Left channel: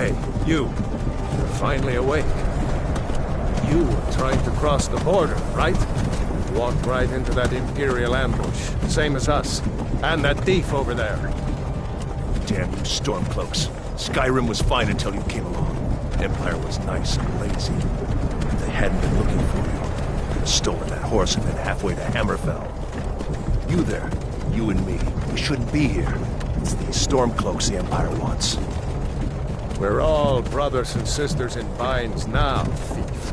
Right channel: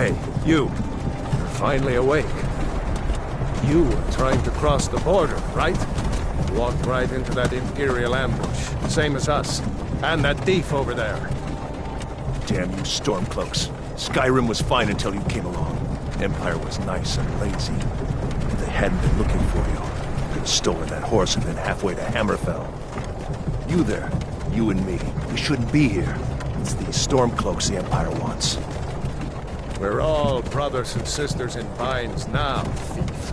Hey, you. You're finally awake. You were trying to cross the border, right? Walked right into that Imperial ambush, same as us. And that thief over there. Damn you Stormcloaks. Skyrim was fine until you came along. Empire was nice and lazy. If they hadn't been looking for you, could have stolen that horse and been halfway to Hammerfell. You there, you and me, we shouldn't be here. It's these Stormcloaks the Empire wants. We're all brothers and sisters in binds now, thief.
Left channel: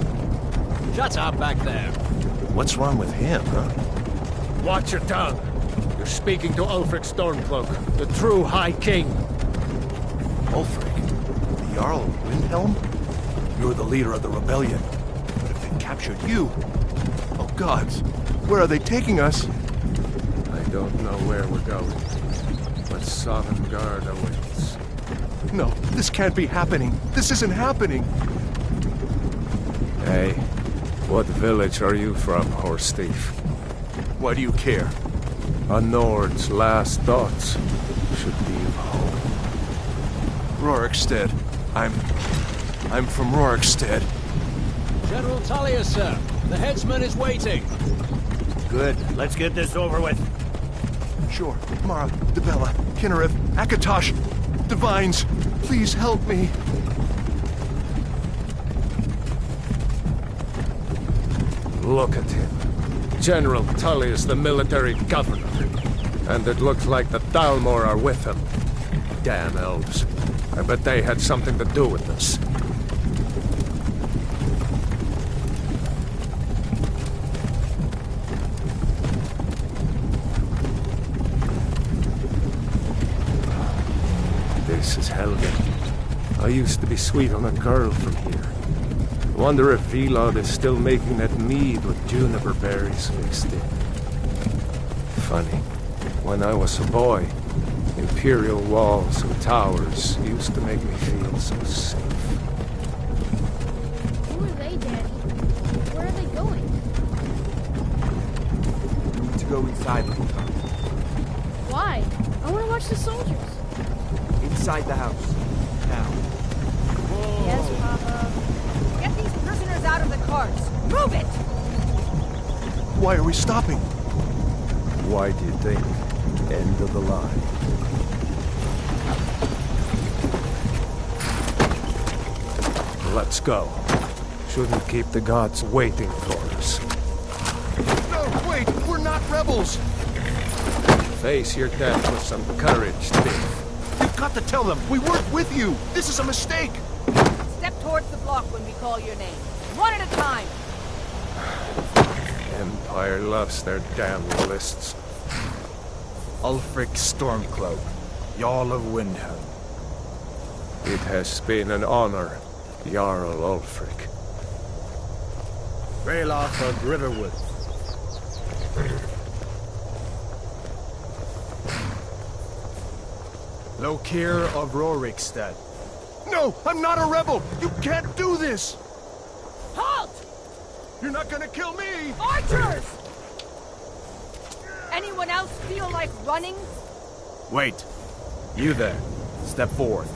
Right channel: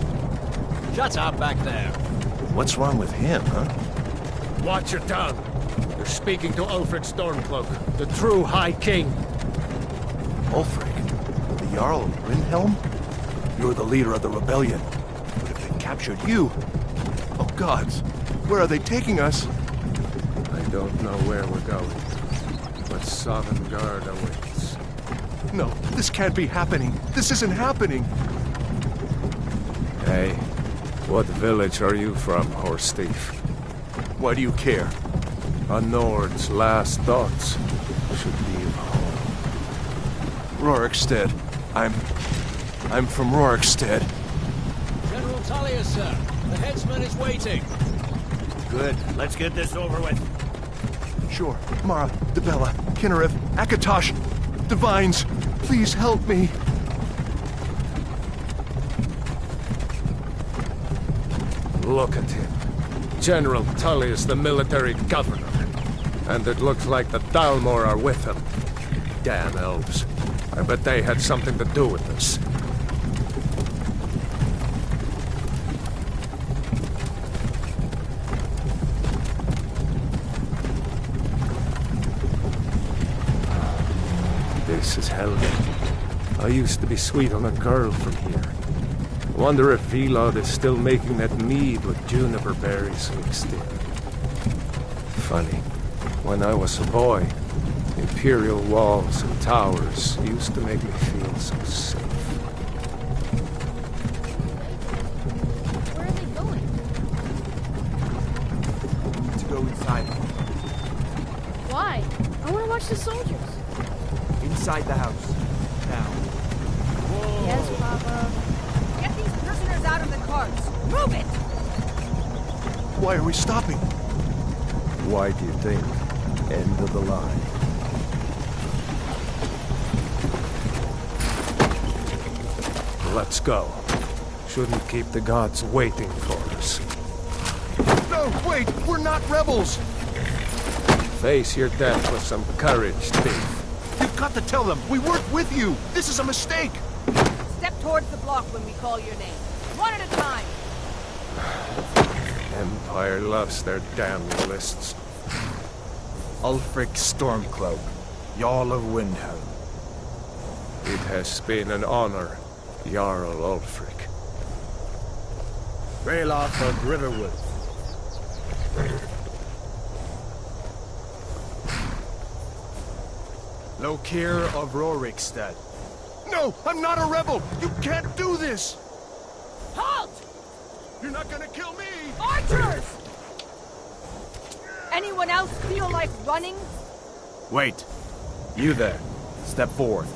Shut up back there. What's wrong with him, huh? Watch your tongue. You're speaking to Ulfric Stormcloak, the true High King. Ulfric? The Jarl of Windhelm? You're the leader of the rebellion. But if they captured you... Oh gods, where are they taking us? I don't know where we're going, but Sovngarde awaits. No, this can't be happening. This isn't happening. Hey, what village are you from, horse thief? Why do you care? A Nord's last thoughts should be of home. Rorikstead. I'm from Rorikstead. General Tullius, sir. The headsman is waiting. Good. Let's get this over with. Sure. Mara, Dibella, Kinnereth, Akatosh, Divines, please help me. Look at him. General Tullius, the military governor. And it looks like the Thalmor are with him. Damn elves. I bet they had something to do with this. This is Helgen. I used to be sweet on a girl from here. Wonder if Vilod is still making that mead with juniper berries mixed in. Funny. When I was a boy, Imperial walls and towers used to make me feel so safe. Who are they, Daddy? Where are they going? We need to go inside. Why? I want to watch the soldiers. Inside the house. Now. Yes, Papa. Get these prisoners out of the carts! Move it! Why are we stopping? Why do you think? End of the line. Let's go. Shouldn't keep the gods waiting for us. No, wait! We're not rebels! Face your death with some courage, thief. You've got to tell them! We weren't with you! This is a mistake! Step towards the block when we call your name. One at a time! Empire loves their damn lists. Ulfric Stormcloak, Jarl of Windhelm. It has been an honor, Jarl Ulfric. Ralof of Riverwood. Lokir of Rorikstead. No! I'm not a rebel! You can't do this! Halt! You're not gonna kill me! Archers! Anyone else feel like running? Wait. You there. Step forward.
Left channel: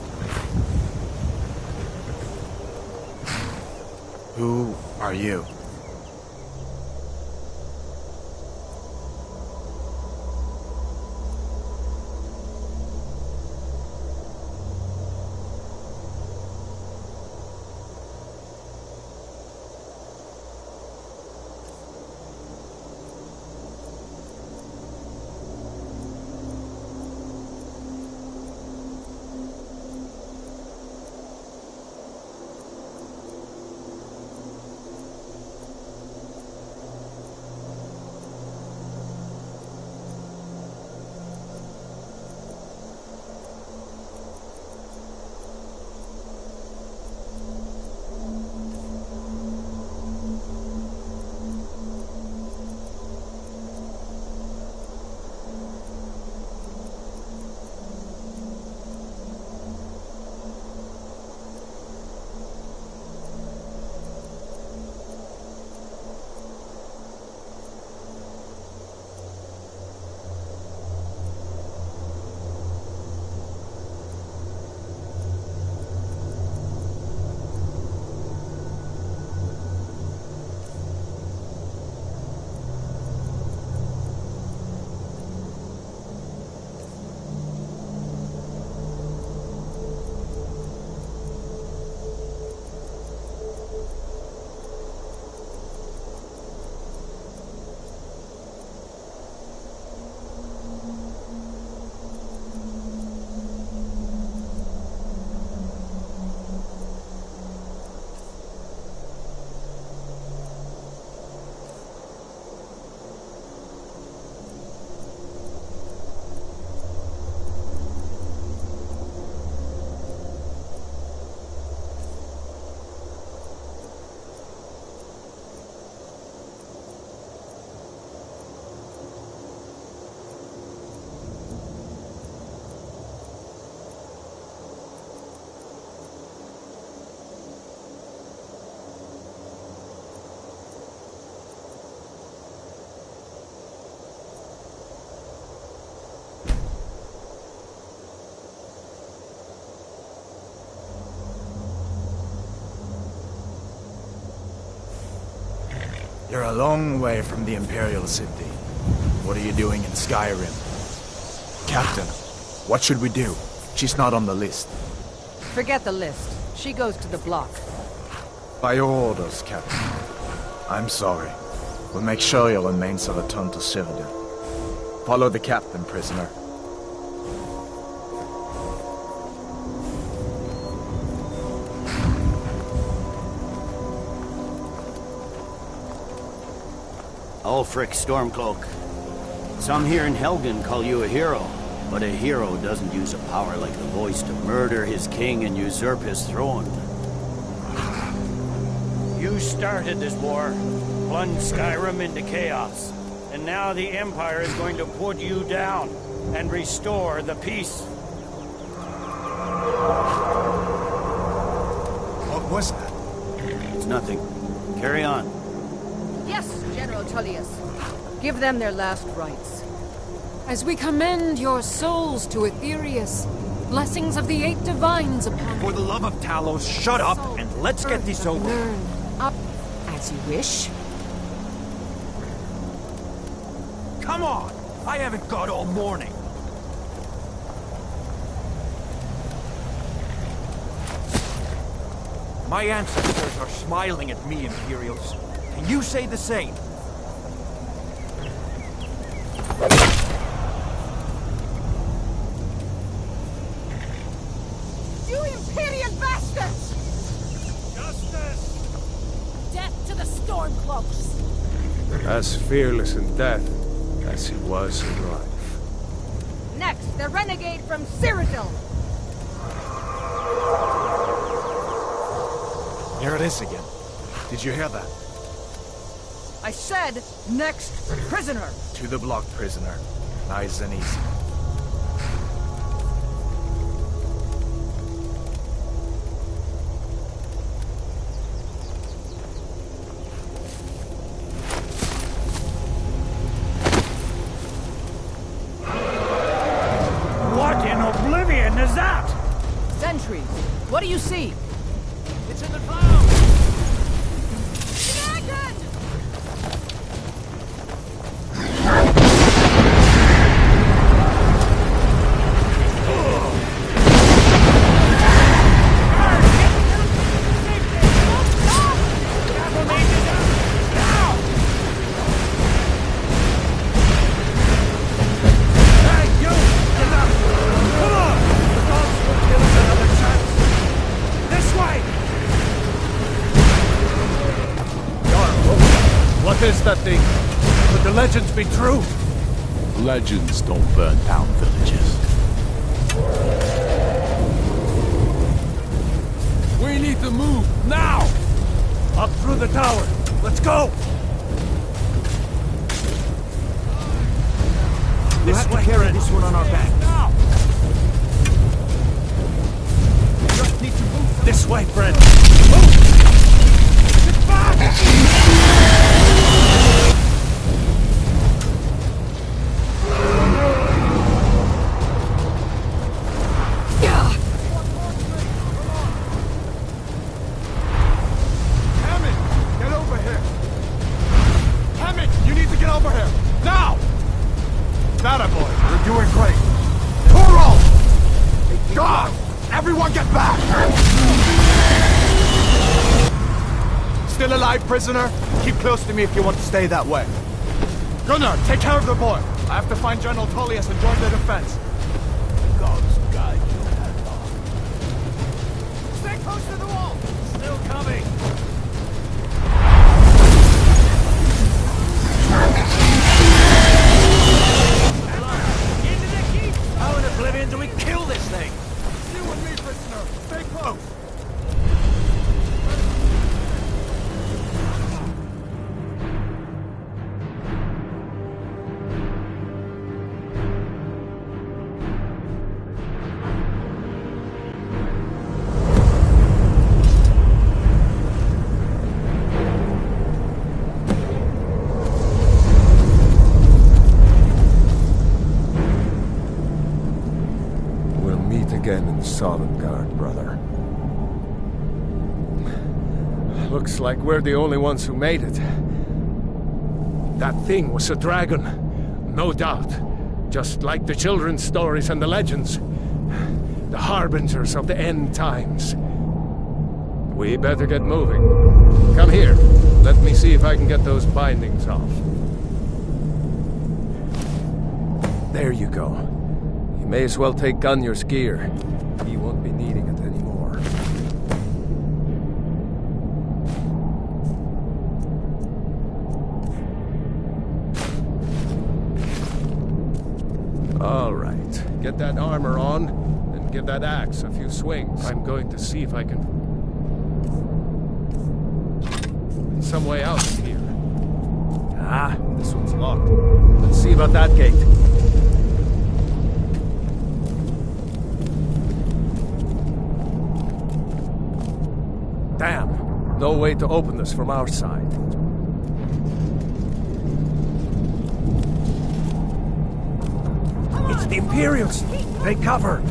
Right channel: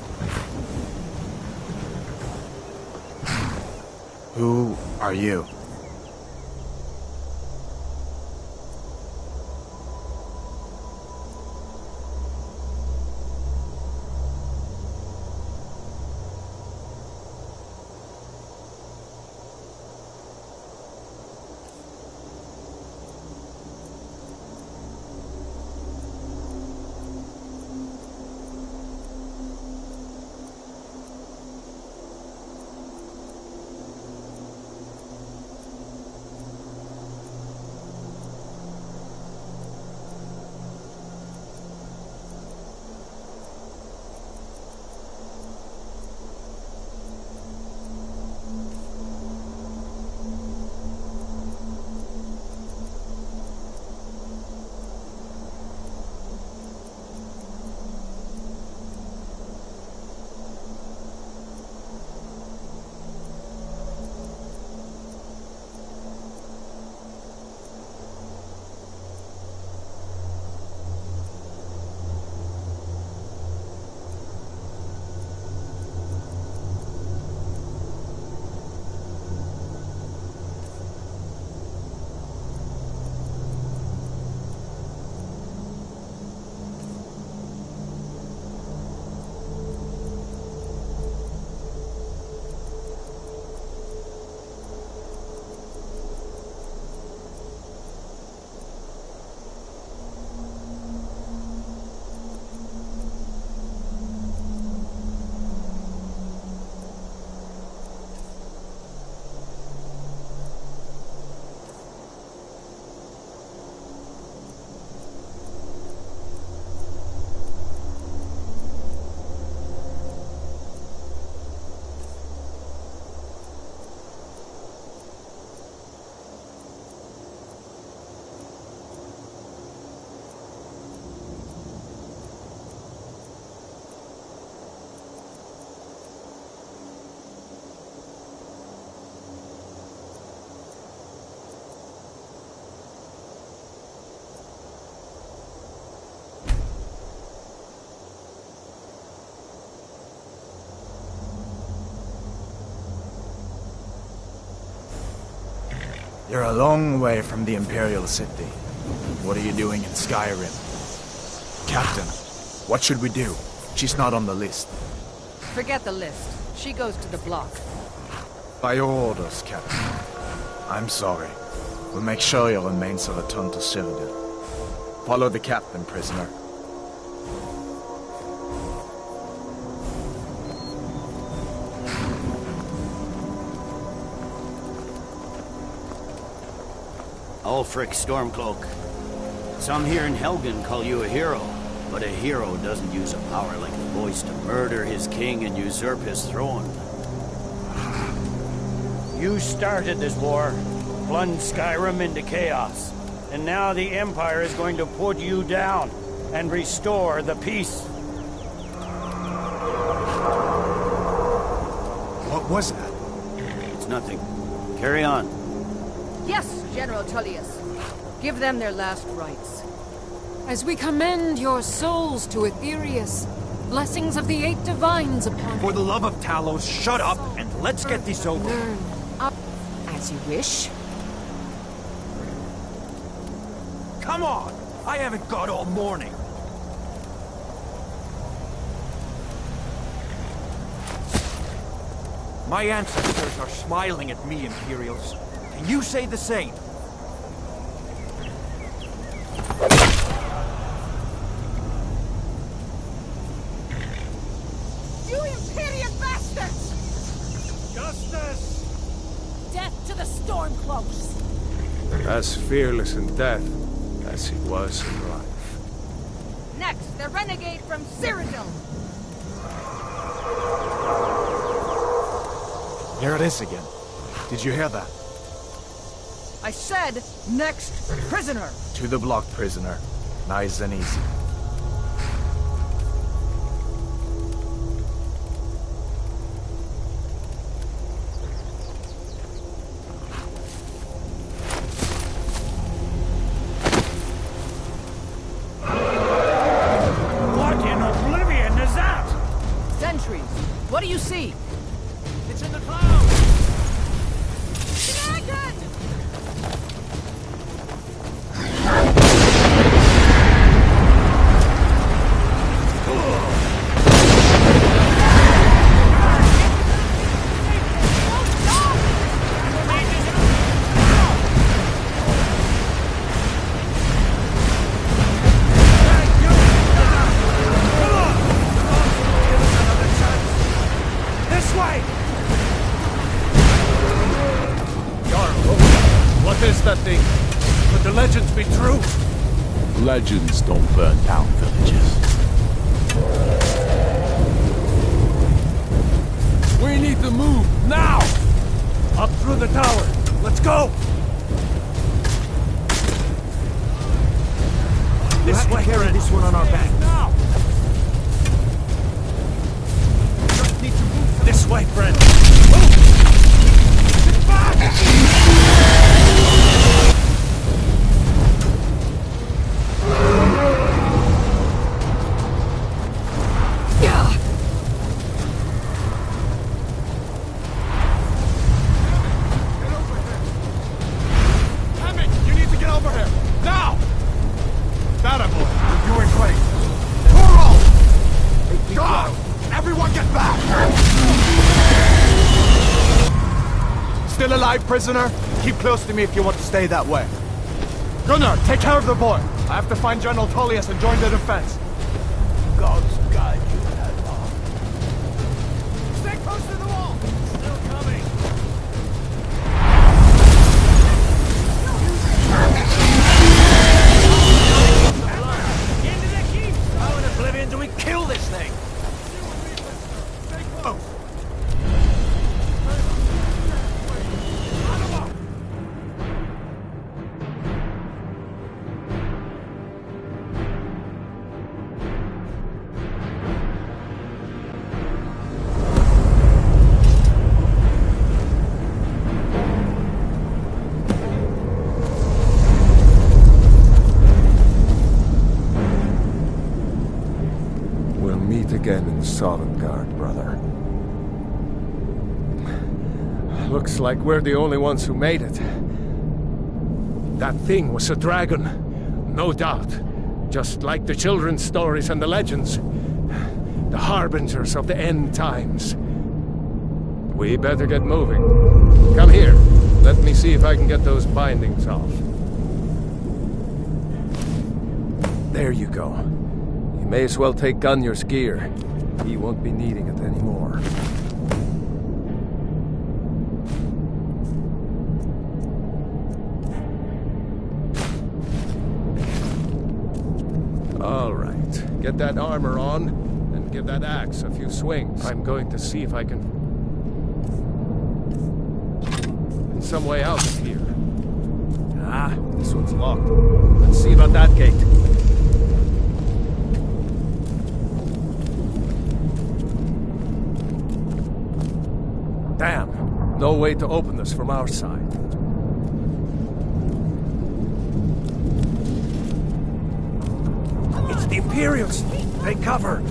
Who are you? You're a long way from the Imperial City. What are you doing in Skyrim? Captain, what should we do? She's not on the list. Forget the list. She goes to the block. By your orders, Captain. I'm sorry. We'll make sure your remains are returned to Cyrodiil. Follow the captain, prisoner. Ulfric Stormcloak. Some here in Helgen call you a hero, but a hero doesn't use a power like the voice to murder his king and usurp his throne. You started this war, plunged Skyrim into chaos, and now the Empire is going to put you down and restore the peace. What was that? It's nothing. Carry on. Yes, General Tullius. Give them their last rites. As we commend your souls to Aetherius, blessings of the eight divines upon For the love of Talos, shut up and let's get this over. Learn. As you wish. Come on! I haven't got all morning. My ancestors are smiling at me, Imperials. Can you say the same? You Imperial bastards! Justice! Death to the Stormcloaks! As fearless in death as he was in life. Next, the renegade from Cyrodiil! Here it is again. Did you hear that? I said, next prisoner! To the block, prisoner. Nice and easy. What in oblivion is that? Sentries, what do you see? It's in the clouds! Dragon! What is that thing? Could the legends be true? Legends don't burn down villages. We need to move, now! Up through the tower. Let's go! This way, carry this one on our back. Now! Just need to move. This way, friend! Move! Get back! Hammond, get over here! Hammond, you need to get over here! Now! That boy, you're doing great! Toro! God! Everyone get back! Still alive, prisoner? Keep close to me if you want to stay that way. Gunnar, take care of the boy. I have to find General Tullius and join the defense. God's guide you, Hadvar. Stay close to the wall! Still coming. Into the keep! How in oblivion do we kill this thing? You and me, prisoner. Stay close. We'll meet again in Sovngarde, brother. Looks like we're the only ones who made it. That thing was a dragon. No doubt. Just like the children's stories and the legends. The harbingers of the end times. We better get moving. Come here. Let me see if I can get those bindings off. There you go. You may as well take Gunnar's gear. He won't be needing it anymore. All right. Get that armor on, and give that axe a few swings. I'm going to see if I can find some way out of here. Ah, this one's locked. Let's see about that gate. Damn. No way to open this from our side. It's the Imperials! Take cover!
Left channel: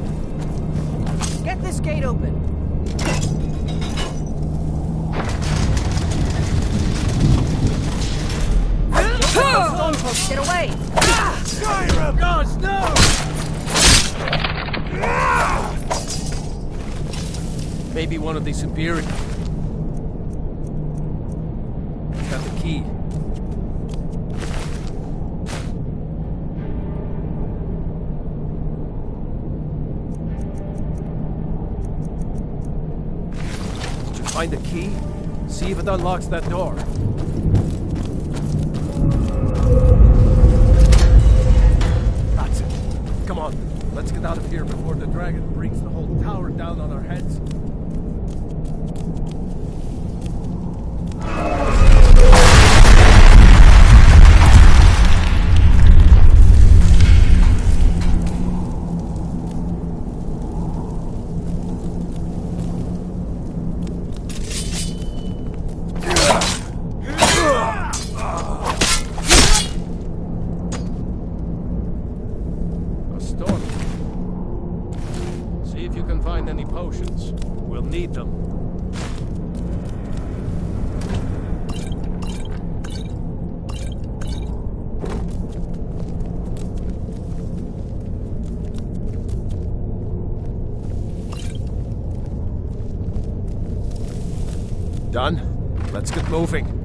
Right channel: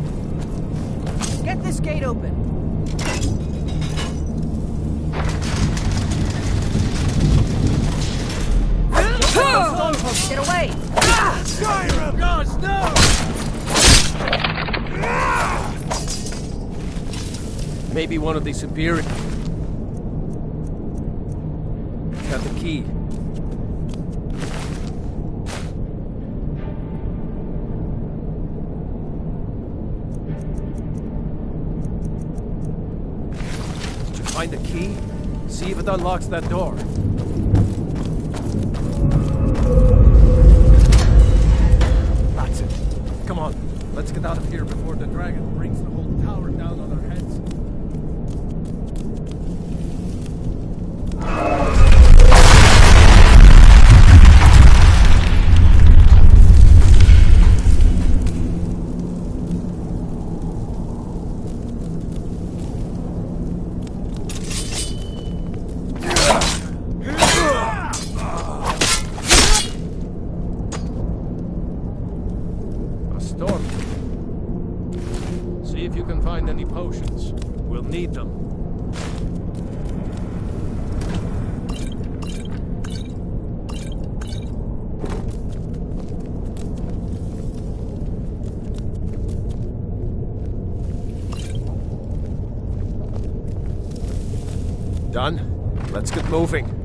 Get this gate open. Stormcloaks, get away! Skyrim! Gods, no! Maybe one of these Imperials got the key. Did you find the key? See if it unlocks that door. That's it. Come on, let's get out of here before the dragon brings the whole tower down on our heads. See if you can find any potions. We'll need them. Done? Let's get moving.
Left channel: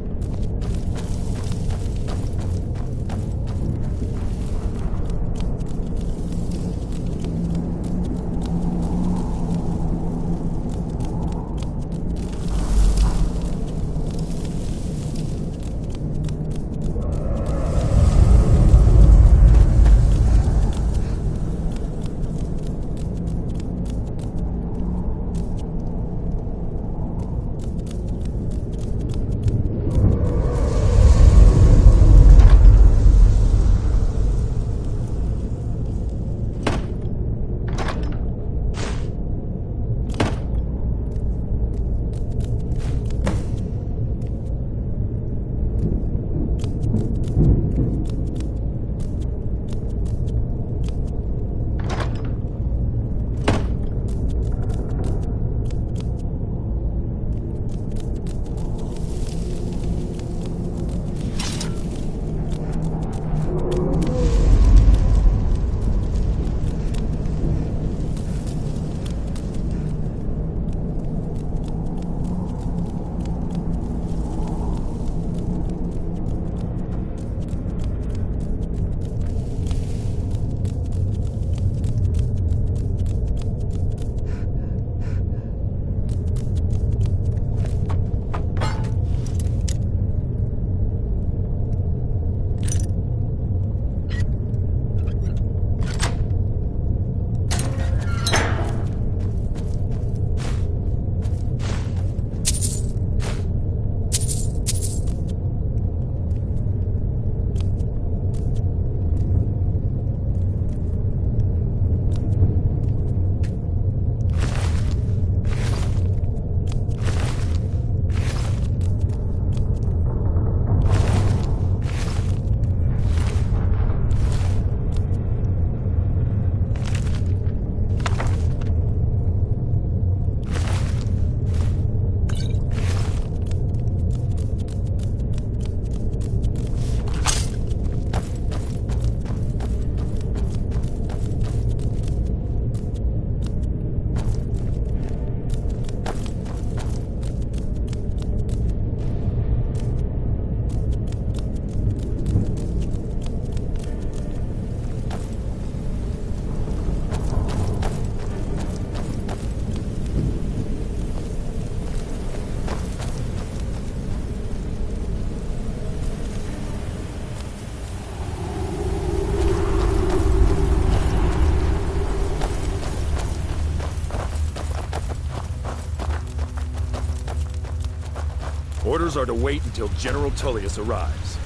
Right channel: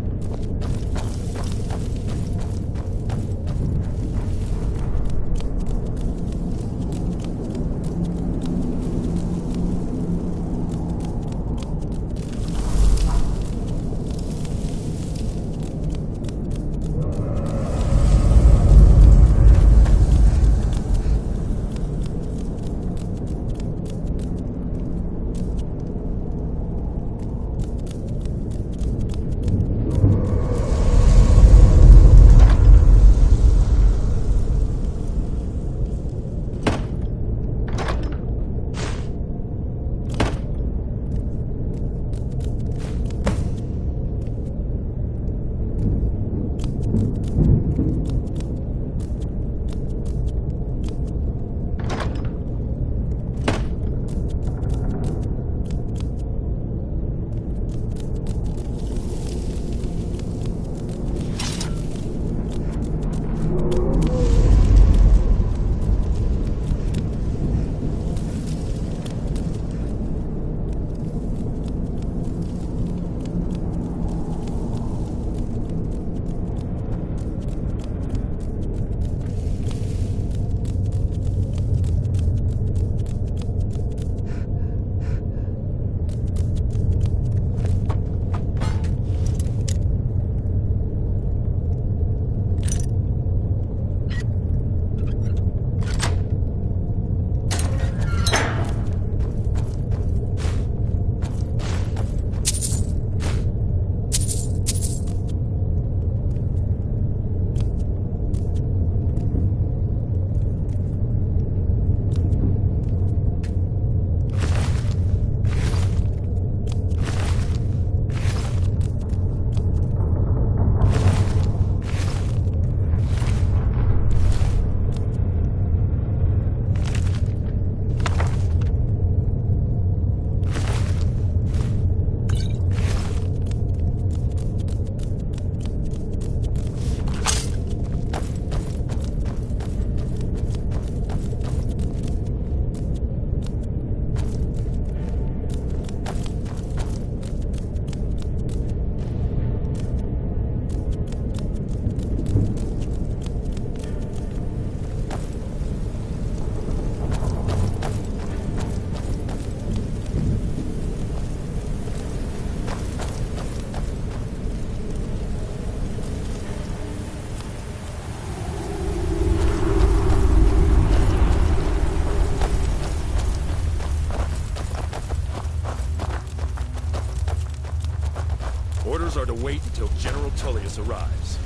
are to wait until General Tullius arrives.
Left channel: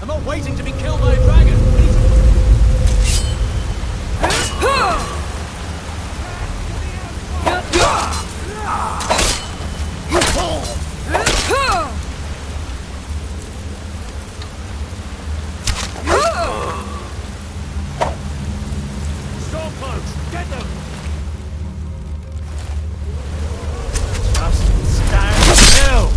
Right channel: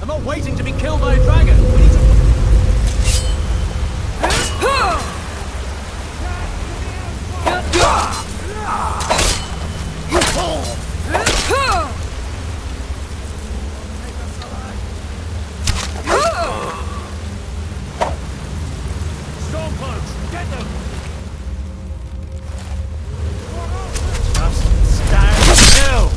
I'm not waiting to be killed by a dragon. We need to... Stormcloaks, get them! Just stand still!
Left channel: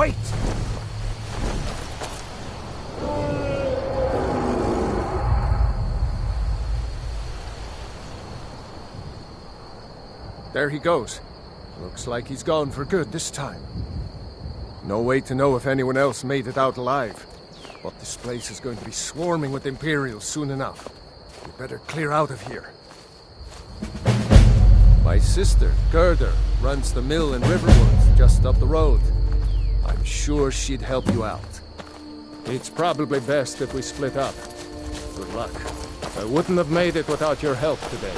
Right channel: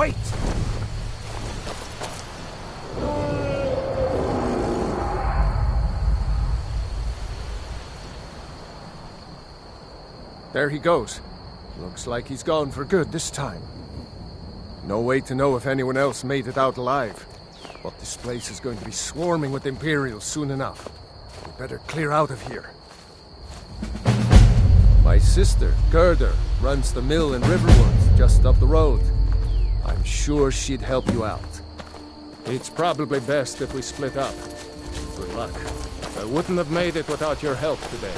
Wait! There he goes. Looks like he's gone for good this time. No way to know if anyone else made it out alive. But this place is going to be swarming with Imperials soon enough. We better clear out of here. My sister, Gerda, runs the mill in Riverwood, just up the road. I'm sure she'd help you out. It's probably best if we split up. Good luck. I wouldn't have made it without your help today.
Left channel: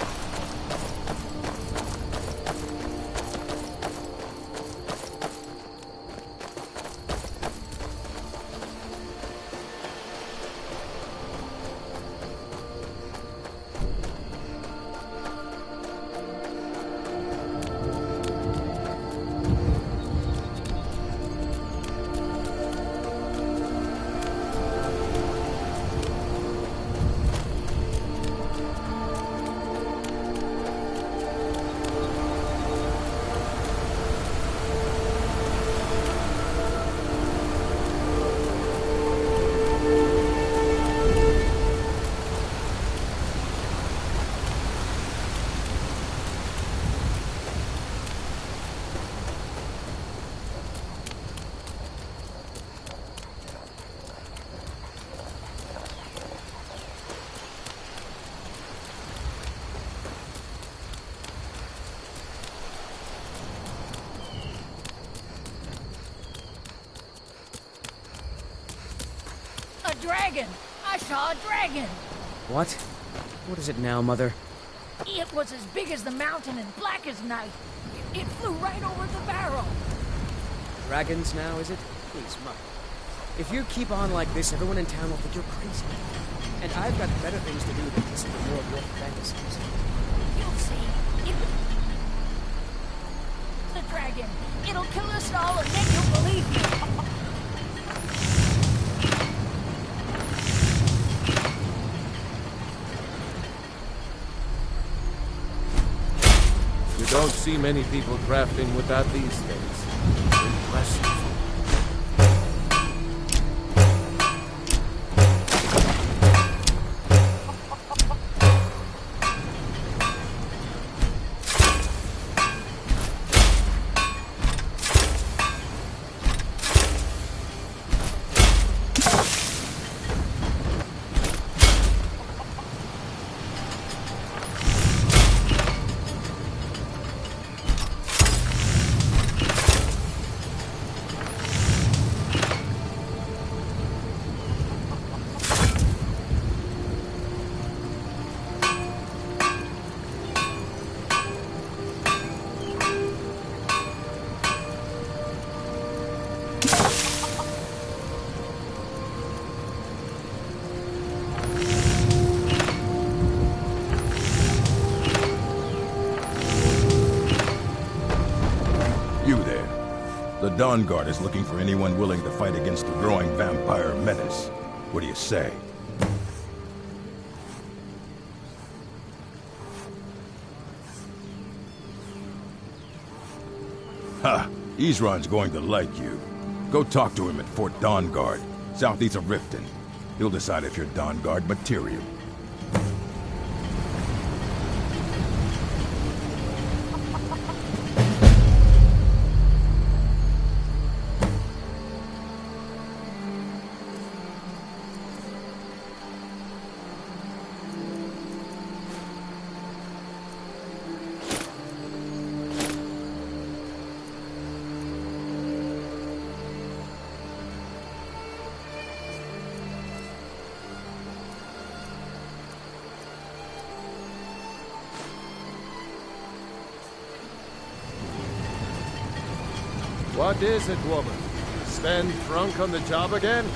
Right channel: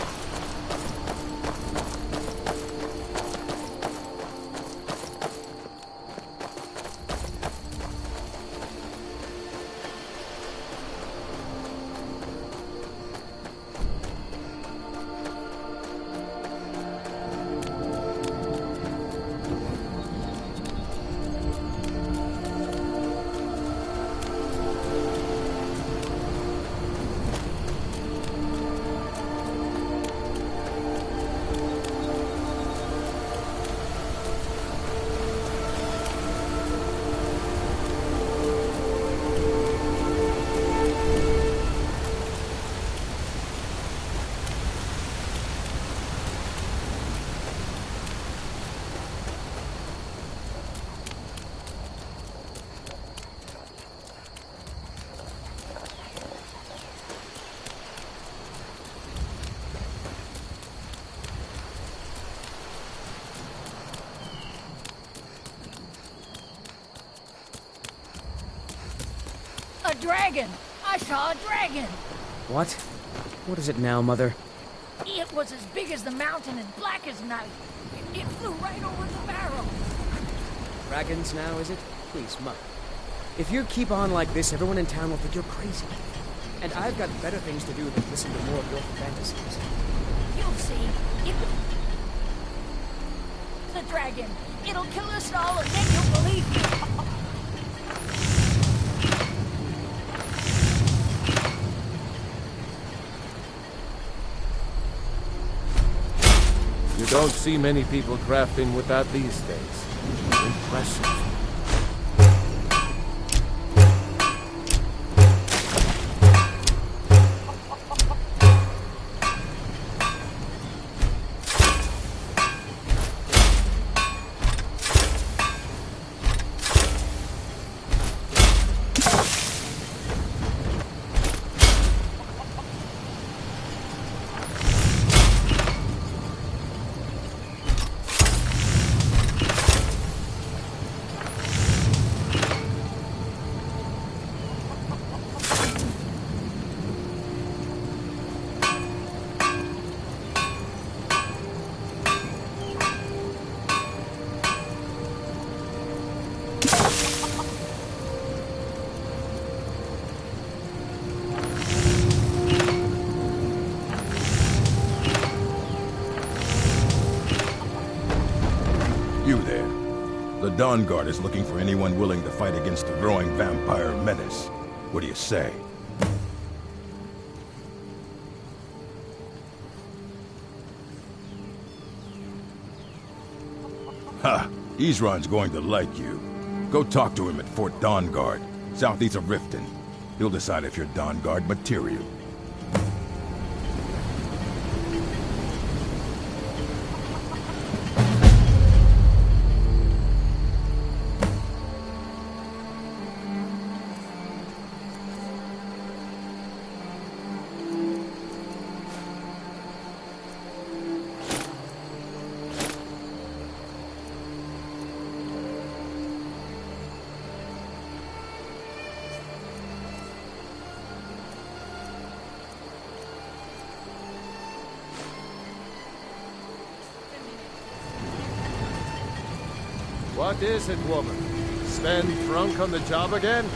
A dragon! I saw a dragon! What? What is it now, Mother? It was as big as the mountain and black as night. It flew right over the barrel. Dragons now, is it? Please, Mother. If you keep on like this, everyone in town will think you're crazy. And I've got better things to do than listen to more of your fantasies. You'll see. The dragon. It'll kill us all and then you'll believe me. You don't see many people crafting with that these days. Impressive. You there. The Dawn Guard is looking for anyone willing to fight against the growing vampire menace. What do you say? Ha! Isran's going to like you. Go talk to him at Fort Dawn Guard, southeast of Riften. He'll decide if you're Dawn Guard material. What is it, woman? Stand drunk on the job again?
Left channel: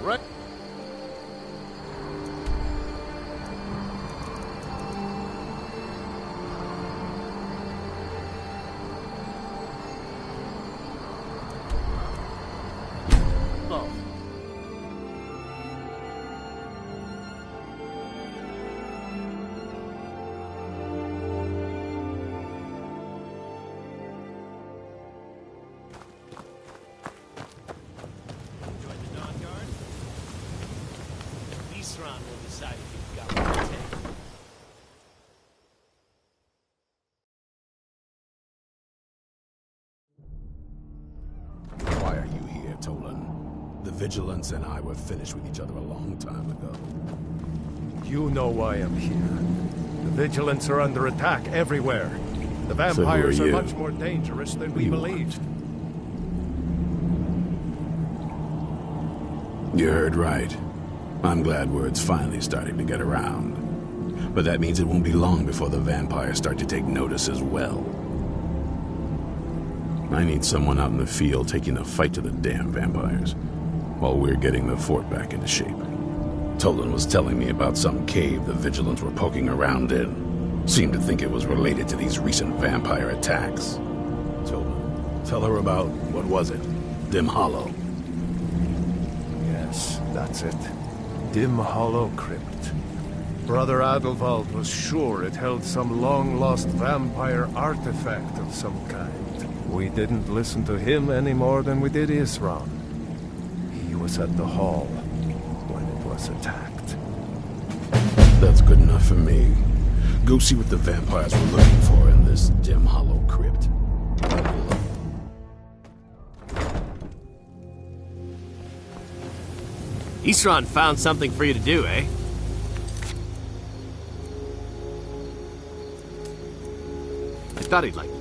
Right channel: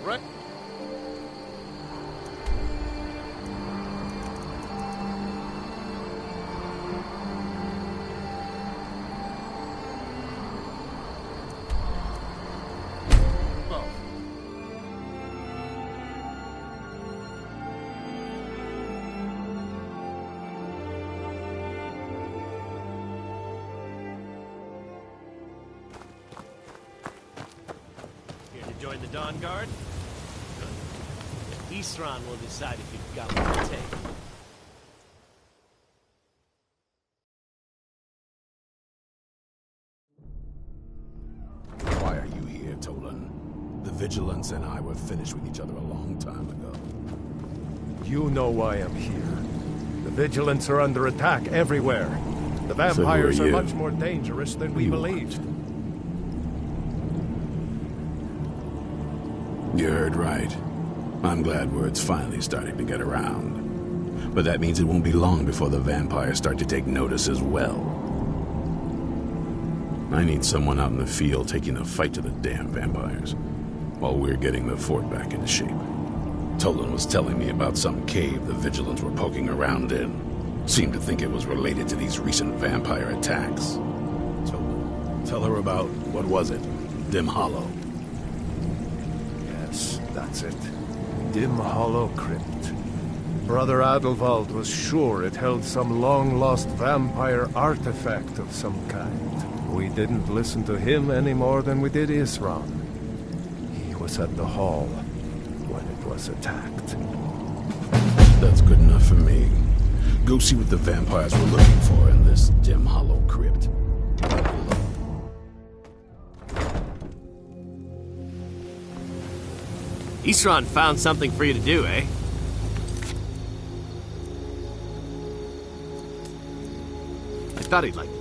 Right. Oh. Guard. Isran will decide if you've got what it takes. Why are you here, Tolan? The Vigilance and I were finished with each other a long time ago. You know why I'm here. The Vigilants are under attack everywhere. The vampires are much more dangerous than we believed. You heard right. I'm glad word's finally starting to get around. But that means it won't be long before the vampires start to take notice as well. I need someone out in the field taking the fight to the damn vampires, while we're getting the fort back into shape. Tolan was telling me about some cave the Vigilants were poking around in. Seemed to think it was related to these recent vampire attacks. Tolan, tell her about, what was it? Dim Hollow. Yes, that's it. Dim Hollow Crypt. Brother Adelwald was sure it held some long-lost vampire artifact of some kind. We didn't listen to him any more than we did Isran. He was at the hall when it was attacked. That's good enough for me. Go see what the vampires were looking for in this Dim Hollow Crypt. Isran found something for you to do, eh? I thought he'd like it.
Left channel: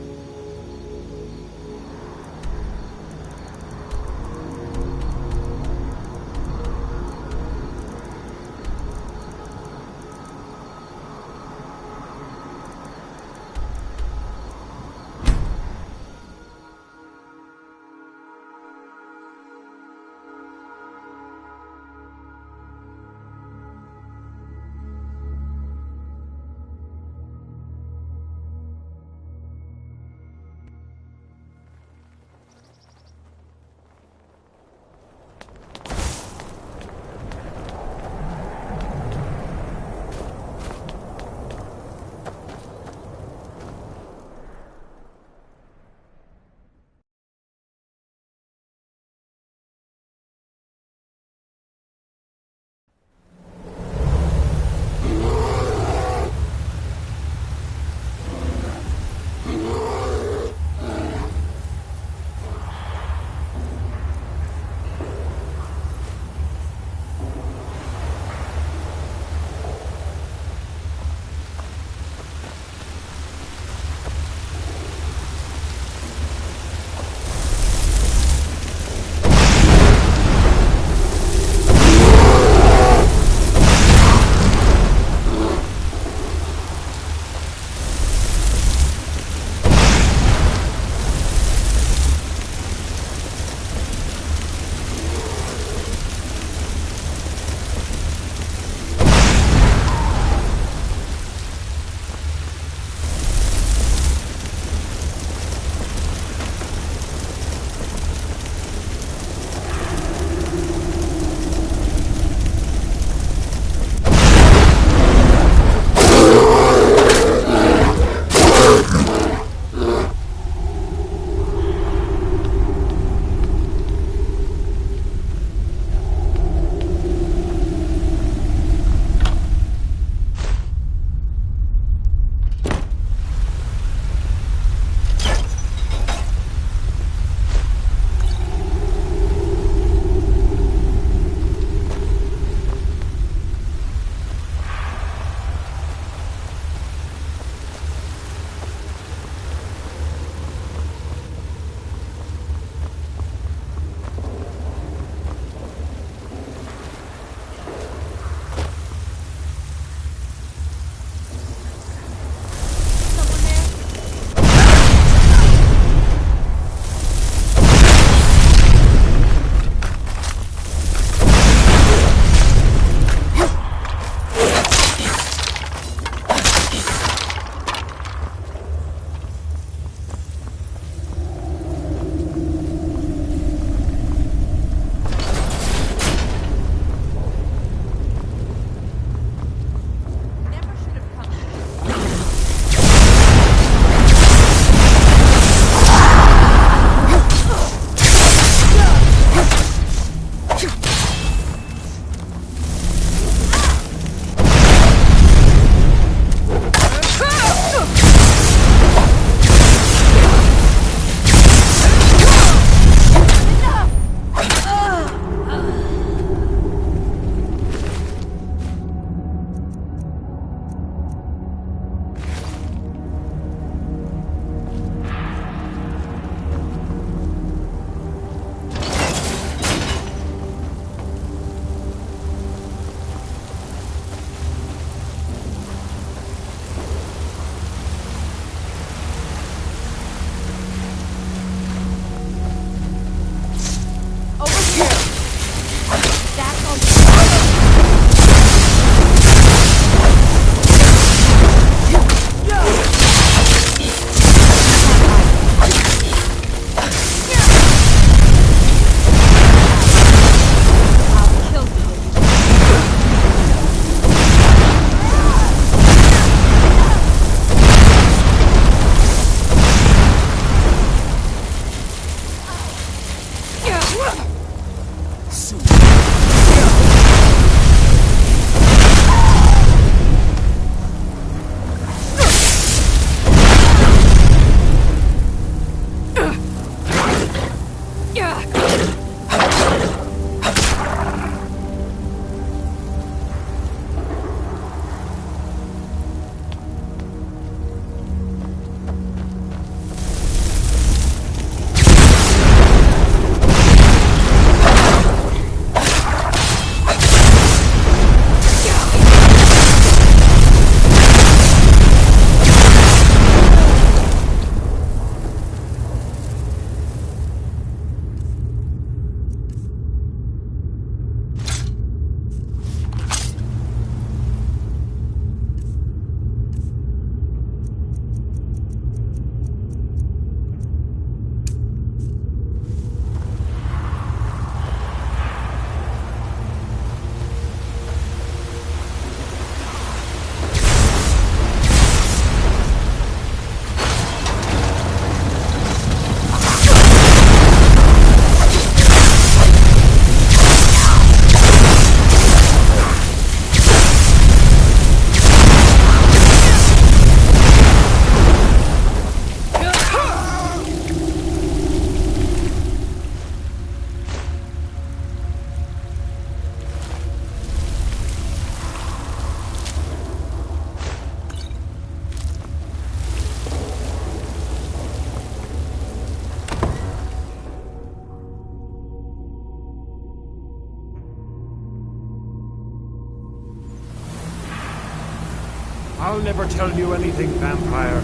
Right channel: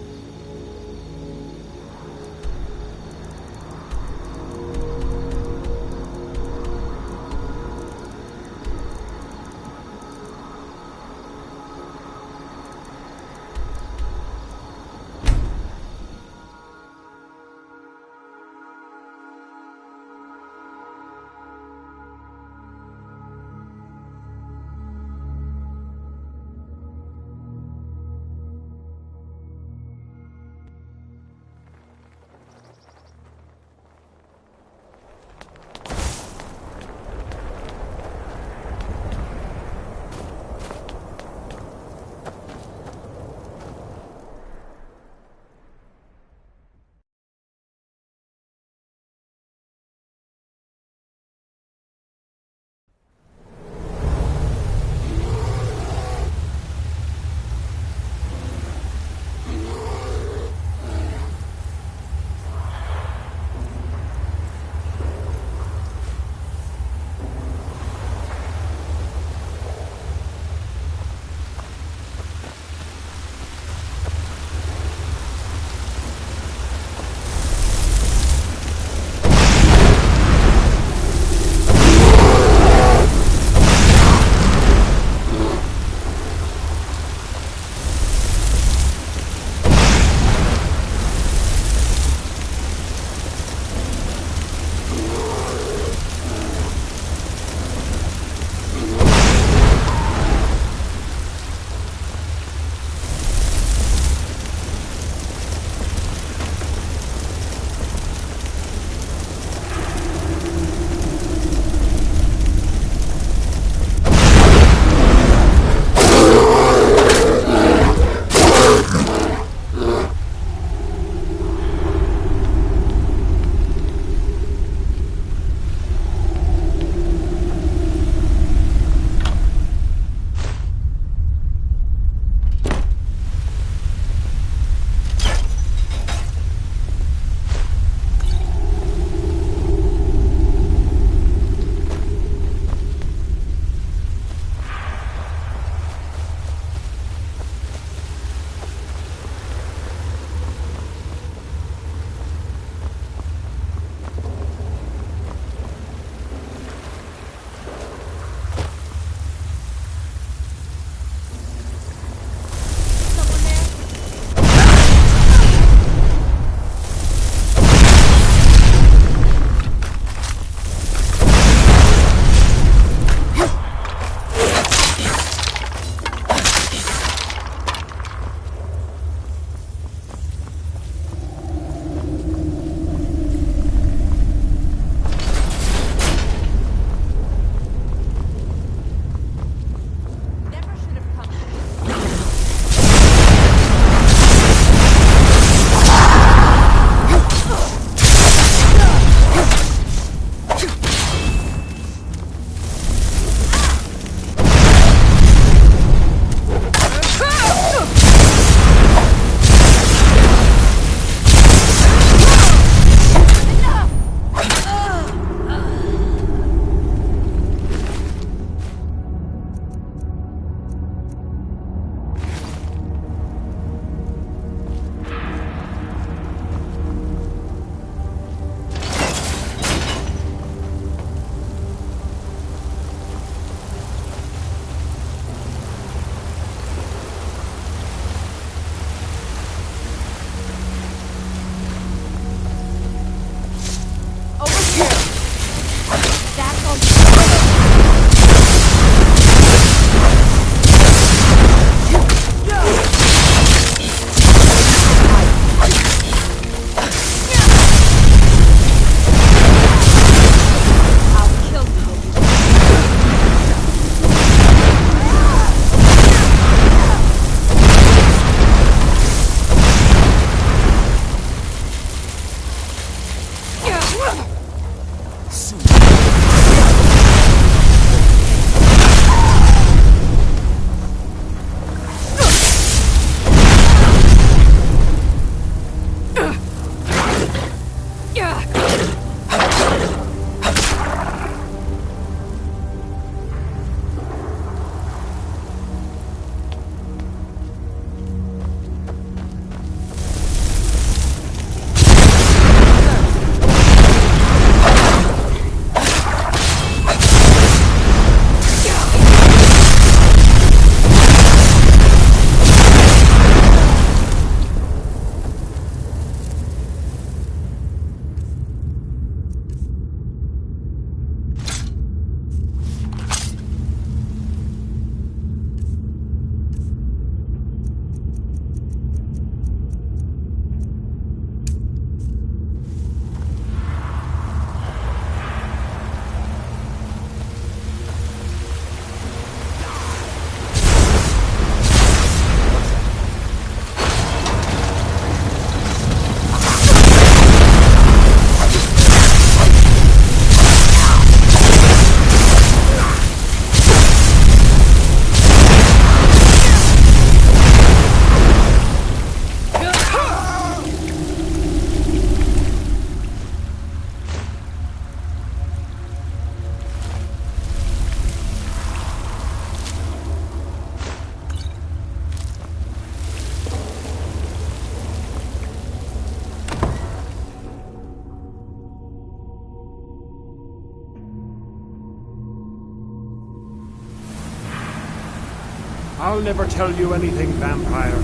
I'll never tell you anything, vampire.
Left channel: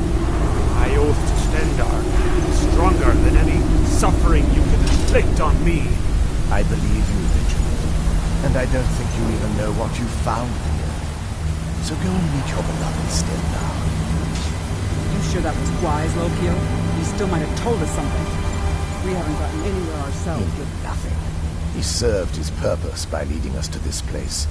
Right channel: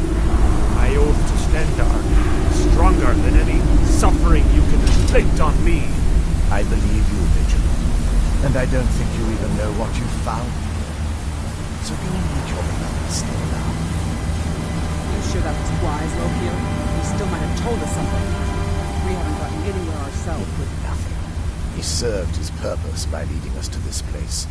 My oath to Stendarr is stronger than any suffering you can inflict on me. I believe you, Vigilant. And I don't think you even know what you found here. So go and meet your beloved Stendarr. You sure that was wise, Lokio? He still might have told us something. We haven't gotten anywhere ourselves. He did nothing. He served his purpose by leading us to this place.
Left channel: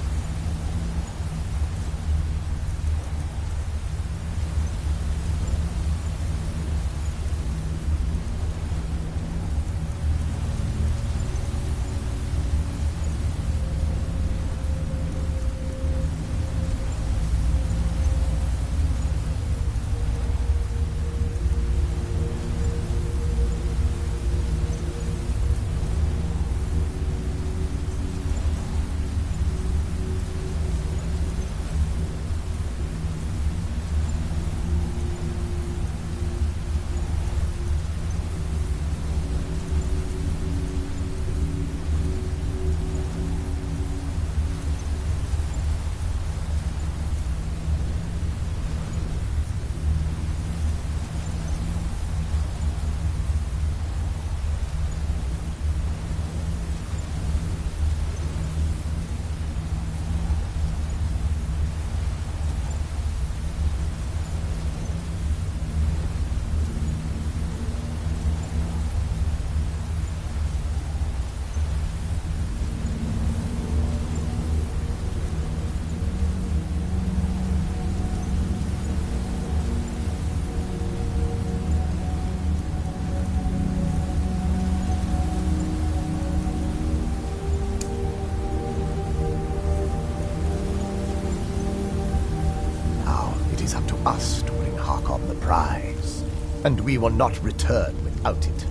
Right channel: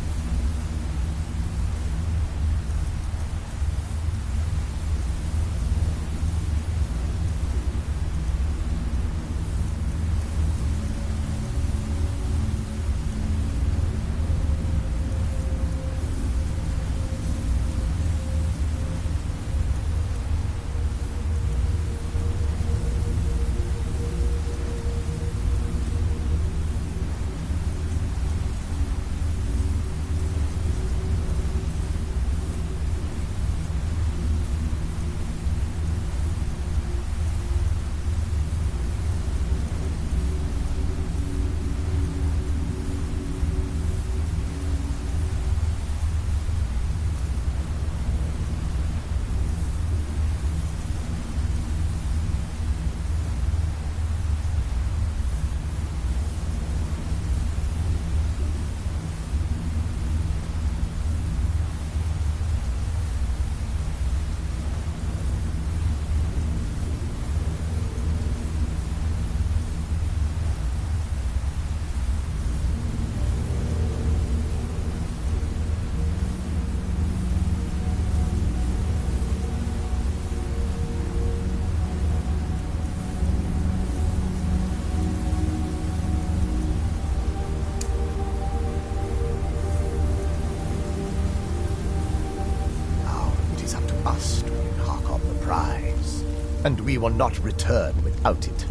It is up to us to bring Harkon the prize, and we will not return without it.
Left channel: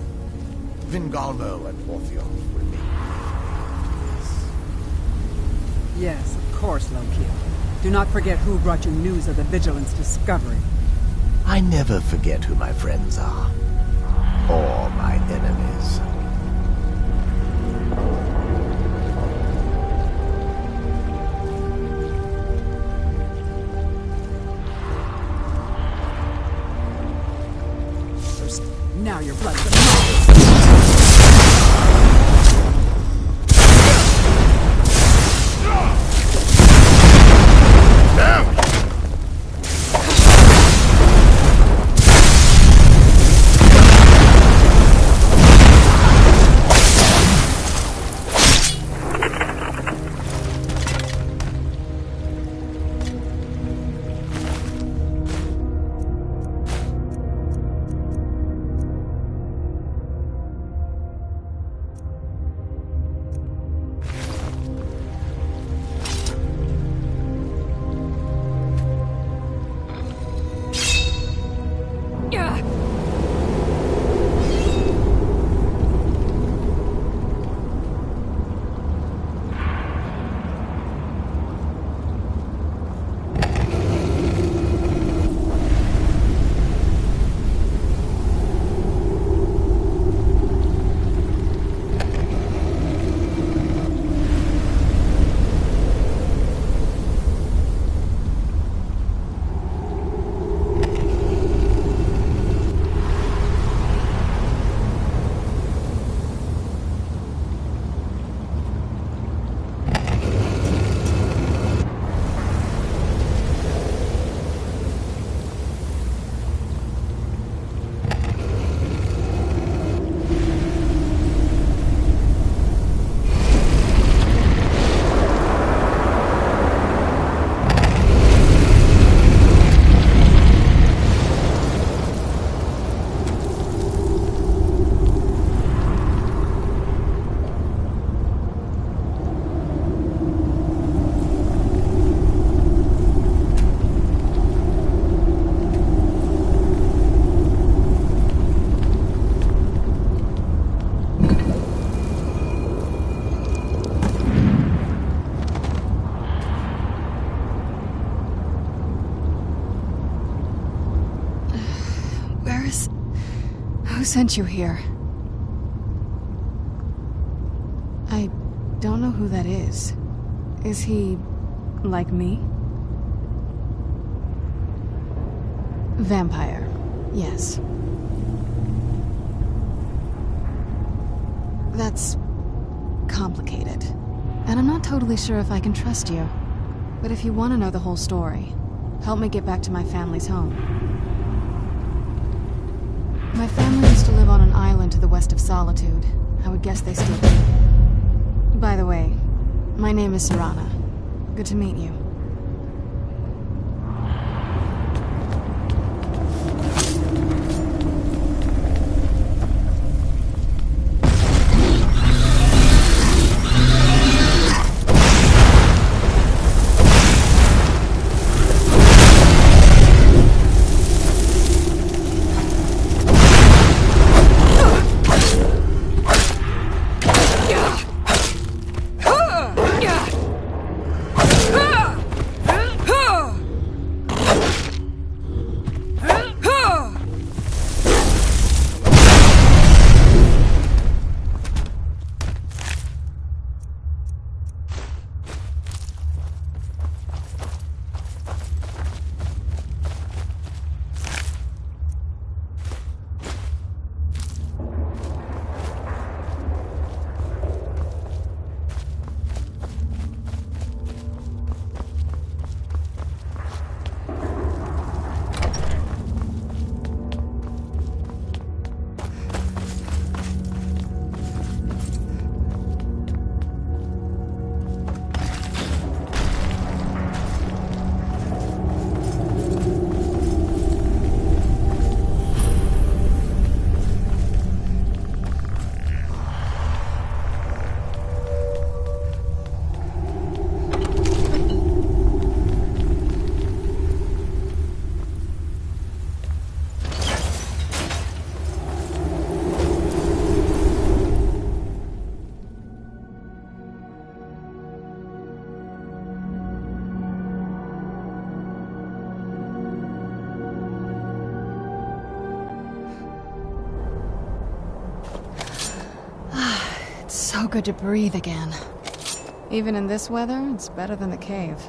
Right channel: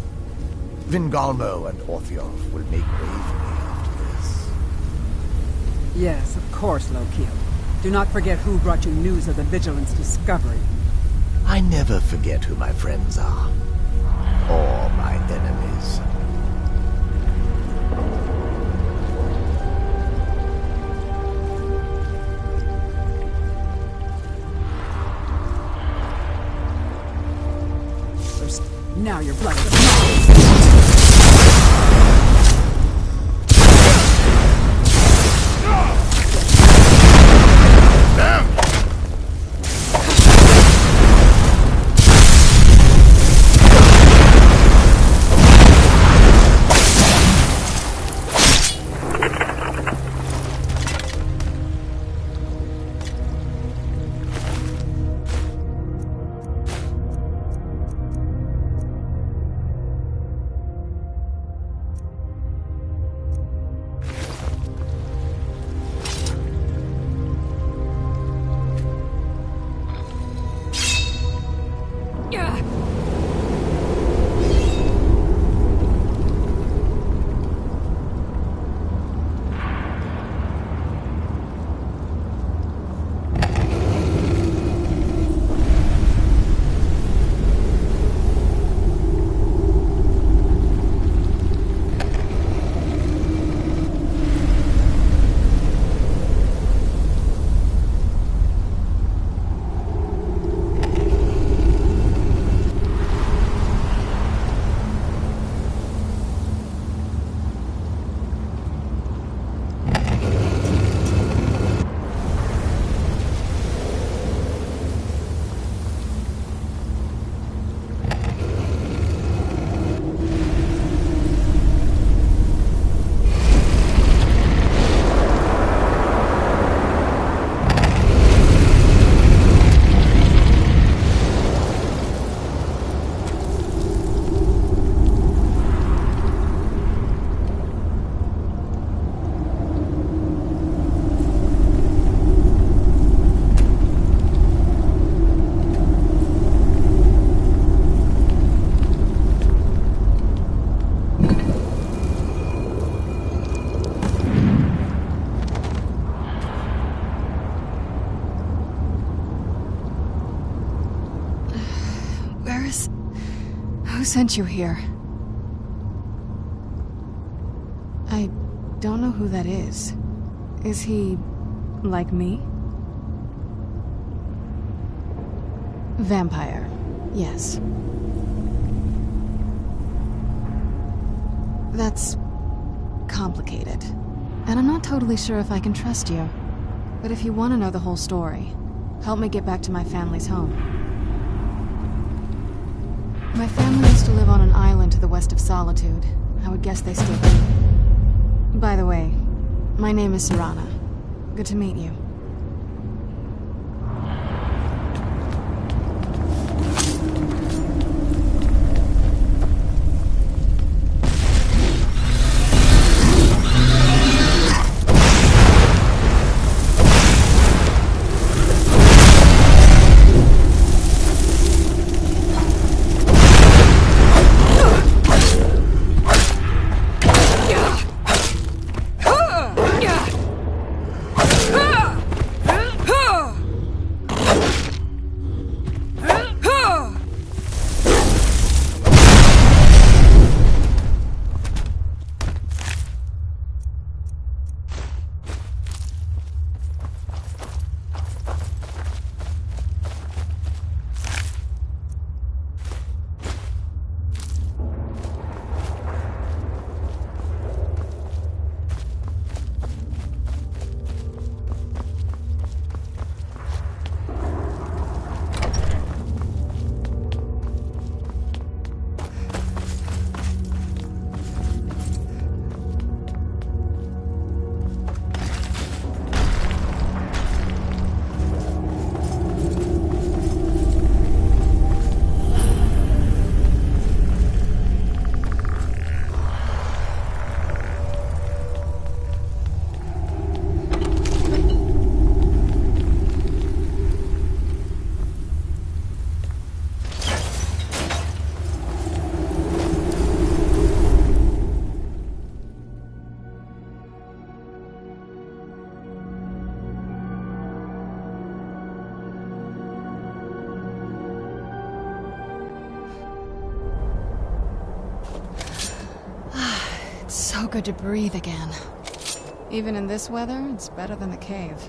Vingalmo and Orthiolf will make way for me after this. Yes, of course, Lokio. Do not forget who brought you news of the Vigilance discovery. I never forget who my friends are, or my enemies. Now you're bloody. Damn! Who sent you here? I don't know who that is. Is he like me? Vampire, yes. That's complicated. And I'm not totally sure if I can trust you. But if you want to know the whole story, help me get back to my family's home. My family used to live on an island to the west of Solitude. I would guess they still do. By the way, my name is Serana. Good to meet you. So good to breathe again. Even in this weather, it's better than the cave.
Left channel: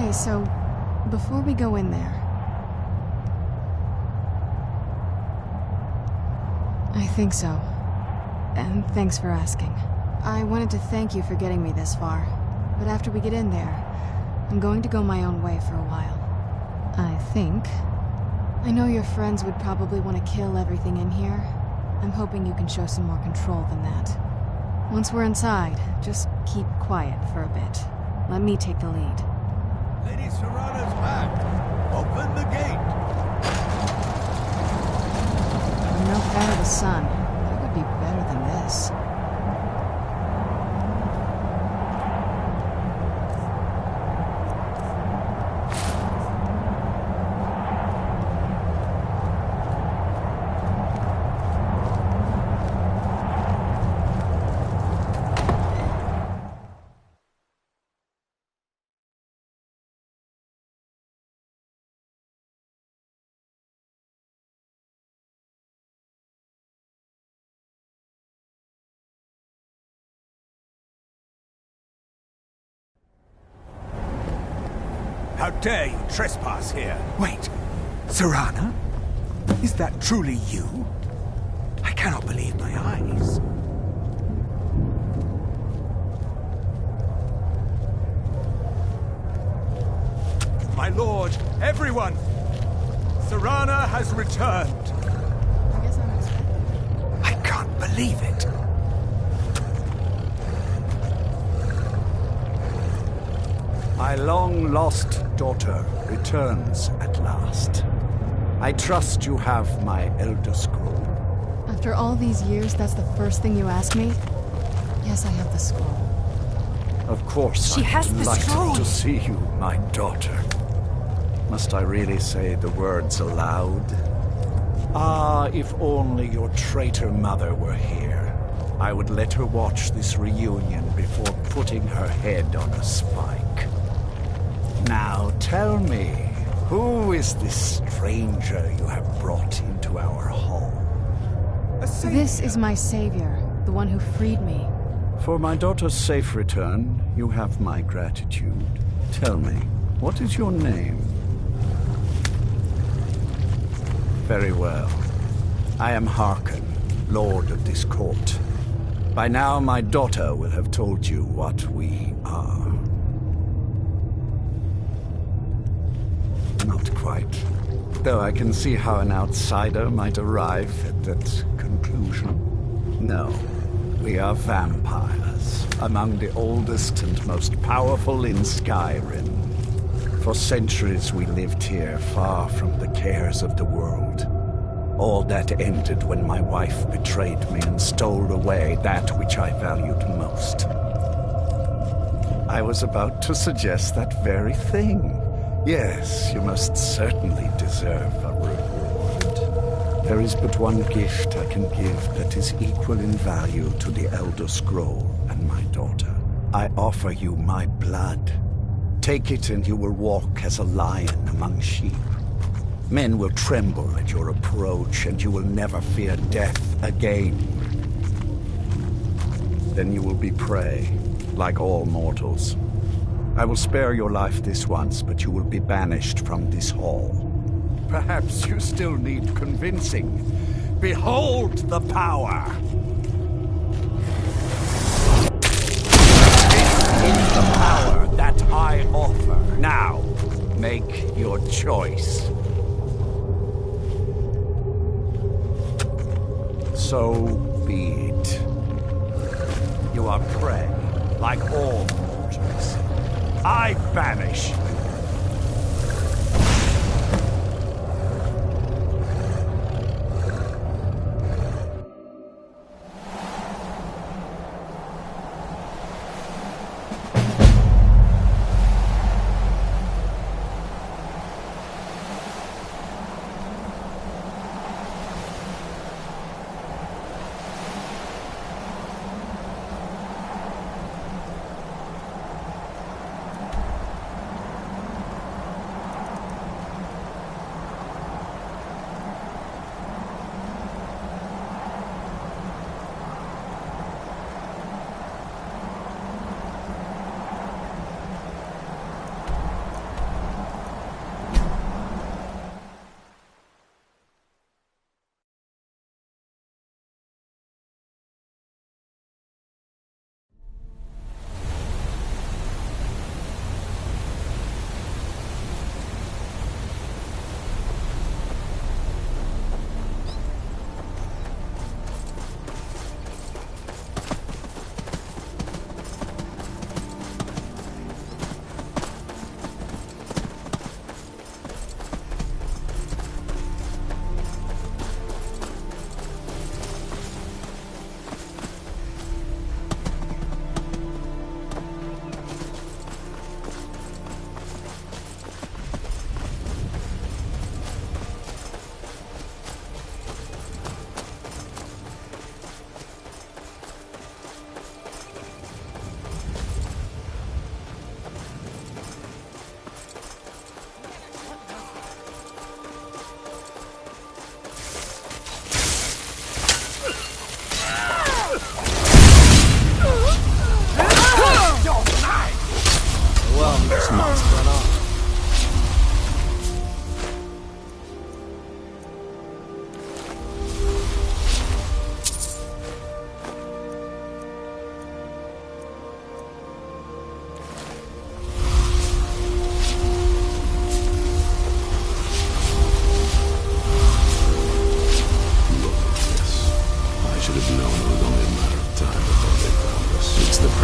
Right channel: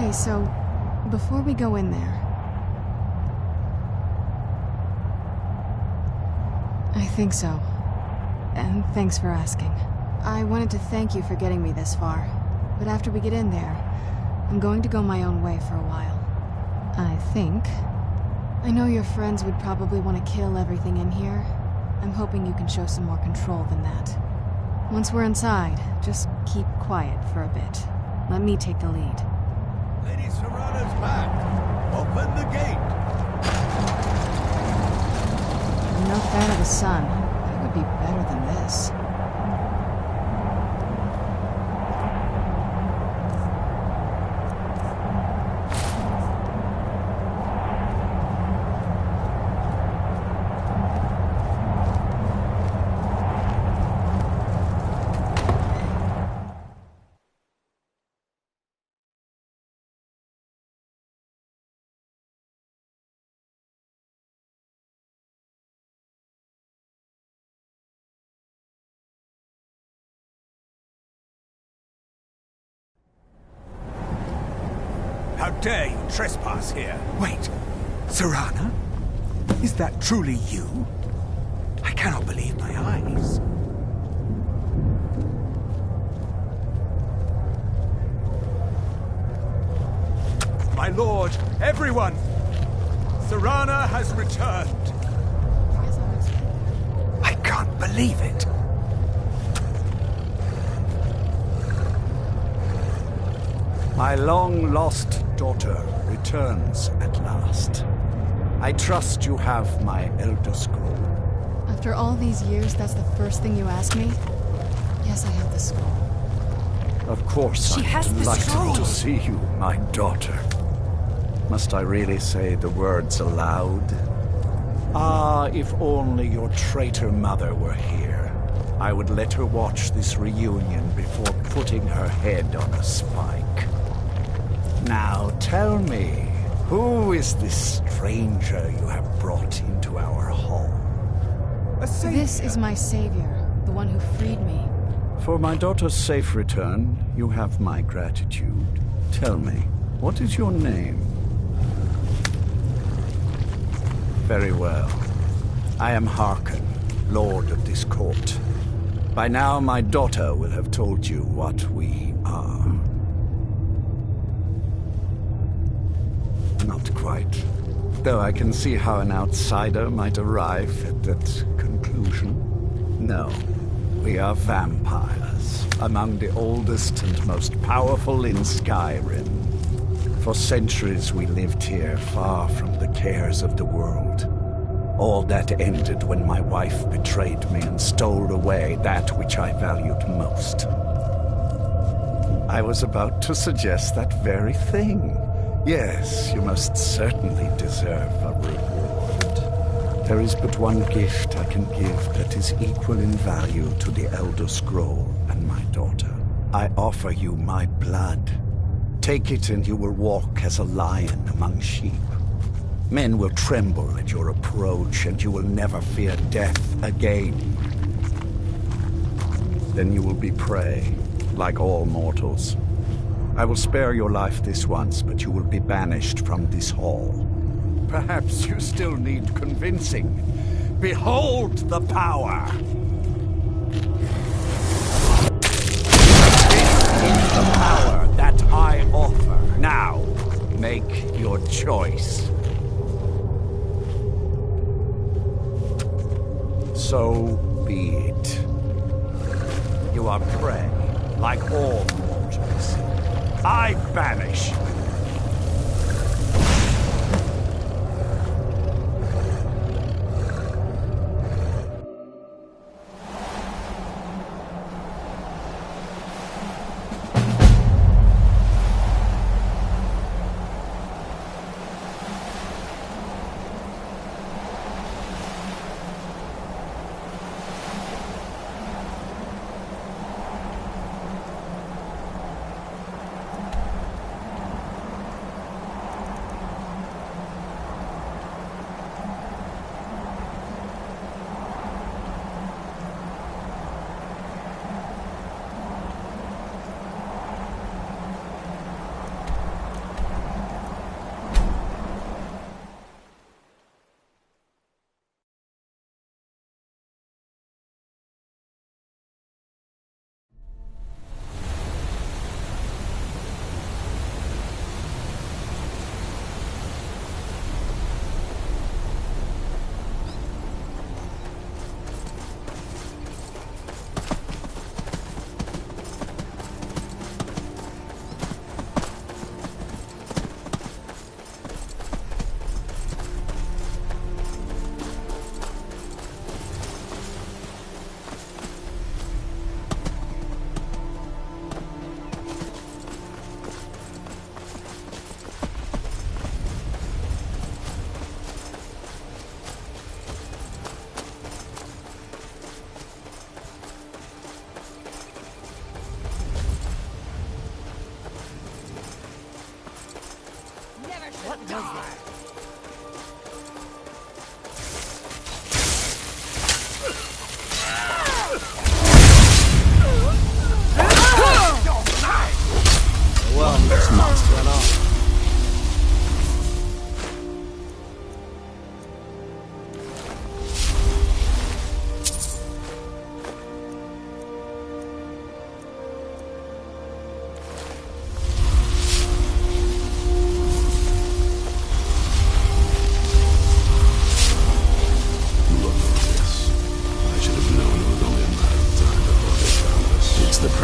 Hey, so, before we go in there... I think so. And thanks for asking. I wanted to thank you for getting me this far, but after we get in there, I'm going to go my own way for a while. I think. I know your friends would probably want to kill everything in here. I'm hoping you can show some more control than that. Once we're inside, just keep quiet for a bit. Let me take the lead. Lady Serana's back. Open the gate. I'm no fan of the sun, but it would be better than this. How dare you trespass here? Wait, Serana? Is that truly you? I cannot believe my eyes. My lord, everyone! Serana has returned. I guess I'm expected. I can't believe it. My long-lost daughter returns at last. I trust you have my Elder Scroll. After all these years, that's the first thing you ask me? Yes, I have the scroll. Of course, She I'm has the delighted scroll. to see you, my daughter. Must I really say the words aloud? Ah, if only your traitor mother were here. I would let her watch this reunion before putting her head on a spike. Now tell me, who is this stranger you have brought into our hall? This is my savior, the one who freed me. For my daughter's safe return, you have my gratitude. Tell me, what is your name? Very well. I am Harkon, Lord of this court. By now, my daughter will have told you what we are. Not quite. Though I can see how an outsider might arrive at that conclusion. No, we are vampires, among the oldest and most powerful in Skyrim. For centuries we lived here, far from the cares of the world. All that ended when my wife betrayed me and stole away that which I valued most. I was about to suggest that very thing. Yes, you most certainly deserve a reward. There is but one gift I can give that is equal in value to the Elder Scroll and my daughter. I offer you my blood. Take it and you will walk as a lion among sheep. Men will tremble at your approach and you will never fear death again. Then you will be prey, like all mortals. I will spare your life this once, but you will be banished from this hall. Perhaps you still need convincing. Behold the power! This is the power that I offer. Now, make your choice. So be it. You are prey, like all mortals. I banish you.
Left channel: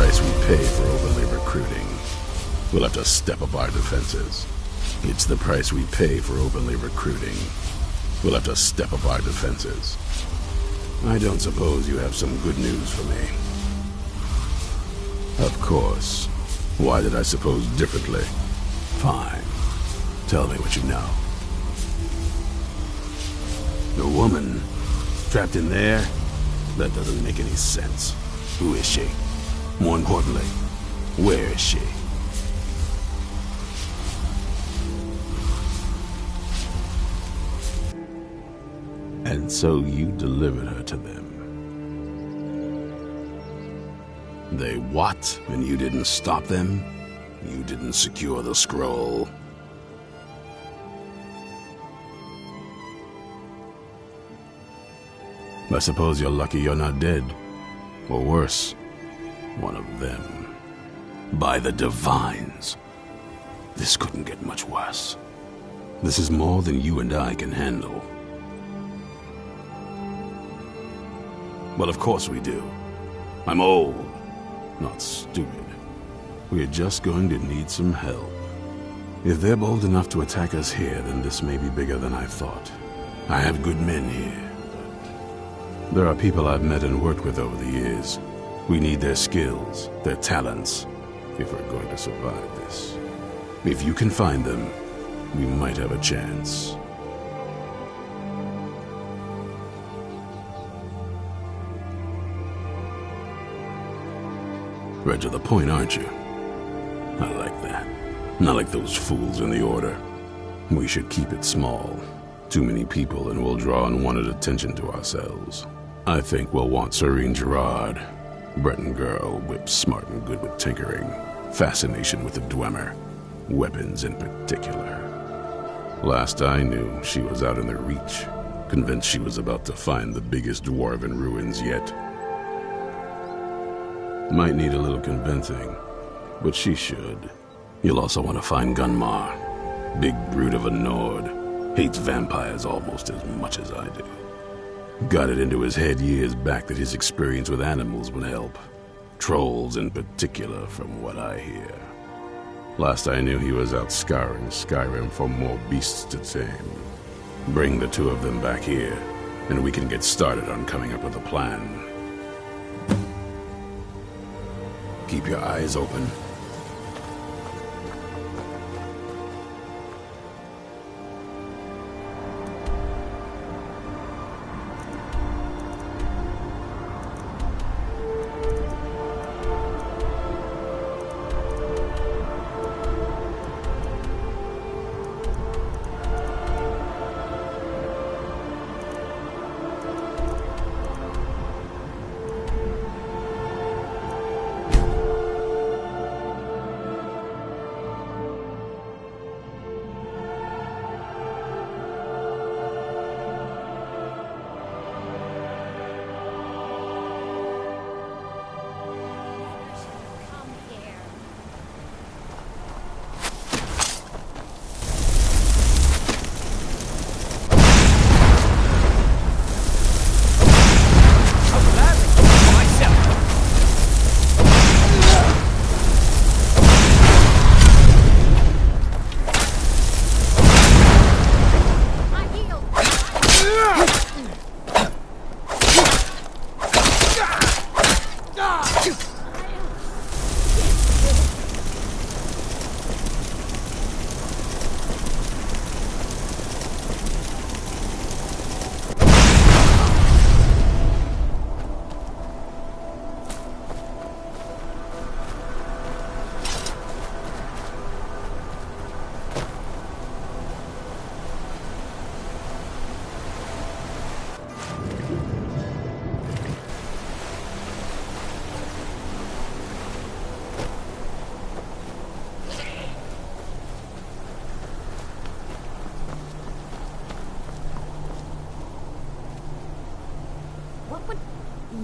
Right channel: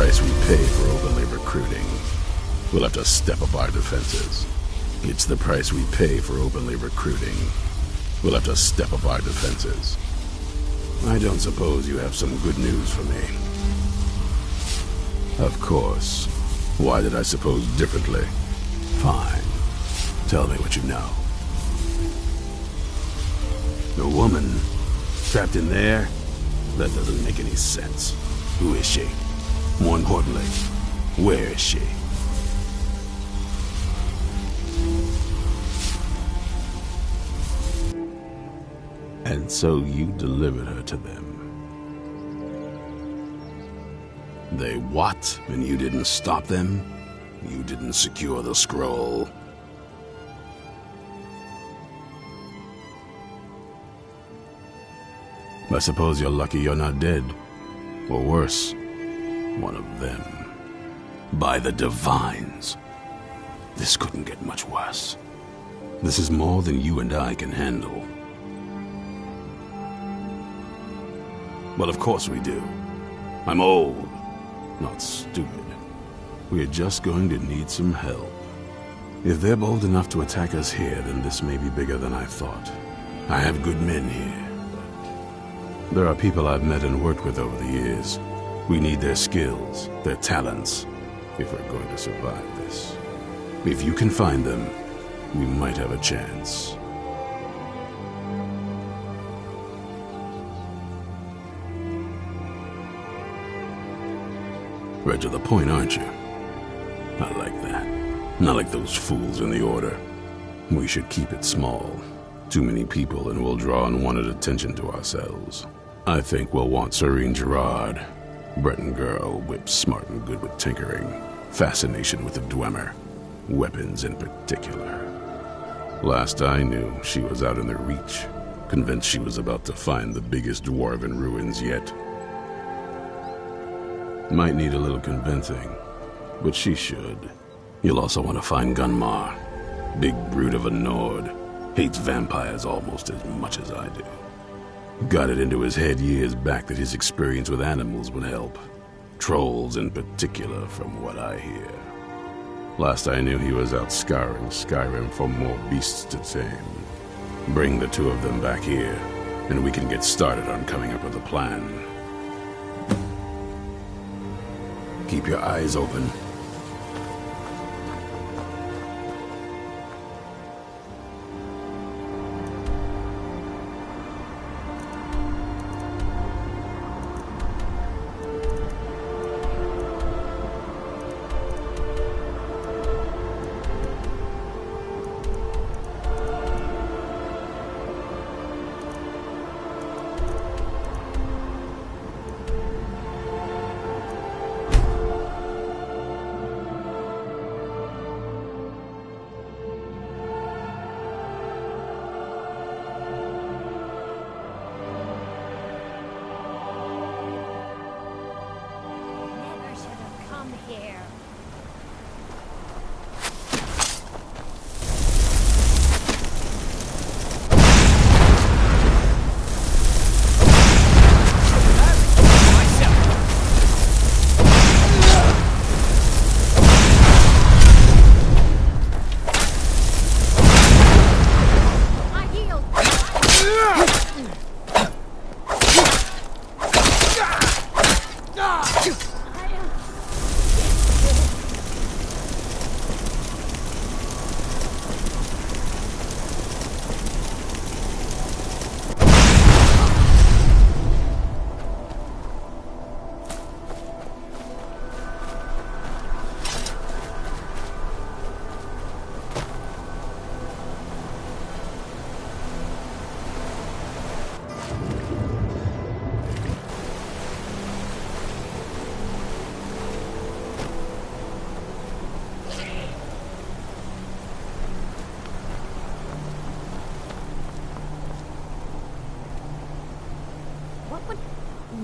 price we pay for openly recruiting. We'll have to step up our defenses. It's the price we pay for openly recruiting. We'll have to step up our defenses. I don't suppose you have some good news for me. Of course. Why did I suppose differently? Fine. Tell me what you know. A woman? Trapped in there? That doesn't make any sense. Who is she? More importantly, where is she? And so you delivered her to them. They what? And you didn't stop them? You didn't secure the scroll? I suppose you're lucky you're not dead. Or worse, one of them. By the Divines. This couldn't get much worse. This is more than you and I can handle. Well, of course we do. I'm old, not stupid. We're just going to need some help. If they're bold enough to attack us here, then this may be bigger than I thought. I have good men here. There are people I've met and worked with over the years. We need their skills, their talents, if we're going to survive this. If you can find them, we might have a chance. Right to the point, aren't you? I like that. Not like those fools in the Order. We should keep it small. Too many people and we'll draw unwanted attention to ourselves. I think we'll want Serene Gerard. Breton girl, whip smart and good with tinkering. Fascination with the Dwemer. Weapons in particular. Last I knew, she was out in the Reach. Convinced she was about to find the biggest dwarven ruins yet. Might need a little convincing, but she should. You'll also want to find Gunmar. Big brute of a Nord. Hates vampires almost as much as I do. Got it into his head years back that his experience with animals would help. Trolls in particular, from what I hear. Last I knew he was out scouring Skyrim for more beasts to tame. Bring the two of them back here, and we can get started on coming up with a plan. Keep your eyes open.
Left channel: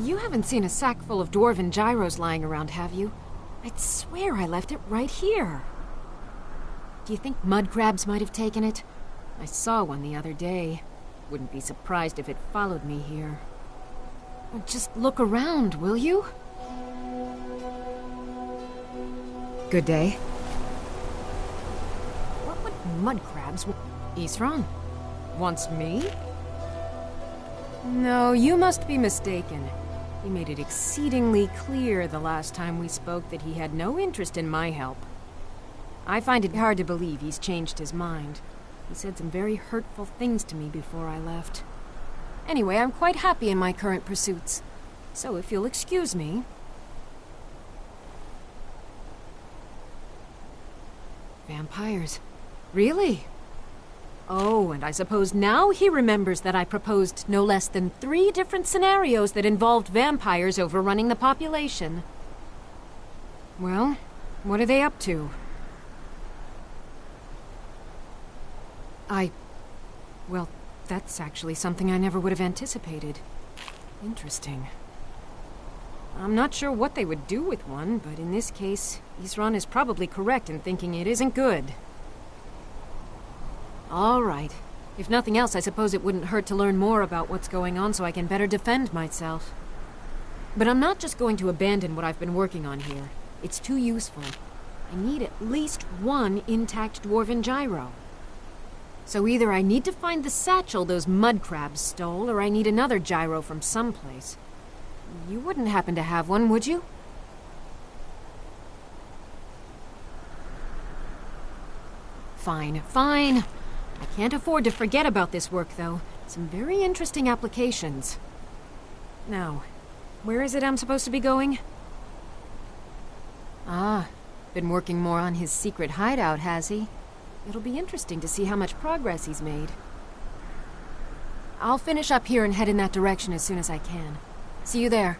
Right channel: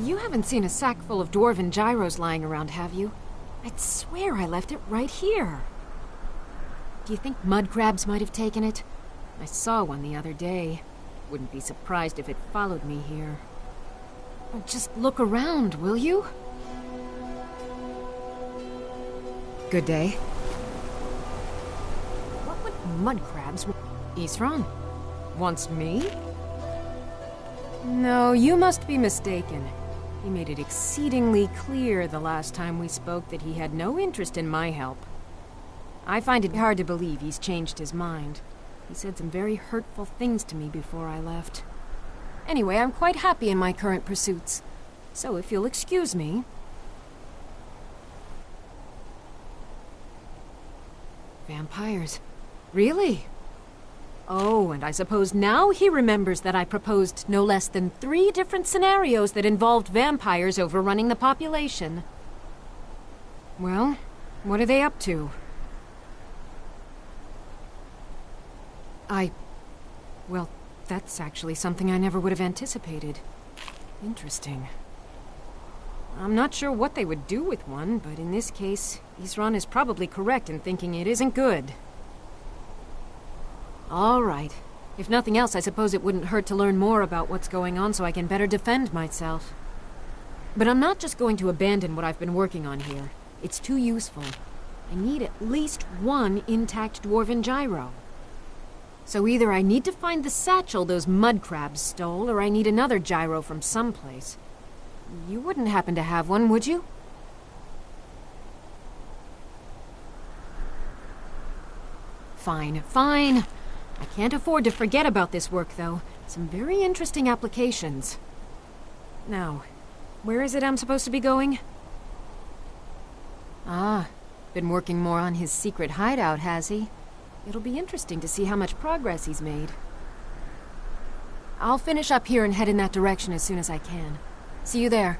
You haven't seen a sack full of dwarven gyros lying around, have you? I'd swear I left it right here. Do you think mud crabs might have taken it? I saw one the other day. Wouldn't be surprised if it followed me here. Just look around, will you? Good day. What would mud crabs want? Isran? Wants me? No, you must be mistaken. He made it exceedingly clear the last time we spoke that he had no interest in my help. I find it hard to believe he's changed his mind. He said some very hurtful things to me before I left. Anyway, I'm quite happy in my current pursuits. So if you'll excuse me... Vampires. Really? Oh, and I suppose now he remembers that I proposed no less than 3 different scenarios that involved vampires overrunning the population. Well, what are they up to? Well, that's actually something I never would have anticipated. Interesting. I'm not sure what they would do with one, but in this case, Isran is probably correct in thinking it isn't good. All right. If nothing else, I suppose it wouldn't hurt to learn more about what's going on so I can better defend myself. But I'm not just going to abandon what I've been working on here. It's too useful. I need at least 1 intact dwarven gyro. So either I need to find the satchel those mud crabs stole, or I need another gyro from someplace. You wouldn't happen to have one, would you? Fine, fine. I can't afford to forget about this work, though. Some very interesting applications. Now, where is it I'm supposed to be going? Ah, been working more on his secret hideout, has he? It'll be interesting to see how much progress he's made. I'll finish up here and head in that direction as soon as I can. See you there.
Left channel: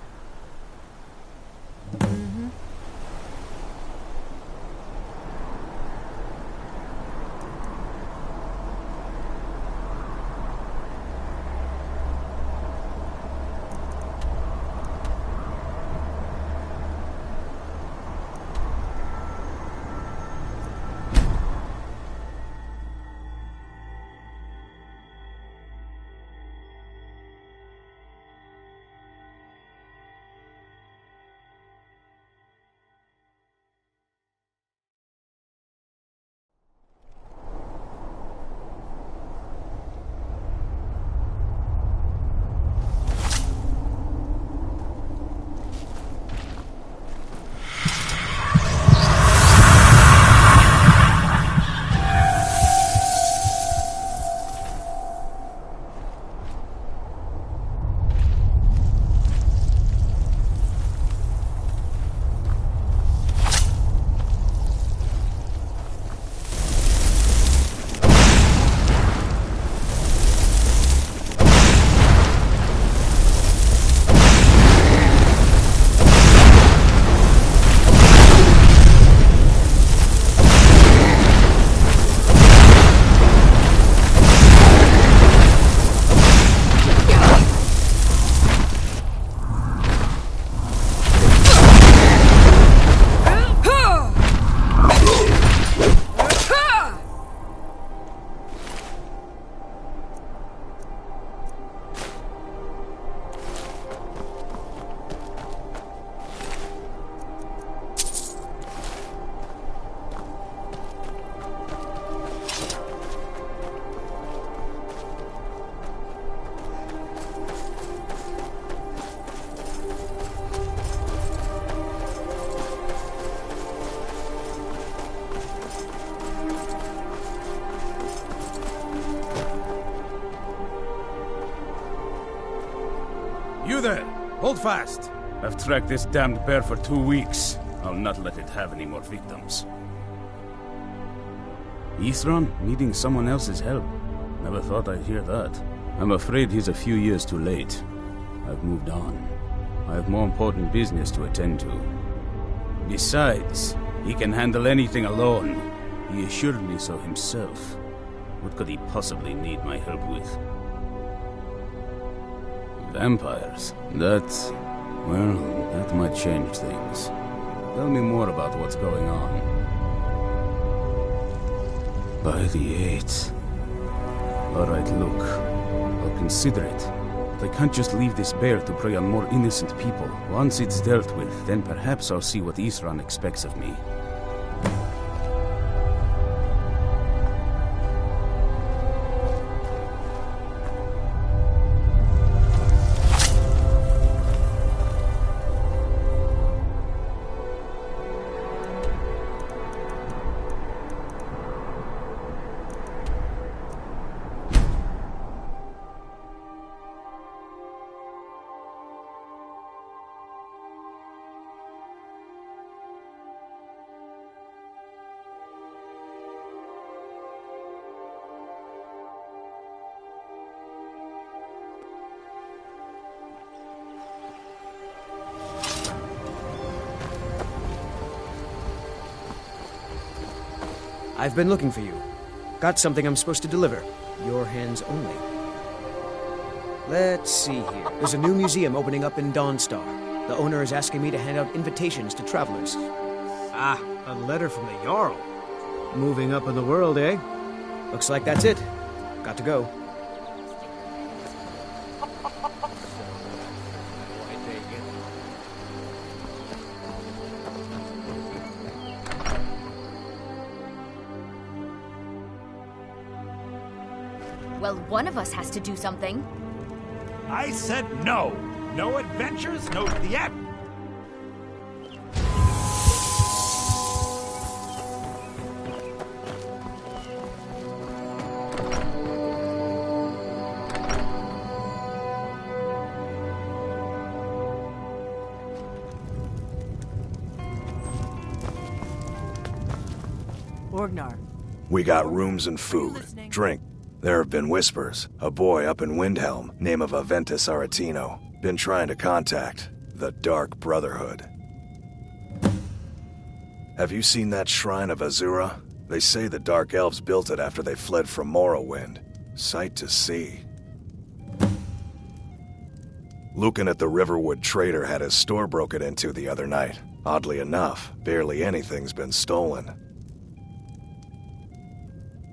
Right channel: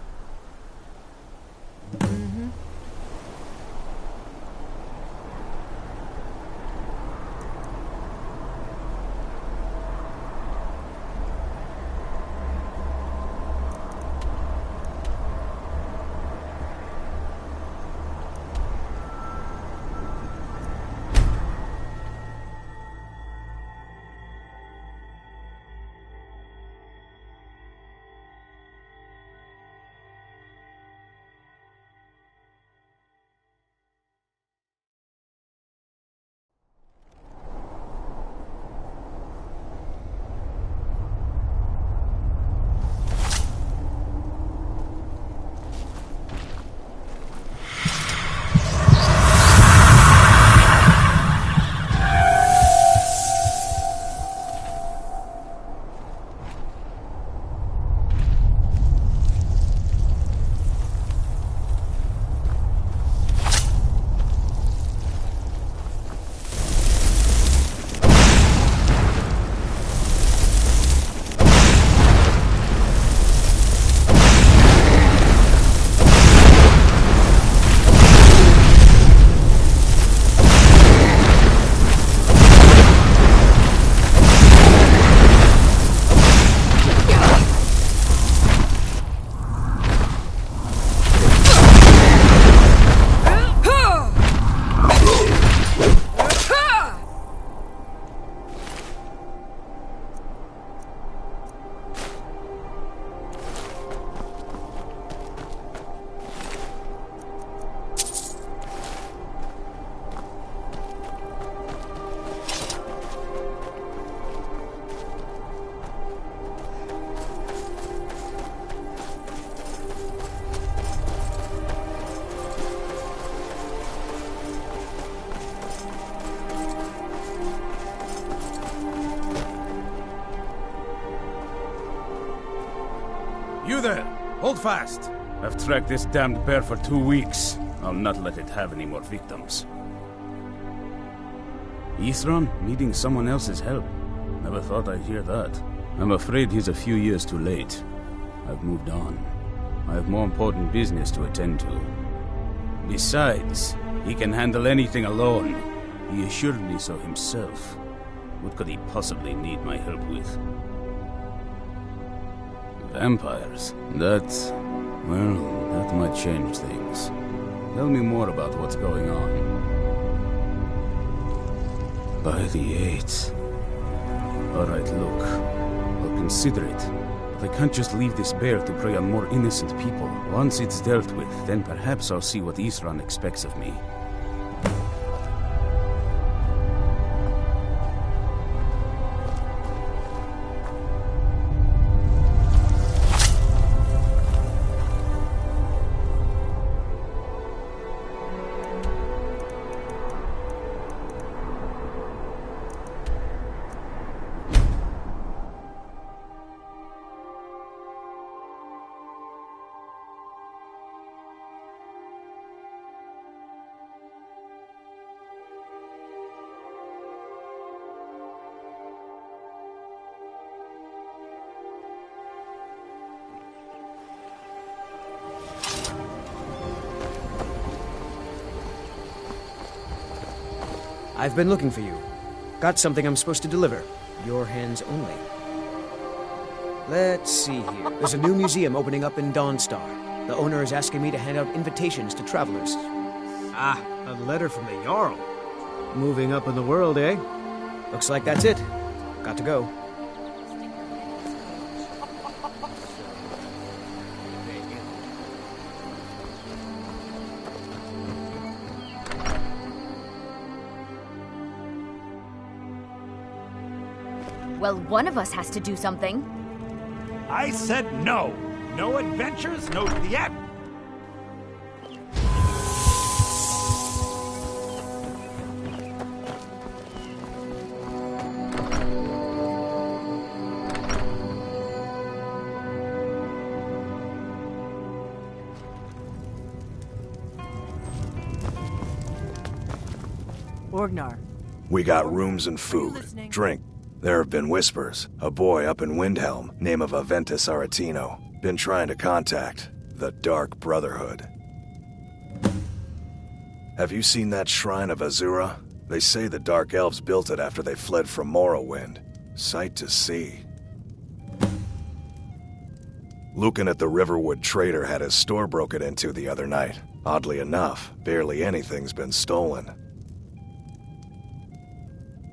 You there! Hold fast! I've tracked this damned bear for 2 weeks. I'll not let it have any more victims. Isran needing someone else's help. Never thought I'd hear that. I'm afraid he's a few years too late. I've moved on. I have more important business to attend to. Besides, he can handle anything alone. He assured me so himself. What could he possibly need my help with? Vampires? That might change things. Tell me more about what's going on. By the 8th. Alright, look. I'll consider it. But I can't just leave this bear to prey on more innocent people. Once it's dealt with, then perhaps I'll see what Isran expects of me. I've been looking for you. Got something I'm supposed to deliver. Your hands only. Let's see here. There's a new museum opening up in Dawnstar. The owner is asking me to hand out invitations to travelers. Ah, a letter from the Jarl. Moving up in the world, eh? Looks like that's it. Got to go. Well, one of us has to do something. I said no. No adventures, no theat. Orgnar. We got rooms and food. Drink. There have been whispers. A boy up in Windhelm, name of Aventus Aretino, been trying to contact the Dark Brotherhood. Have you seen that shrine of Azura? They say the Dark Elves built it after they fled from Morrowind. Sight to see. Lucan at the Riverwood Trader had his store broken into the other night. Oddly enough, barely anything's been stolen.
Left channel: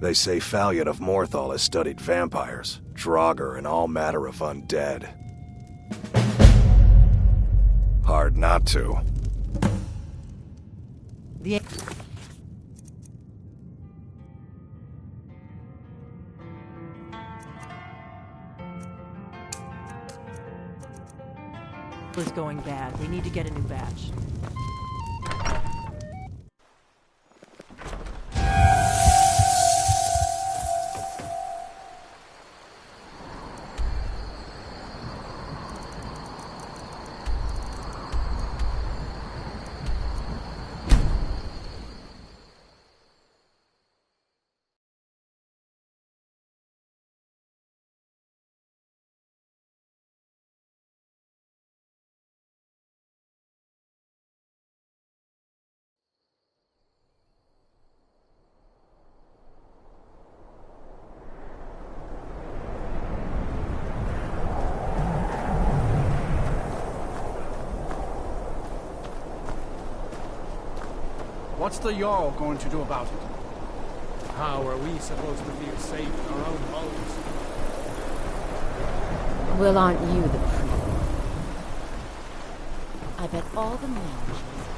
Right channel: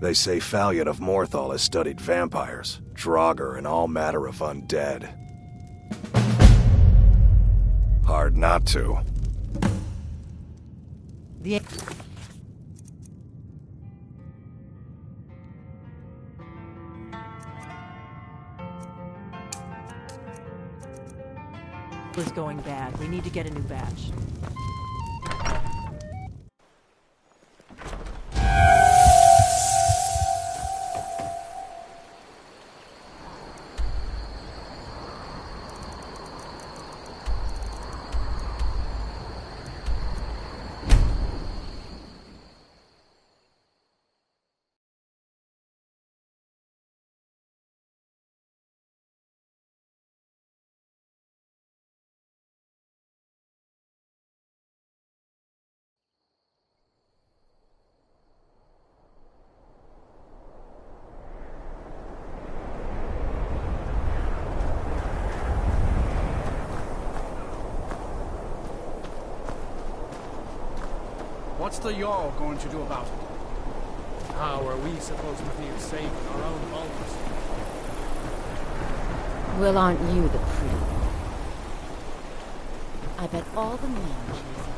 They say Fallion of Morthal has studied vampires, Draugr, and all matter of undead. Hard not to. The is going bad. We need to get a new batch. What's the Jarl going to do about it? How are we supposed to feel safe in our own homes? Well, aren't you the pretty one? I bet all the men chase after.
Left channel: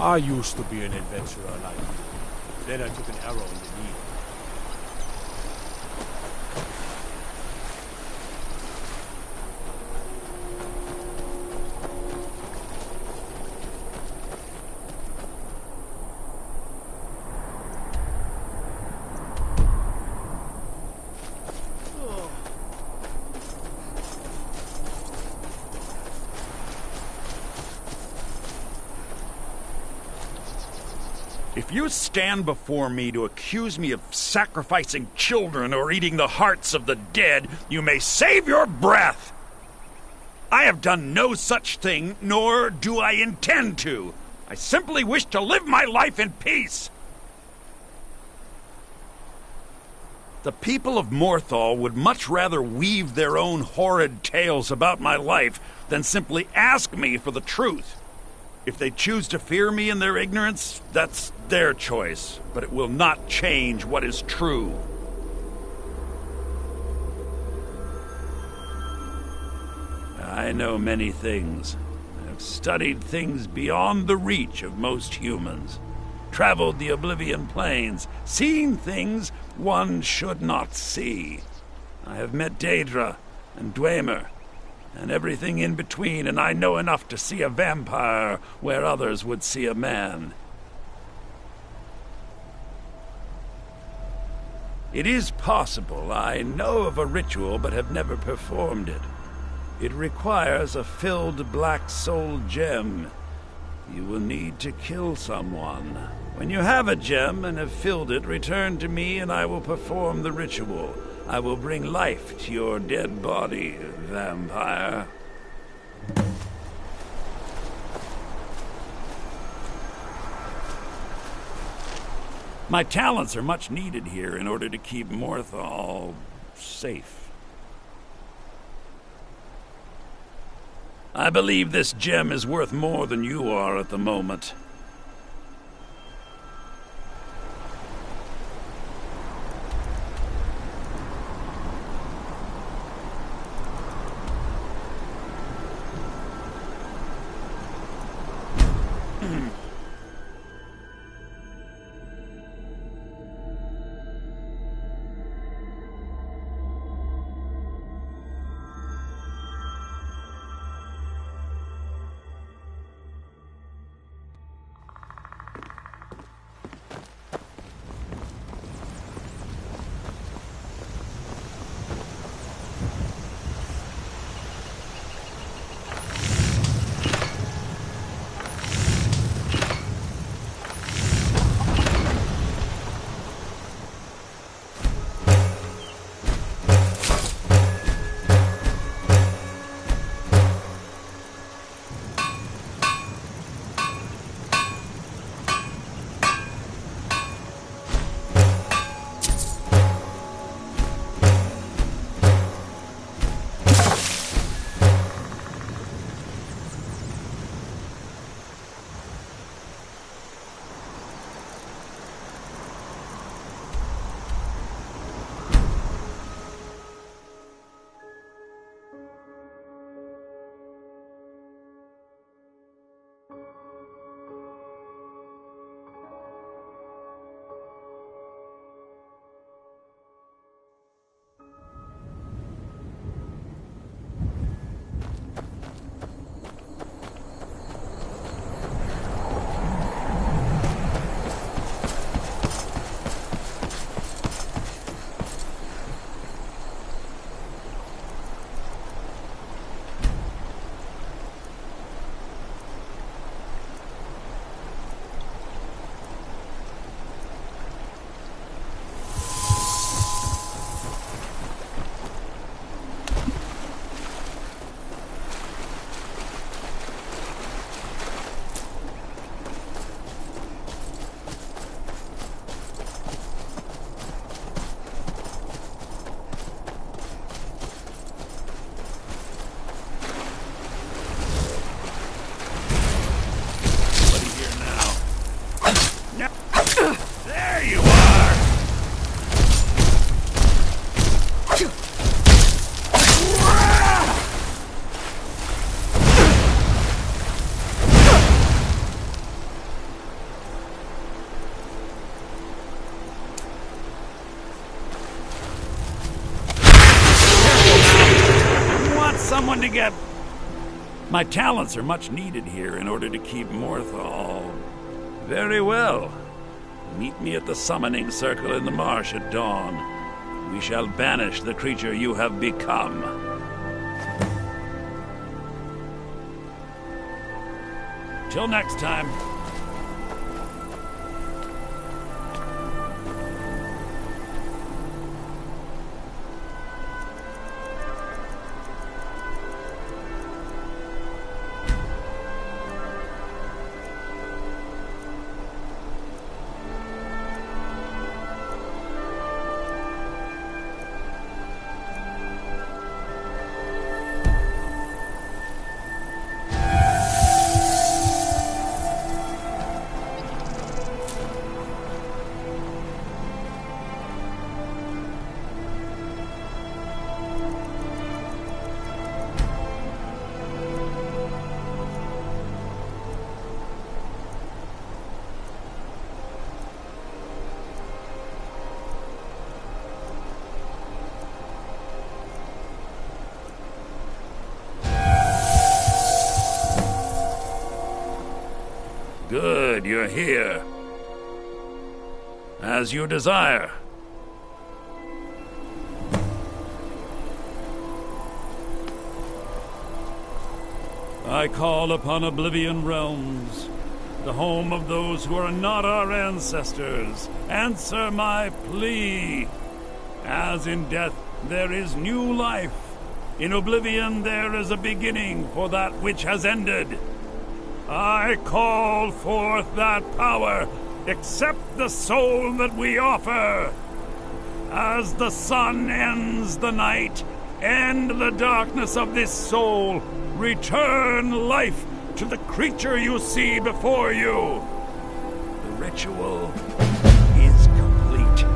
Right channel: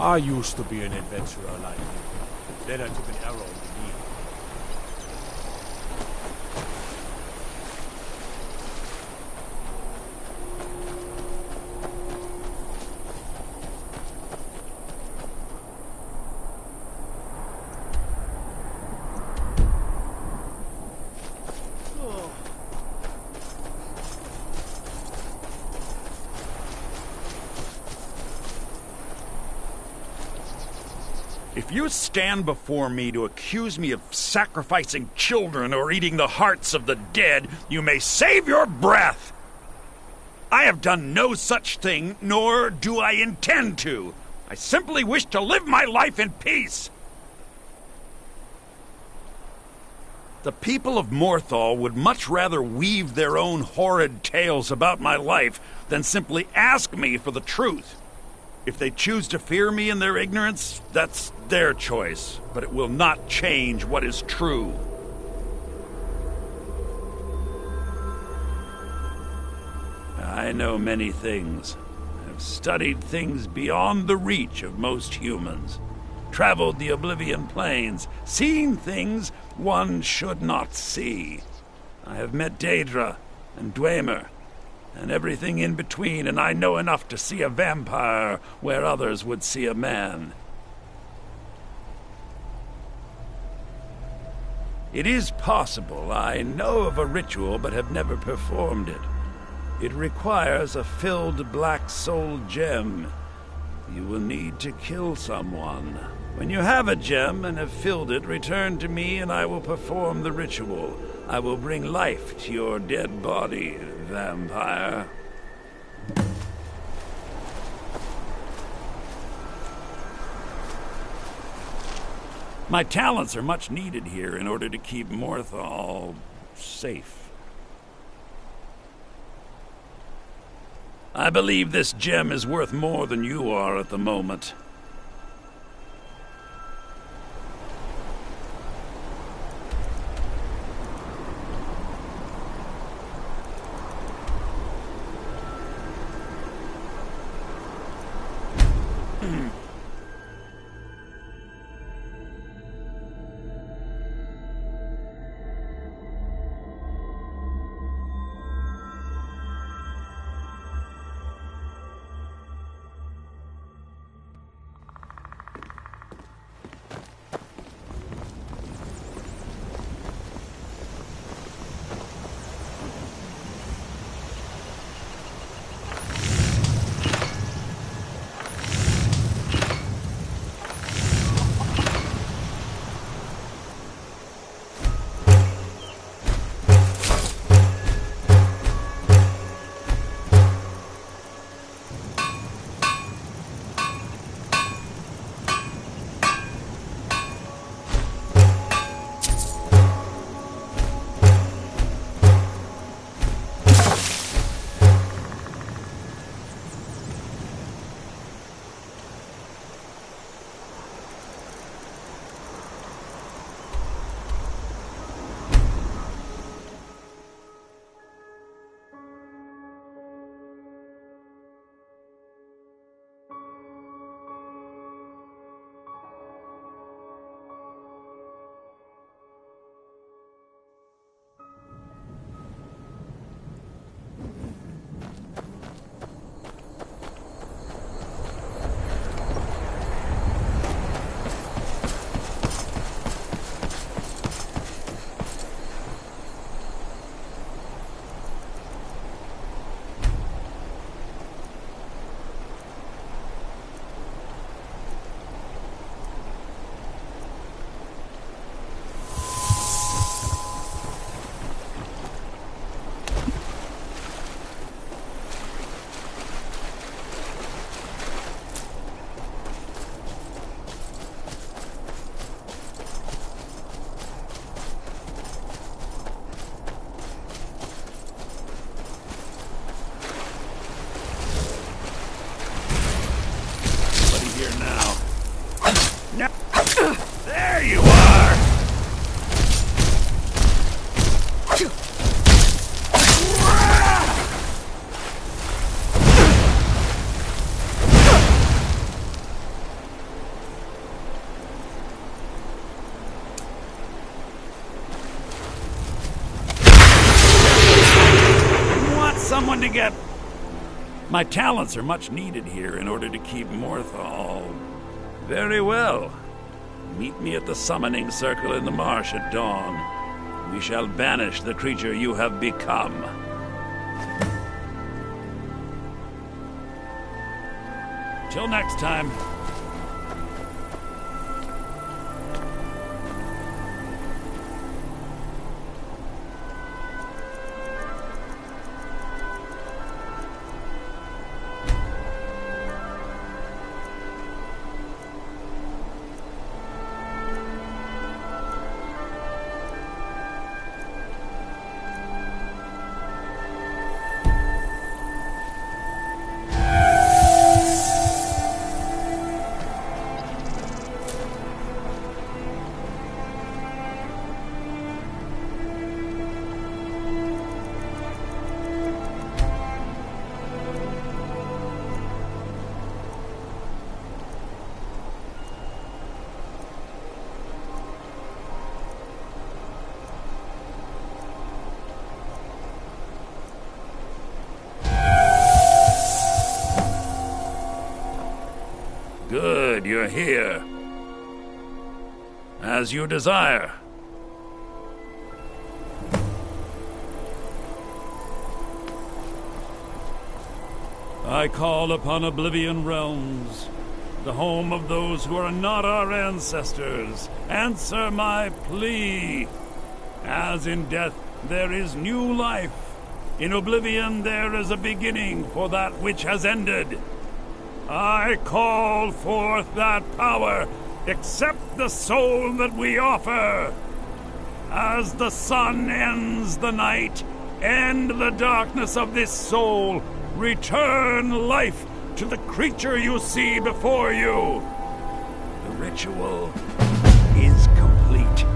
I used to be an adventurer like you. Then I took an arrow in the knee. If you stand before me to accuse me of sacrificing children or eating the hearts of the dead, you may save your breath! I have done no such thing, nor do I intend to. I simply wish to live my life in peace. The people of Morthal would much rather weave their own horrid tales about my life than simply ask me for the truth. If they choose to fear me in their ignorance, that's their choice, but it will not change what is true. I know many things. I've studied things beyond the reach of most humans, traveled the Oblivion Plains, seen things one should not see. I have met Daedra and Dwemer, and everything in between, and I know enough to see a vampire where others would see a man. It is possible I know of a ritual but have never performed it. It requires a filled black soul gem. You will need to kill someone. When you have a gem and have filled it, return to me and I will perform the ritual. I will bring life to your dead body, vampire. My talents are much needed here in order to keep Morthal safe. I believe this gem is worth more than you are at the moment. There you are! You want someone to get... My talents are much needed here in order to keep Morthal... Very well. Meet me at the summoning circle in the marsh at dawn. We shall banish the creature you have become. Till next time. Good, you're here. As you desire. I call upon Oblivion Realms, the home of those who are not our ancestors. Answer my plea. As in death there is new life, in Oblivion there is a beginning for that which has ended. I call forth that power. Accept the soul that we offer. As the sun ends the night, end the darkness of this soul. Return life to the creature you see before you. The ritual is complete.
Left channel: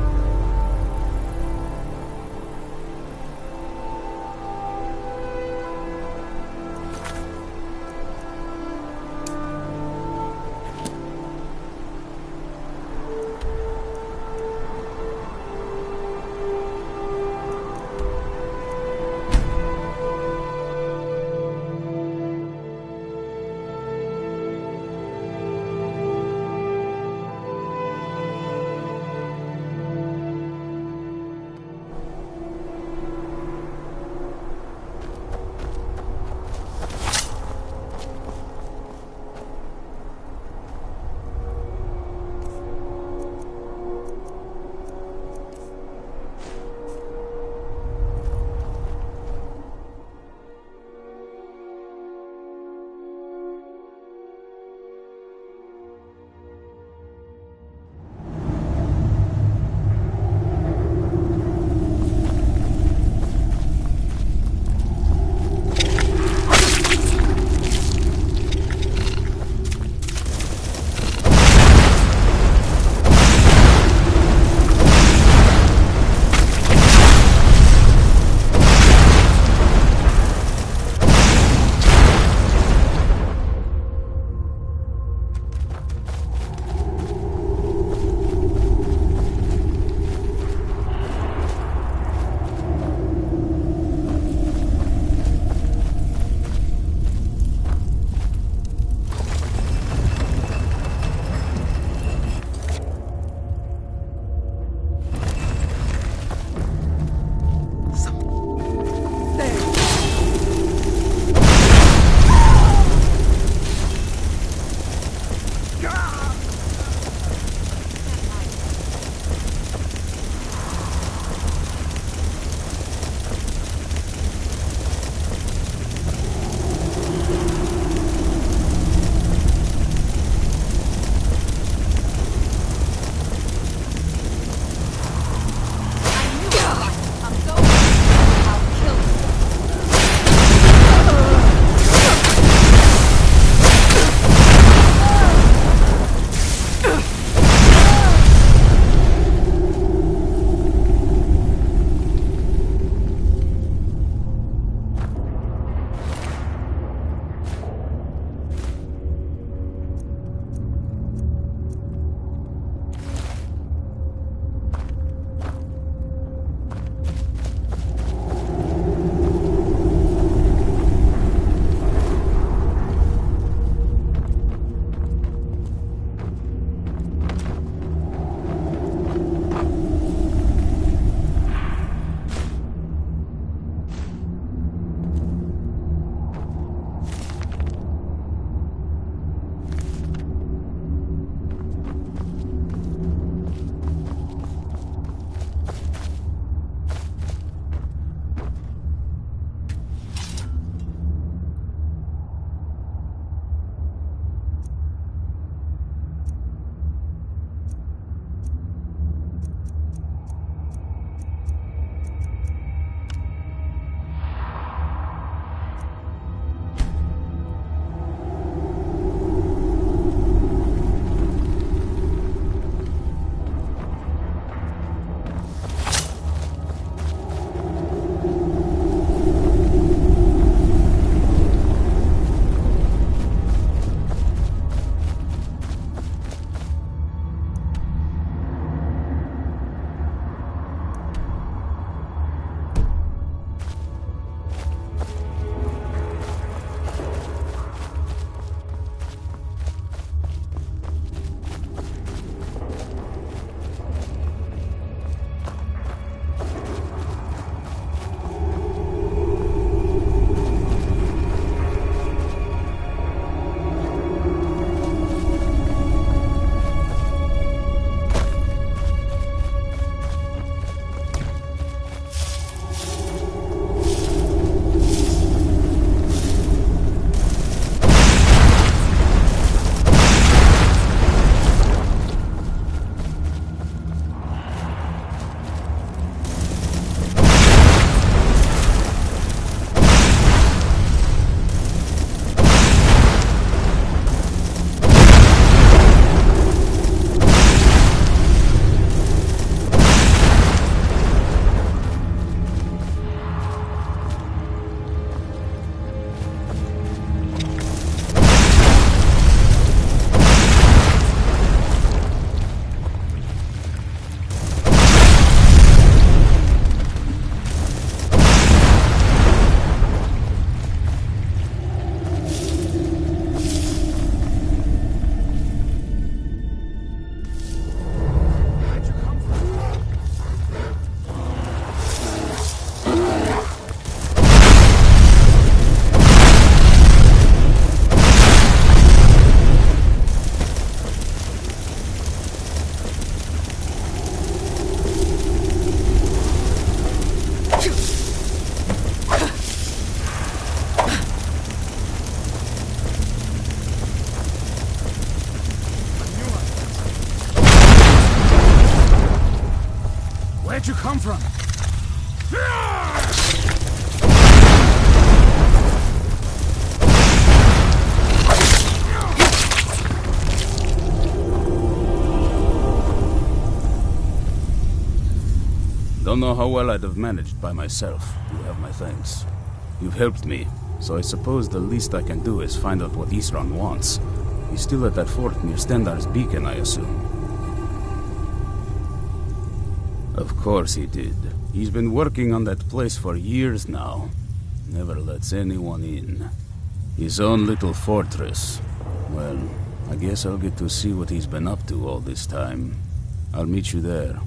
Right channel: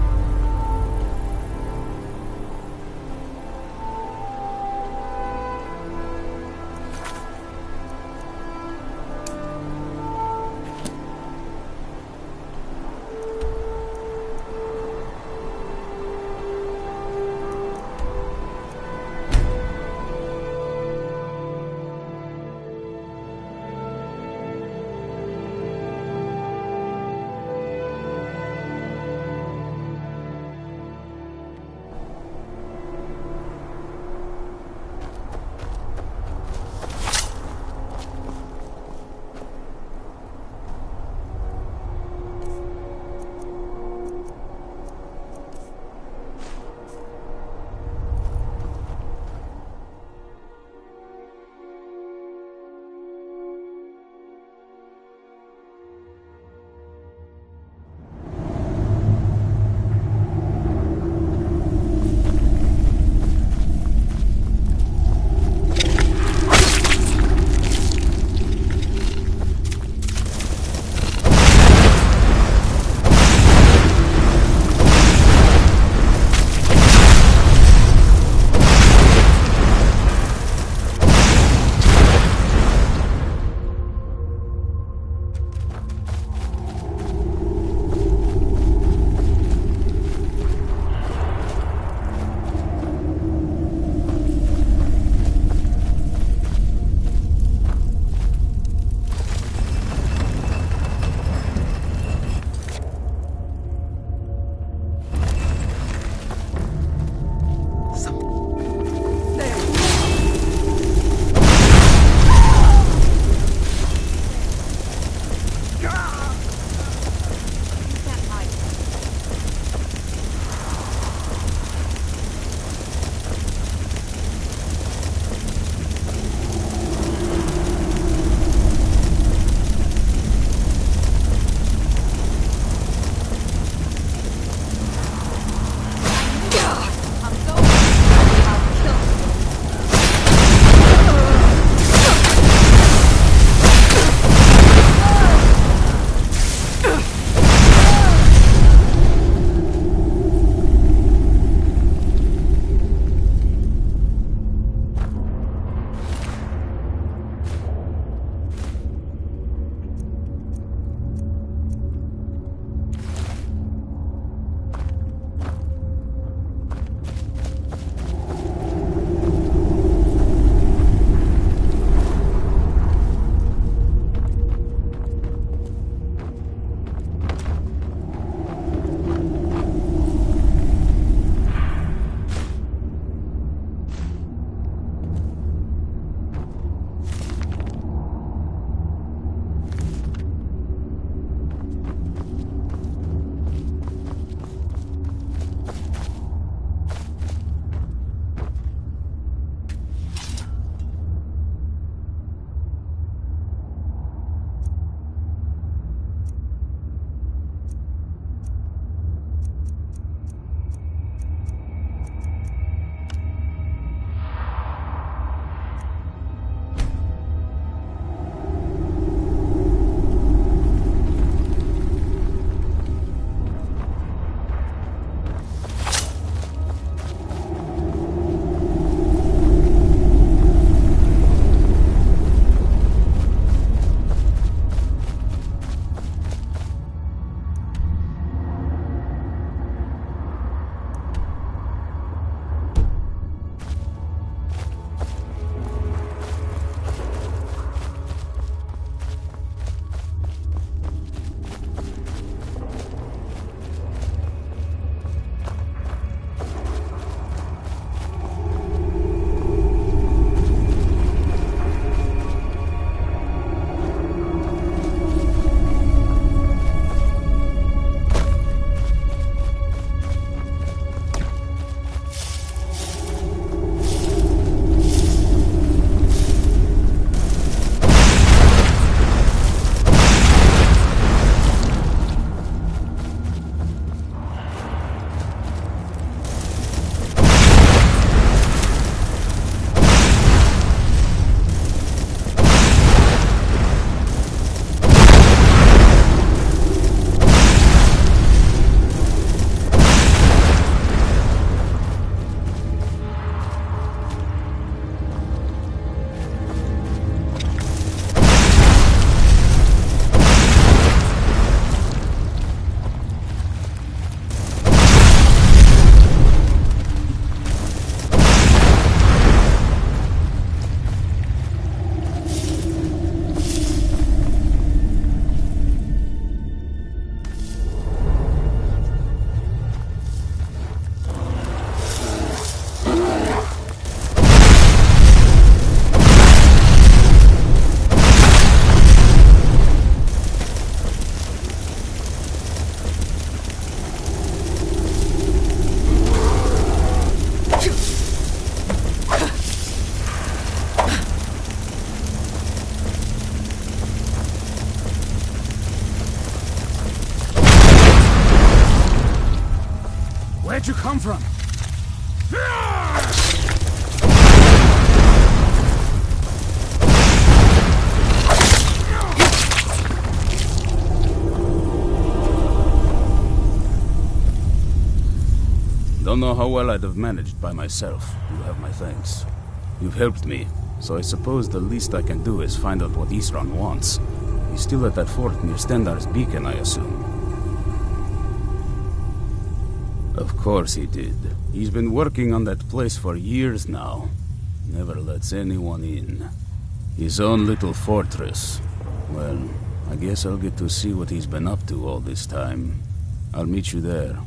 Where'd you come from? Don't know how well I'd have managed by myself. You have my thanks. You've helped me, so I suppose the least I can do is find out what Isran wants. He's still at that fort near Stendar's beacon, I assume. Of course he did. He's been working on that place for years now. Never lets anyone in. His own little fortress. Well, I guess I'll get to see what he's been up to all this time. I'll meet you there.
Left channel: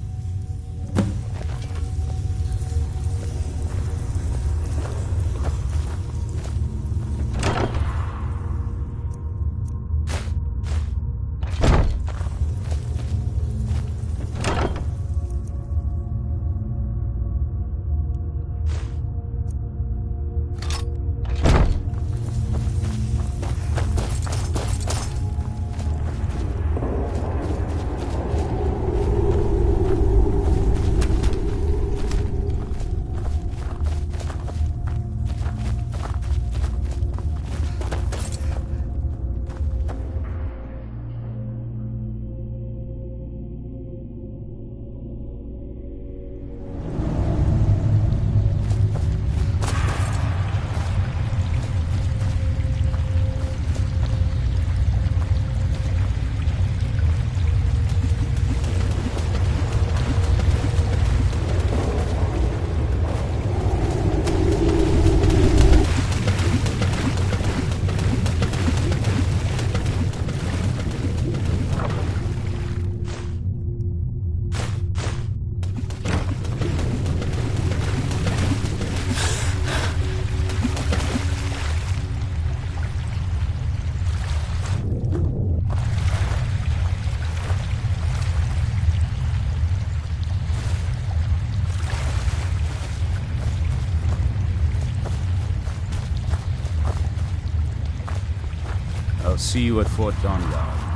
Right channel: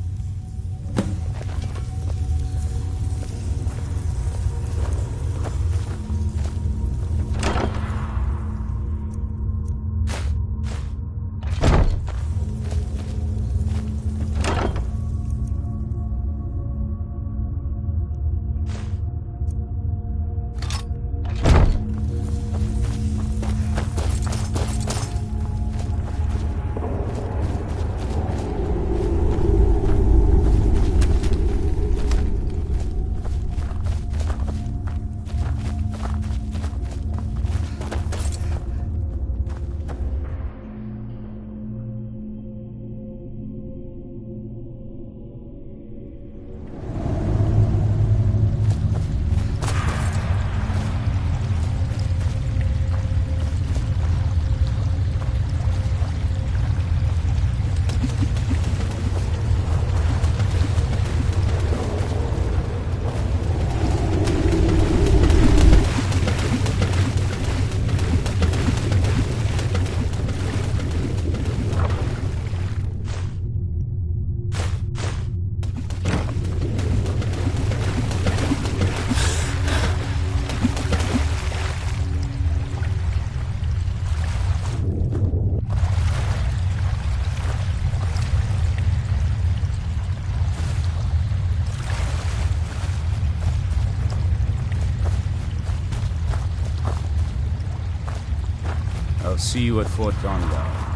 I'll see you at Fort Dawnguard.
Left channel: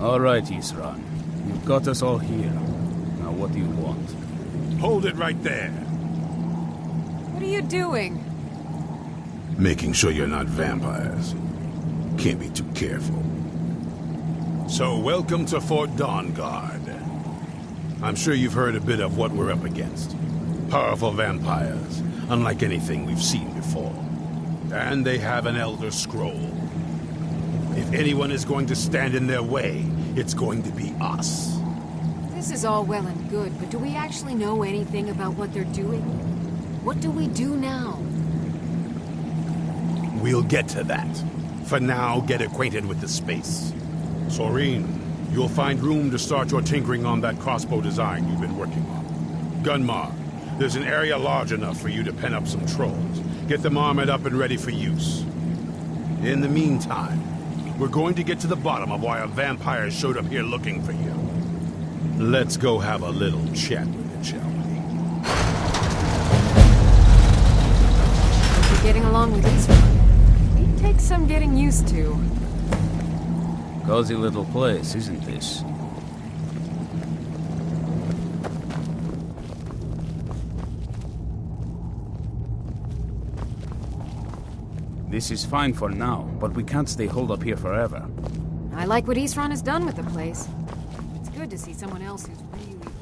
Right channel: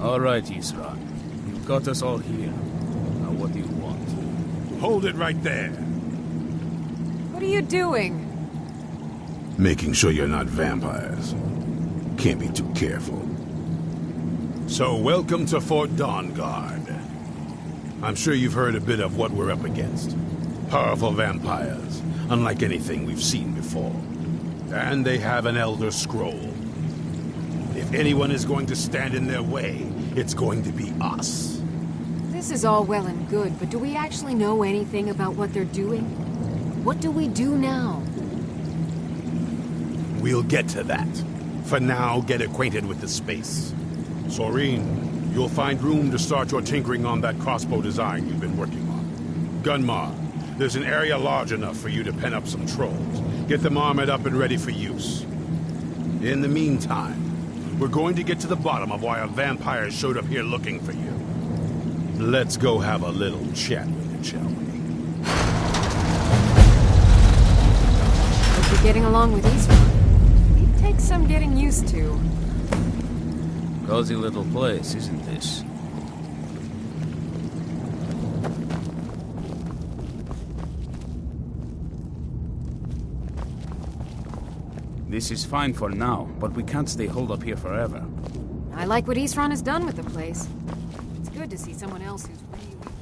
All right, Isran. You've got us all here. Now what do you want? Hold it right there. What are you doing? Making sure you're not vampires. Can't be too careful. So, welcome to Fort Dawnguard. I'm sure you've heard a bit of what we're up against. Powerful vampires, unlike anything we've seen before. And they have an Elder Scroll. If anyone is going to stand in their way, it's going to be us. This is all well and good, but do we actually know anything about what they're doing? What do we do now? We'll get to that. For now, get acquainted with the space. Soreen, you'll find room to start your tinkering on that crossbow design you've been working on. Gunmar, there's an area large enough for you to pen up some trolls. Get them armored up and ready for use. In the meantime, we're going to get to the bottom of why a vampire showed up here looking for you. Let's go have a little chat with it, shall we? Hope you're getting along with Isran. He takes some getting used to. Cozy little place, isn't this? This is fine for now, but we can't stay holed up here forever. I like what Isran has done with the place. It's good to see someone else who's really prepared.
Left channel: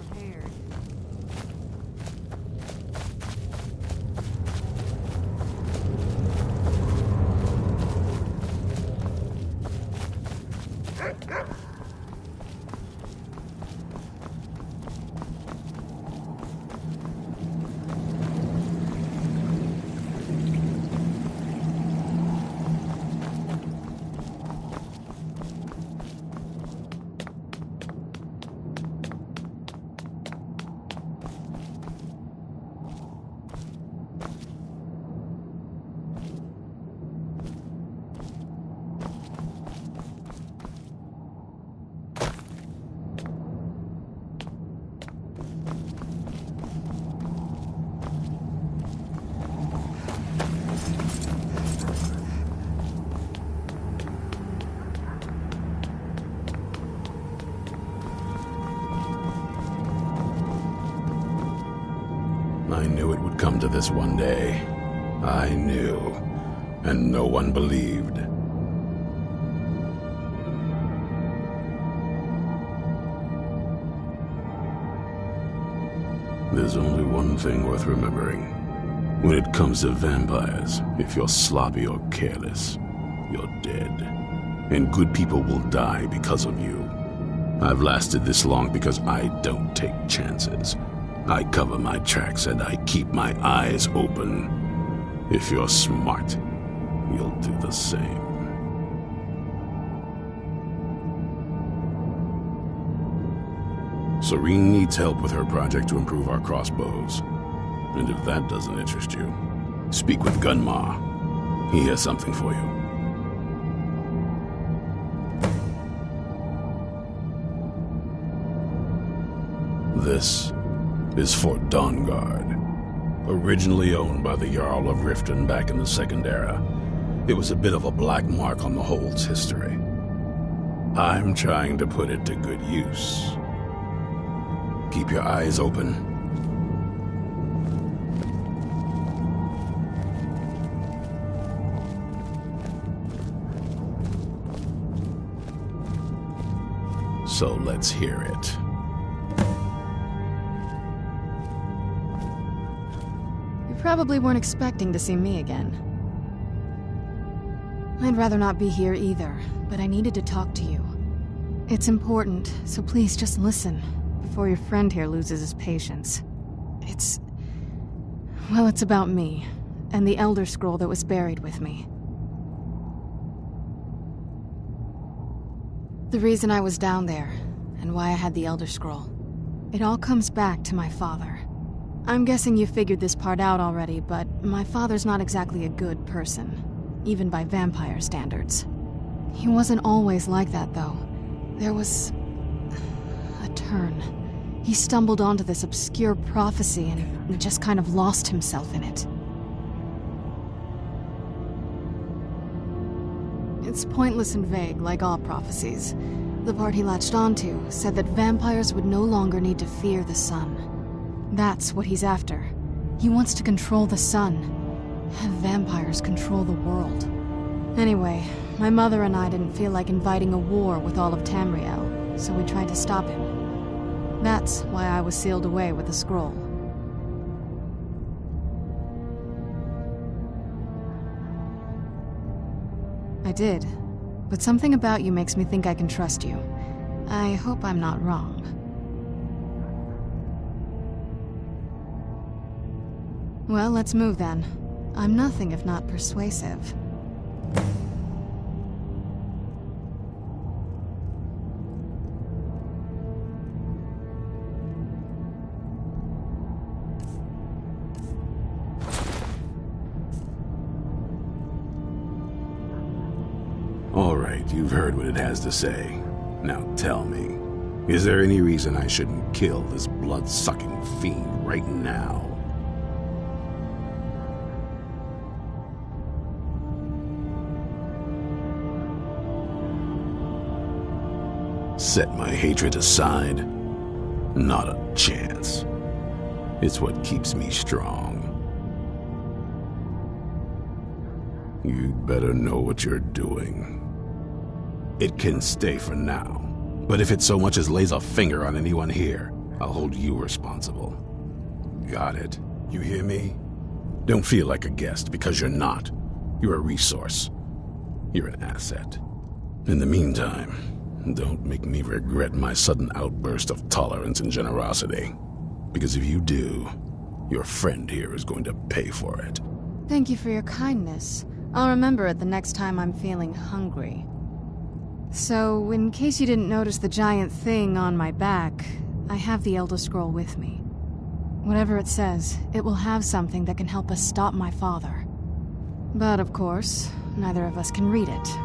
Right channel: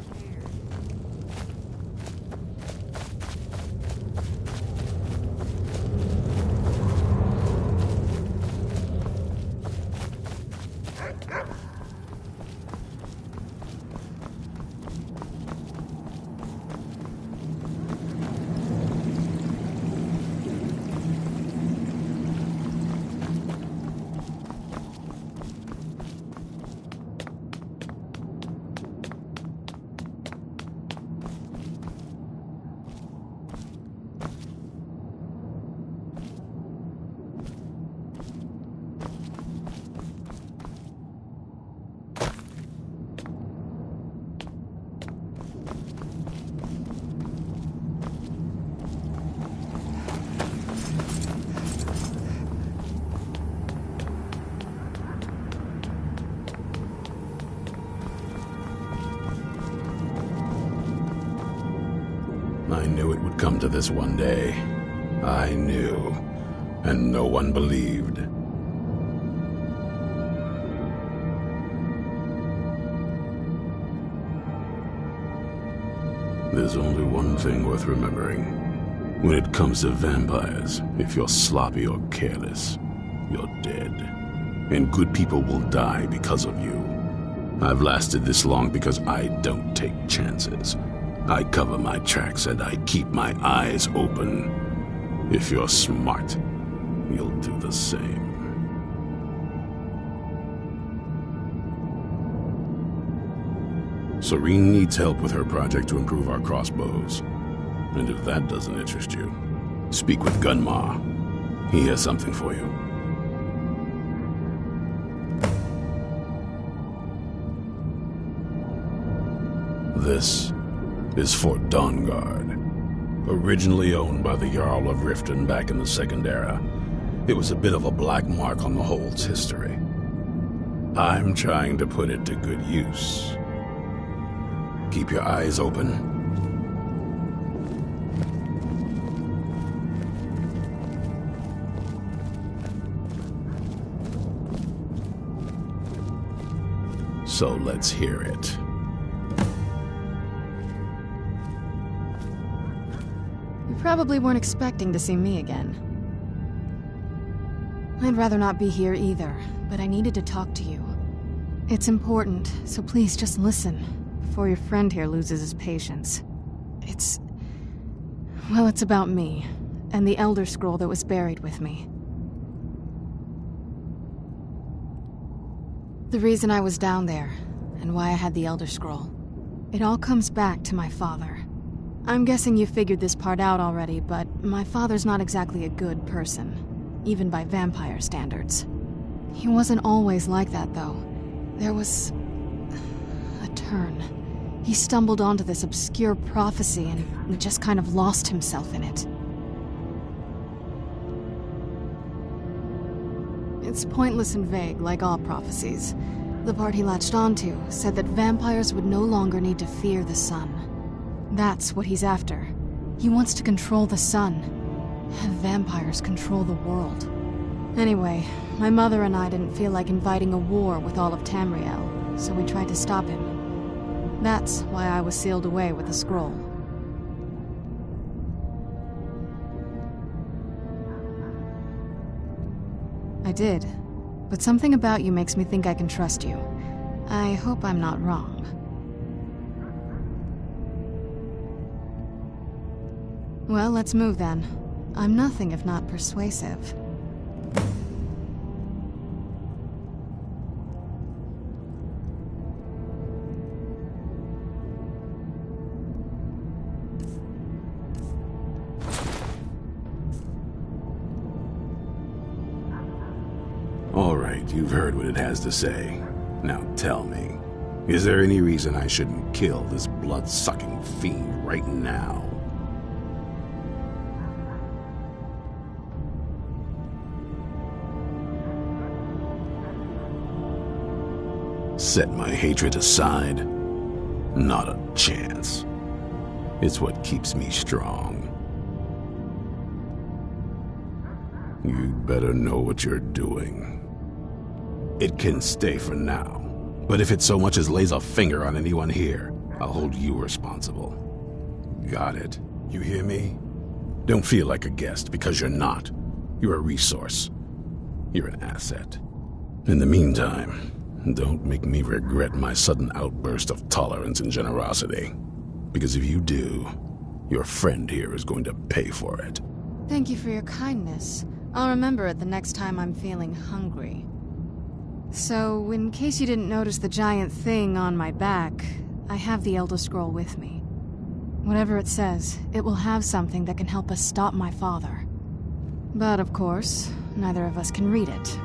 I knew it would come to this one day. I knew. And no one believed. There's only one thing worth remembering. When it comes to vampires, if you're sloppy or careless, you're dead. And good people will die because of you. I've lasted this long because I don't take chances. I cover my tracks and I keep my eyes open. If you're smart, you'll do the same. Soreen needs help with her project to improve our crossbows. And if that doesn't interest you, speak with Gunmar. He has something for you. This is Fort Dawnguard. Originally owned by the Jarl of Riften back in the Second Era, it was a bit of a black mark on the Hold's history. I'm trying to put it to good use. Keep your eyes open. So let's hear it. You probably weren't expecting to see me again. I'd rather not be here either, but I needed to talk to you. It's important, so please just listen, before your friend here loses his patience. Well, it's about me, and the Elder Scroll that was buried with me. The reason I was down there, and why I had the Elder Scroll. It all comes back to my father. I'm guessing you figured this part out already, but my father's not exactly a good person, even by vampire standards. He wasn't always like that, though. There was a turn. He stumbled onto this obscure prophecy and just kind of lost himself in it. It's pointless and vague, like all prophecies. the part he latched onto, said that vampires would no longer need to fear the sun. That's what he's after. He wants to control the sun. Have vampires control the world. Anyway, my mother and I didn't feel like inviting a war with all of Tamriel, so we tried to stop him. That's why I was sealed away with the scroll. I did, but something about you makes me think I can trust you. I hope I'm not wrong. Well, let's move then. I'm nothing if not persuasive. All right, you've heard what it has to say. Now tell me, is there any reason I shouldn't kill this blood-sucking fiend right now? Set my hatred aside? Not a chance. It's what keeps me strong. You'd better know what you're doing. It can stay for now, but if it so much as lays a finger on anyone here, I'll hold you responsible. Got it? You hear me? Don't feel like a guest, because you're not. You're a resource. You're an asset. In the meantime, don't make me regret my sudden outburst of tolerance and generosity. Because if you do, your friend here is going to pay for it. Thank you for your kindness. I'll remember it the next time I'm feeling hungry. So, in case you didn't notice the giant thing on my back, I have the Elder Scroll with me. Whatever it says, it will have something that can help us stop my father. But of course, neither of us can read it.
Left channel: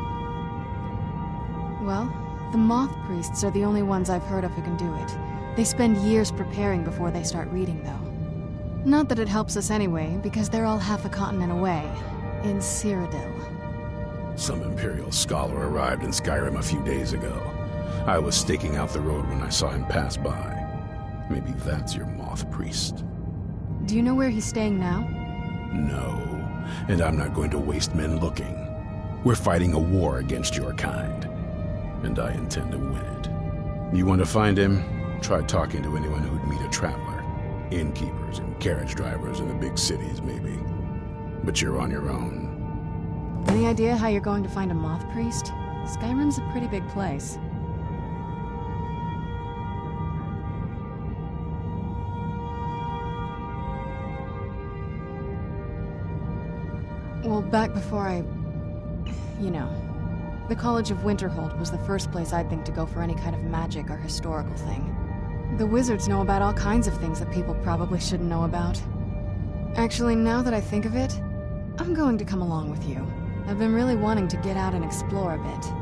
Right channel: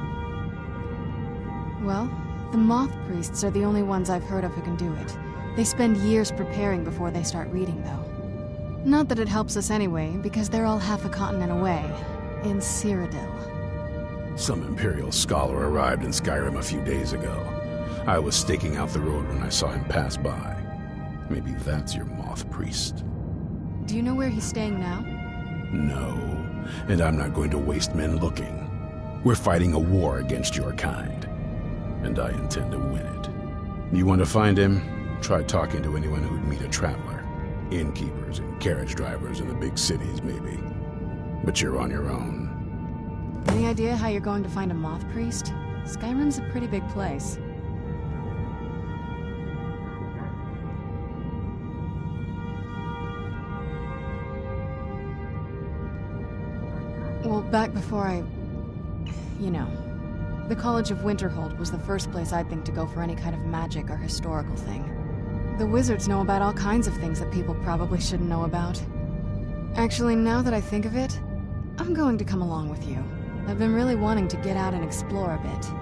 Well, the Moth Priests are the only ones I've heard of who can do it. They spend years preparing before they start reading, though. Not that it helps us anyway, because they're all half a continent away, in Cyrodiil. Some Imperial scholar arrived in Skyrim a few days ago. I was staking out the road when I saw him pass by. Maybe that's your Moth Priest. Do you know where he's staying now? No, and I'm not going to waste men looking. We're fighting a war against your kind, and I intend to win it. You want to find him? Try talking to anyone who'd meet a traveler. Innkeepers and carriage drivers in the big cities, maybe. But you're on your own. Any idea how you're going to find a Moth Priest? Skyrim's a pretty big place. Well, back before you know. The College of Winterhold was the first place I'd think to go for any kind of magic or historical thing. The wizards know about all kinds of things that people probably shouldn't know about. Actually, now that I think of it, I'm going to come along with you. I've been really wanting to get out and explore a bit.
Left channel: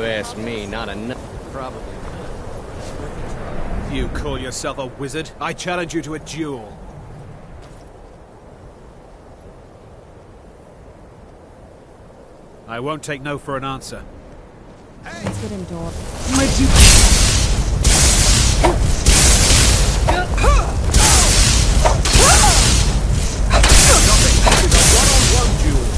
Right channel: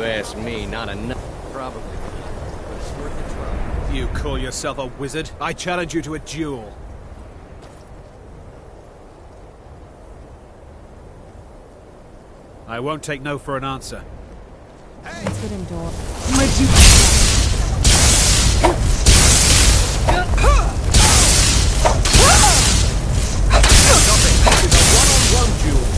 you ask me, not enough. Probably not, but it's worth a try. You call yourself a wizard? I challenge you to a duel. I won't take no for an answer. Let's get indoors. This is a one-on-one duel.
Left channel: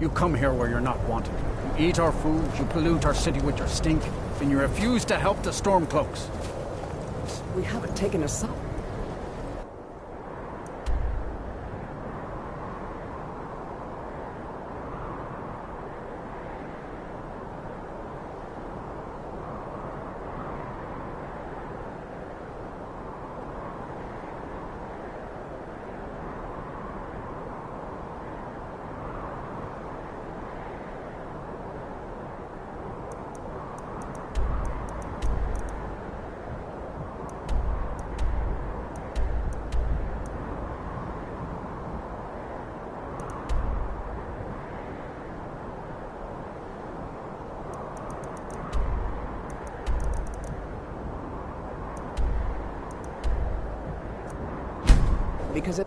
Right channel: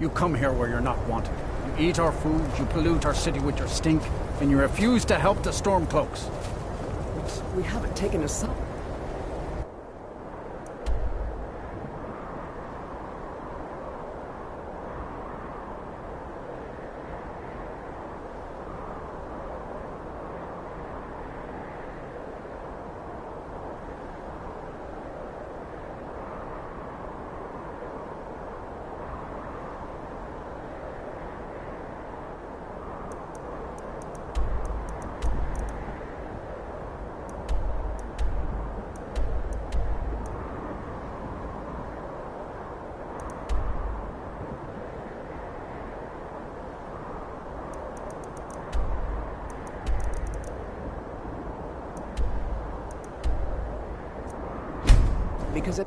You come here where you're not wanted. You eat our food, you pollute our city with your stink, and you refuse to help the Stormcloaks. We haven't taken a sop. Because it...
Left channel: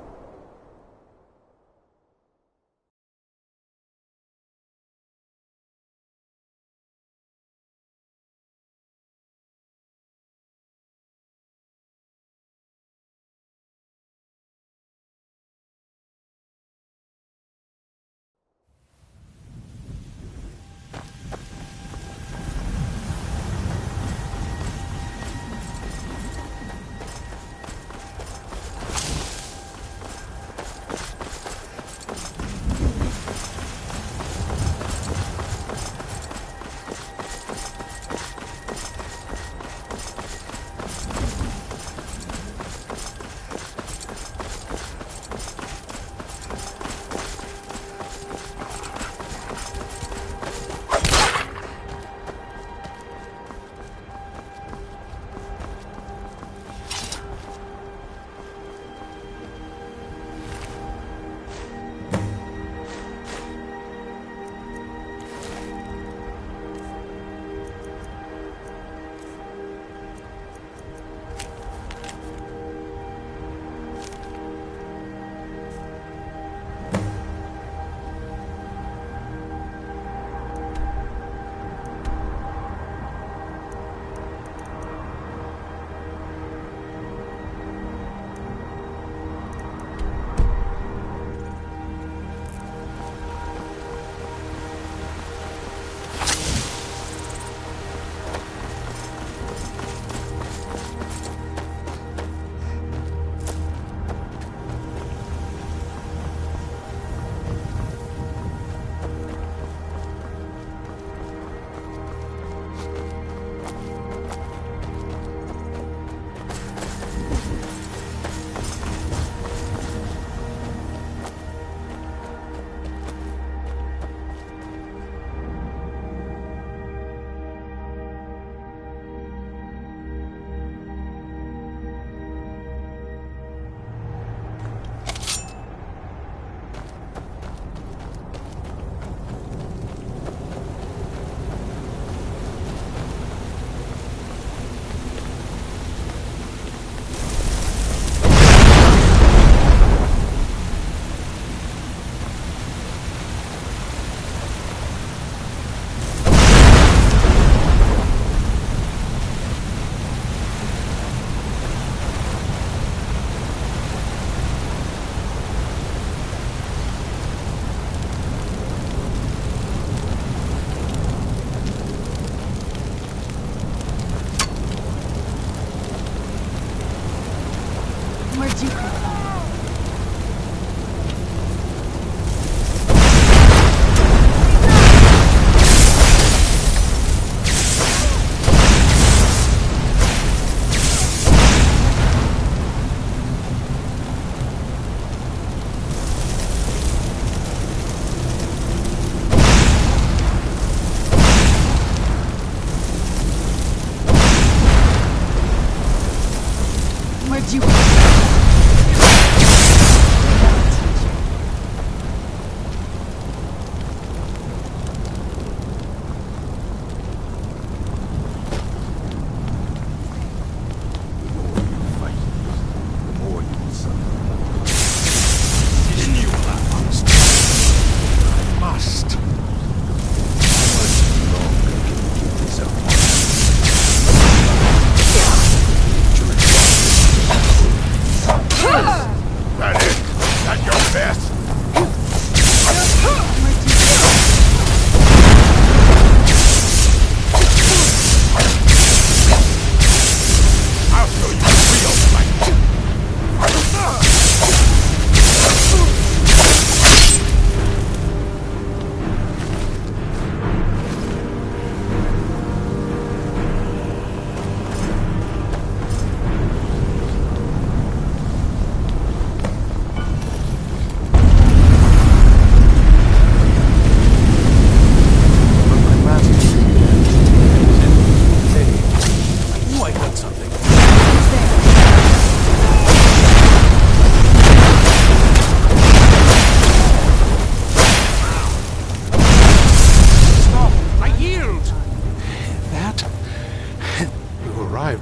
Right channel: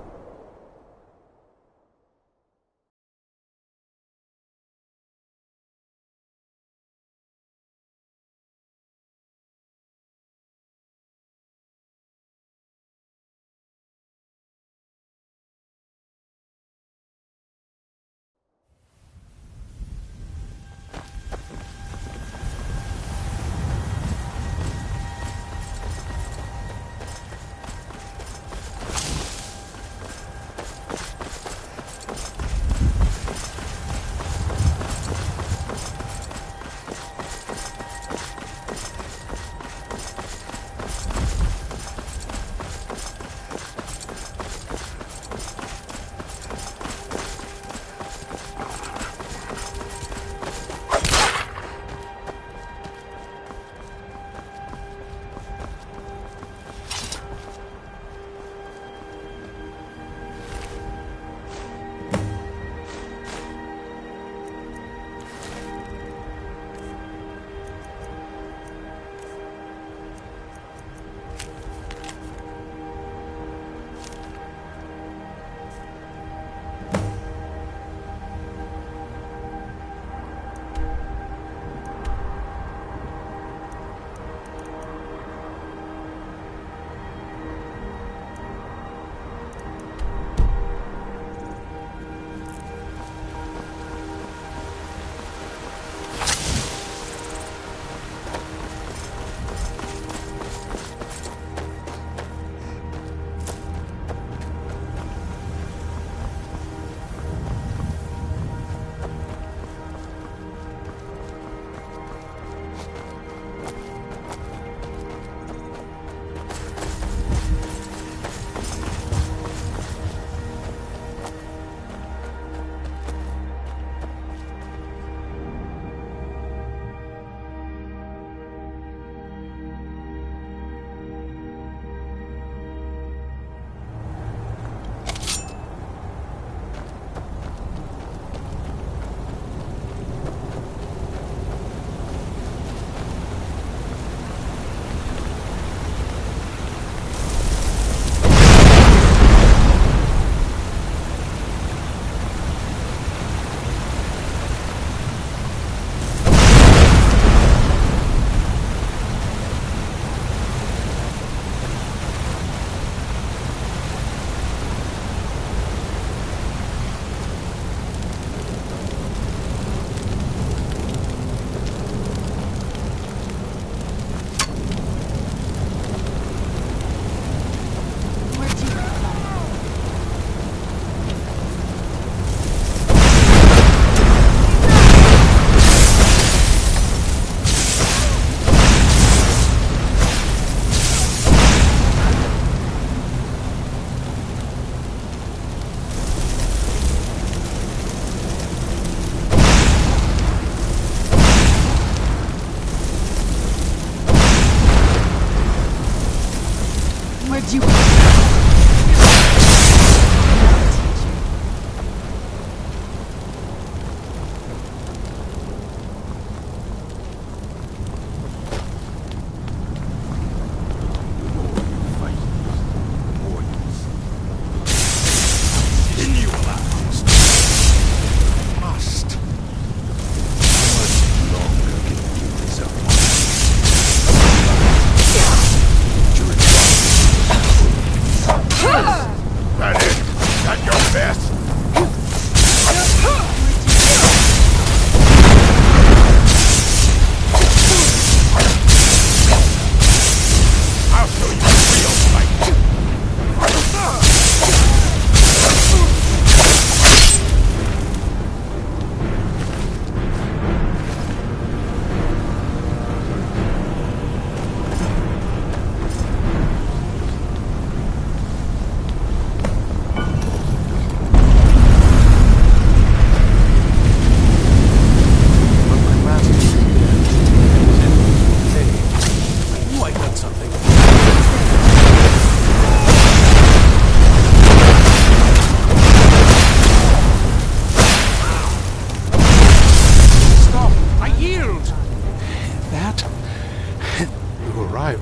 Where'd you come from? Where'd you come from?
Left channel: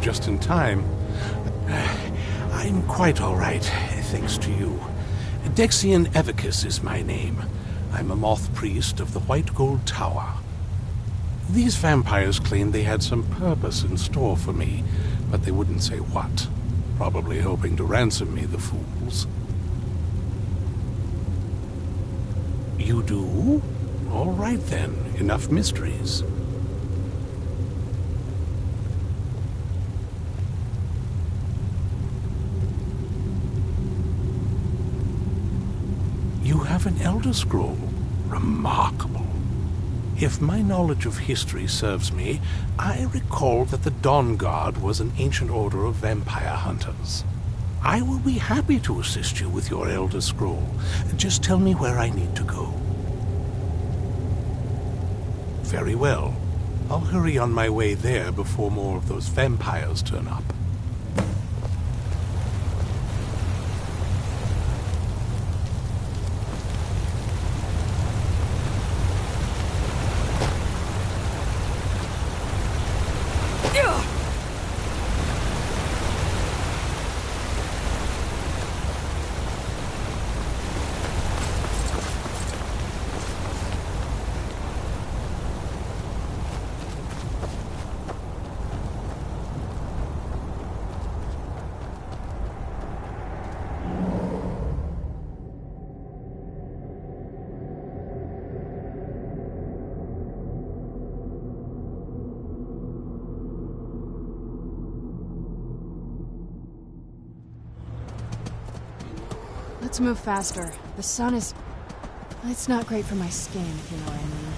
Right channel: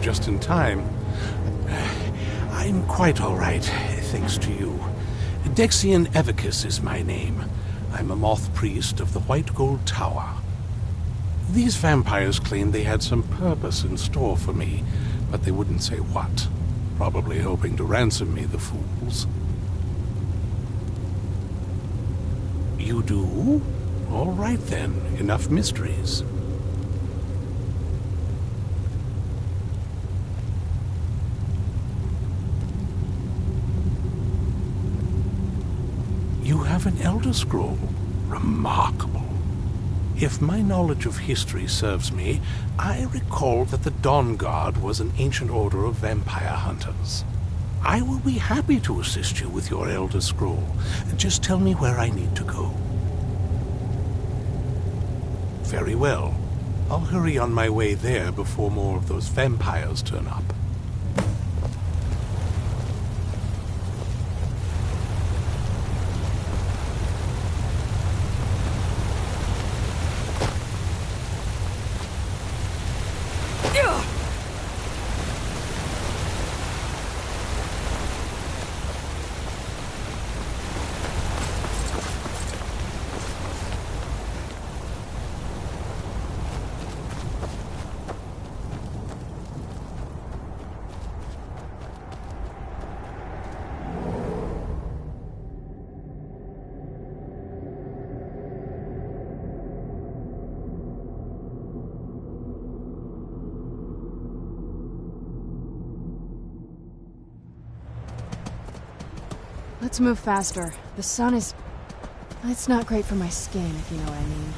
Just in time. I'm quite all right, thanks to you. Dexian Evicus is my name. I'm a moth priest of the White Gold Tower. These vampires claimed they had some purpose in store for me, but they wouldn't say what. Probably hoping to ransom me, the fools. You do? All right then, enough mysteries. You have an Elder Scroll. Remarkable. If my knowledge of history serves me, I recall that the Dawn Guard was an ancient order of vampire hunters. I will be happy to assist you with your Elder Scroll. Just tell me where I need to go. Very well. I'll hurry on my way there before more of those vampires turn up. Let's move faster. The sun is... It's not great for my skin, if you know what I mean.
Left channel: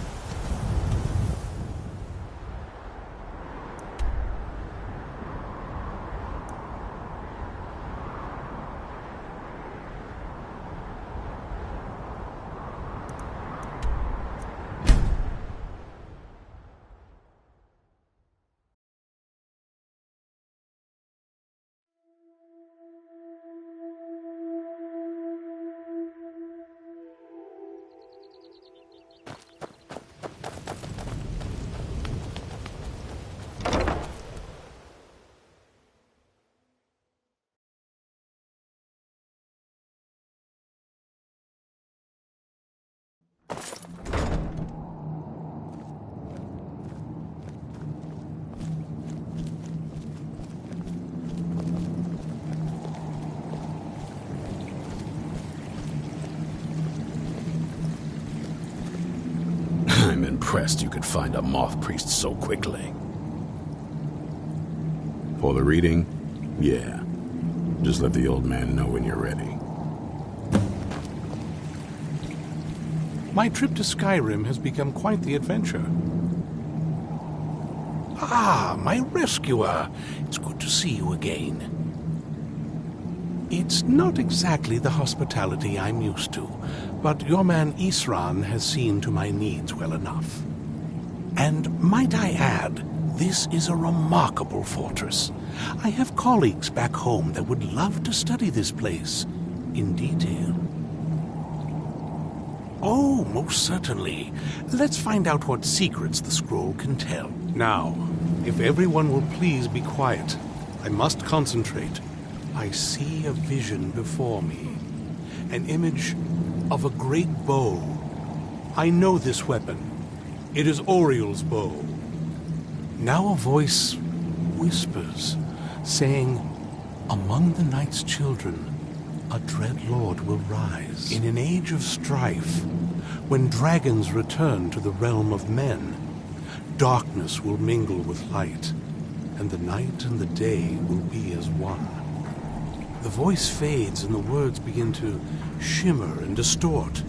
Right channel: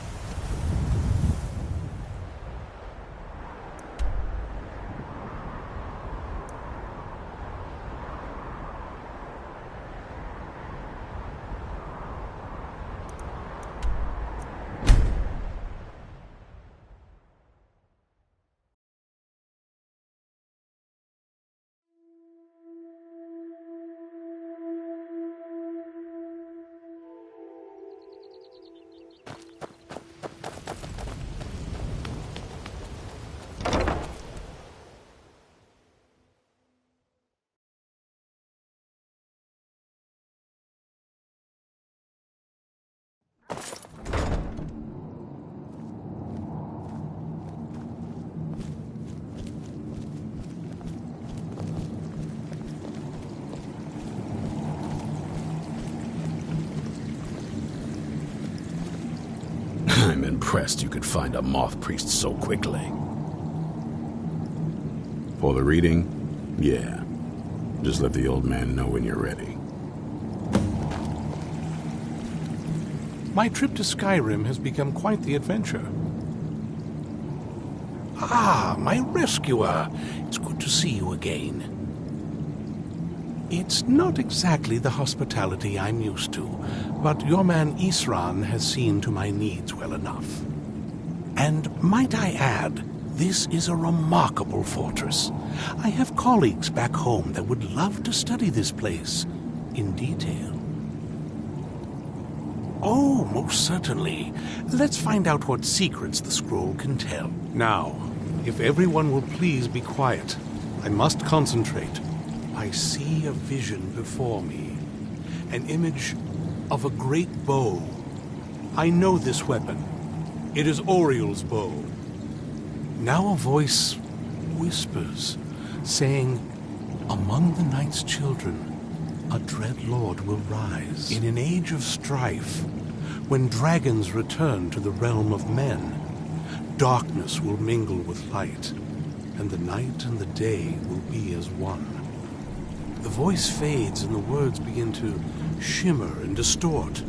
I'm impressed you could find a moth priest so quickly. For the reading? Yeah. Just let the old man know when you're ready. My trip to Skyrim has become quite the adventure. Ah, my rescuer! It's good to see you again. It's not exactly the hospitality I'm used to, but your man Isran has seen to my needs well enough. And might I add, this is a remarkable fortress. I have colleagues back home that would love to study this place in detail. Oh, most certainly. Let's find out what secrets the scroll can tell. Now, if everyone will please be quiet, I must concentrate. I see a vision before me, an image of a great bow. I know this weapon. It is Oriel's bow. Now a voice whispers, saying, "Among the night's children, a dread lord will rise. In an age of strife, when dragons return to the realm of men, darkness will mingle with light, and the night and the day will be as one." The voice fades and the words begin to shimmer and distort.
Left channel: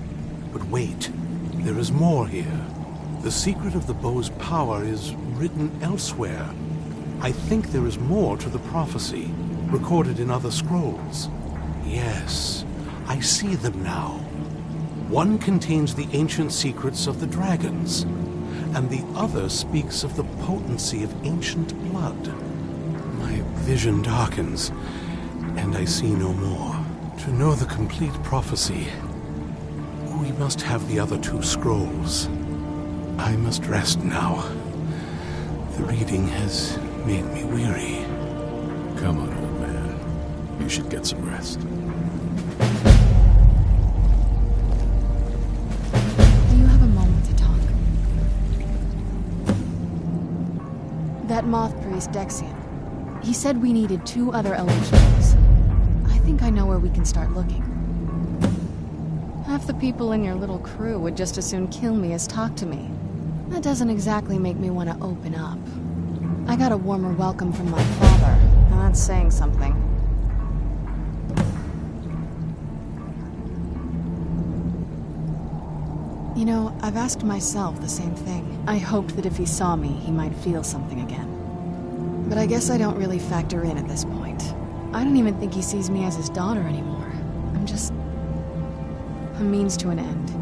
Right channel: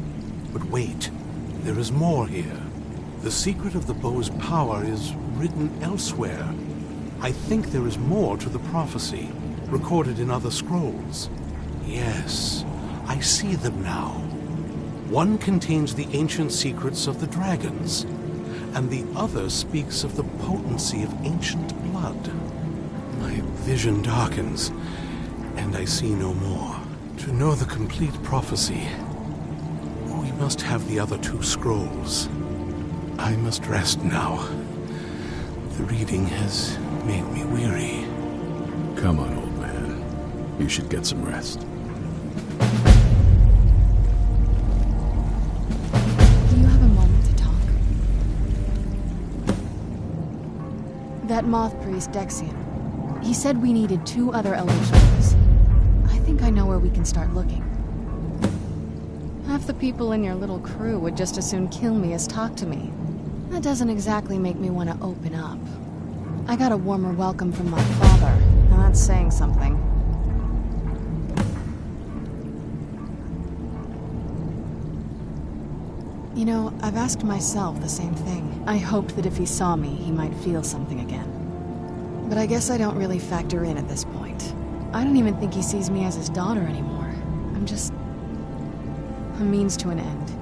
But wait, there is more here. The secret of the bow's power is written elsewhere. I think there is more to the prophecy, recorded in other scrolls. Yes, I see them now. One contains the ancient secrets of the dragons, and the other speaks of the potency of ancient blood. My vision darkens, and I see no more. To know the complete prophecy, we must have the other two scrolls. I must rest now. The reading has made me weary. Come on, old man. You should get some rest. Do you have a moment to talk? That moth priest, Dexian. He said we needed 2 other Elder Scrolls. I think I know where we can start looking. Half the people in your little crew would just as soon kill me as talk to me. That doesn't exactly make me want to open up. I got a warmer welcome from my father, and that's saying something. You know, I've asked myself the same thing. I hoped that if he saw me, he might feel something again. But I guess I don't really factor in at this point. I don't even think he sees me as his daughter anymore. I'm just a means to an end.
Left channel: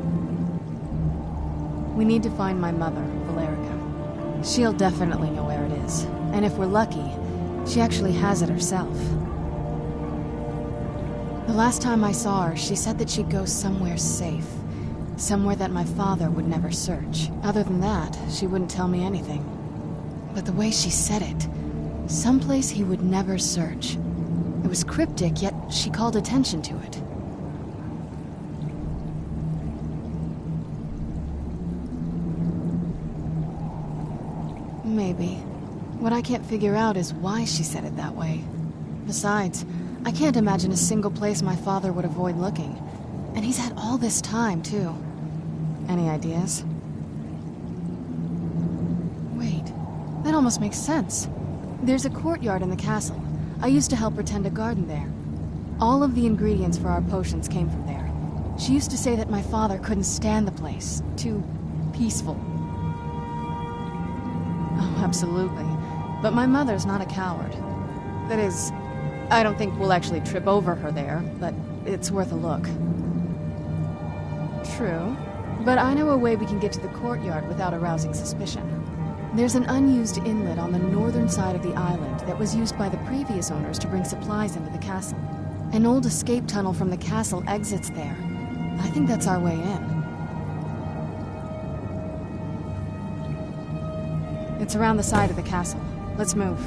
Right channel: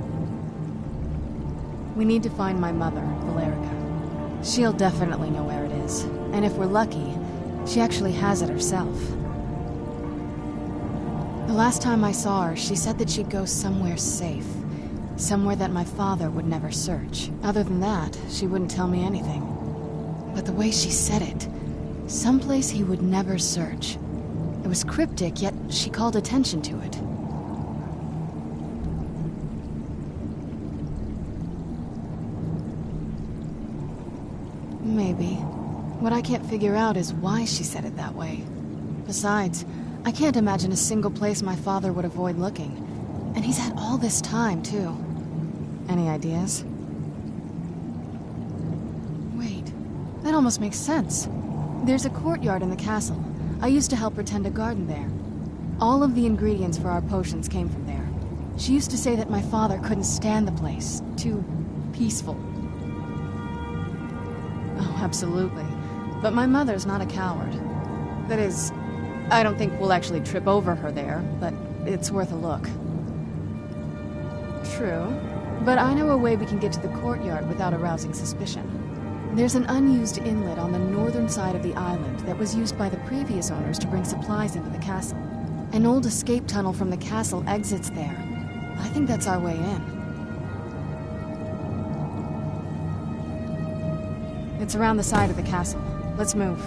We need to find my mother, Valerica. She'll definitely know where it is, and if we're lucky, she actually has it herself. The last time I saw her, she said that she'd go somewhere safe. Somewhere that my father would never search. Other than that, she wouldn't tell me anything. But the way she said it, someplace he would never search. It was cryptic, yet she called attention to it. Maybe. What I can't figure out is why she said it that way. Besides, I can't imagine a single place my father would avoid looking. And he's had all this time, too. Any ideas? Wait, that almost makes sense. There's a courtyard in the castle. I used to help her tend a garden there. All of the ingredients for our potions came from there. She used to say that my father couldn't stand the place. Too peaceful. Oh, absolutely. But my mother's not a coward. That is, I don't think we'll actually trip over her there, but it's worth a look. True. But I know a way we can get to the courtyard without arousing suspicion. There's an unused inlet on the northern side of the island that was used by the previous owners to bring supplies into the castle. An old escape tunnel from the castle exits there. I think that's our way in. It's around the side of the castle. Let's move.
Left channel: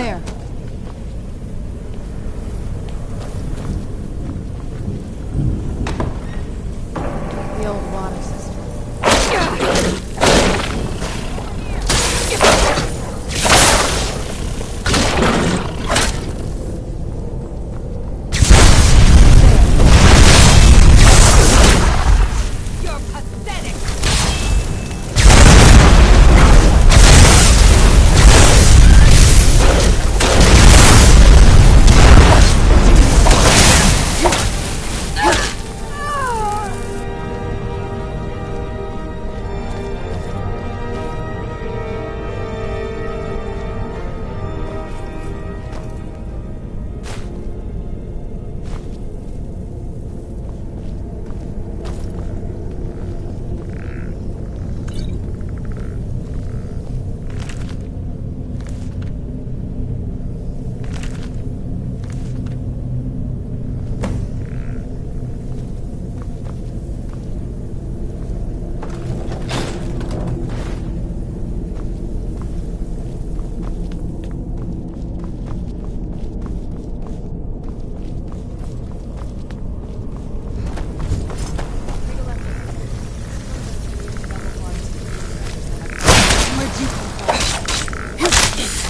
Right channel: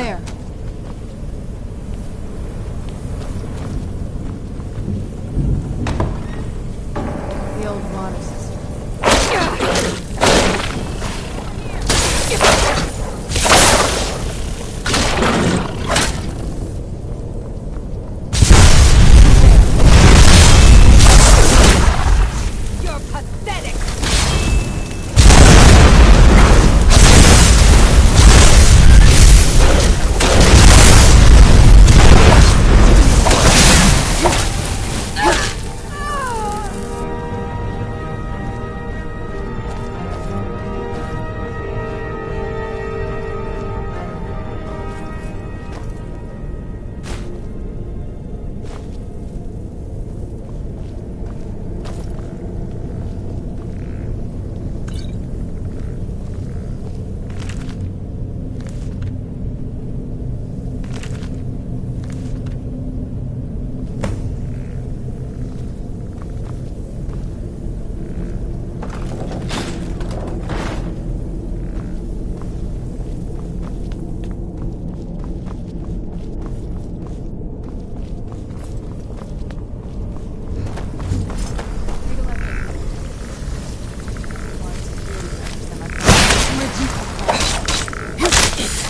there? The old water system. You're pathetic!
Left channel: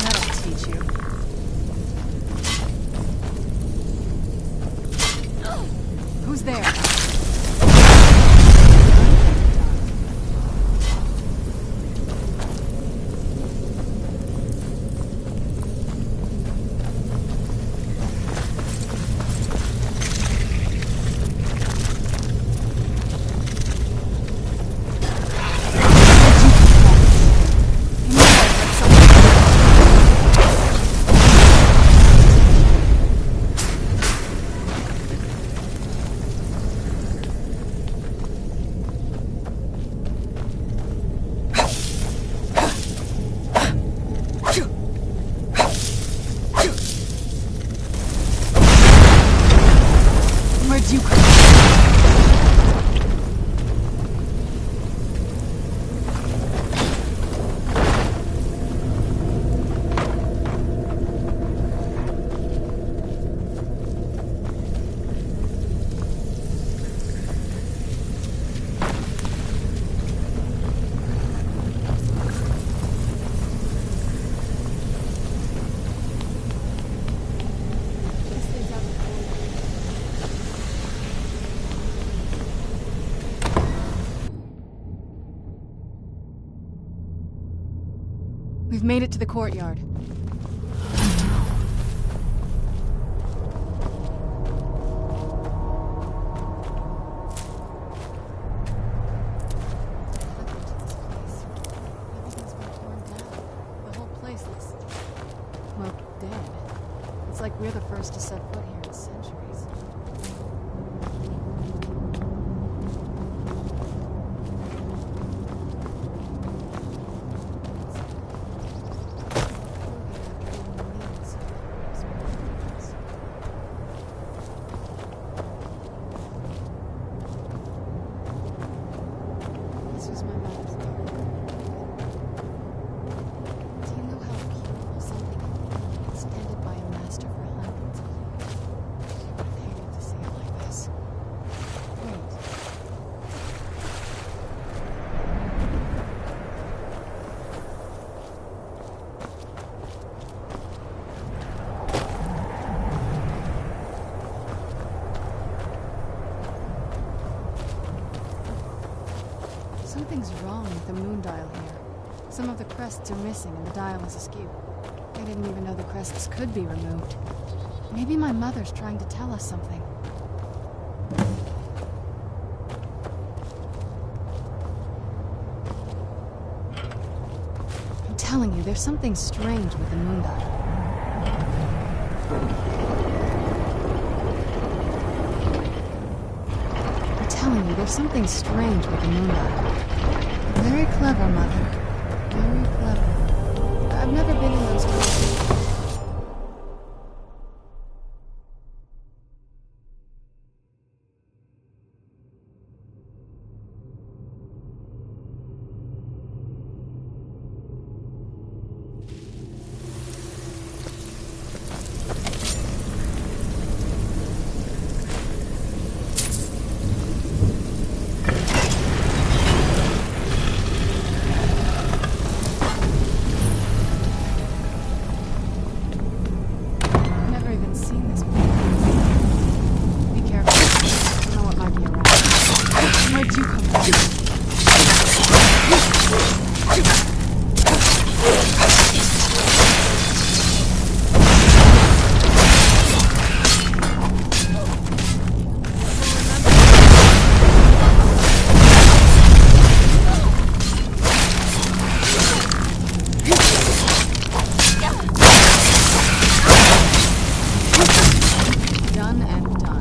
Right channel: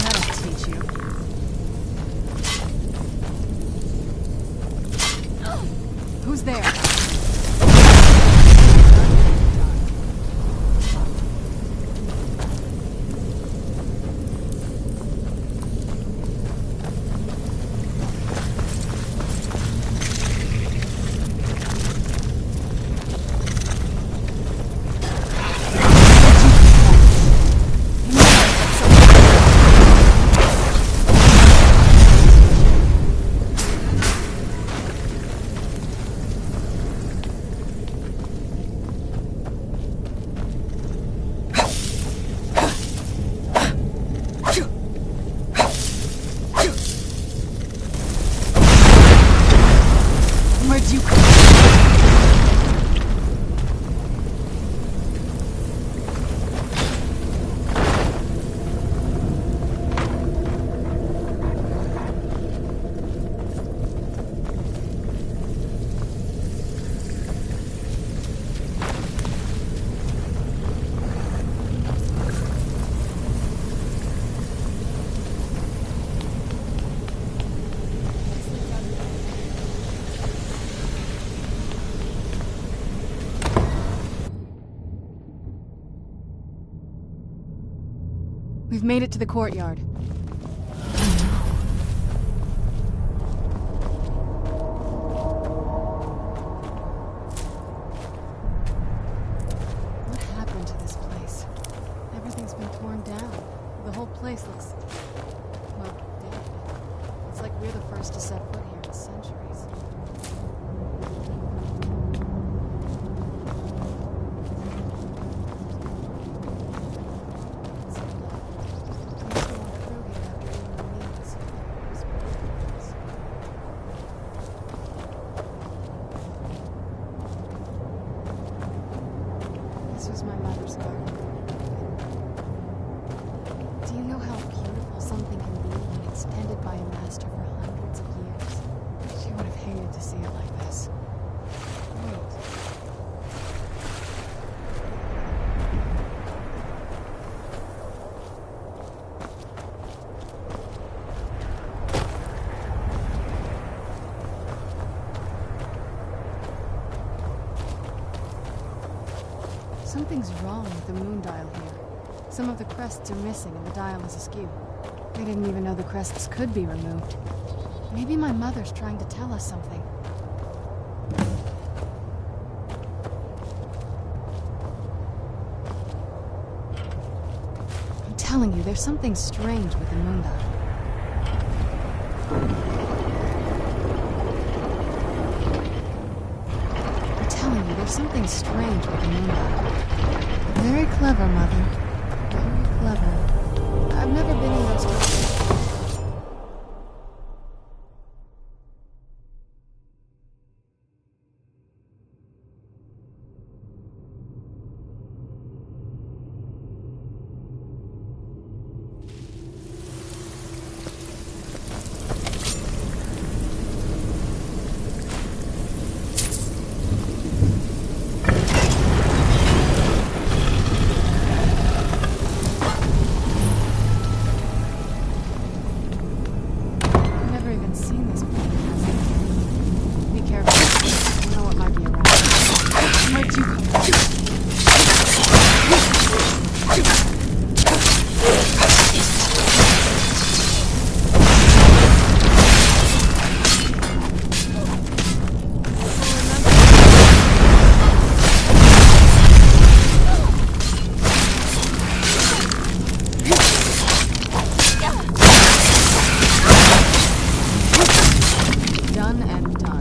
That'll teach you. Who's there? Where'd you come We've made it to the courtyard. What happened to this place? Everything's been torn down. The whole place looks, well, dead. It's like we're the first to set foot here in centuries. This was my mother's garden. Do you know how beautiful something can be when it's tended by a master for hundreds of years? She would have hated to see it like this. Wait. Something's wrong with the moon dial here. Some of the crests are missing and the dial is askew. I didn't even know the crests could be removed. Maybe my mother's trying to tell us something. I'm telling you, there's something strange with the moon dial. There's something strange with the moon dial. Very clever, Mother. Very clever. I've never been in those places. Done and done.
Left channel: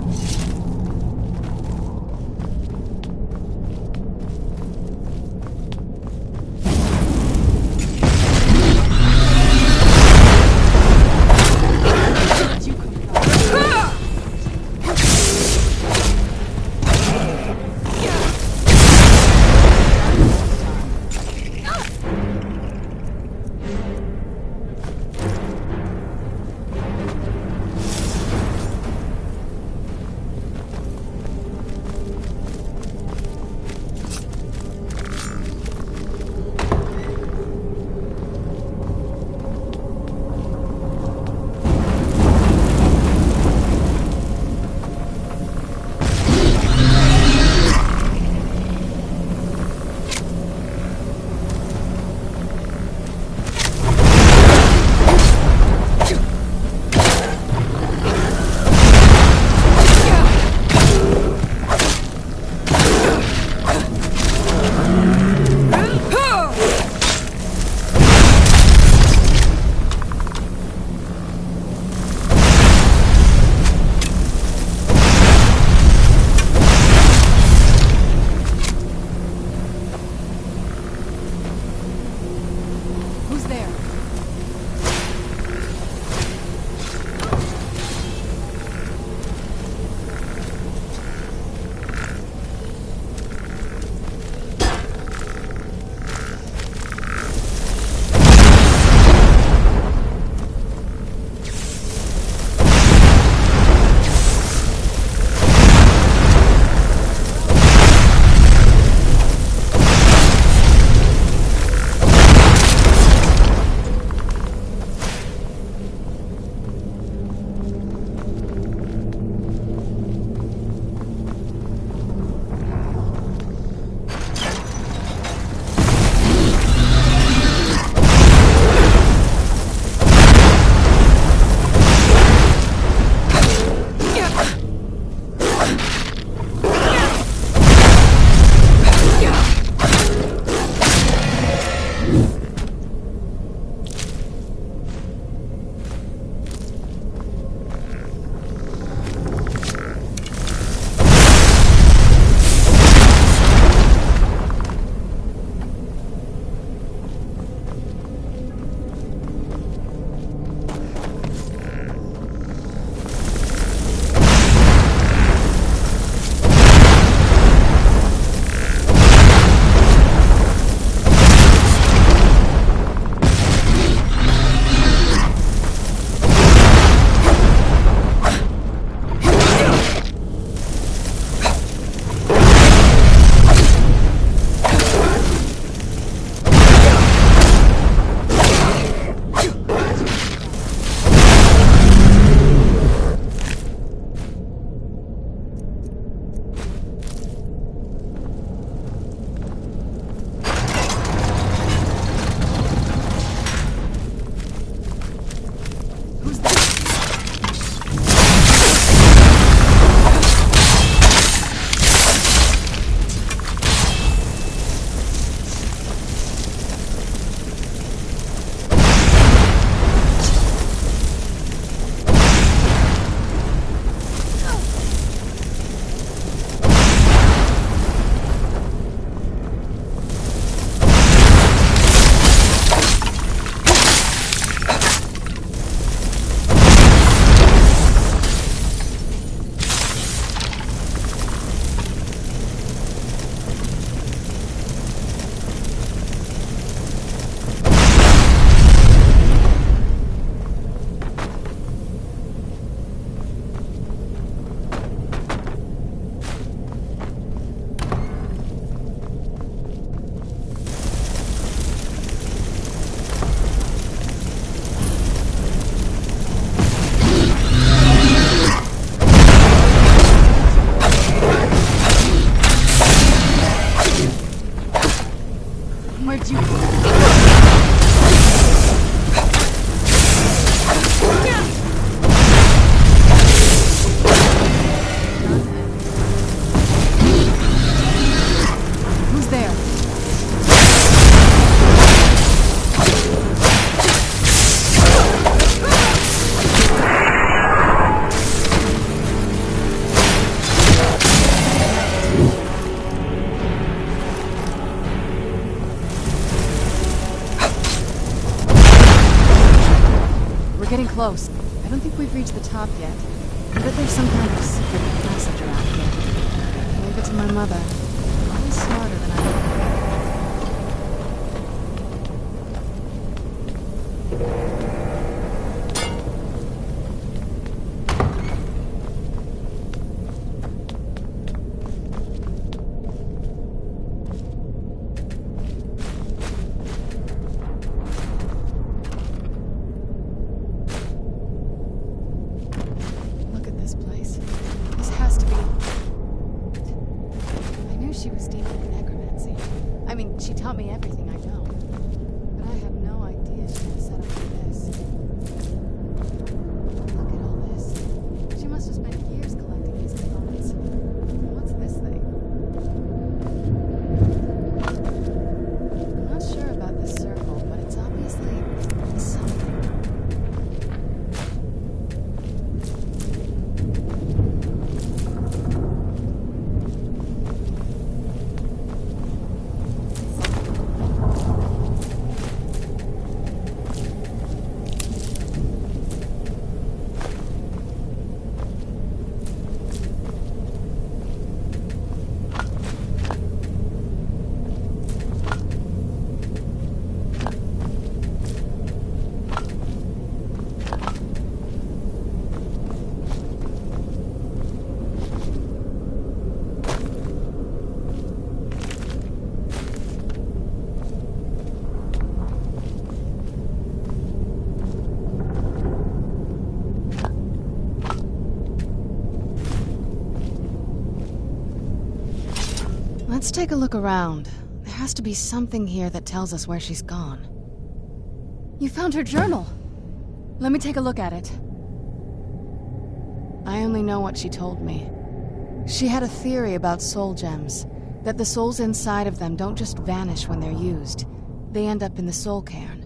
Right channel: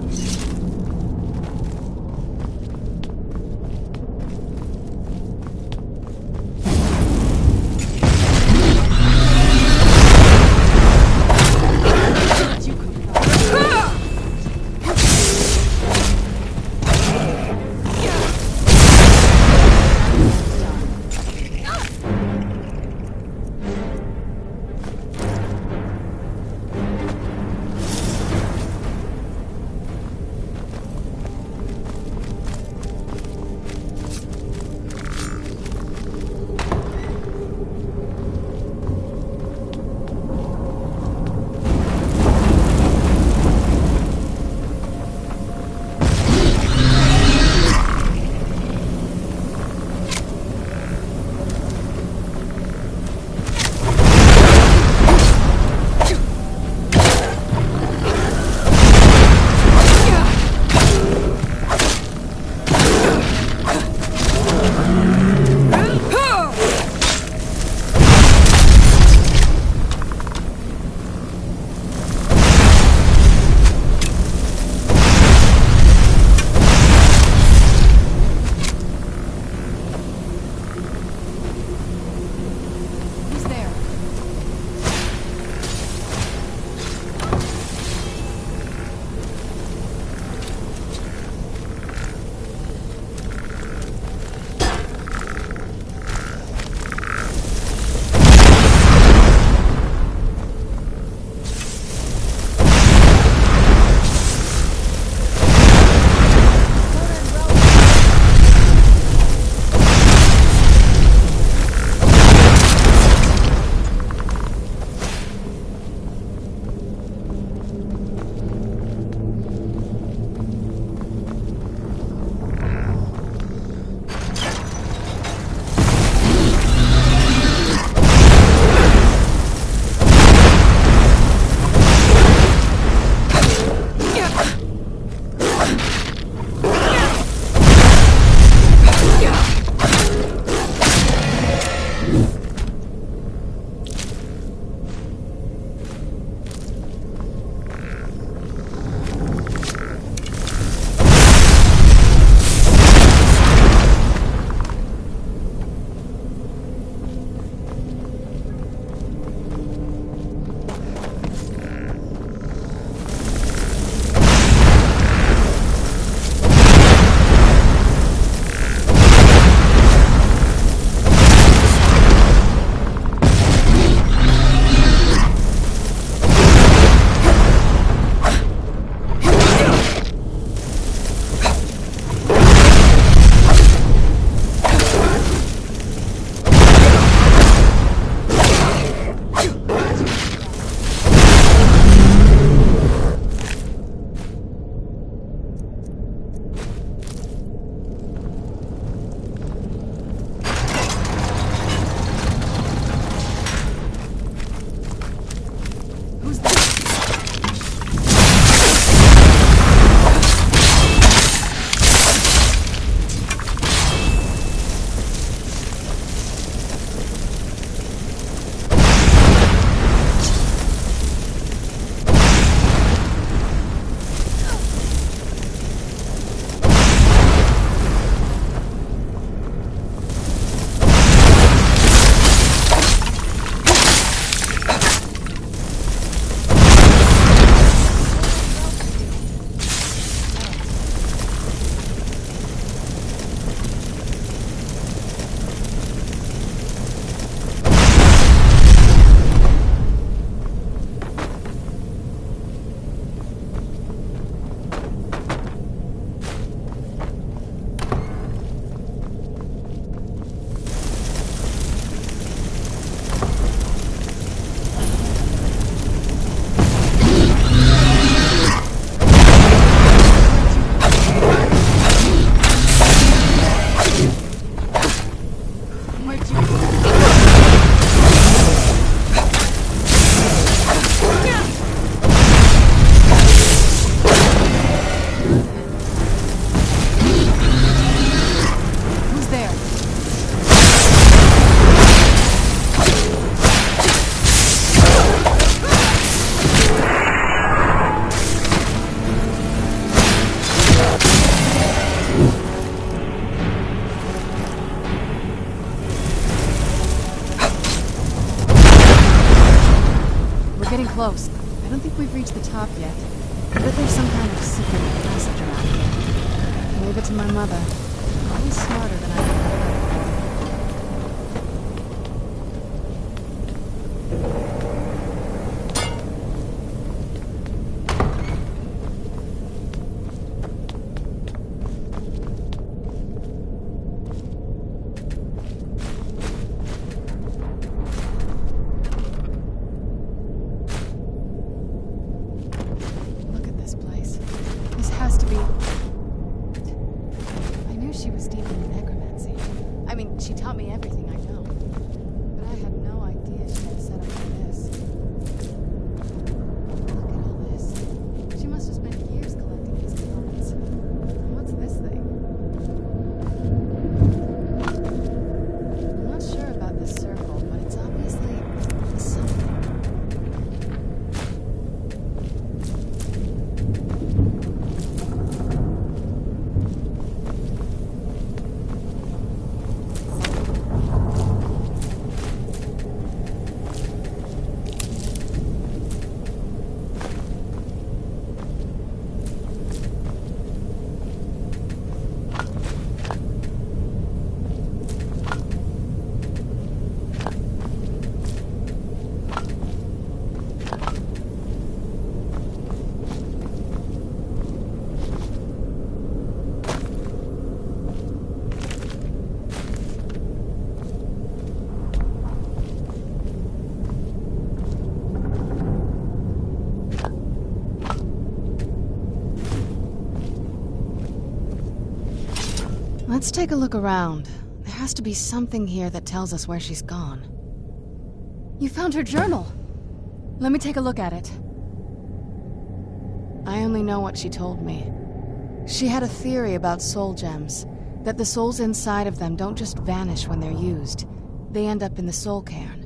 We're getting close. I don't think we've reached the top yet. I bet there's some kind of secret passage around here. Leave it to my mother. Always smarter than I give her credit for. She was deep in necromancy. I mean, she taught me everything I know. But I had no idea she had a setup like this. Look at all this. She must have spent years collecting these components. What's this thing? I'm not sure about this circle, but it's obviously something. Let's take a look around. There has to be something here that tells us where she's gone. You found her journal! Let me take a look at it. I only know what she told me. She had a theory about soul gems, that the souls inside of them don't just vanish when they're used. They end up in the soul cairn.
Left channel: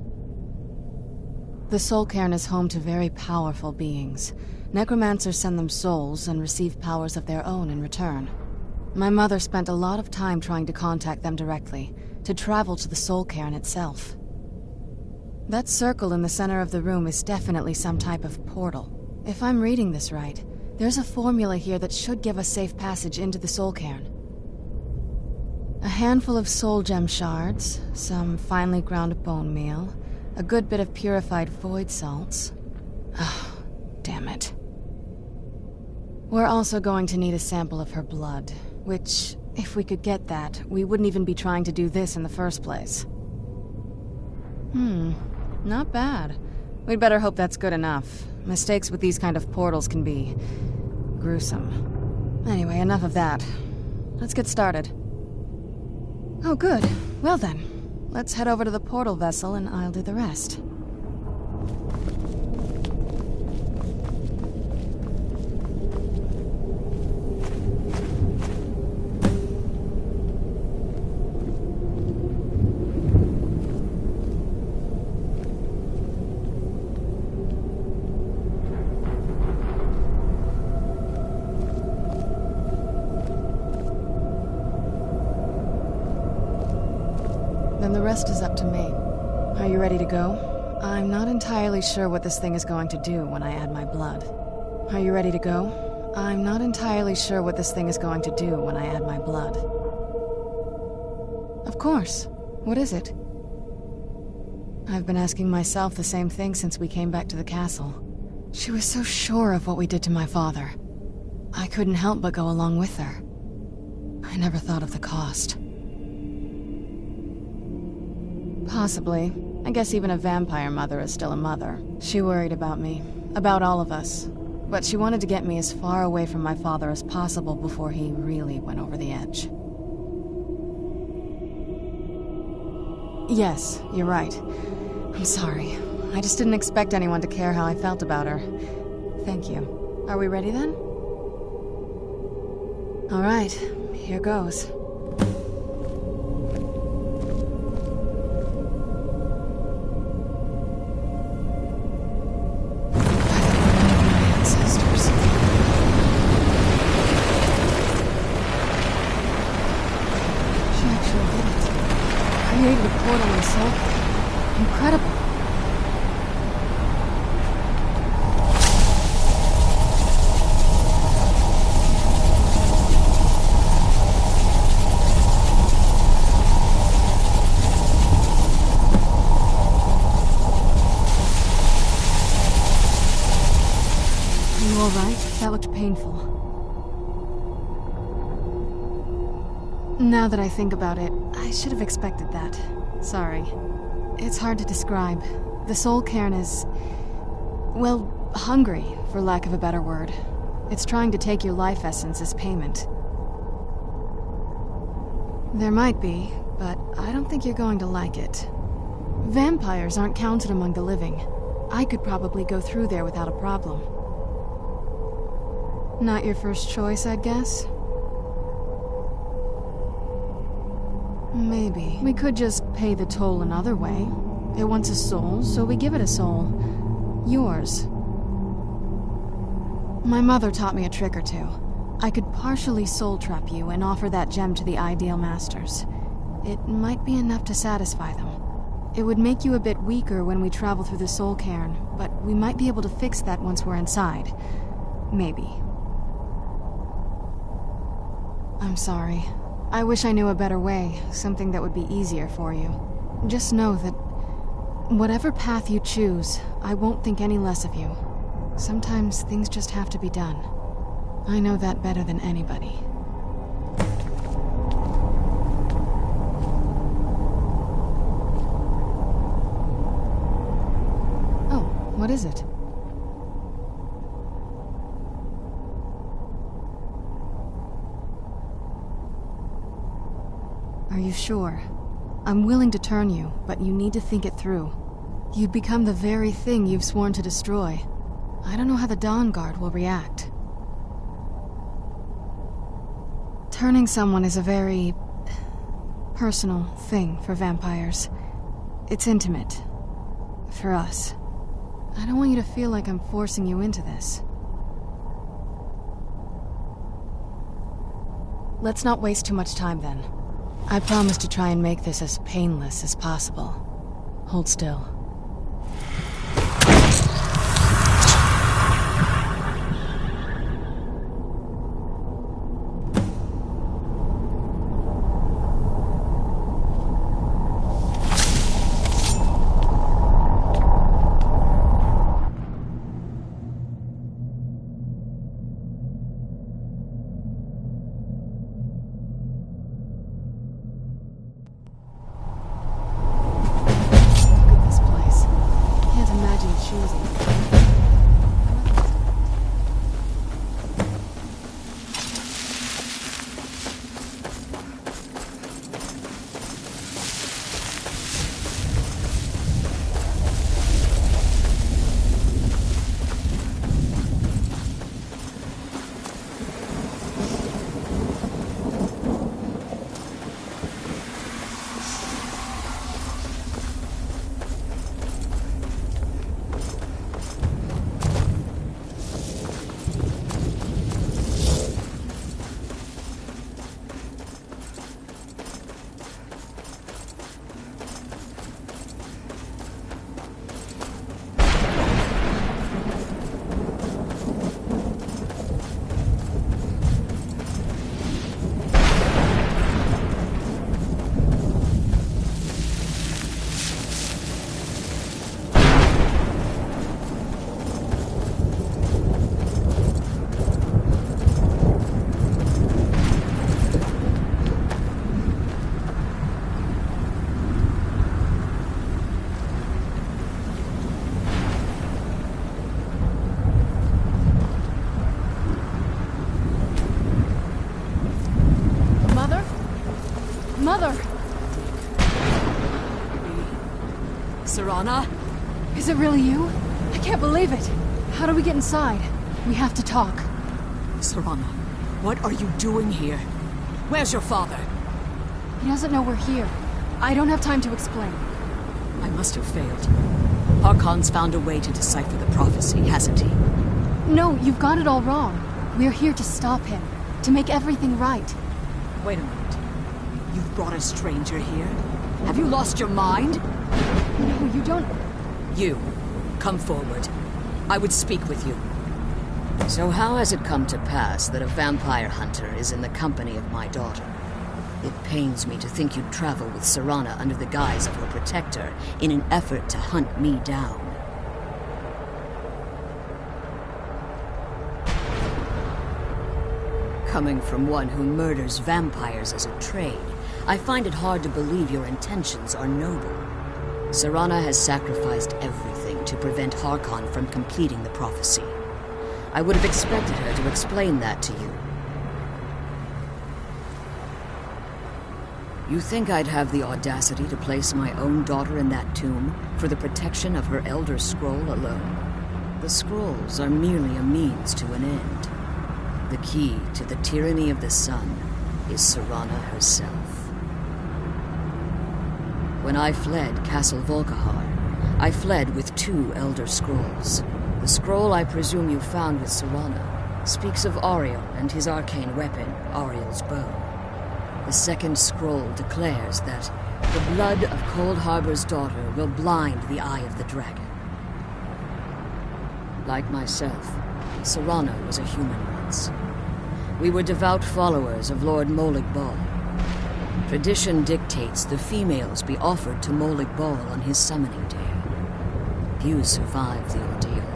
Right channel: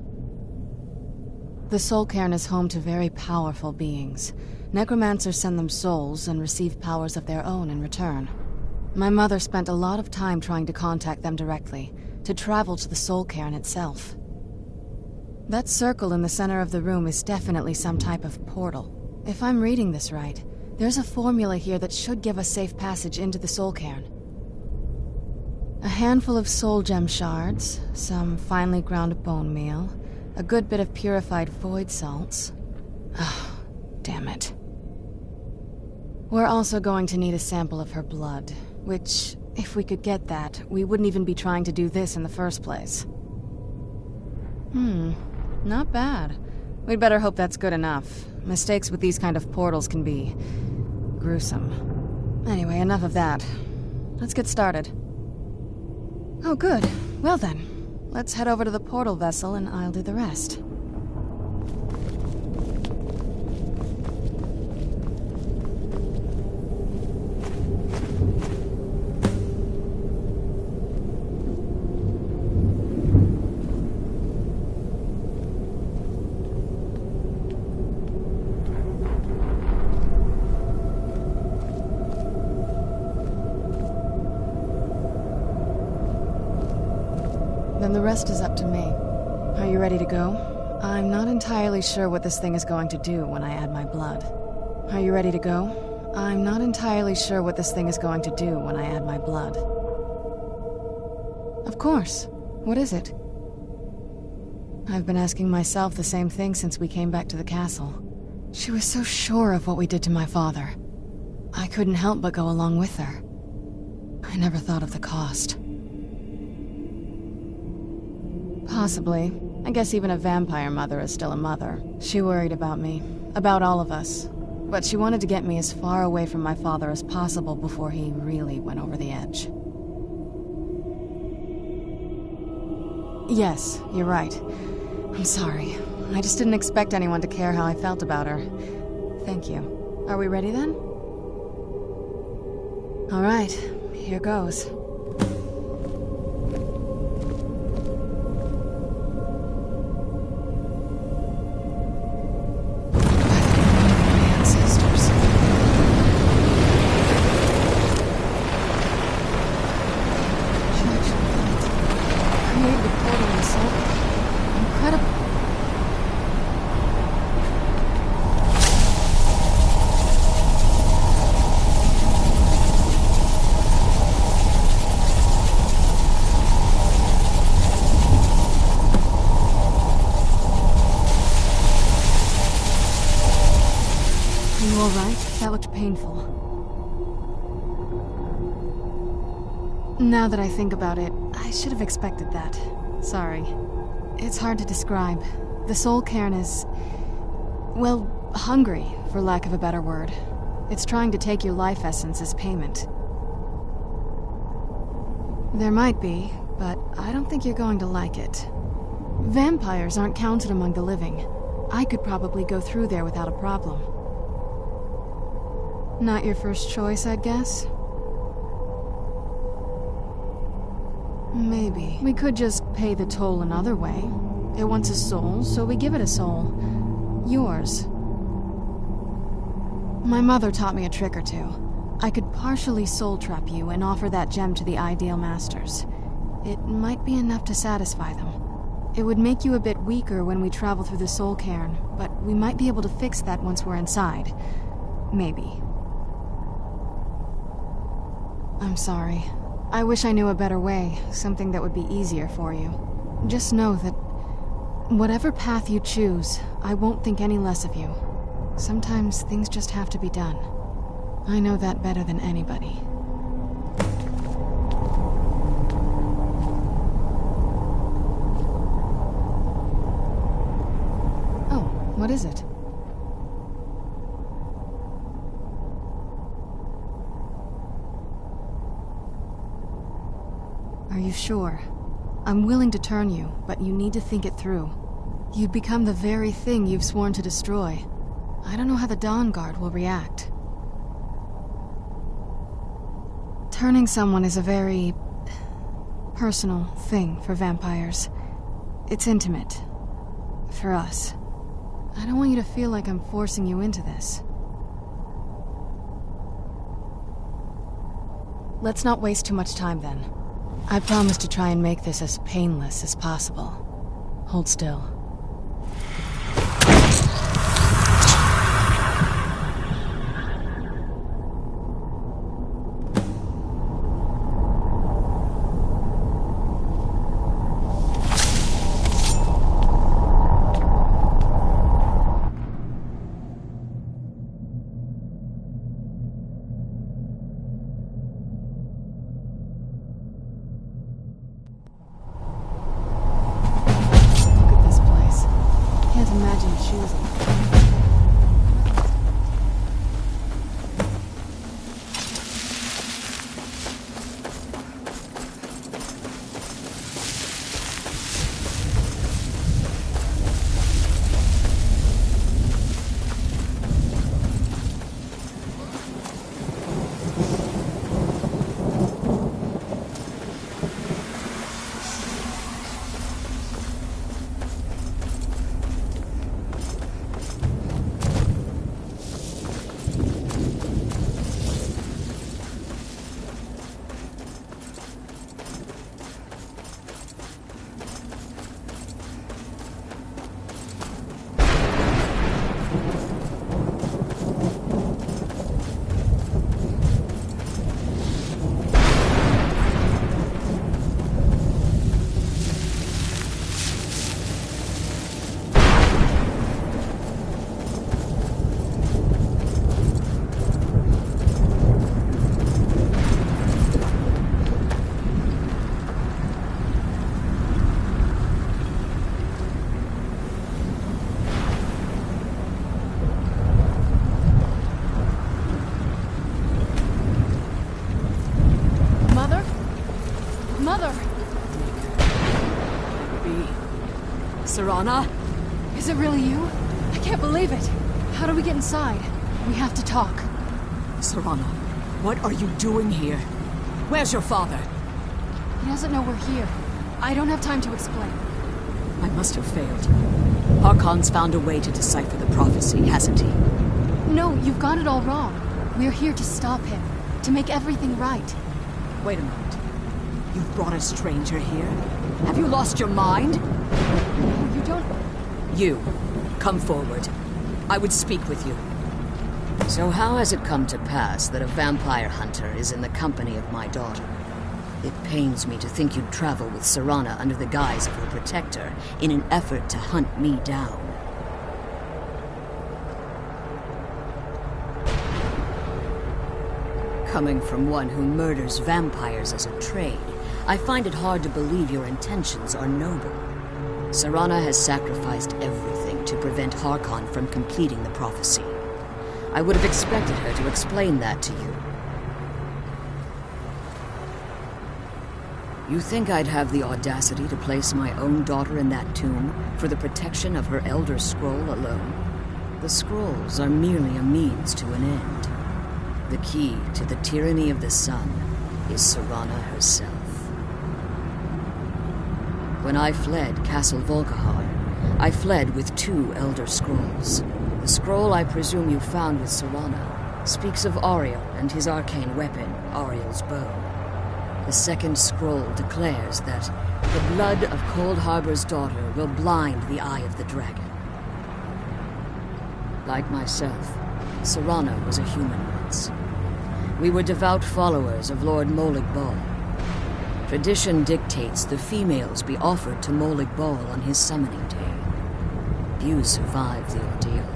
The soul cairn is home to very powerful beings. Necromancers send them souls and receive powers of their own in return. My mother spent a lot of time trying to contact them directly, to travel to the soul cairn itself. That circle in the center of the room is definitely some type of portal. If I'm reading this right, there's a formula here that should give us safe passage into the soul cairn. A handful of soul gem shards, some finely ground bone meal, a good bit of purified void salts. Oh, damn it. We're also going to need a sample of her blood. Which, if we could get that, we wouldn't even be trying to do this in the first place. Not bad. We'd better hope that's good enough. Mistakes with these kind of portals can be gruesome. Anyway, enough of that. Let's get started. Oh, good. Well then, let's head over to the portal vessel and I'll do the rest. Then the rest is up to me. Are you ready to go? I'm not entirely sure what this thing is going to do when I add my blood. Are you ready to go? I'm not entirely sure what this thing is going to do when I add my blood. Of course. What is it? I've been asking myself the same thing since we came back to the castle. She was so sure of what we did to my father. I couldn't help but go along with her. I never thought of the cost. Possibly. I guess even a vampire mother is still a mother. She worried about me, about all of us. But she wanted to get me as far away from my father as possible before he really went over the edge. Yes, you're right. I'm sorry. I just didn't expect anyone to care how I felt about her. Thank you. Are we ready then? All right, here goes. Created a portal in the soul. Incredible. all right? That looked painful. Now that I think about it, I should have expected that. Sorry. It's hard to describe. The soul cairn is... well, hungry, for lack of a better word. It's trying to take your life essence as payment. There might be, but I don't think you're going to like it. Vampires aren't counted among the living. I could probably go through there without a problem. Not your first choice, I'd guess? Maybe. We could just pay the toll another way. It wants a soul, so we give it a soul. Yours. My mother taught me a trick or two. I could partially soul trap you and offer that gem to the Ideal Masters. It might be enough to satisfy them. It would make you a bit weaker when we travel through the soul cairn, but we might be able to fix that once we're inside. Maybe. I'm sorry. I wish I knew a better way, something that would be easier for you. Just know that whatever path you choose, I won't think any less of you. Sometimes things just have to be done. I know that better than anybody. Oh, what is it? Are you sure? I'm willing to turn you, but you need to think it through. You'd become the very thing you've sworn to destroy. I don't know how the Dawn Guard will react. Turning someone is a very... personal thing for vampires. It's intimate. For us. I don't want you to feel like I'm forcing you into this. Let's not waste too much time then. I promise to try and make this as painless as possible. Hold still. Imagine she was in Mother! Serana? Is it really you? I can't believe it. How do we get inside? We have to talk. Serana, what are you doing here? Where's your father? He doesn't know we're here. I don't have time to explain. I must have failed. Harkon's found a way to decipher the prophecy, hasn't he? No, you've got it all wrong. We're here to stop him. To make everything right. Wait a minute. You've brought a stranger here? Have you lost your mind? No, you don't... You, come forward. I would speak with you. So how has it come to pass that a vampire hunter is in the company of my daughter? It pains me to think you'd travel with Serana under the guise of her protector in an effort to hunt me down. Coming from one who murders vampires as a trade, I find it hard to believe your intentions are noble. Serana has sacrificed everything to prevent Harkon from completing the prophecy. I would have expected her to explain that to you. You think I'd have the audacity to place my own daughter in that tomb for the protection of her Elder Scroll alone? The scrolls are merely a means to an end. The key to the tyranny of the sun is Serana herself. When I fled Castle Volkihar, I fled with 2 Elder Scrolls. The scroll I presume you found with Serana speaks of Ariel and his arcane weapon, Ariel's bow. The second scroll declares that the blood of Cold Harbor's daughter will blind the eye of the dragon. Like myself, Serana was a human once. We were devout followers of Lord Molig Bal. Tradition dictates the females be offered to Molig Bal on his summoning day. Few survive the ordeal.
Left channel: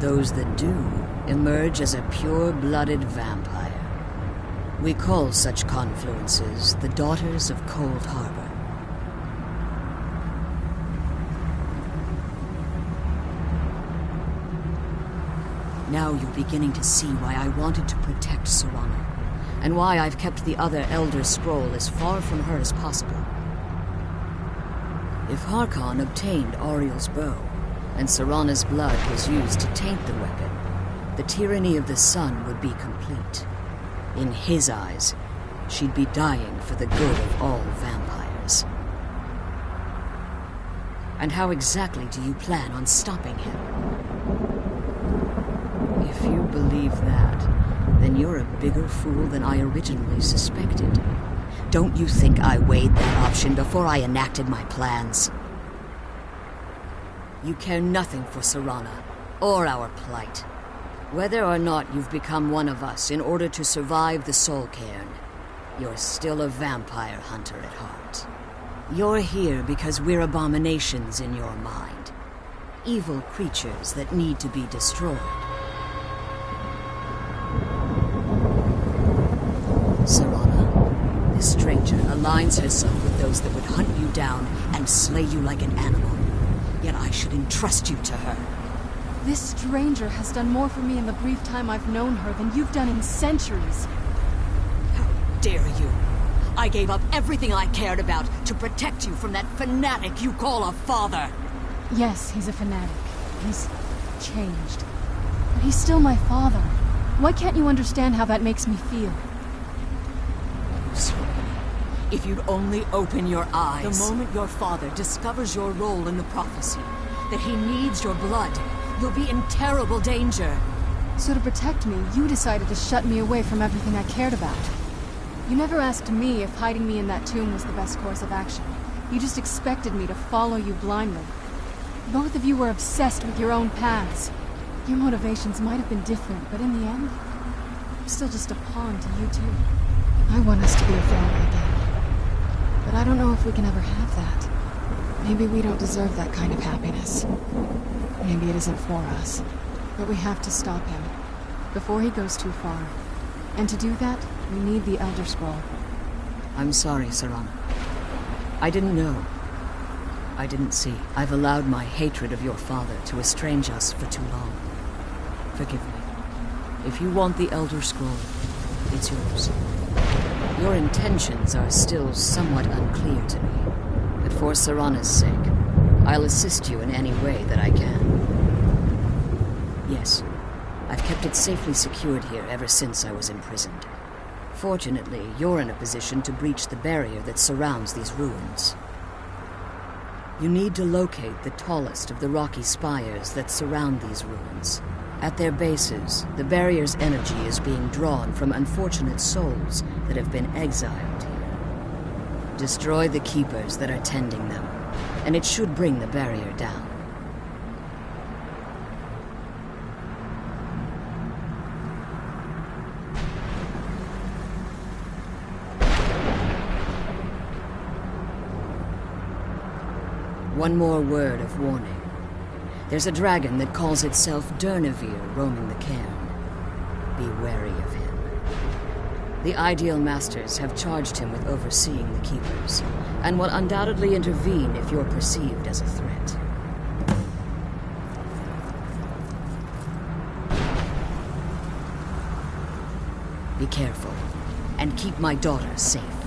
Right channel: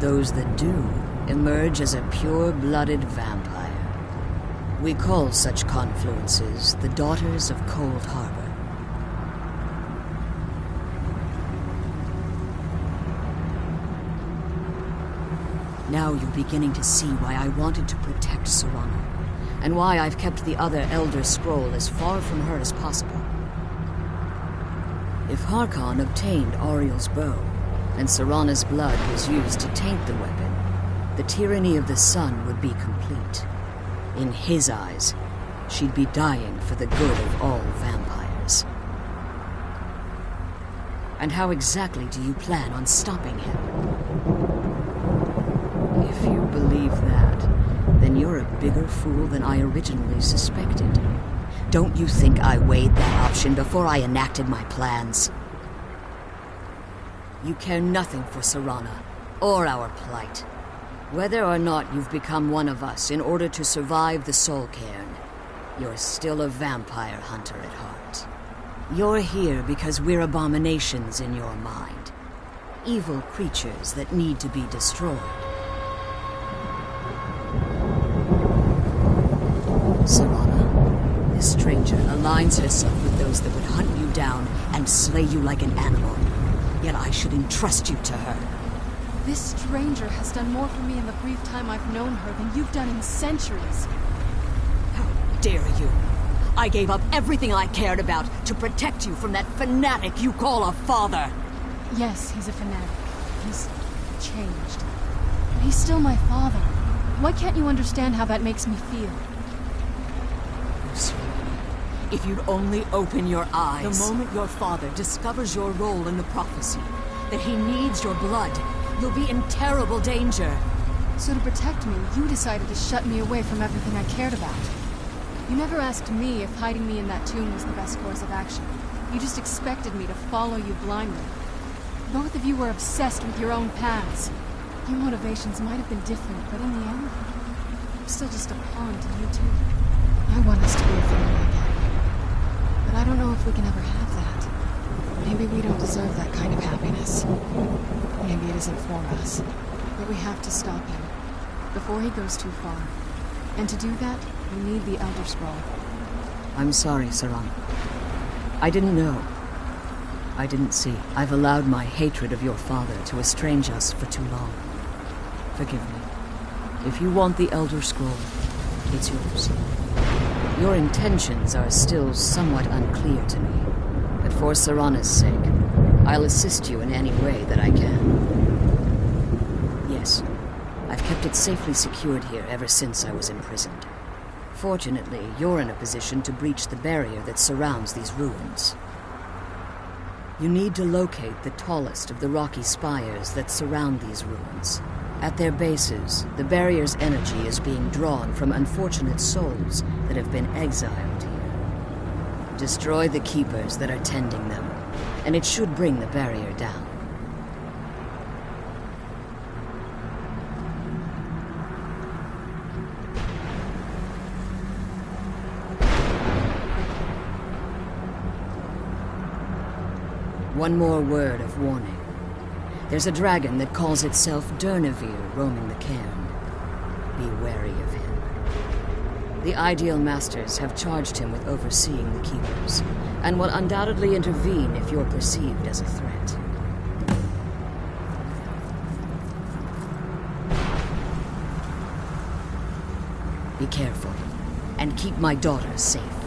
Those that do emerge as a pure-blooded vampire. We call such confluences the Daughters of Cold Harbor. Now you're beginning to see why I wanted to protect Serana, and why I've kept the other Elder Scroll as far from her as possible. If Harkon obtained Ariel's bow, and Serana's blood was used to taint the weapon, the tyranny of the sun would be complete. In his eyes, she'd be dying for the good of all vampires. And how exactly do you plan on stopping him? If you believe that, then you're a bigger fool than I originally suspected. Don't you think I weighed that option before I enacted my plans? You care nothing for Serana, or our plight. Whether or not you've become one of us in order to survive the Soul Cairn, you're still a vampire hunter at heart. You're here because we're abominations in your mind. Evil creatures that need to be destroyed. Serana, this stranger aligns herself with those that would hunt you down and slay you like an animal. Yet I should entrust you to her. This stranger has done more for me in the brief time I've known her than you've done in centuries. How dare you? I gave up everything I cared about to protect you from that fanatic you call a father. Yes, he's a fanatic. He's changed. But he's still my father. Why can't you understand how that makes me feel? If you'd only open your eyes. The moment your father discovers your role in the prophecy, that he needs your blood, you'll be in terrible danger. So to protect me, you decided to shut me away from everything I cared about. You never asked me if hiding me in that tomb was the best course of action. You just expected me to follow you blindly. Both of you were obsessed with your own paths. Your motivations might have been different, but in the end, I'm still just a pawn to you two. I want us to be a family again. But I don't know if we can ever have that. Maybe we don't deserve that kind of happiness. Maybe it isn't for us. But we have to stop him, before he goes too far. And to do that, we need the Elder Scroll. I'm sorry, Serana. I didn't know. I didn't see. I've allowed my hatred of your father to estrange us for too long. Forgive me. If you want the Elder Scroll, it's yours. Your intentions are still somewhat unclear to me, but for Serana's sake, I'll assist you in any way that I can. Yes, I've kept it safely secured here ever since I was imprisoned. Fortunately, you're in a position to breach the barrier that surrounds these ruins. You need to locate the tallest of the rocky spires that surround these ruins. At their bases, the barrier's energy is being drawn from unfortunate souls that have been exiled here. Destroy the keepers that are tending them, and it should bring the barrier down. One more word of warning. There's a dragon that calls itself Durnevere roaming the cairn. Be wary of him. The Ideal Masters have charged him with overseeing the Keepers, and will undoubtedly intervene if you're perceived as a threat. Be careful, and keep my daughter safe.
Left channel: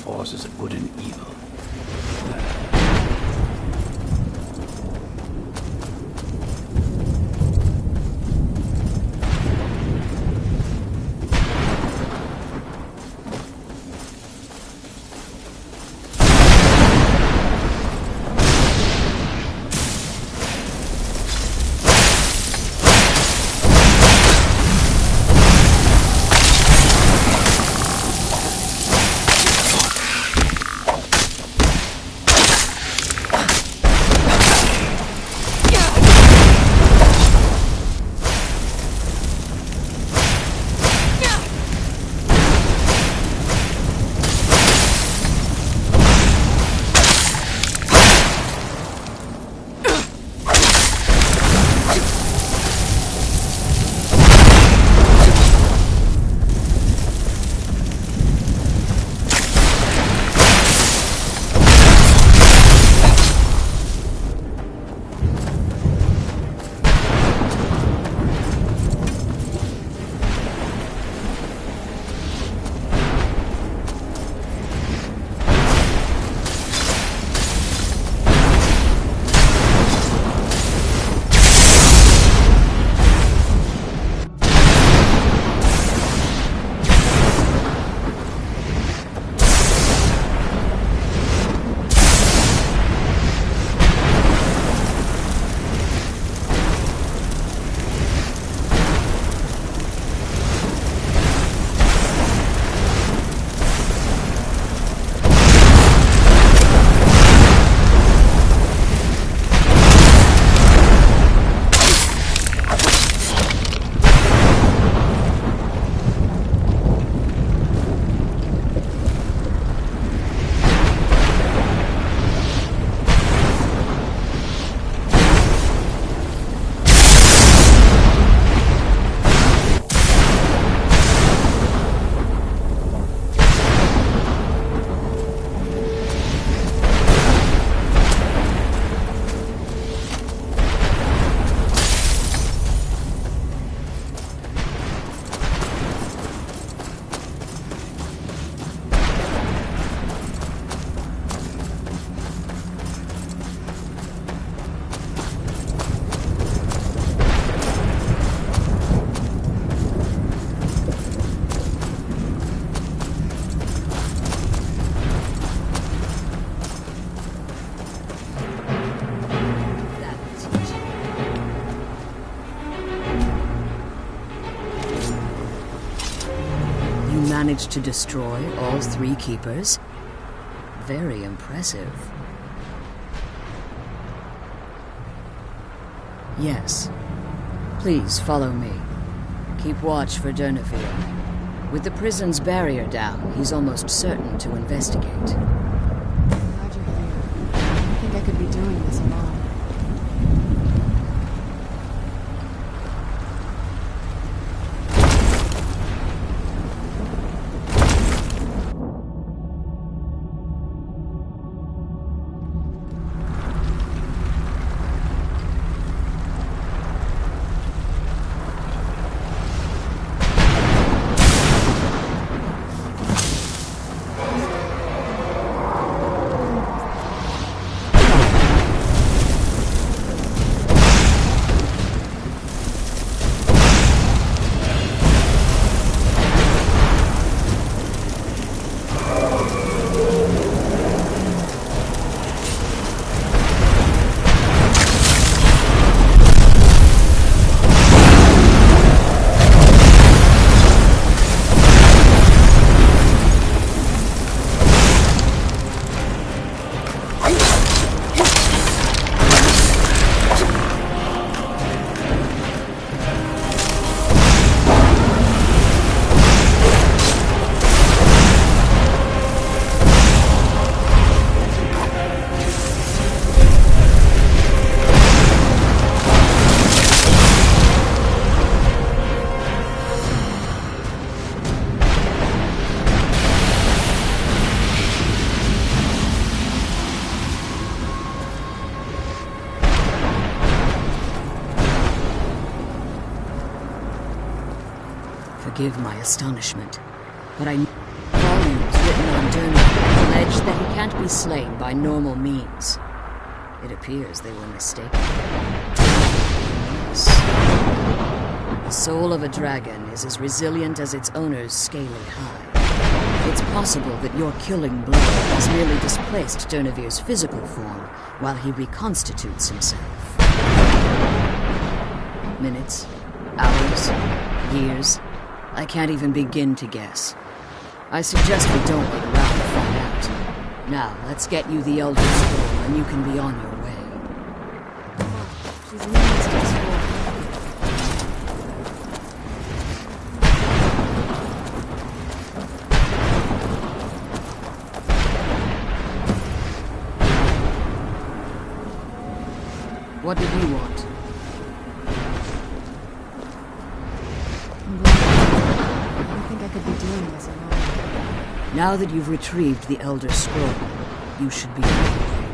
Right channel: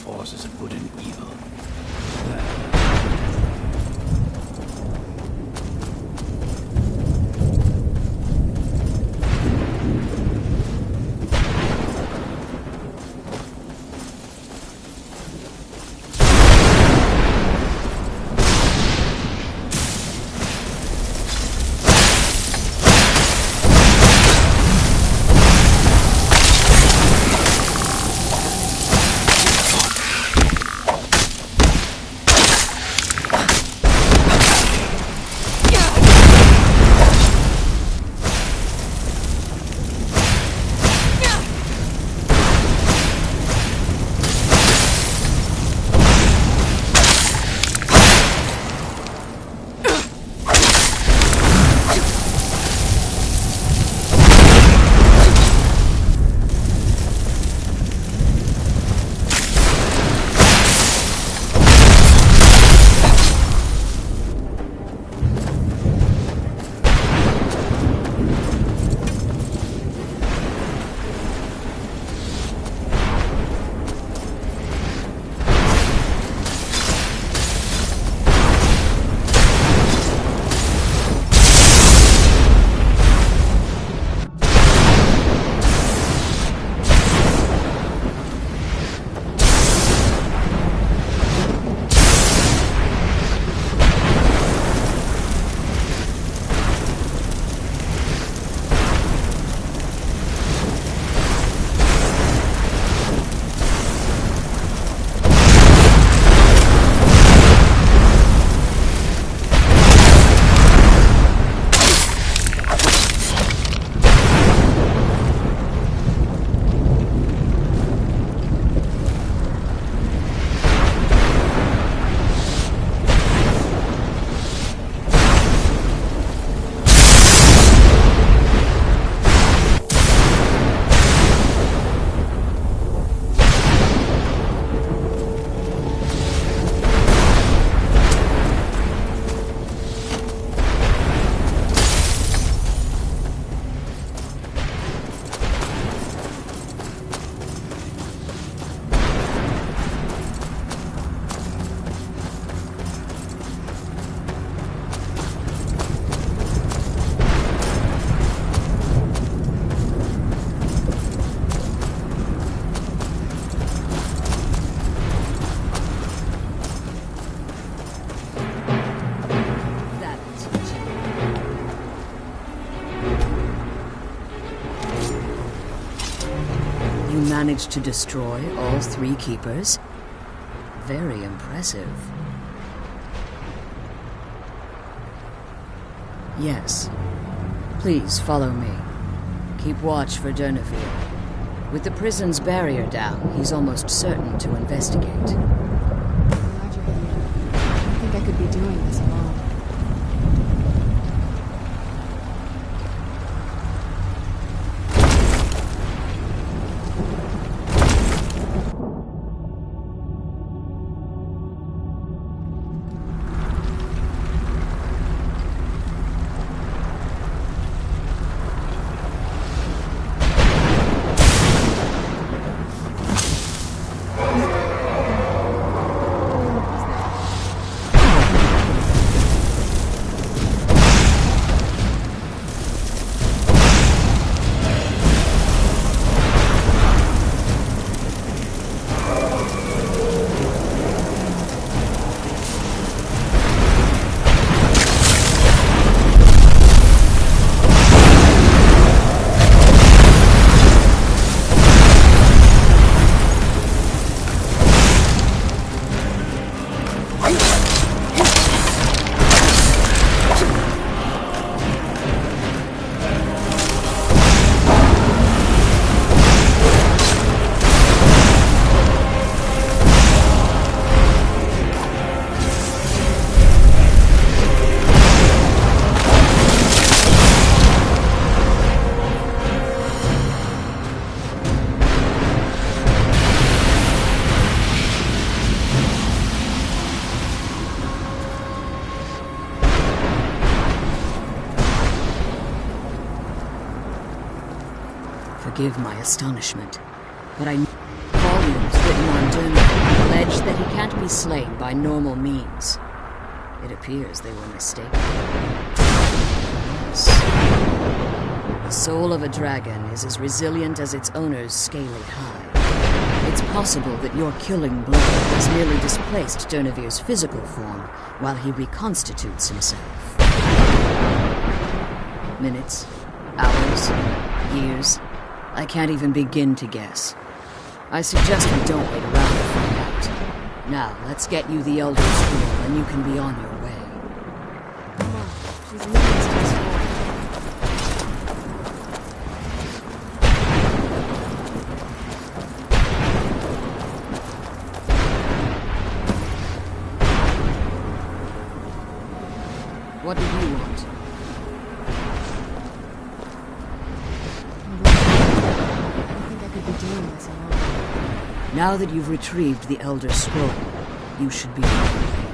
forces of good and evil. managed to destroy all 3 keepers? Very impressive. Yes. Please follow me. Keep watch for Durnevere. With the prison's barrier down, he's almost certain to investigate. I'm glad you're here. I don't think I could be doing this alone. Forgive my astonishment, but I know volumes written on Durnevere allege that he can't be slain by normal means. It appears they were mistaken. Yes. The soul of a dragon is as resilient as its owner's scaly hide. It's possible that your killing blow has merely displaced Durnevere's physical form while he reconstitutes himself. Minutes, hours, years. I can't even begin to guess. I suggest we don't wait around to find out. Now, let's get you the Elder Scroll, and you can be on your way. Come on, she's leading us to the scroll. What did you want? I don't think I could be doing this alone. Now that you've retrieved the Elder Scroll, you should be on your way.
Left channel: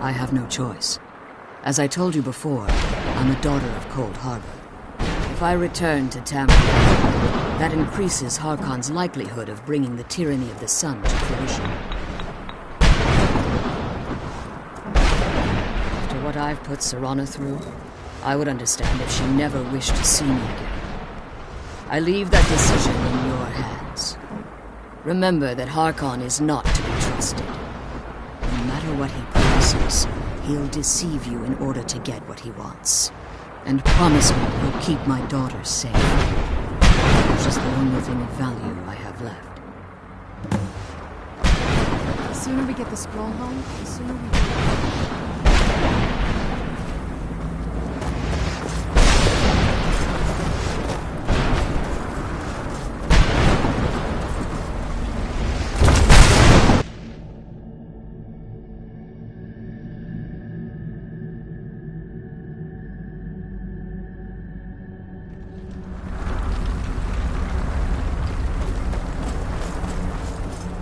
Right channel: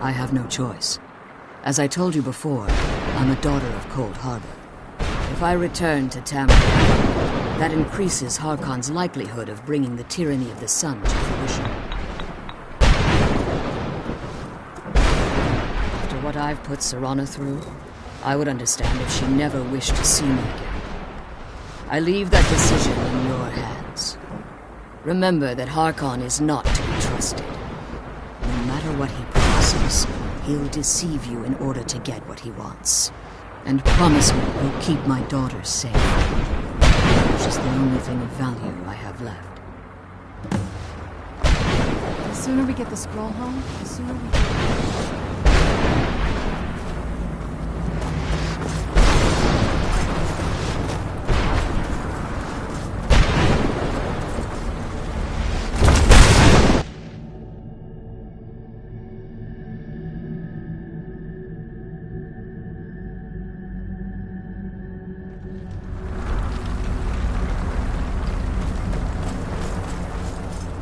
I have no choice. As I told you before, I'm a daughter of Cold Harbor. If I return to Tamriel, that increases Harkon's likelihood of bringing the tyranny of the sun to fruition. After what I've put Serana through, I would understand if she never wished to see me again. I leave that decision in your hands. Remember that Harkon is not to be trusted. No matter what he promises, he'll deceive you in order to get what he wants. And promise me you'll keep my daughter safe. Which is the only thing of value I have left. The sooner we get the scroll home, the sooner we can...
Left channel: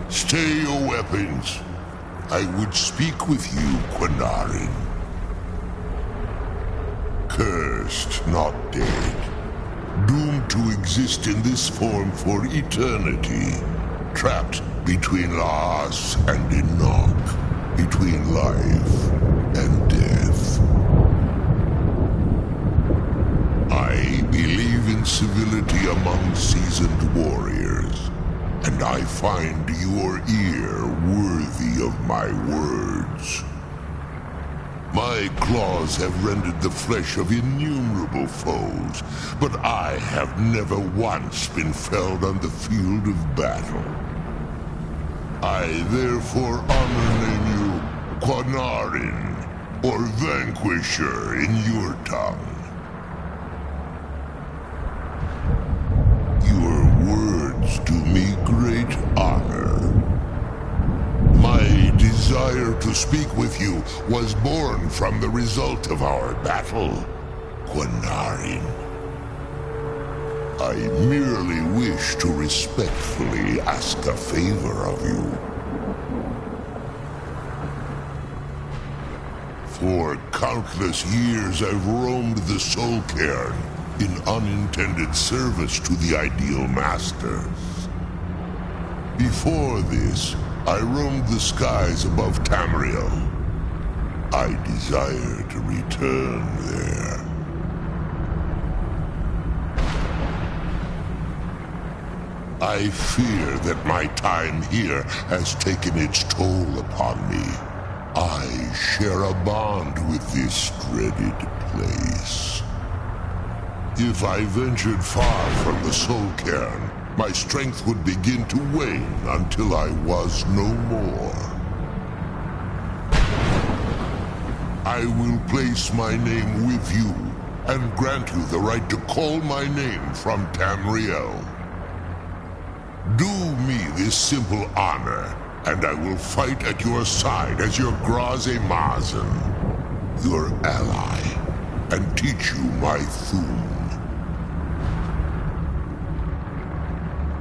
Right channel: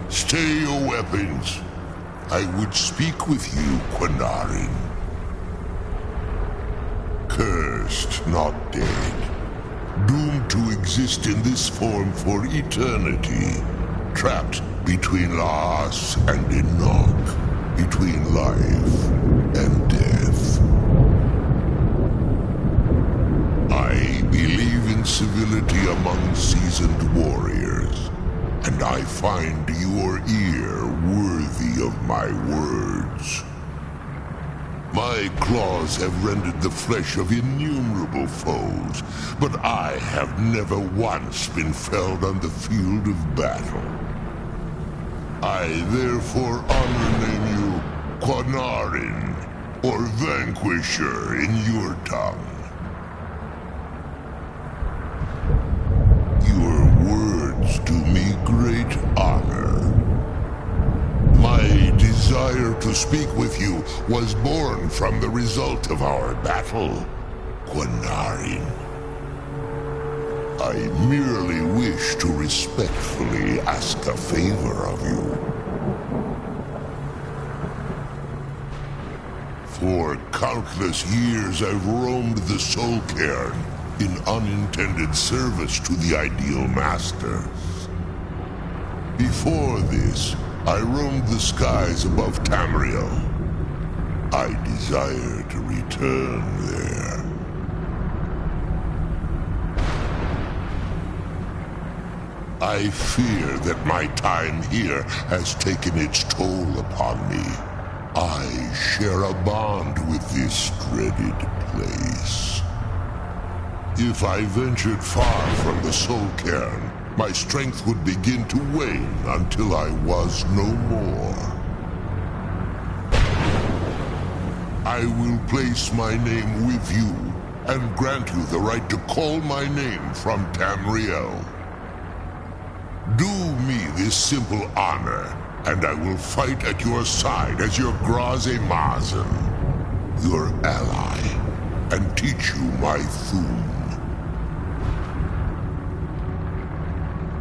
Stay your weapons. I would speak with you, Quinarin. Cursed, not dead. Doomed to exist in this form for eternity. Trapped between Laas and Enoch. Between life and death. I believe in civility among seasoned warriors. And I find your ear worthy of my words. My claws have rendered the flesh of innumerable foes, but I have never once been felled on the field of battle. I therefore name you Quanarin, or Vanquisher in your tongue. Your words do me great honor. My desire to speak with you was born from the result of our battle, Quanarin. I merely wish to respectfully ask a favor of you. For countless years I've roamed the Soul Cairn in unintended service to the Ideal Masters. Before this, I roamed the skies above Tamriel. I desire to return there. I fear that my time here has taken its toll upon me. I share a bond with this dreaded place. If I ventured far from the Soul Cairn, my strength would begin to wane until I was no more. I will place my name with you and grant you the right to call my name from Tamriel. Do me this simple honor, and I will fight at your side as your Graze Mazen, your ally, and teach you my Thum.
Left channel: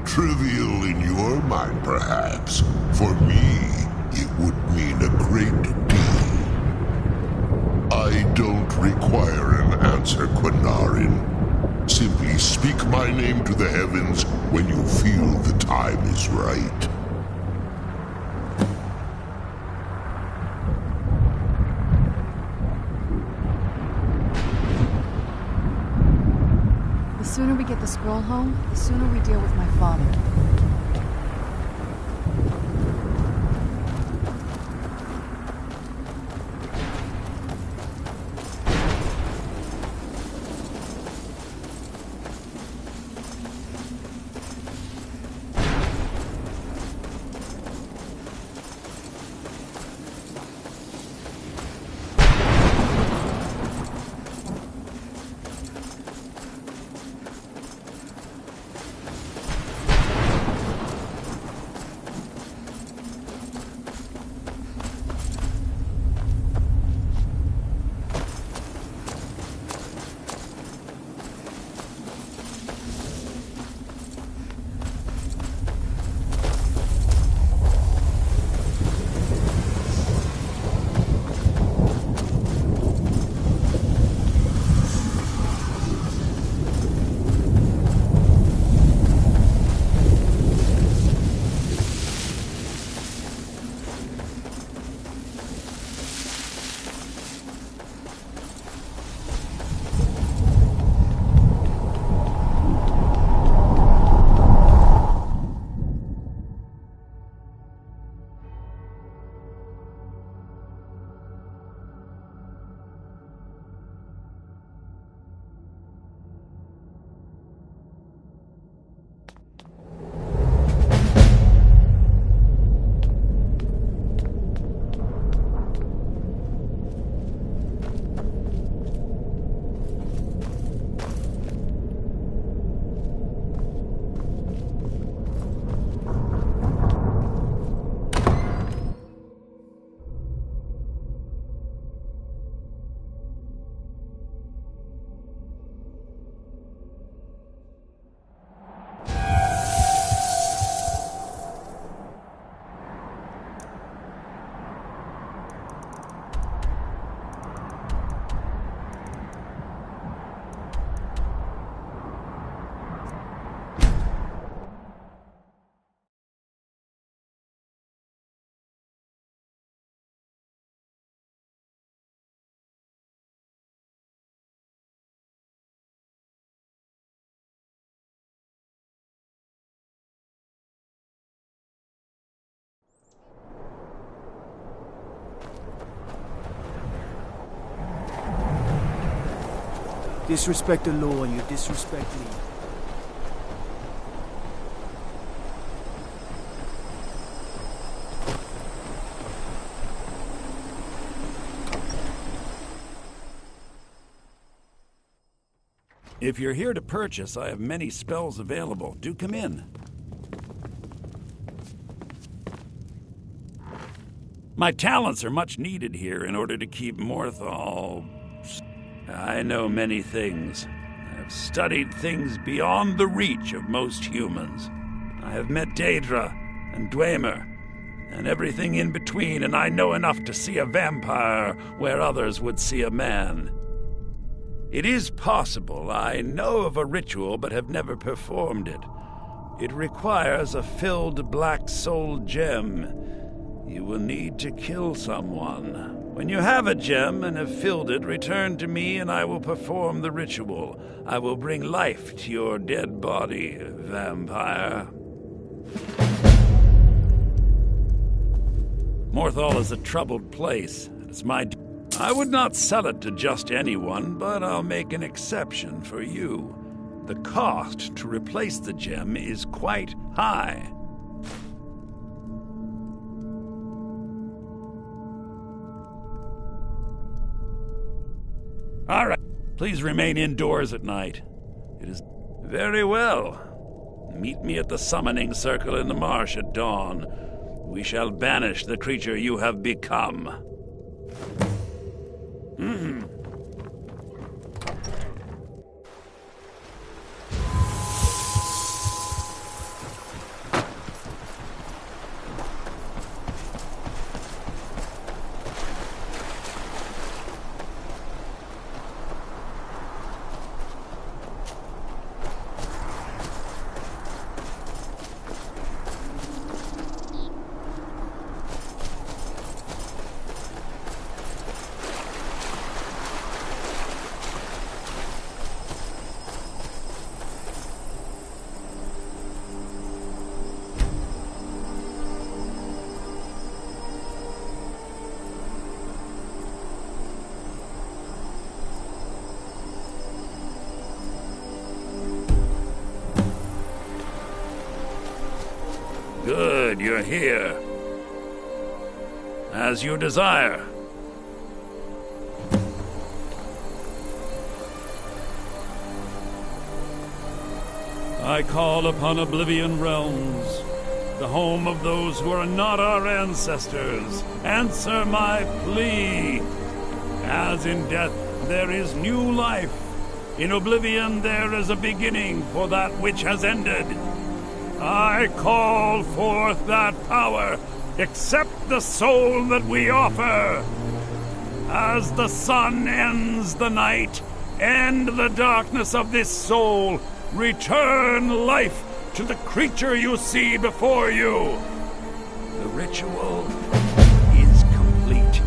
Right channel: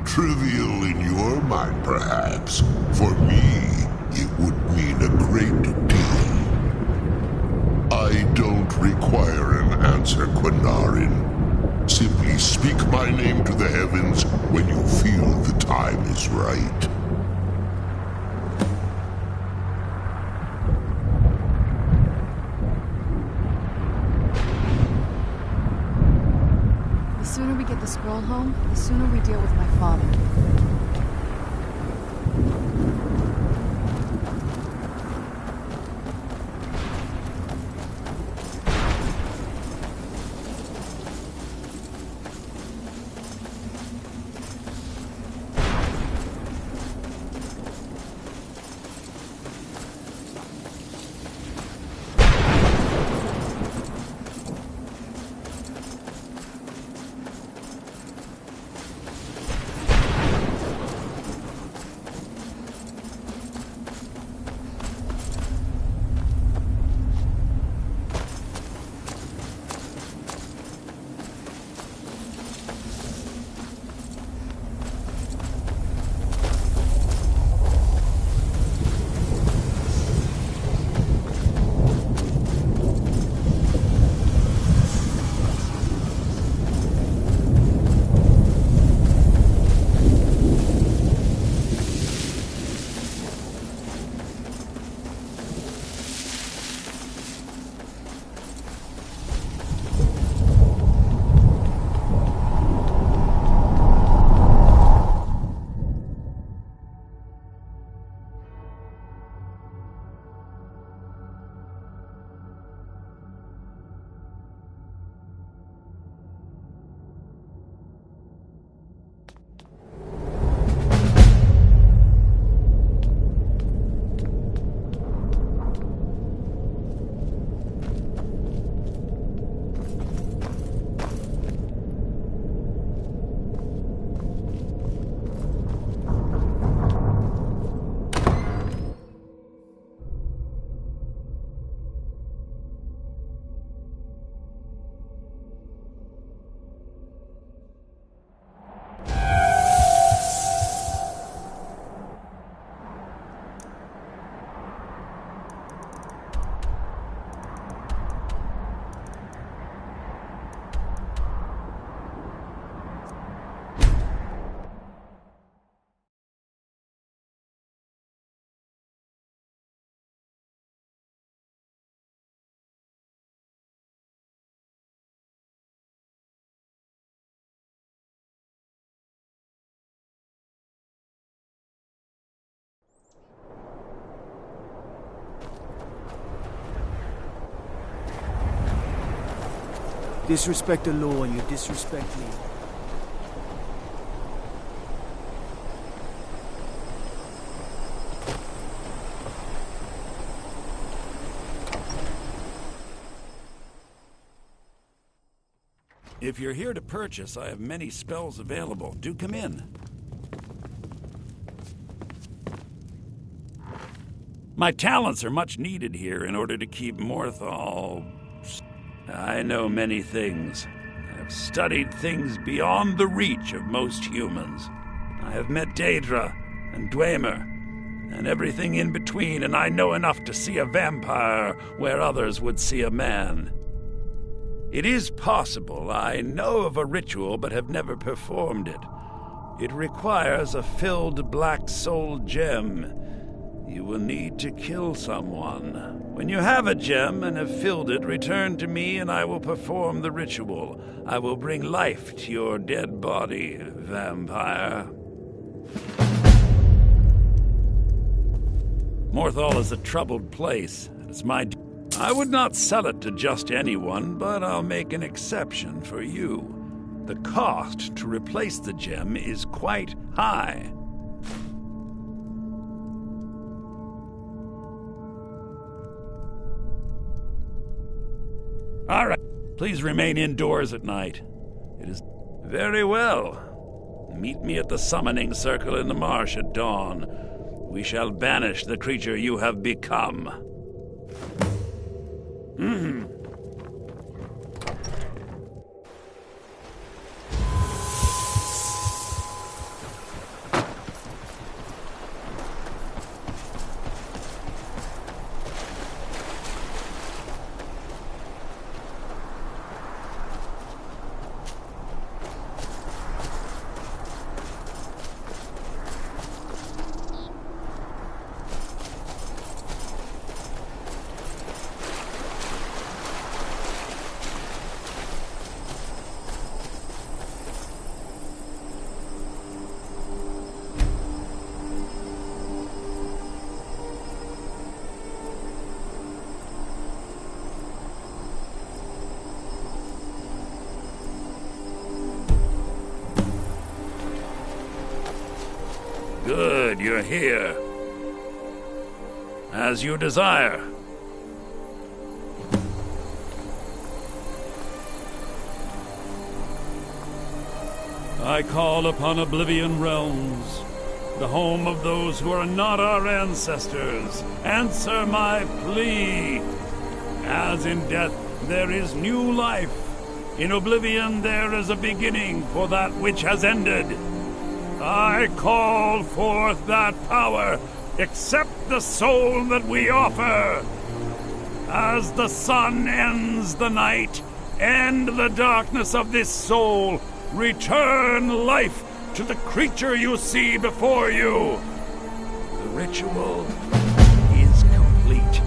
Trivial in your mind, perhaps. For me, it would mean a great deal. I don't require an answer, Quanarin. Simply speak my name to the heavens when you feel the time is right. The sooner we get the scroll home, the sooner we deal with my father. Disrespect the law, you disrespect me. If you're here to purchase, I have many spells available. Do come in. My talents are much needed here in order to keep Morthal. I know many things. I've studied things beyond the reach of most humans. I have met Daedra and Dwemer, and everything in between, and I know enough to see a vampire where others would see a man. It is possible I know of a ritual but have never performed it. It requires a filled black soul gem. You will need to kill someone. When you have a gem and have filled it, return to me and I will perform the ritual. I will bring life to your dead body, vampire. Morthal is a troubled place, and it's my duty. I would not sell it to just anyone, but I'll make an exception for you. The cost to replace the gem is quite high. All right. Please remain indoors at night. It is very well. Meet me at the summoning circle in the marsh at dawn. We shall banish the creature you have become. Good, you're here. As you desire. I call upon Oblivion Realms, the home of those who are not our ancestors. Answer my plea. As in death there is new life, in Oblivion there is a beginning for that which has ended. I call forth that power. Accept the soul that we offer. As the sun ends the night, end the darkness of this soul. Return life to the creature you see before you. The ritual is complete.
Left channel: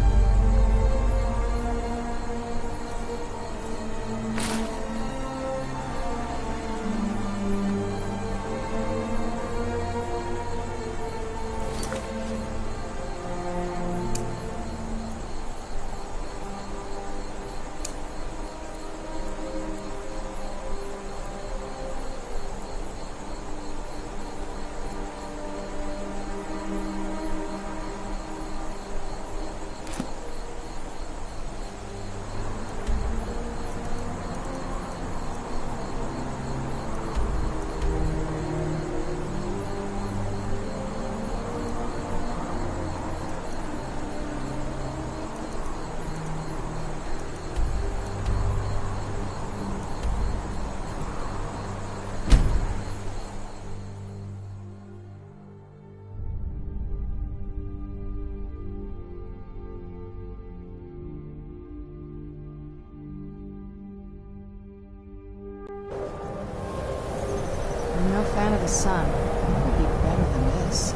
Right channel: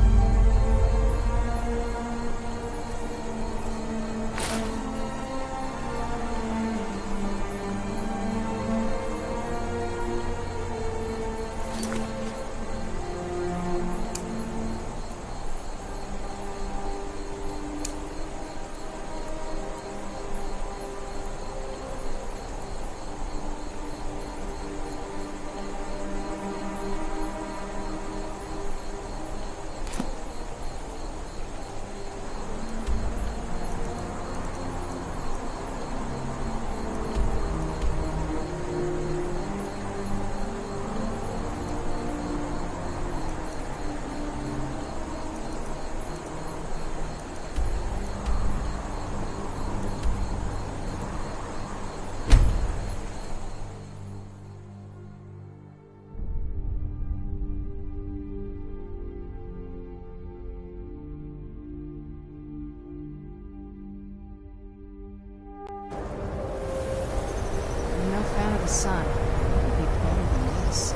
I'm no fan of the sun. It would be better than this.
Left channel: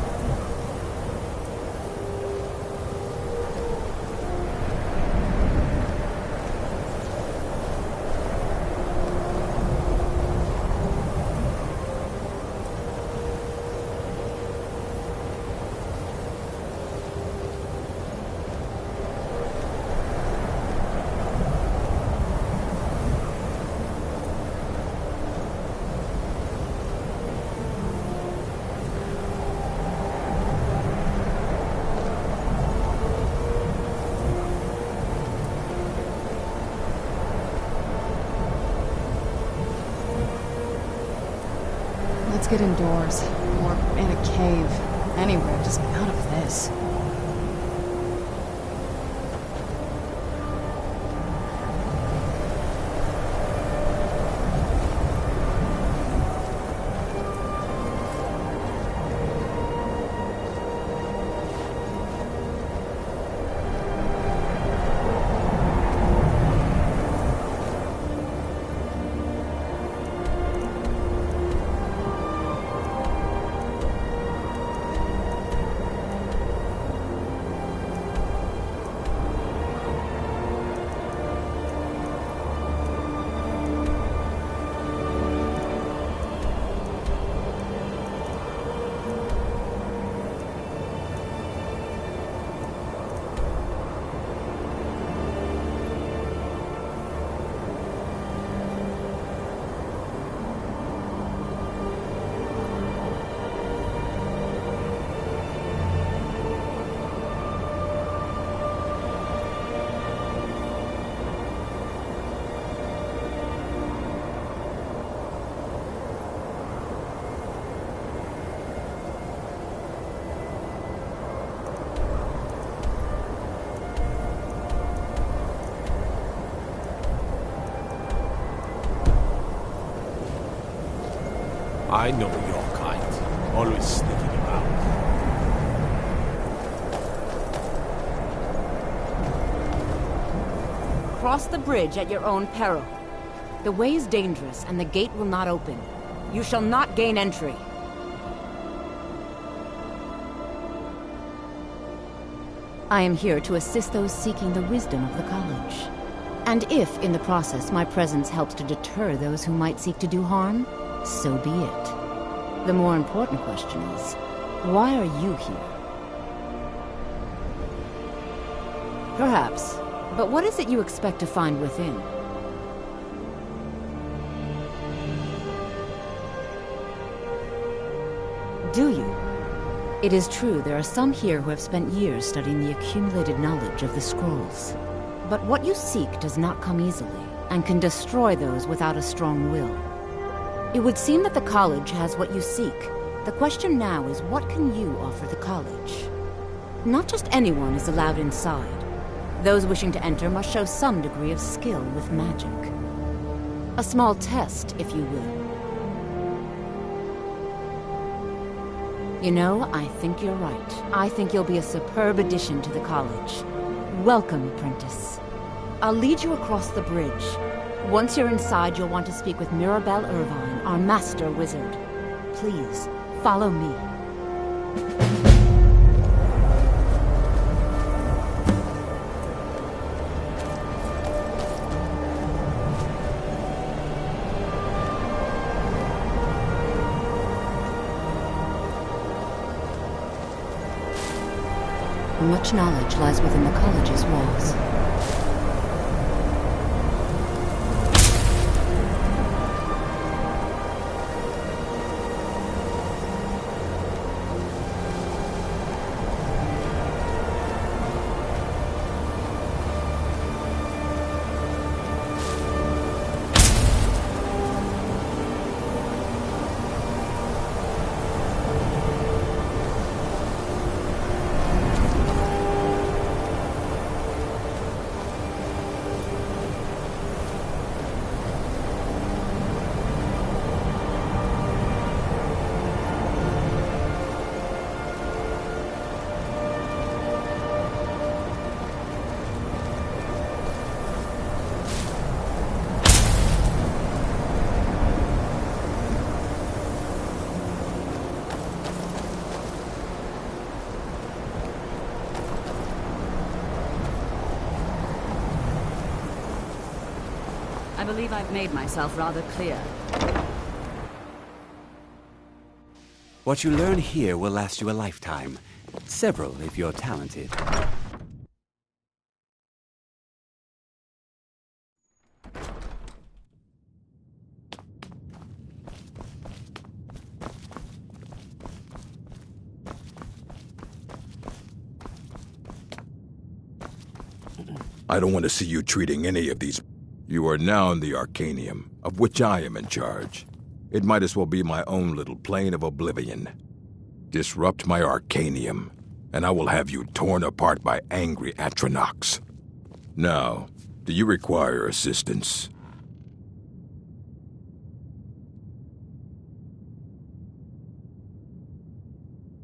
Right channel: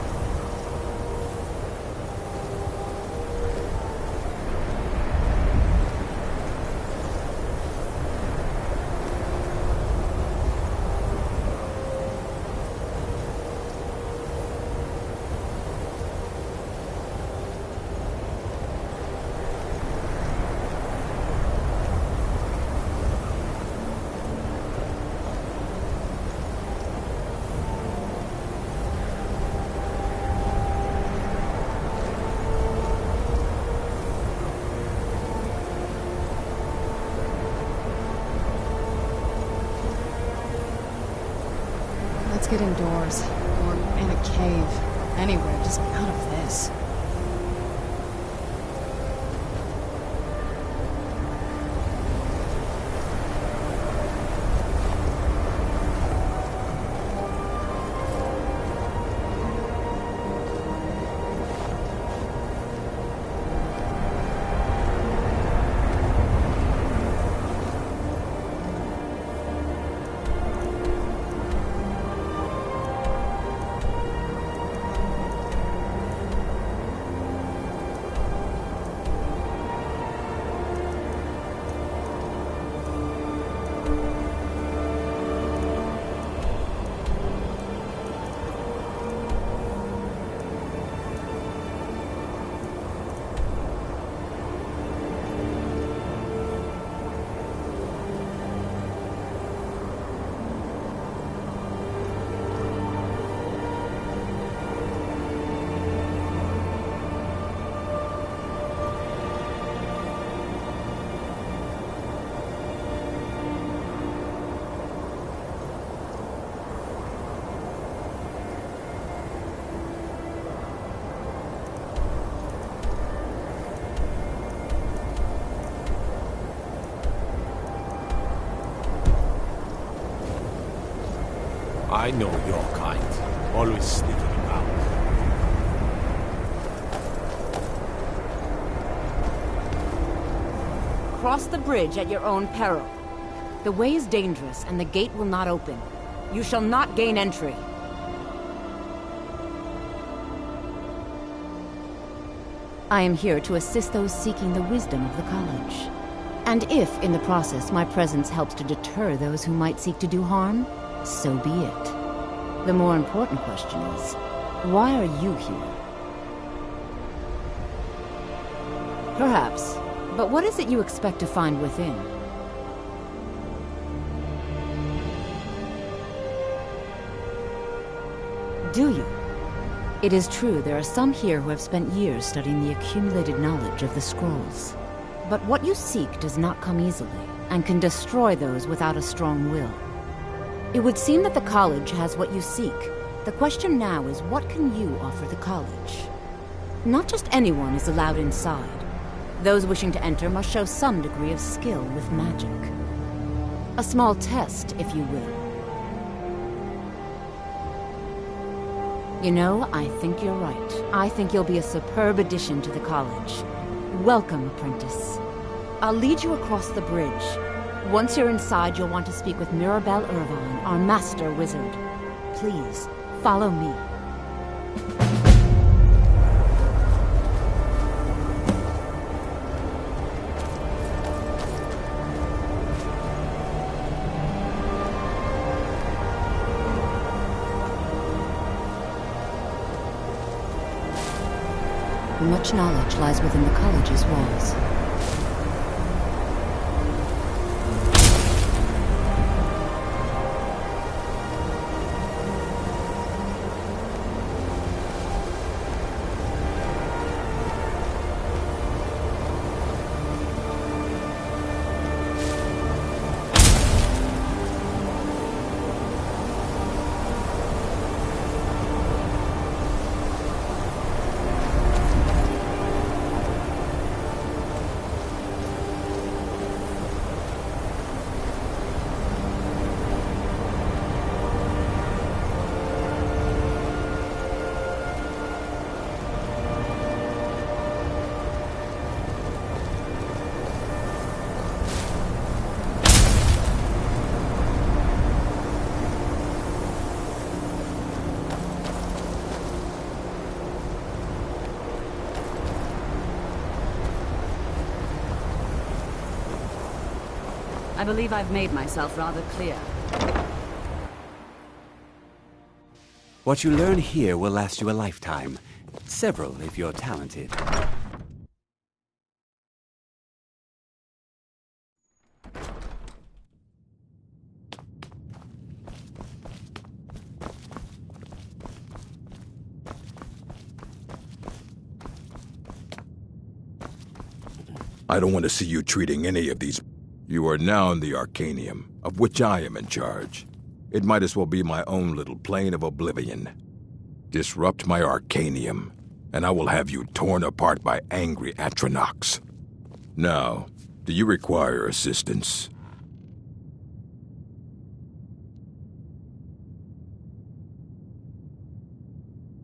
Let's get indoors. Or in a cave. Anywhere, just out of this. I know your kind. Always sneaking about. Cross the bridge at your own peril. The way is dangerous, and the gate will not open. You shall not gain entry. I am here to assist those seeking the wisdom of the college. And if, in the process, my presence helps to deter those who might seek to do harm, so be it. The more important question is, why are you here? Perhaps, but what is it you expect to find within? Do you? It is true there are some here who have spent years studying the accumulated knowledge of the scrolls. But what you seek does not come easily, and can destroy those without a strong will. It would seem that the college has what you seek. The question now is, what can you offer the college? Not just anyone is allowed inside. Those wishing to enter must show some degree of skill with magic. A small test, if you will. You know, I think you're right. I think you'll be a superb addition to the college. Welcome, apprentice. I'll lead you across the bridge. Once you're inside, you'll want to speak with Mirabelle Irvine, our master wizard. Please, follow me. Much knowledge lies within the college's walls. I believe I've made myself rather clear. What you learn here will last you a lifetime. Several, if you're talented. I don't want to see you treating any of these. You are now in the Arcanium, of which I am in charge. It might as well be my own little plane of oblivion. Disrupt my Arcanium, and I will have you torn apart by angry Atronachs. Now, do you require assistance?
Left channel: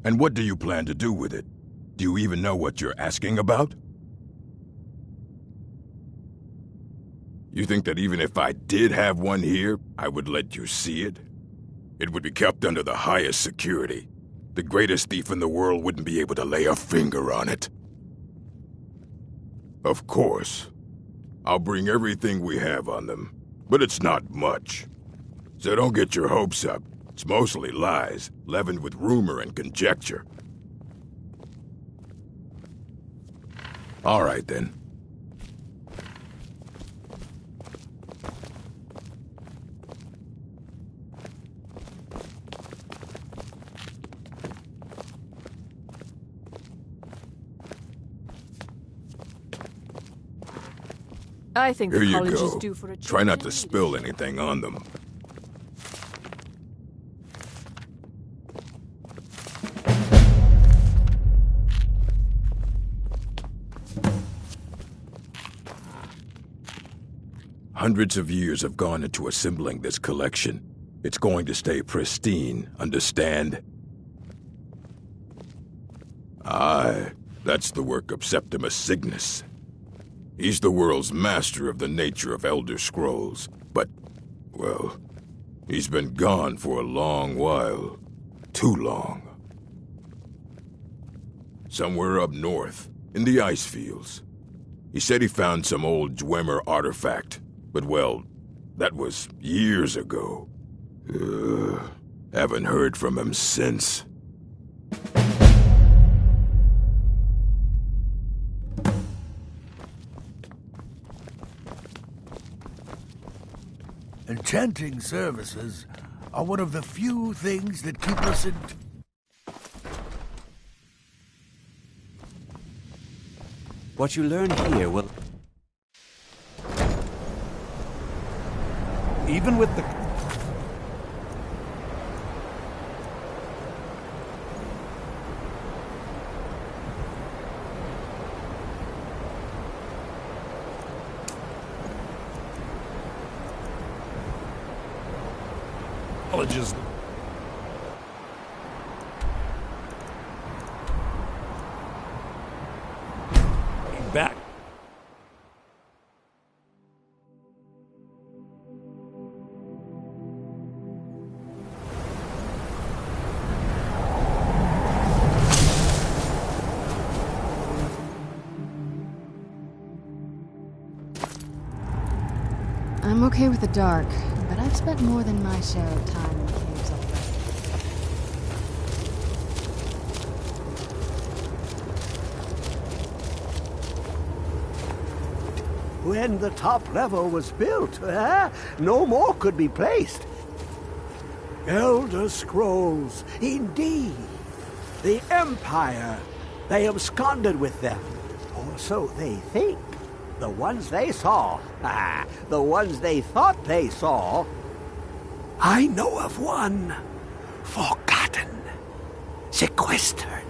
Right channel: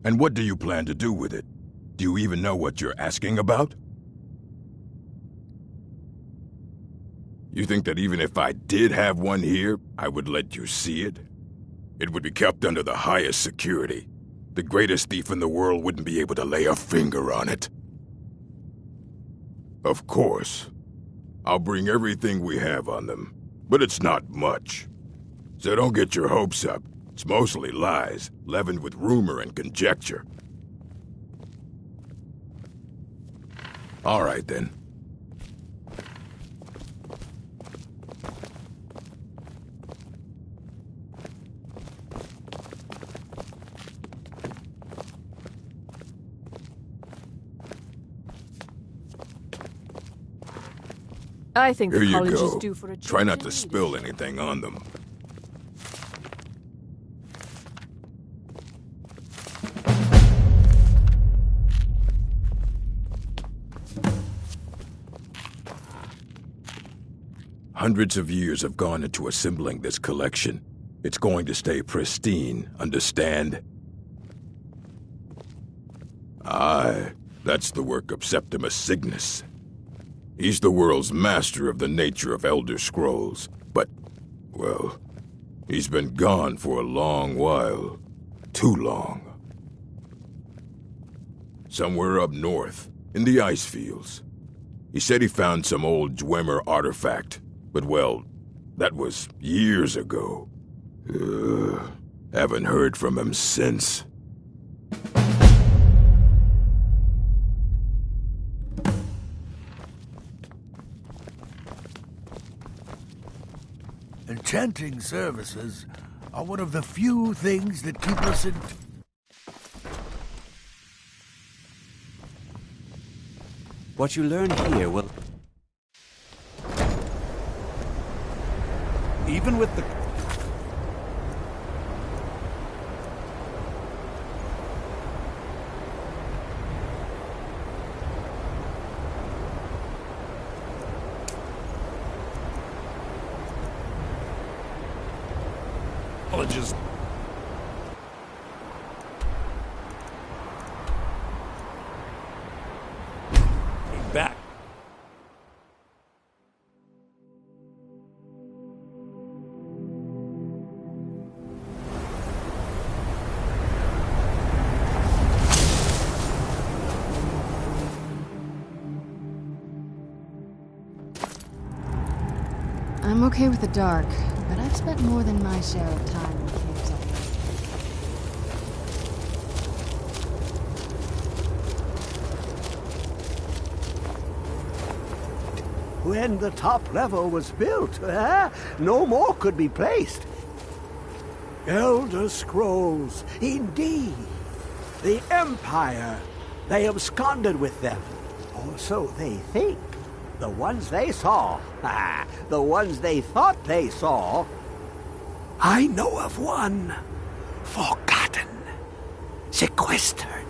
And what do you plan to do with it? Do you even know what you're asking about? You think that even if I did have one here, I would let you see it? It would be kept under the highest security. The greatest thief in the world wouldn't be able to lay a finger on it. Of course. I'll bring everything we have on them, but it's not much. So don't get your hopes up. It's mostly lies, leavened with rumor and conjecture. All right, then. I think Here the you college go. is due for a Try not change to in spill anything on them. Hundreds of years have gone into assembling this collection. It's going to stay pristine, understand? Aye, that's the work of Septimus Cygnus. He's the world's master of the nature of Elder Scrolls, but, well, he's been gone for a long while. Too long. Somewhere up north, in the ice fields. He said he found some old Dwemer artifact, but well, that was years ago. Haven't heard from him since. Enchanting services are one of the few things that keep us in... What you learn here will... Even with the... Colleges. Back. I'm okay with the dark, but I've spent more than my share of time in caves already. When the top level was built, no more could be placed. Elder Scrolls, indeed. The Empire. They absconded with them. Or so they think. The ones they saw. The ones they thought they saw. I know of one. Forgotten. Sequestered.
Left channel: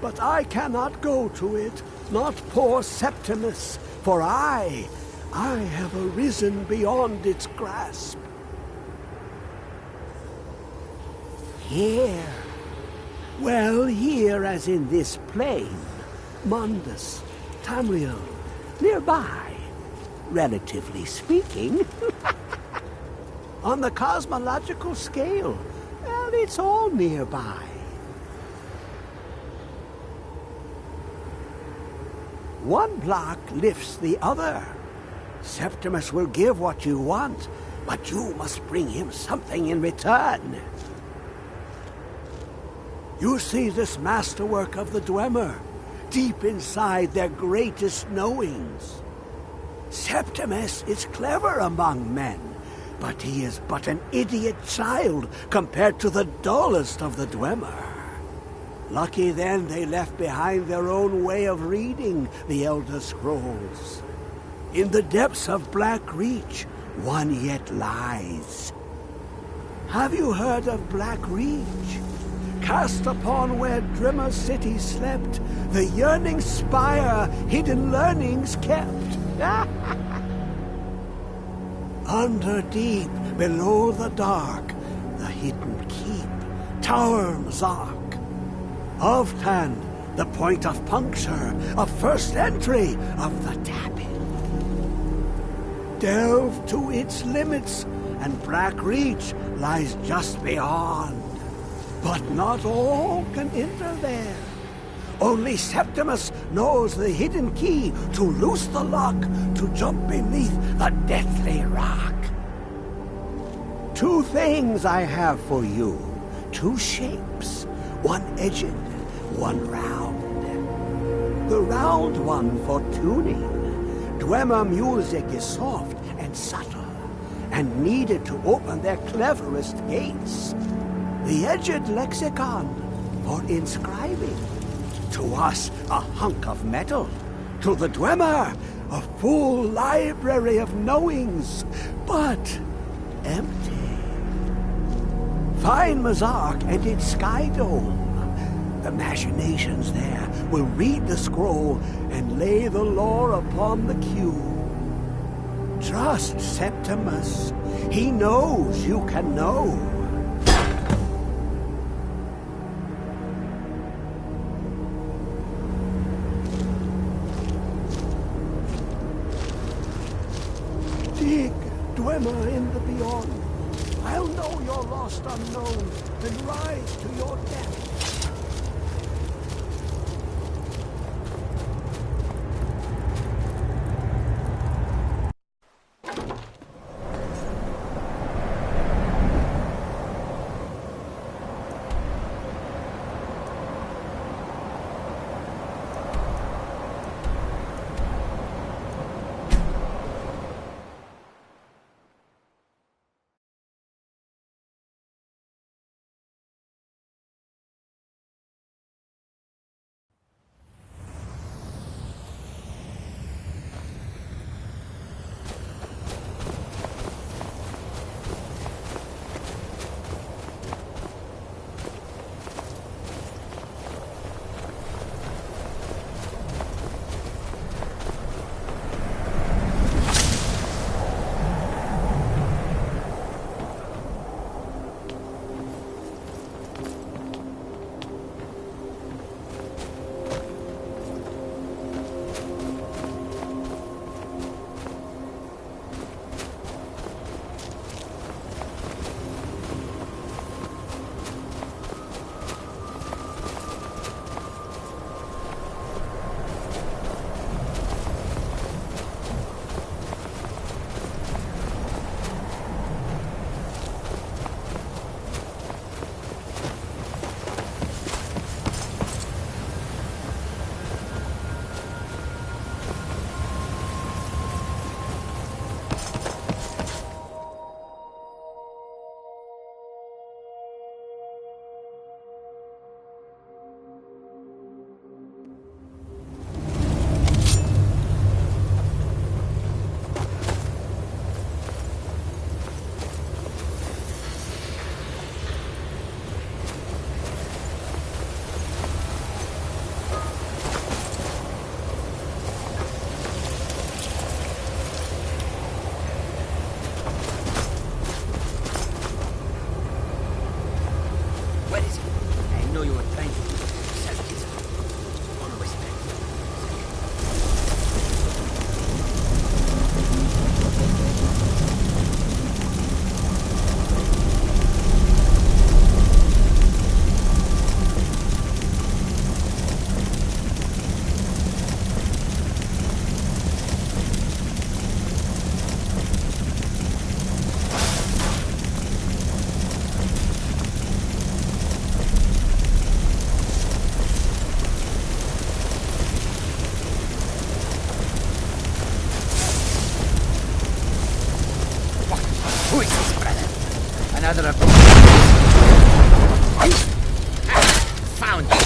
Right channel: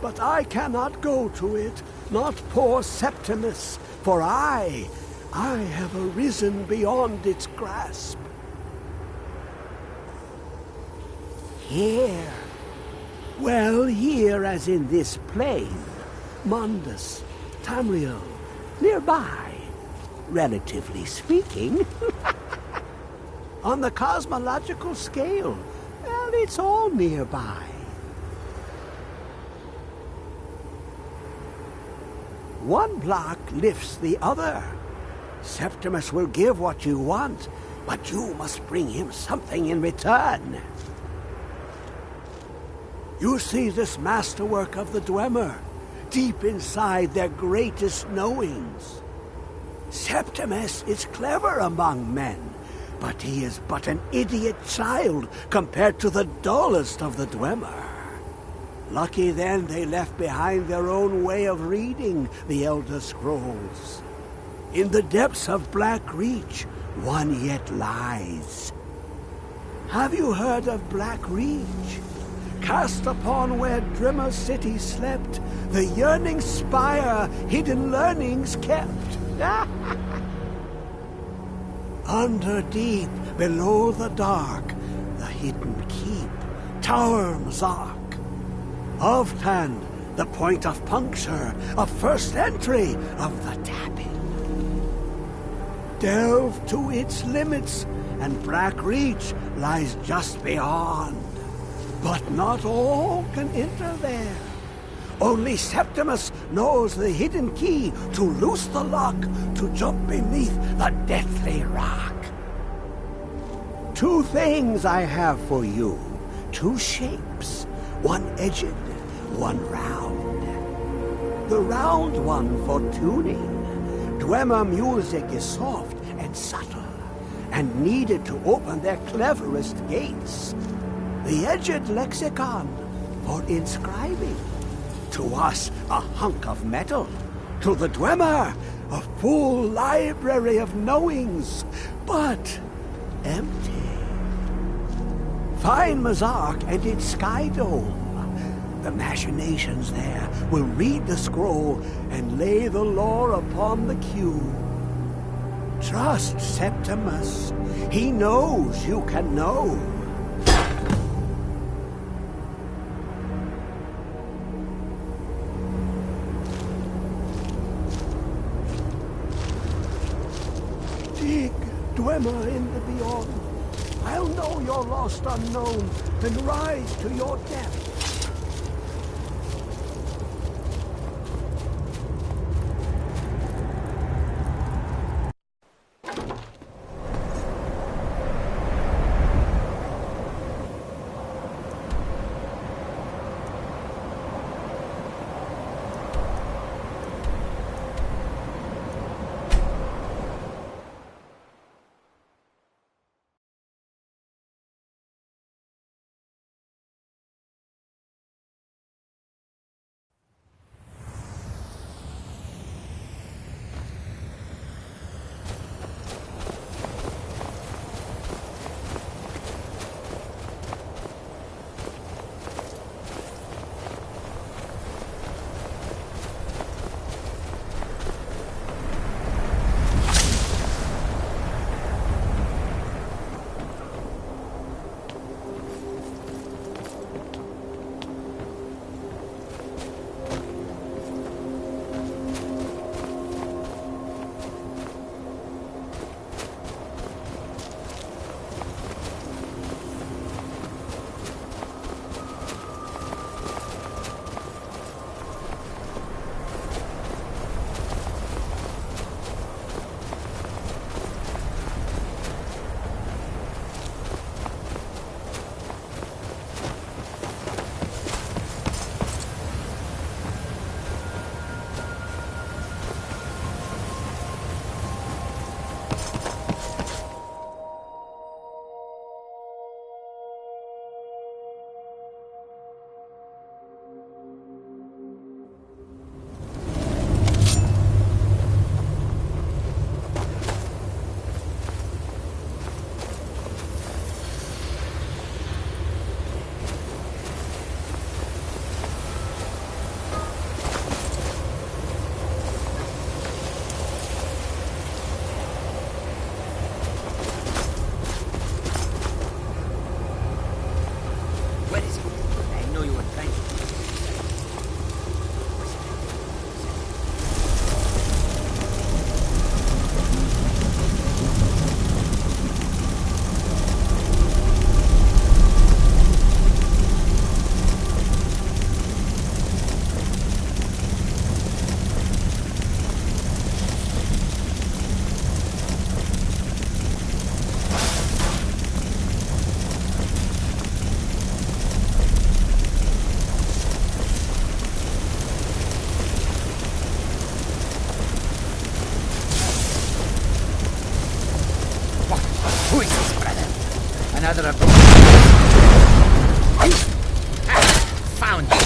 But I cannot go to it. Not poor Septimus. For I have arisen beyond its grasp. Here. Well, here as in this plain. Mundus, Tamriel, nearby, relatively speaking. On the cosmological scale, well, it's all nearby. One block lifts the other. Septimus will give what you want, but you must bring him something in return. You see this masterwork of the Dwemer, deep inside their greatest knowings. Septimus is clever among men, but he is but an idiot child compared to the dullest of the Dwemer. Lucky then they left behind their own way of reading the Elder Scrolls. In the depths of Black Reach, one yet lies. Have you heard of Black Reach? Cast upon where Drimmer City slept, the yearning spire hidden learnings kept. Under deep, below the dark, the hidden keep, Tower Mazark. Ovtan, the point of puncture, of first entry of the tapping. Delve to its limits, and Black Reach lies just beyond. But not all can enter there. Only Septimus knows the hidden key to loose the lock, to jump beneath the deathly rock. 2 things I have for you. 2 shapes. One edged, one round. The round one for tuning. Dwemer music is soft and subtle, and needed to open their cleverest gates. The edged lexicon for inscribing. To us, a hunk of metal. To the Dwemer, a full library of knowings, but empty. Find Mazark and its sky dome. The machinations there will read the scroll and lay the lore upon the cube. Trust Septimus. He knows you can know. Dig, Dwemer in the beyond. I'll know your lost unknown and rise to your depth. Another of found you.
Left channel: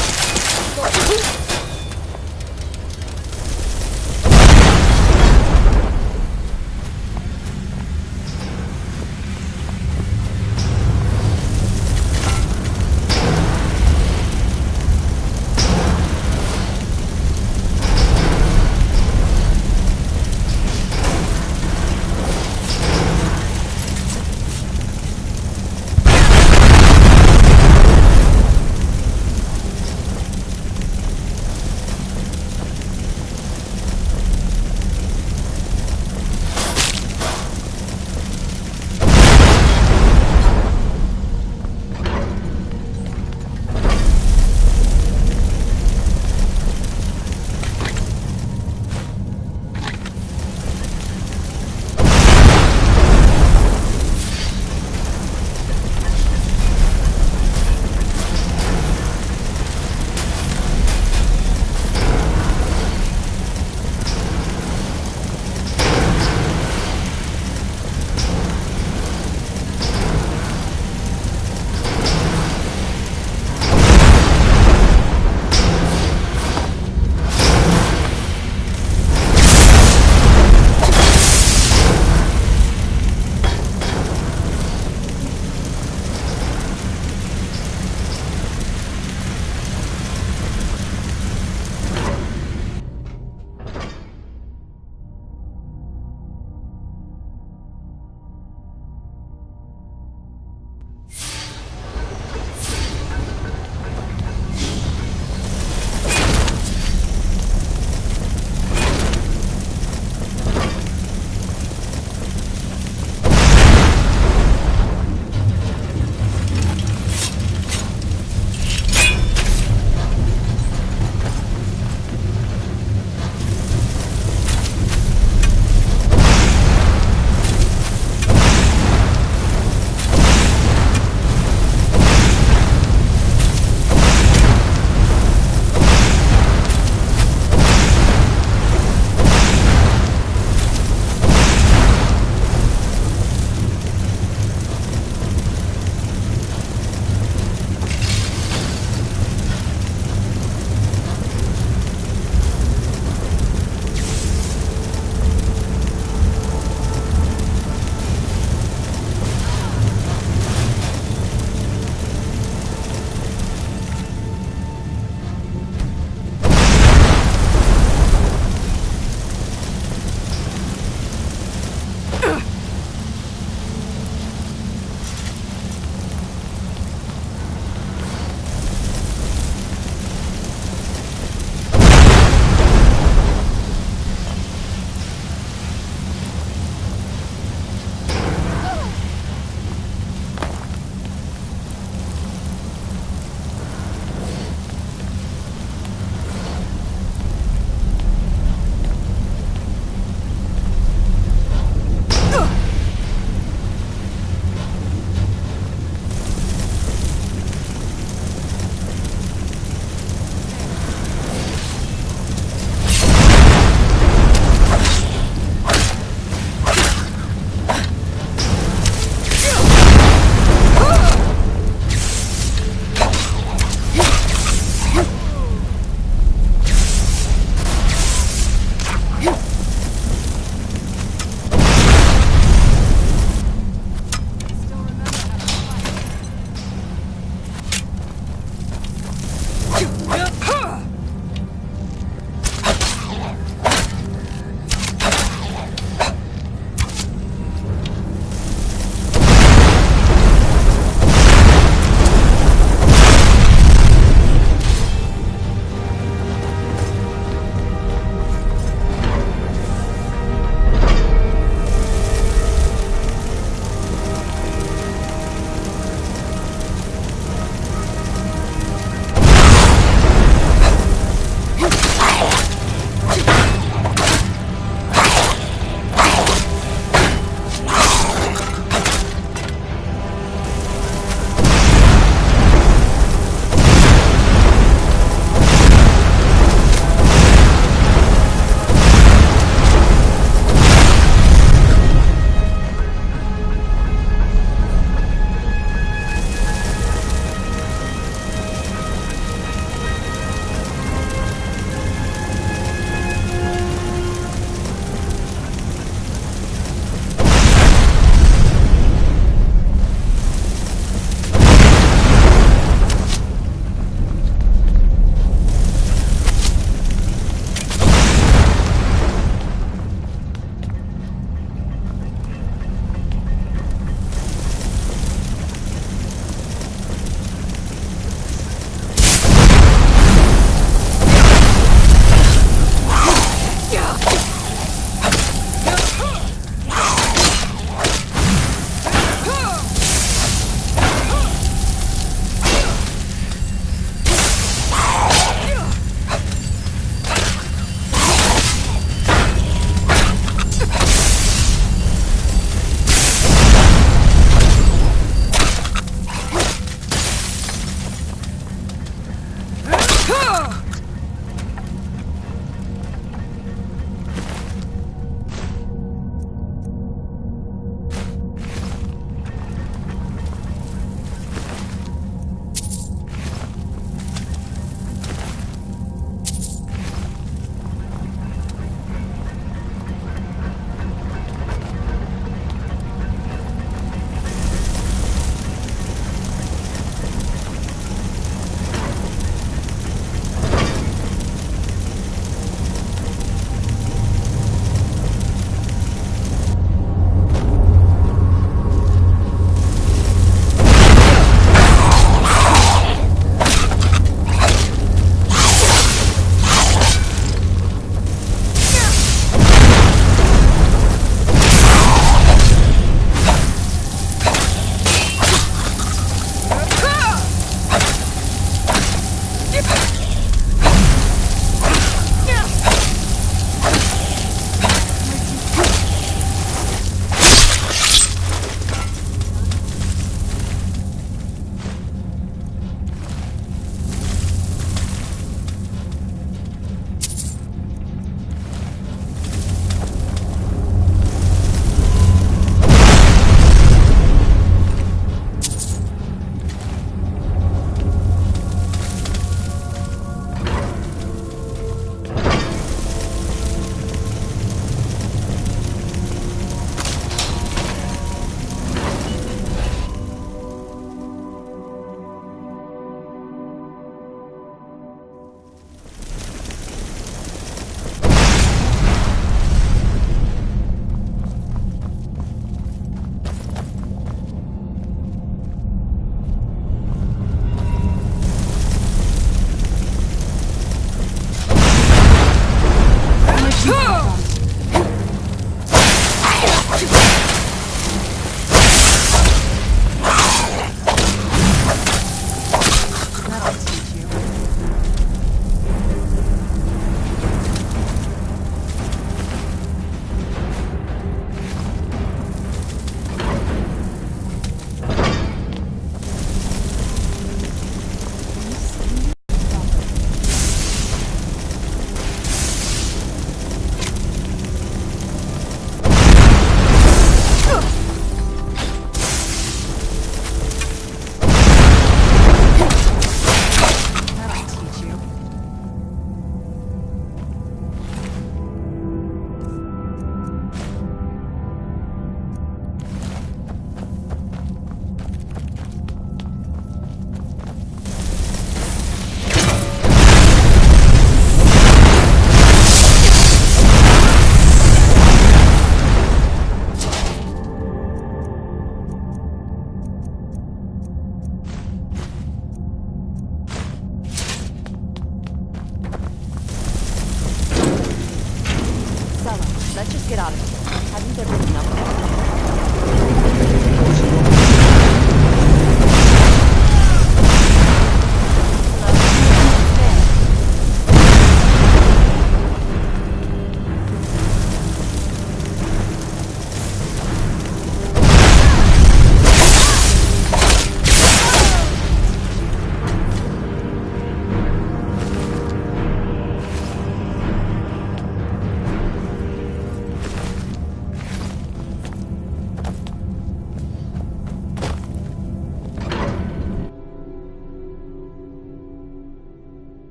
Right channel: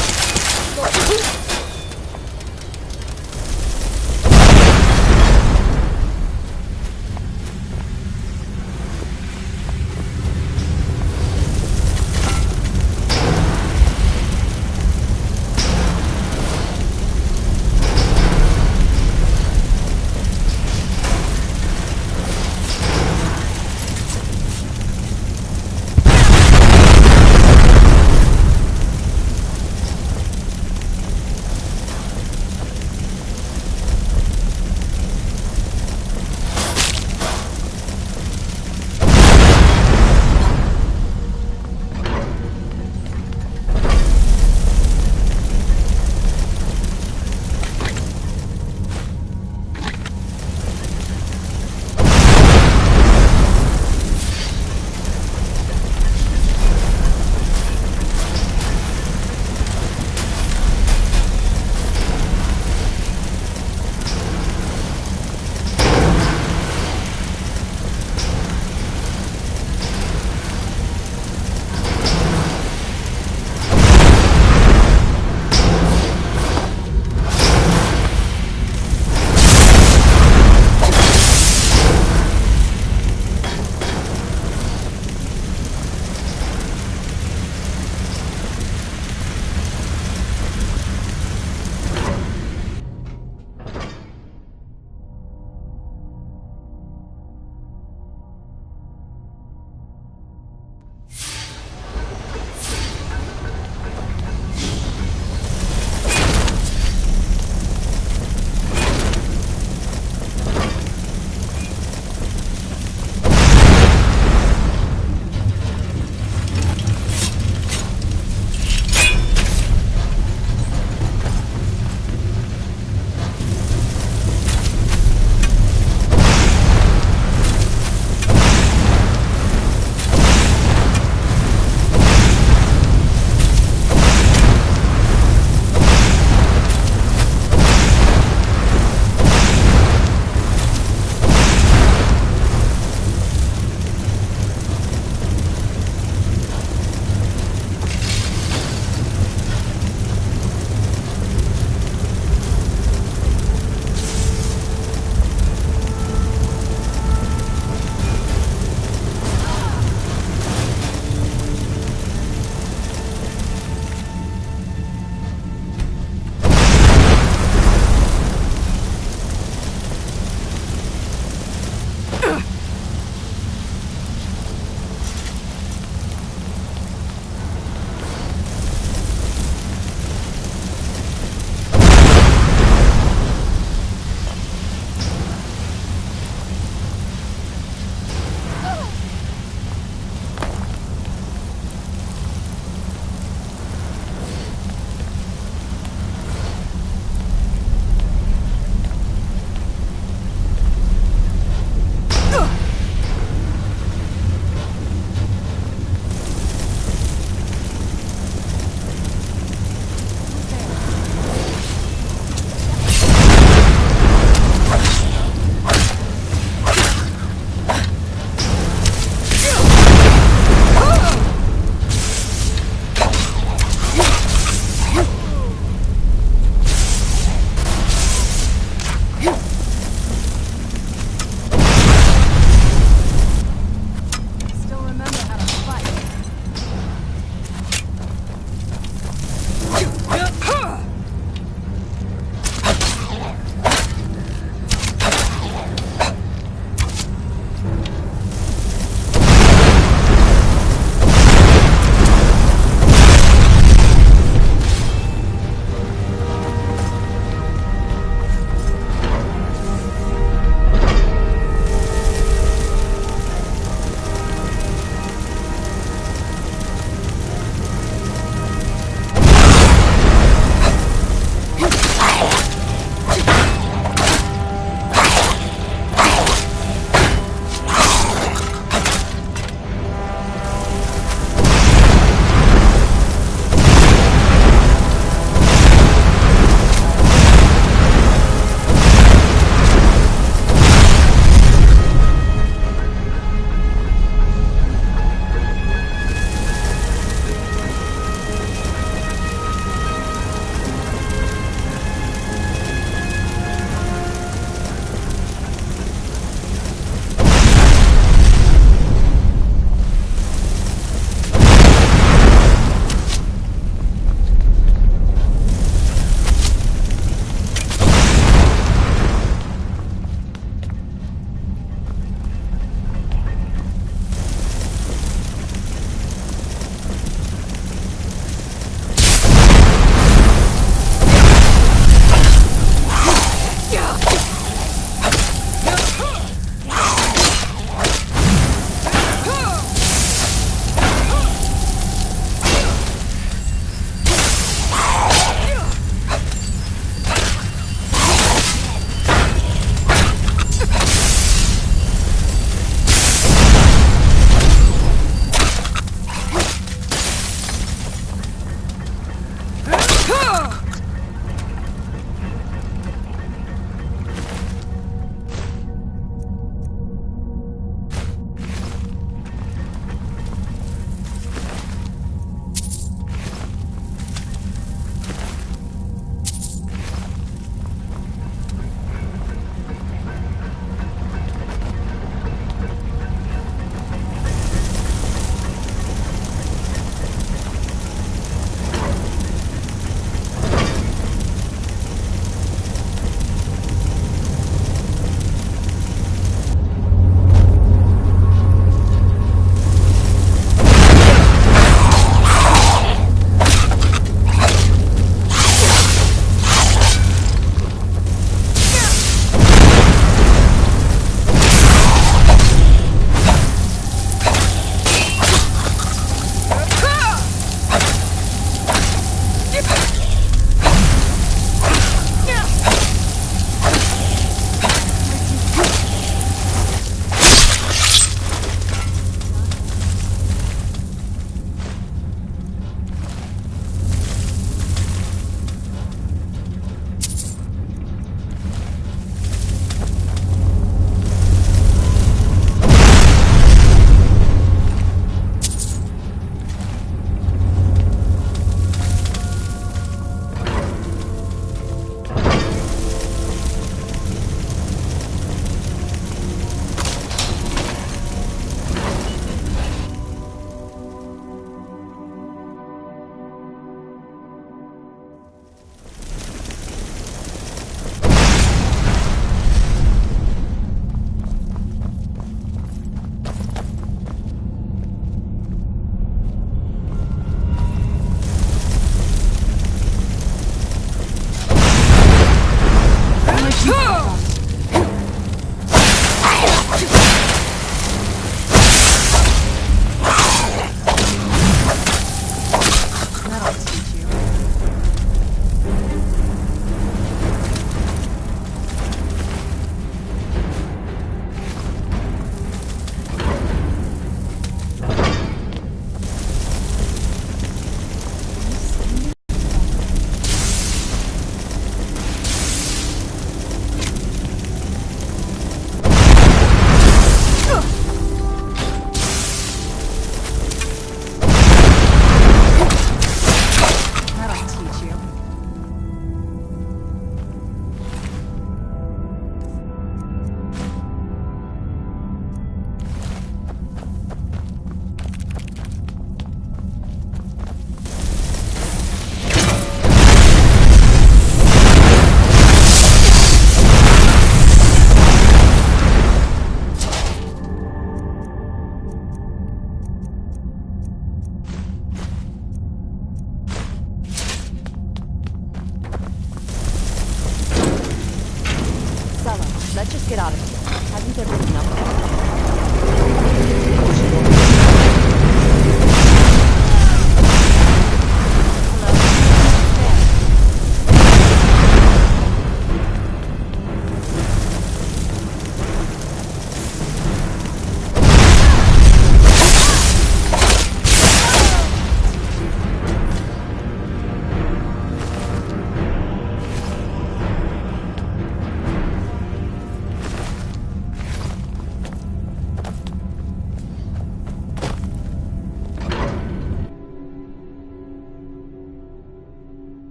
Let's just get out of here. Hasn't there been enough?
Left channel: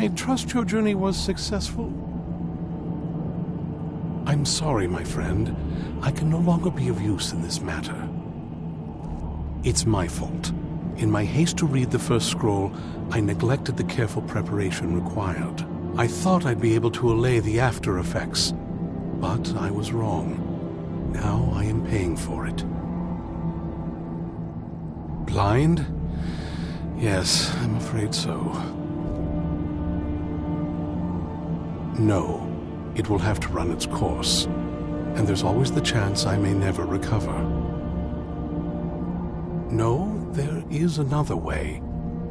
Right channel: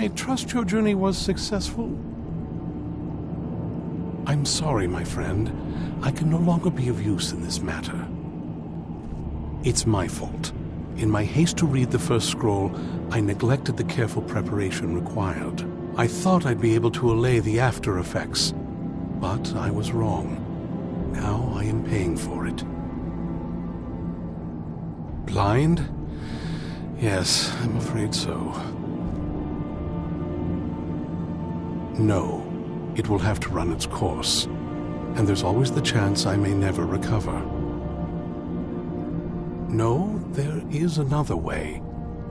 I trust your journey was successful? I'm sorry, my friend. I can no longer be of use in this matter. It's my fault. In my haste to read the first scroll, I neglected the careful preparation required. I thought I'd be able to allay the after effects, but I was wrong. Now I am paying for it. Blind? Yes, I'm afraid so. No, it will have to run its course, and there's always the chance I may never recover. No, there is another way.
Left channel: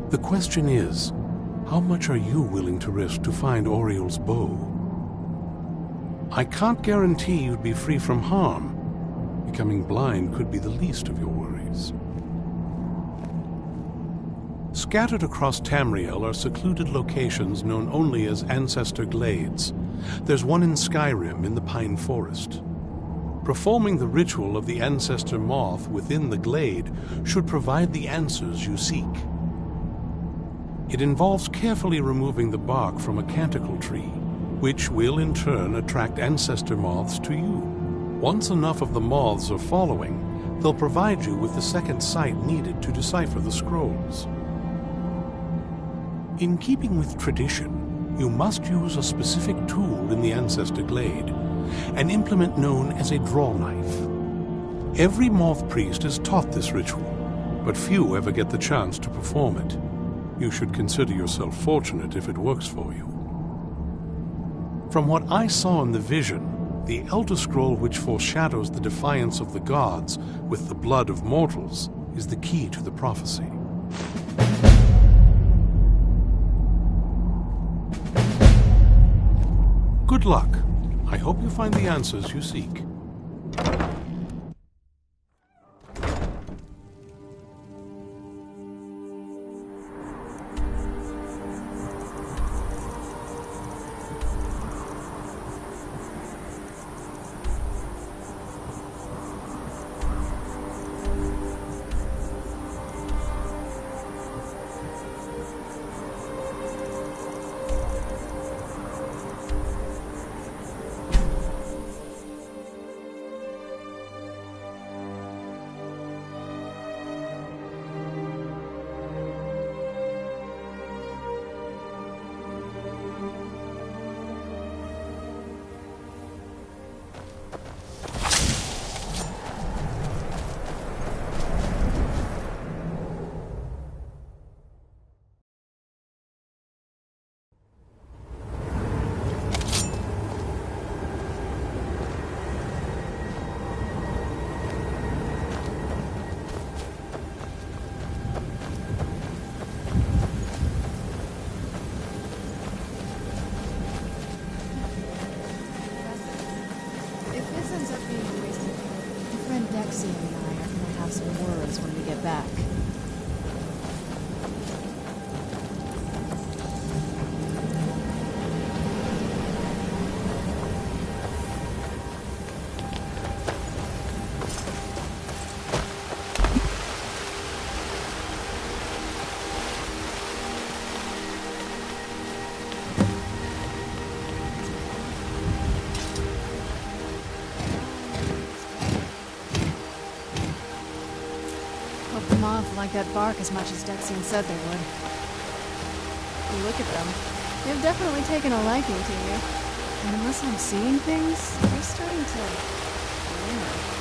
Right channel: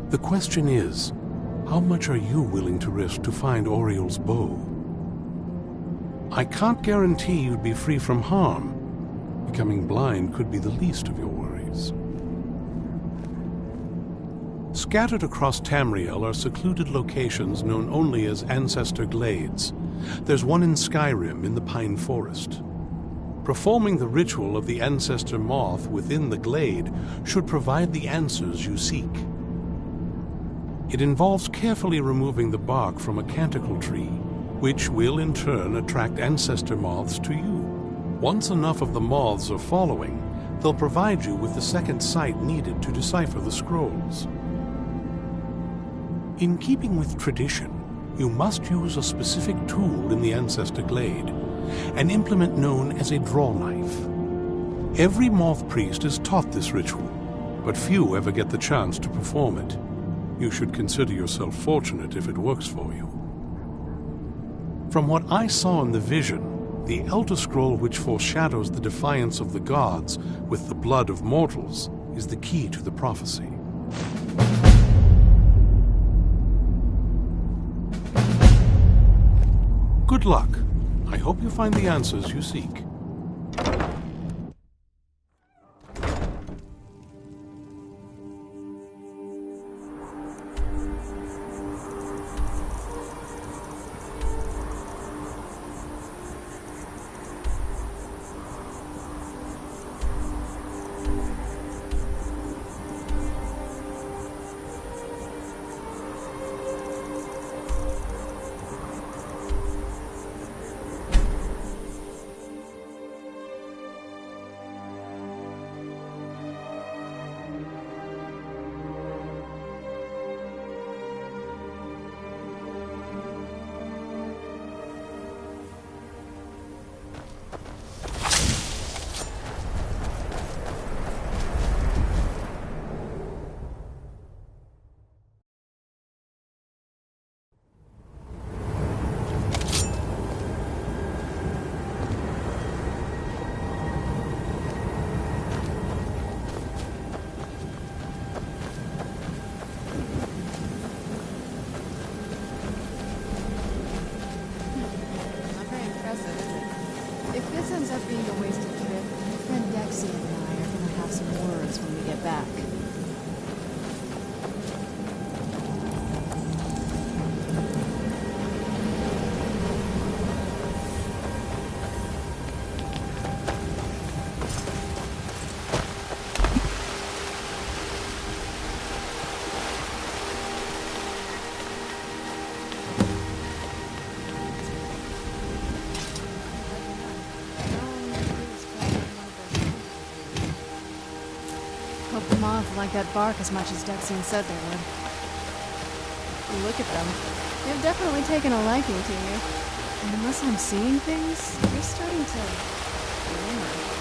The question is, how much are you willing to risk to find Oriel's bow? I can't guarantee you'd be free from harm. Becoming blind could be the least of your worries. Scattered across Tamriel are secluded locations known only as Ancestor Glades. There's one in Skyrim in the Pine Forest. Performing the ritual of the Ancestor Moth within the glade should provide the answers you seek. It involves carefully removing the bark from a canticle tree, which will in turn attract Ancestor Moths to you. Once enough of the moths are following, they'll provide you with the second sight needed to decipher the scrolls. In keeping with tradition, you must use a specific tool in the Ancestor Glade, an implement known as a draw knife. Every moth priest is taught this ritual, but few ever get the chance to perform it. You should consider yourself fortunate if it works for you. From what I saw in the vision, the Elder Scroll which foreshadows the defiance of the gods with the blood of mortals is the key to the prophecy. Good luck. I hope you find the answers you seek. If this ends up being a wasted trip, my friend Dexian and I are gonna have some words when we get back. Hope the moths like that bark as much as Dexian said they would. Look at them. They've definitely taken a liking to you. And unless I'm seeing things, they're starting to glimmer.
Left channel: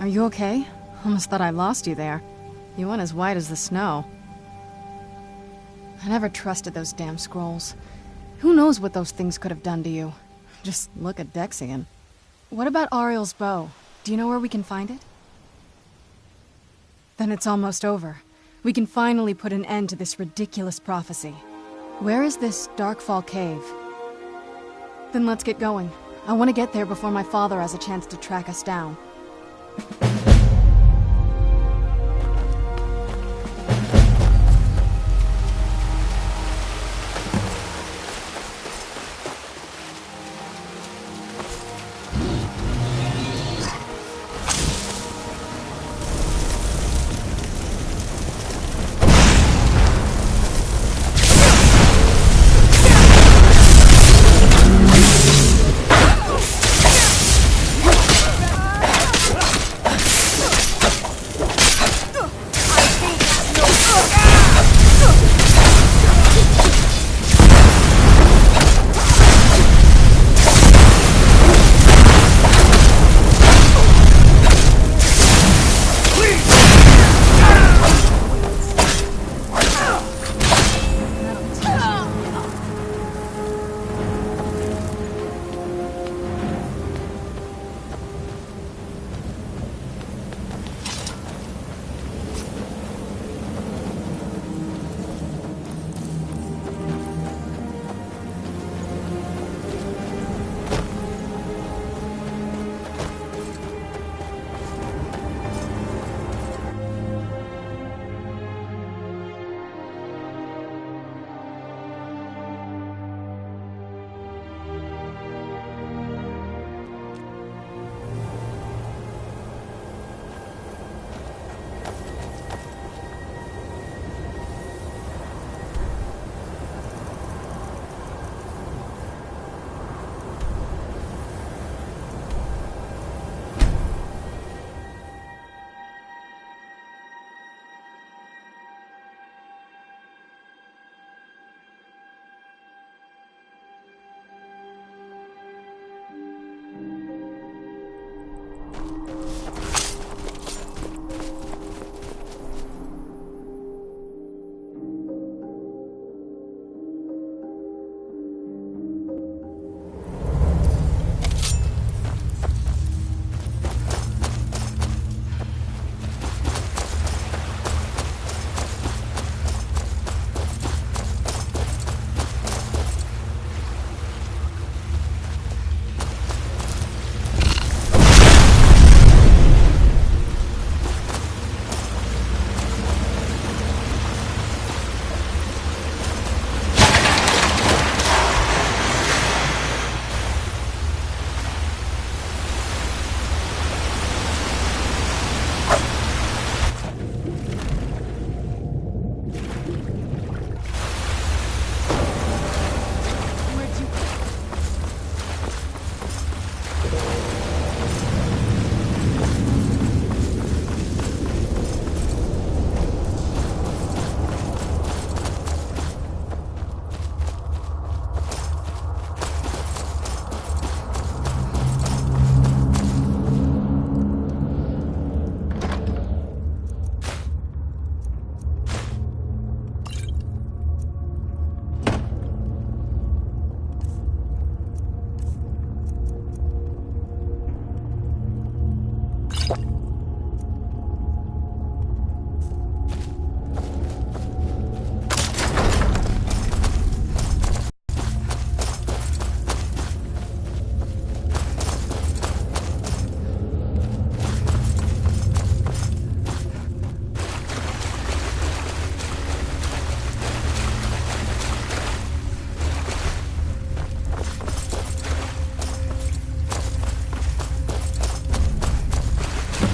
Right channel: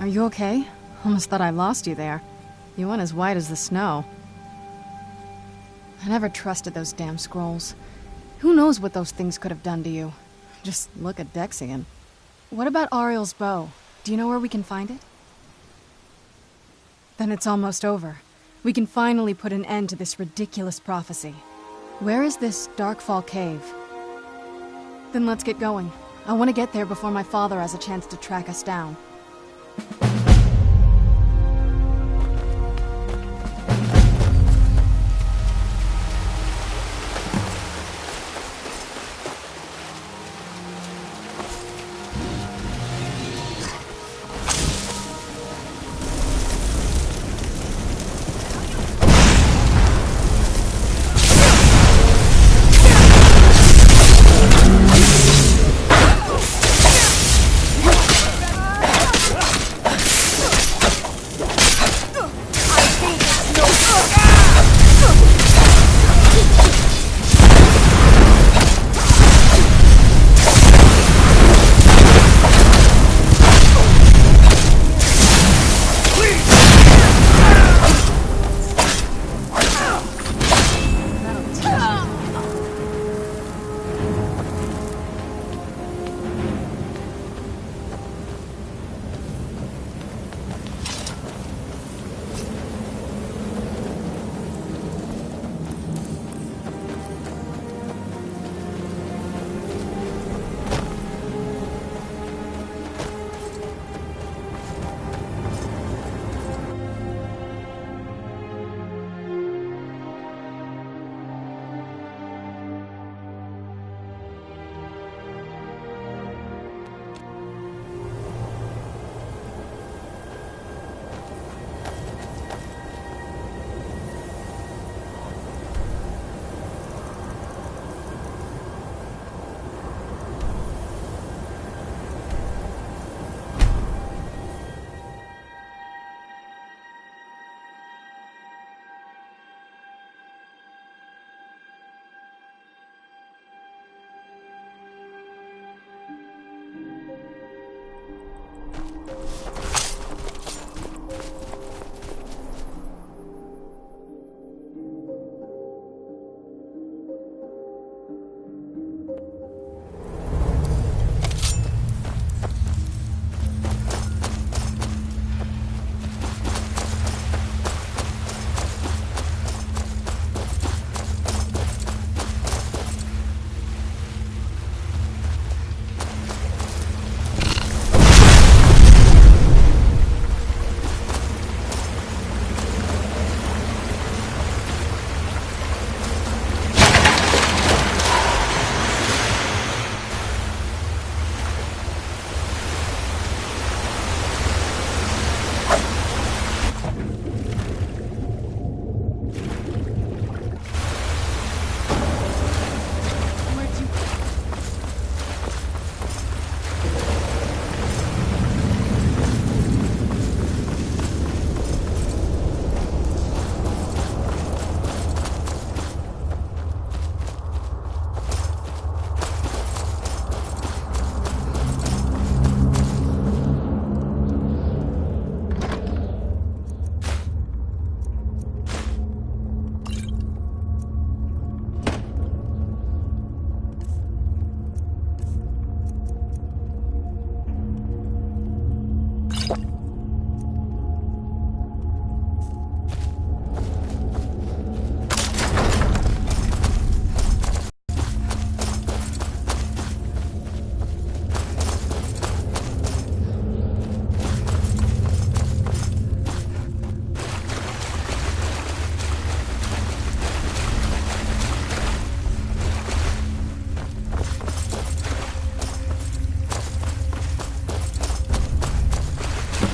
Are you okay? Almost thought I lost you there. You went as white as the snow. I never trusted those damn scrolls. Who knows what those things could have done to you? Just look at Dexian. What about Ariel's bow? Do you know where we can find it? Then it's almost over. We can finally put an end to this ridiculous prophecy. Where is this Darkfall cave? Then let's get going. I want to get there before my father has a chance to track us down.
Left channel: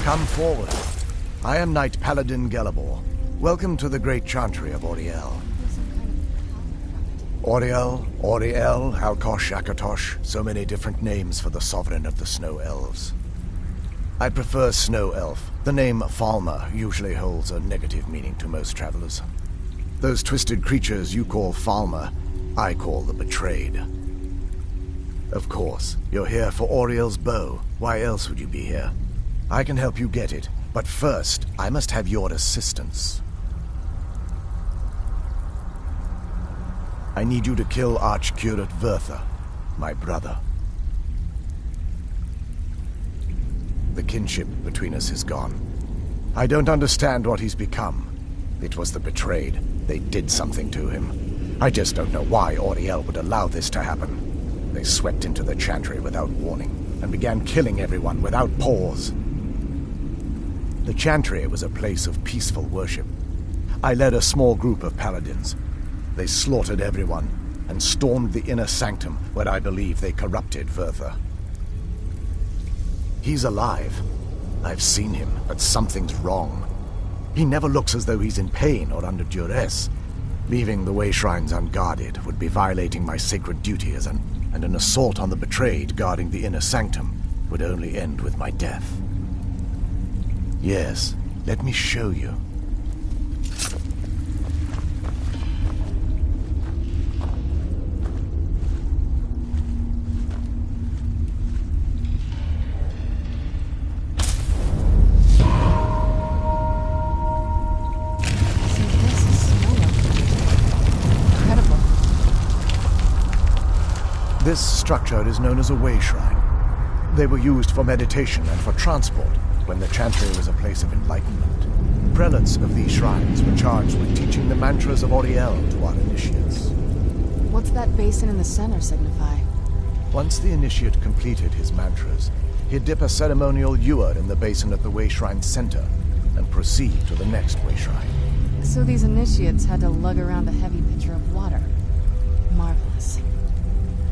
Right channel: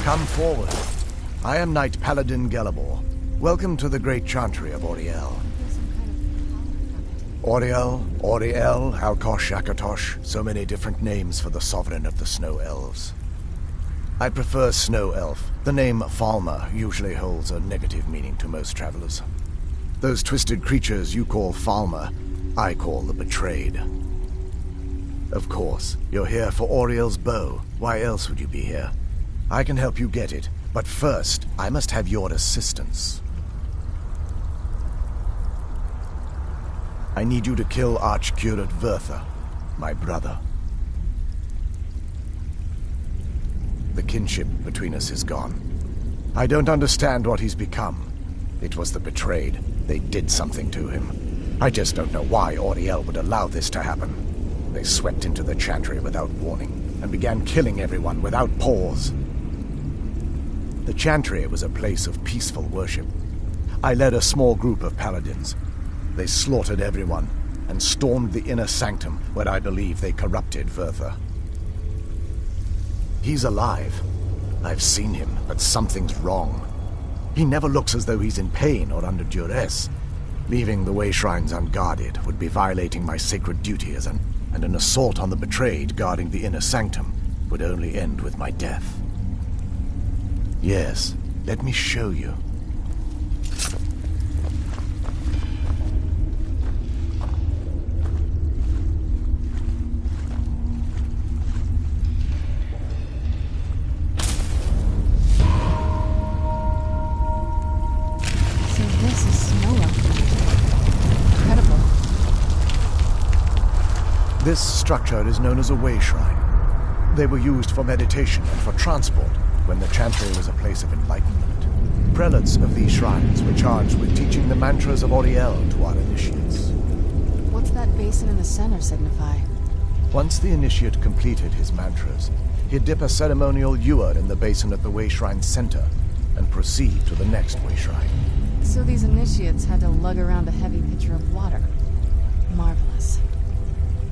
Come forward. I am Knight Paladin Gelabor. Welcome to the great chantry of Auriel. Auriel, Auriel, Alkosh, Akatosh, so many different names for the sovereign of the Snow Elves. I prefer Snow Elf. The name Falmer usually holds a negative meaning to most travelers. Those twisted creatures you call Falmer, I call the Betrayed. Of course, you're here for Auriel's bow. Why else would you be here? I can help you get it, but first, I must have your assistance. I need you to kill Archcurate Vertha, my brother. The kinship between us is gone. I don't understand what he's become. It was the betrayed. They did something to him. I just don't know why Auriel would allow this to happen. They swept into the Chantry without warning, and began killing everyone without pause. The Chantry was a place of peaceful worship. I led a small group of paladins. They slaughtered everyone, and stormed the inner sanctum where I believe they corrupted Vertha. He's alive. I've seen him, but something's wrong. He never looks as though he's in pain or under duress. Leaving the way shrines unguarded would be violating my sacred duty and an assault on the betrayed guarding the inner sanctum would only end with my death. Yes, let me show you. This structure is known as a way shrine. They were used for meditation and for transport when the Chantry was a place of enlightenment. Prelates of these shrines were charged with teaching the mantras of Auriel to our initiates. What's that basin in the center signify? Once the initiate completed his mantras, he'd dip a ceremonial ewer in the basin at the way shrine's center and proceed to the next way shrine. So these initiates had to lug around a heavy pitcher of water. Marvelous.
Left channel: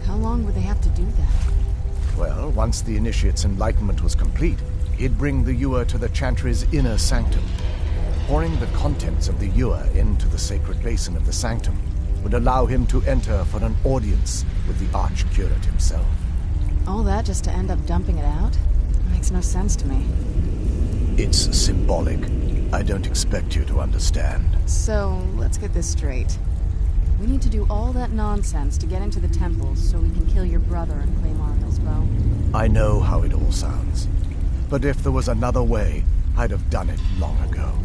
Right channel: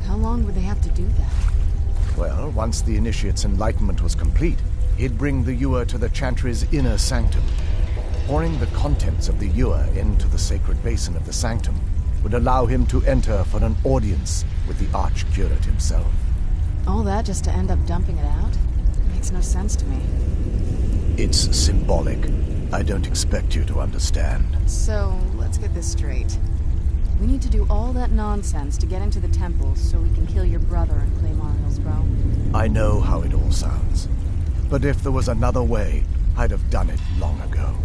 How long would they have to do that? Well, once the initiate's enlightenment was complete, he'd bring the ewer to the Chantry's inner sanctum. Pouring the contents of the ewer into the sacred basin of the sanctum would allow him to enter for an audience with the Archcurate himself. All that just to end up dumping it out? Makes no sense to me. It's symbolic. I don't expect you to understand. So, let's get this straight. We need to do all that nonsense to get into the temples so we can kill your brother and claim Auriel's bow. I know how it all sounds. But if there was another way, I'd have done it long ago.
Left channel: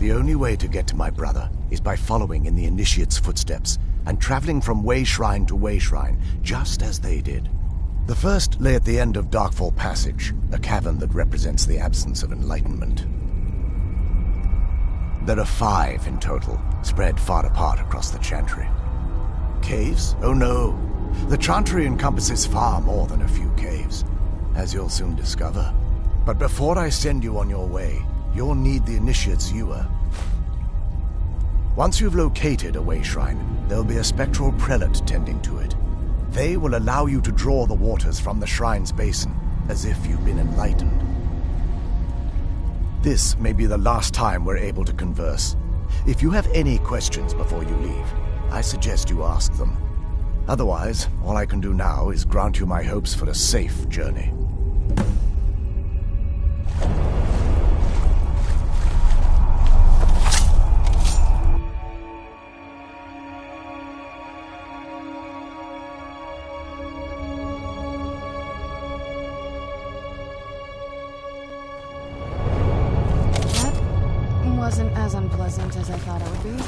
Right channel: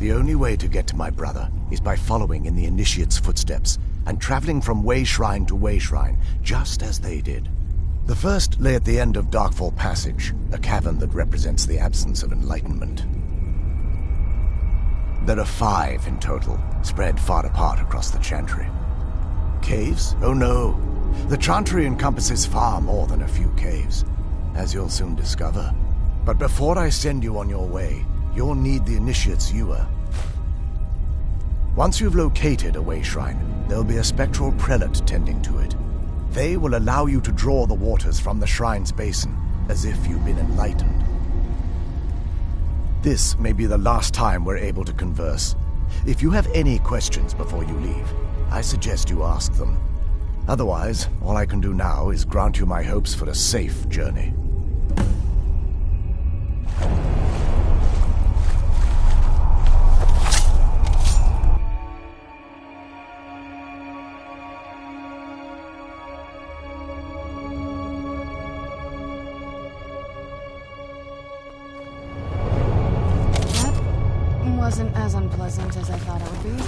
The only way to get to my brother is by following in the initiate's footsteps and traveling from way shrine to way shrine, just as they did. The first lay at the end of Darkfall Passage, a cavern that represents the absence of enlightenment. There are 5 in total, spread far apart across the Chantry. Caves? Oh no. The Chantry encompasses far more than a few caves, as you'll soon discover. But before I send you on your way, you'll need the initiate's ewer. Once you've located a way shrine, there'll be a spectral prelate tending to it. They will allow you to draw the waters from the shrine's basin, as if you've been enlightened. This may be the last time we're able to converse. If you have any questions before you leave, I suggest you ask them. Otherwise, all I can do now is grant you my hopes for a safe journey. Wasn't as unpleasant as I thought it would be.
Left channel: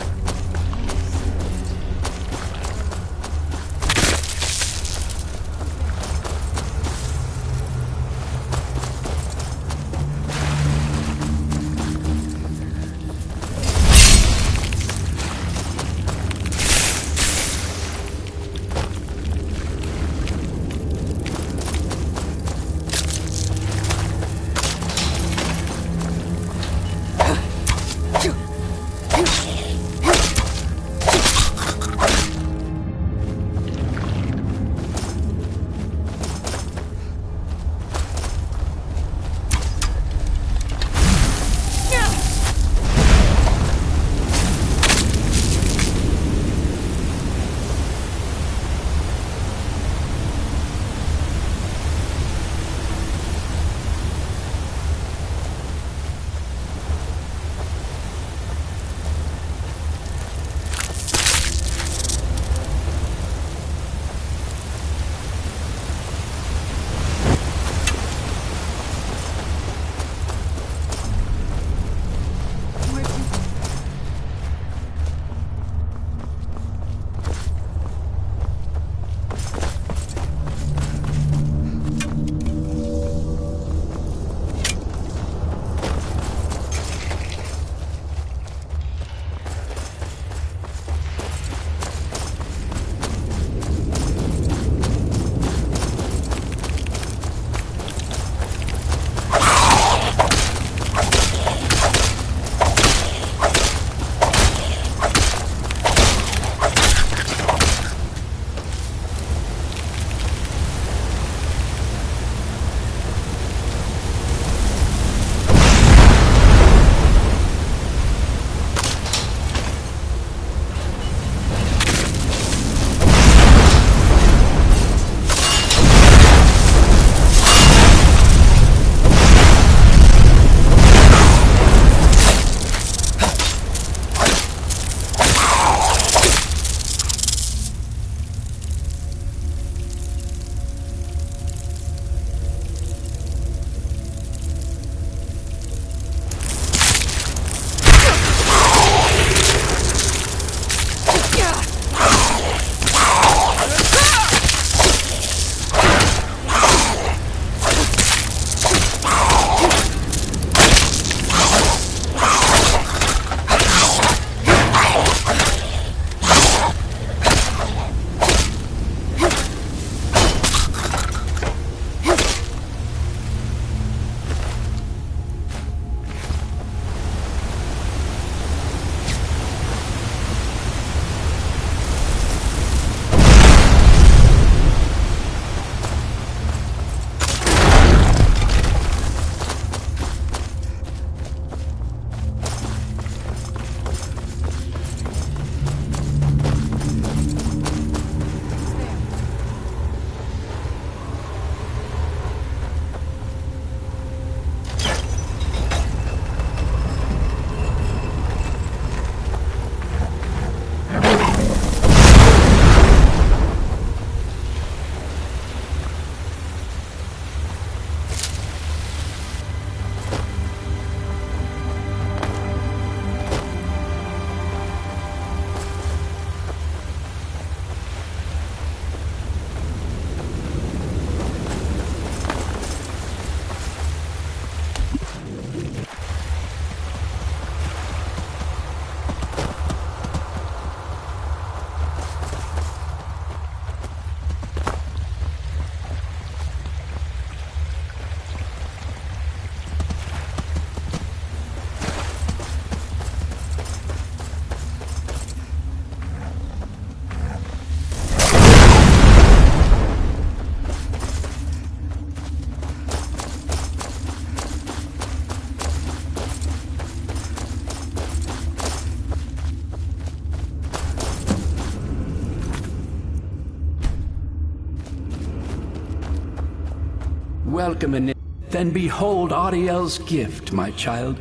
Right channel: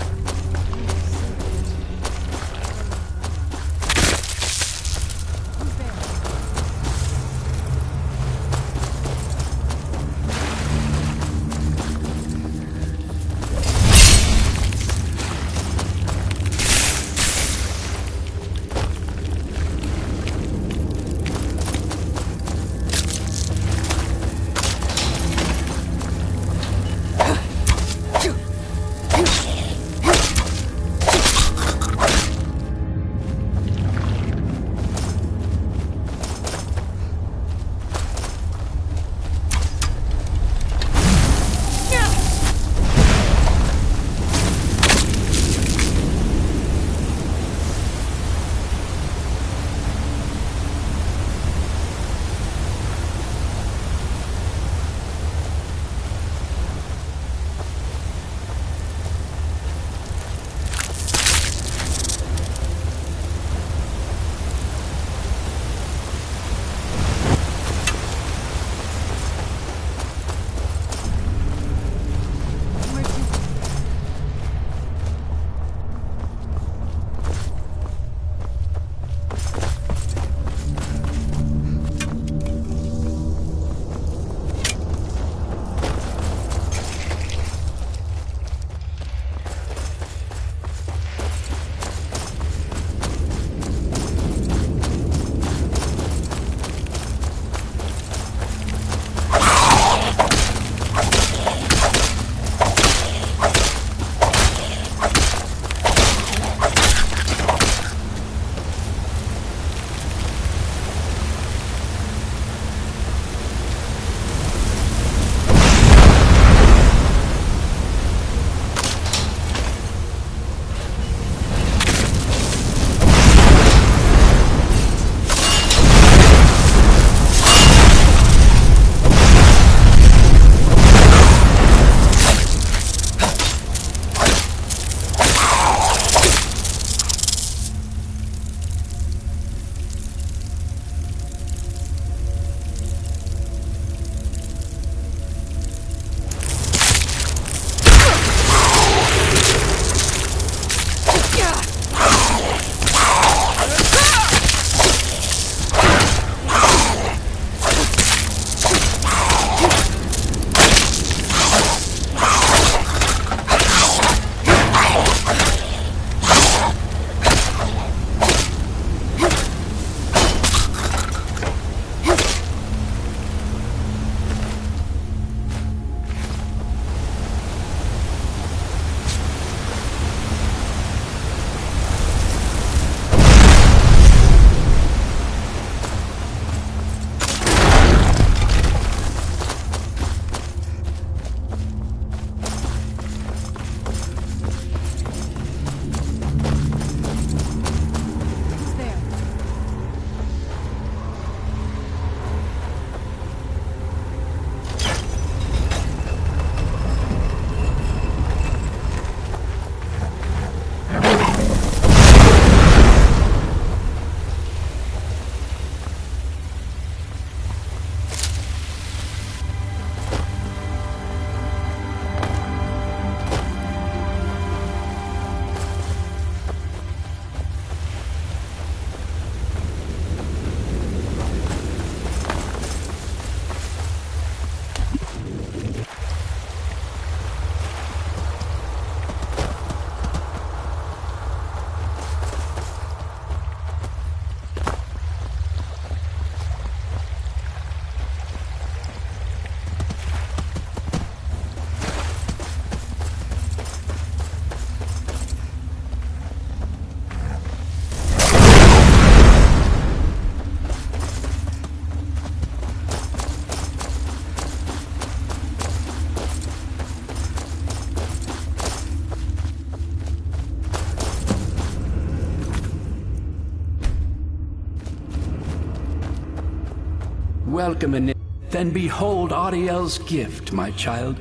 Welcome, then behold Ariel's gift, my child.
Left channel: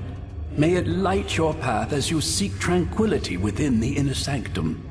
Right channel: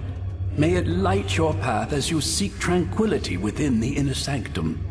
May it light your path as you seek tranquility within the inner sanctum.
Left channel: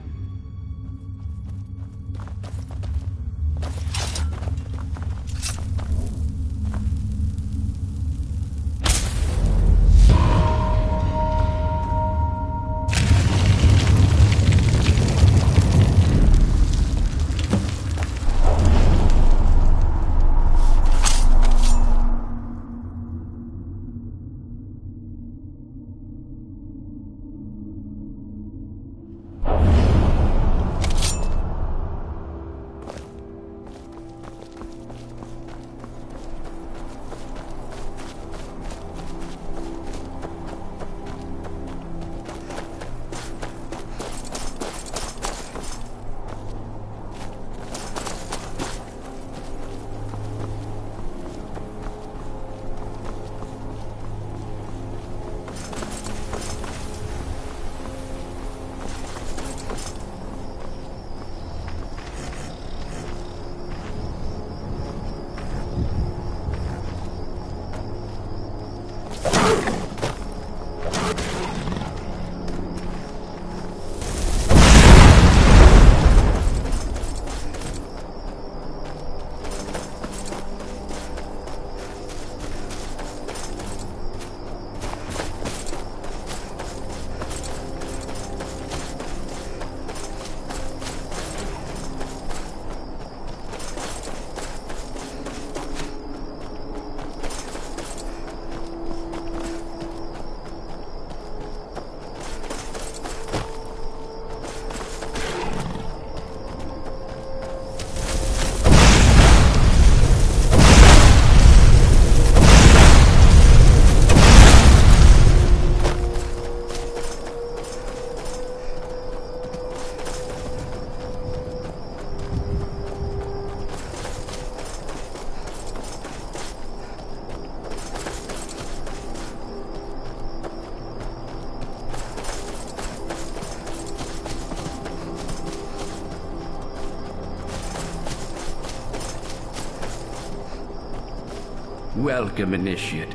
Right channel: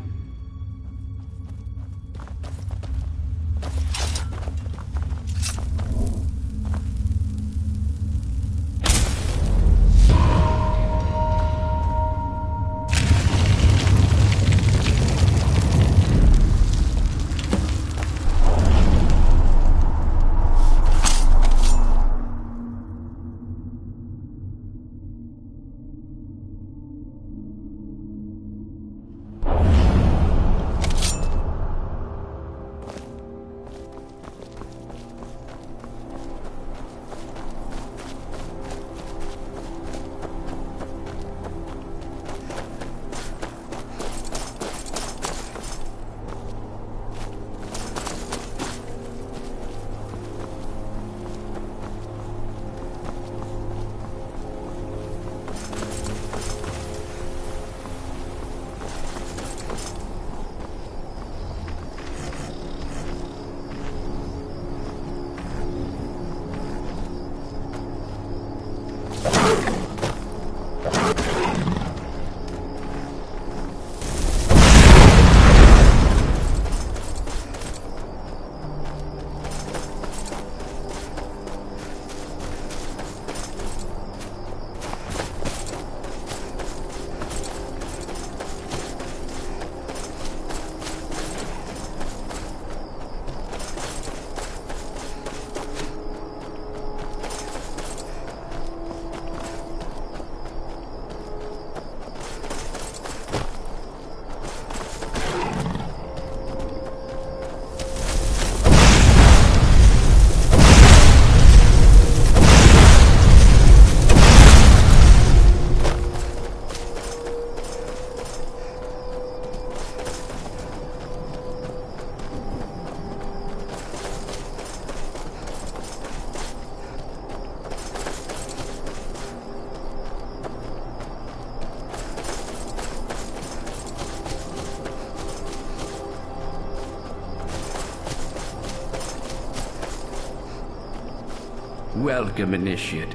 Welcome, Initiate.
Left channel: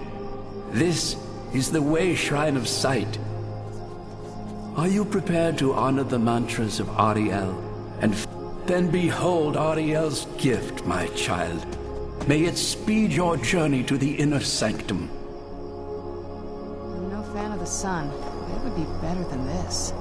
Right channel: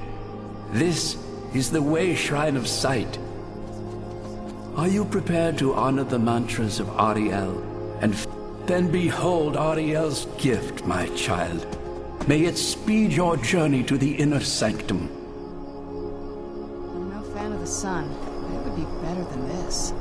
This is the Way Shrine of Sight. Are you prepared to honor the mantras of Ariel? And then behold Ariel's gift, my child. May it speed your journey to the inner sanctum. I'm no fan of the sun, but it would be better than this.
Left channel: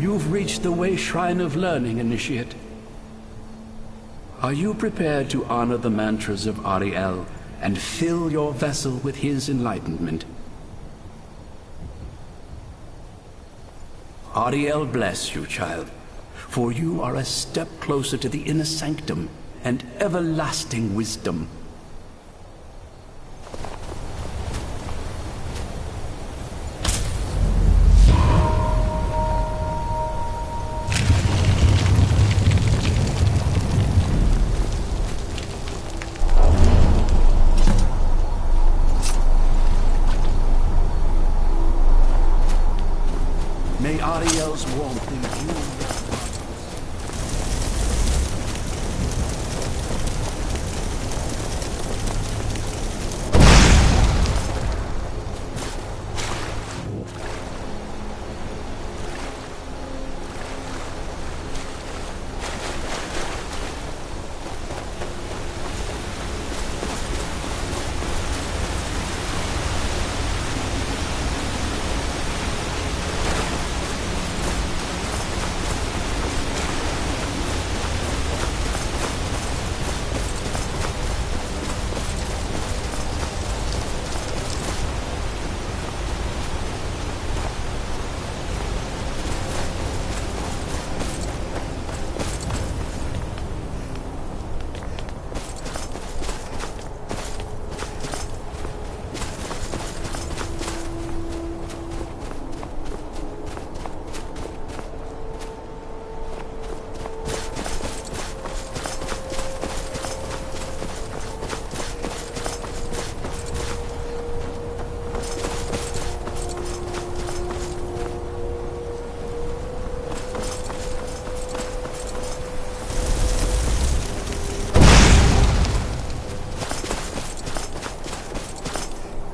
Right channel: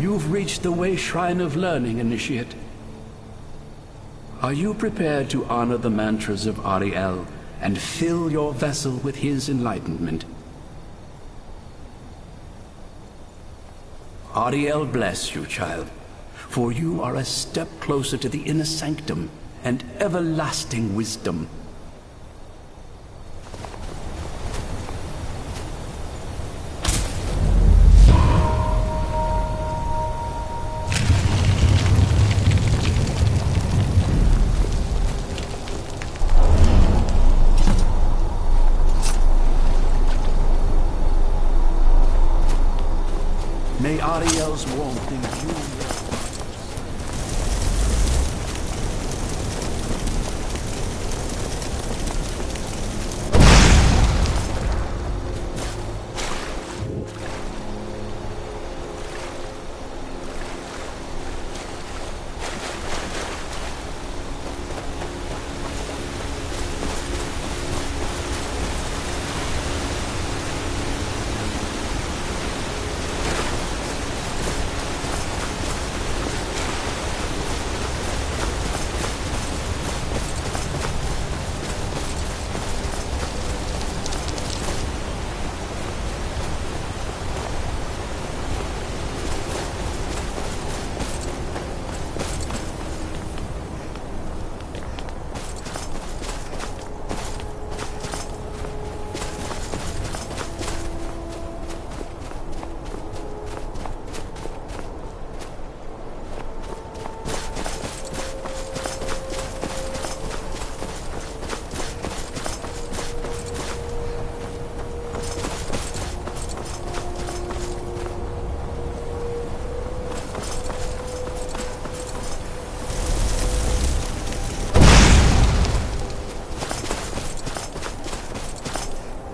You've reached the Way Shrine of Learning, Initiate. Are you prepared to honor the mantras of Ariel and fill your vessel with his enlightenment? Ariel bless you, child, for you are a step closer to the inner sanctum and everlasting wisdom. May Ariel's warmth imbue your particles.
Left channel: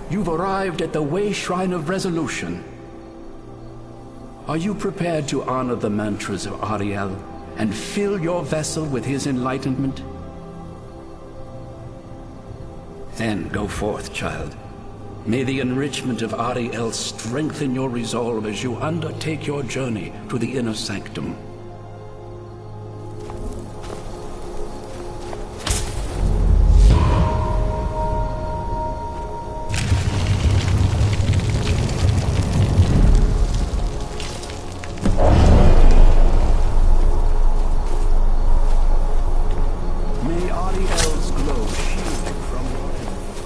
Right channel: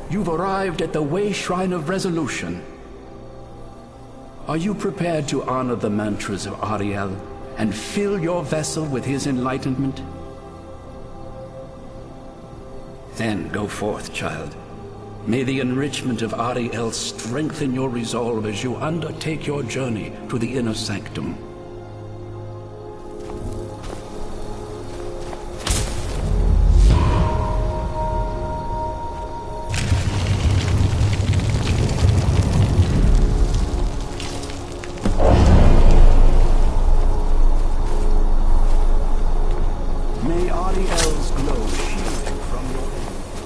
You've arrived at the Way Shrine of Resolution. Are you prepared to honor the mantras of Ariel and fill your vessel with his enlightenment? Then go forth, child. May the enrichment of Ariel strengthen your resolve as you undertake your journey to the inner sanctum. May Ariel's glow shield you from your enemies.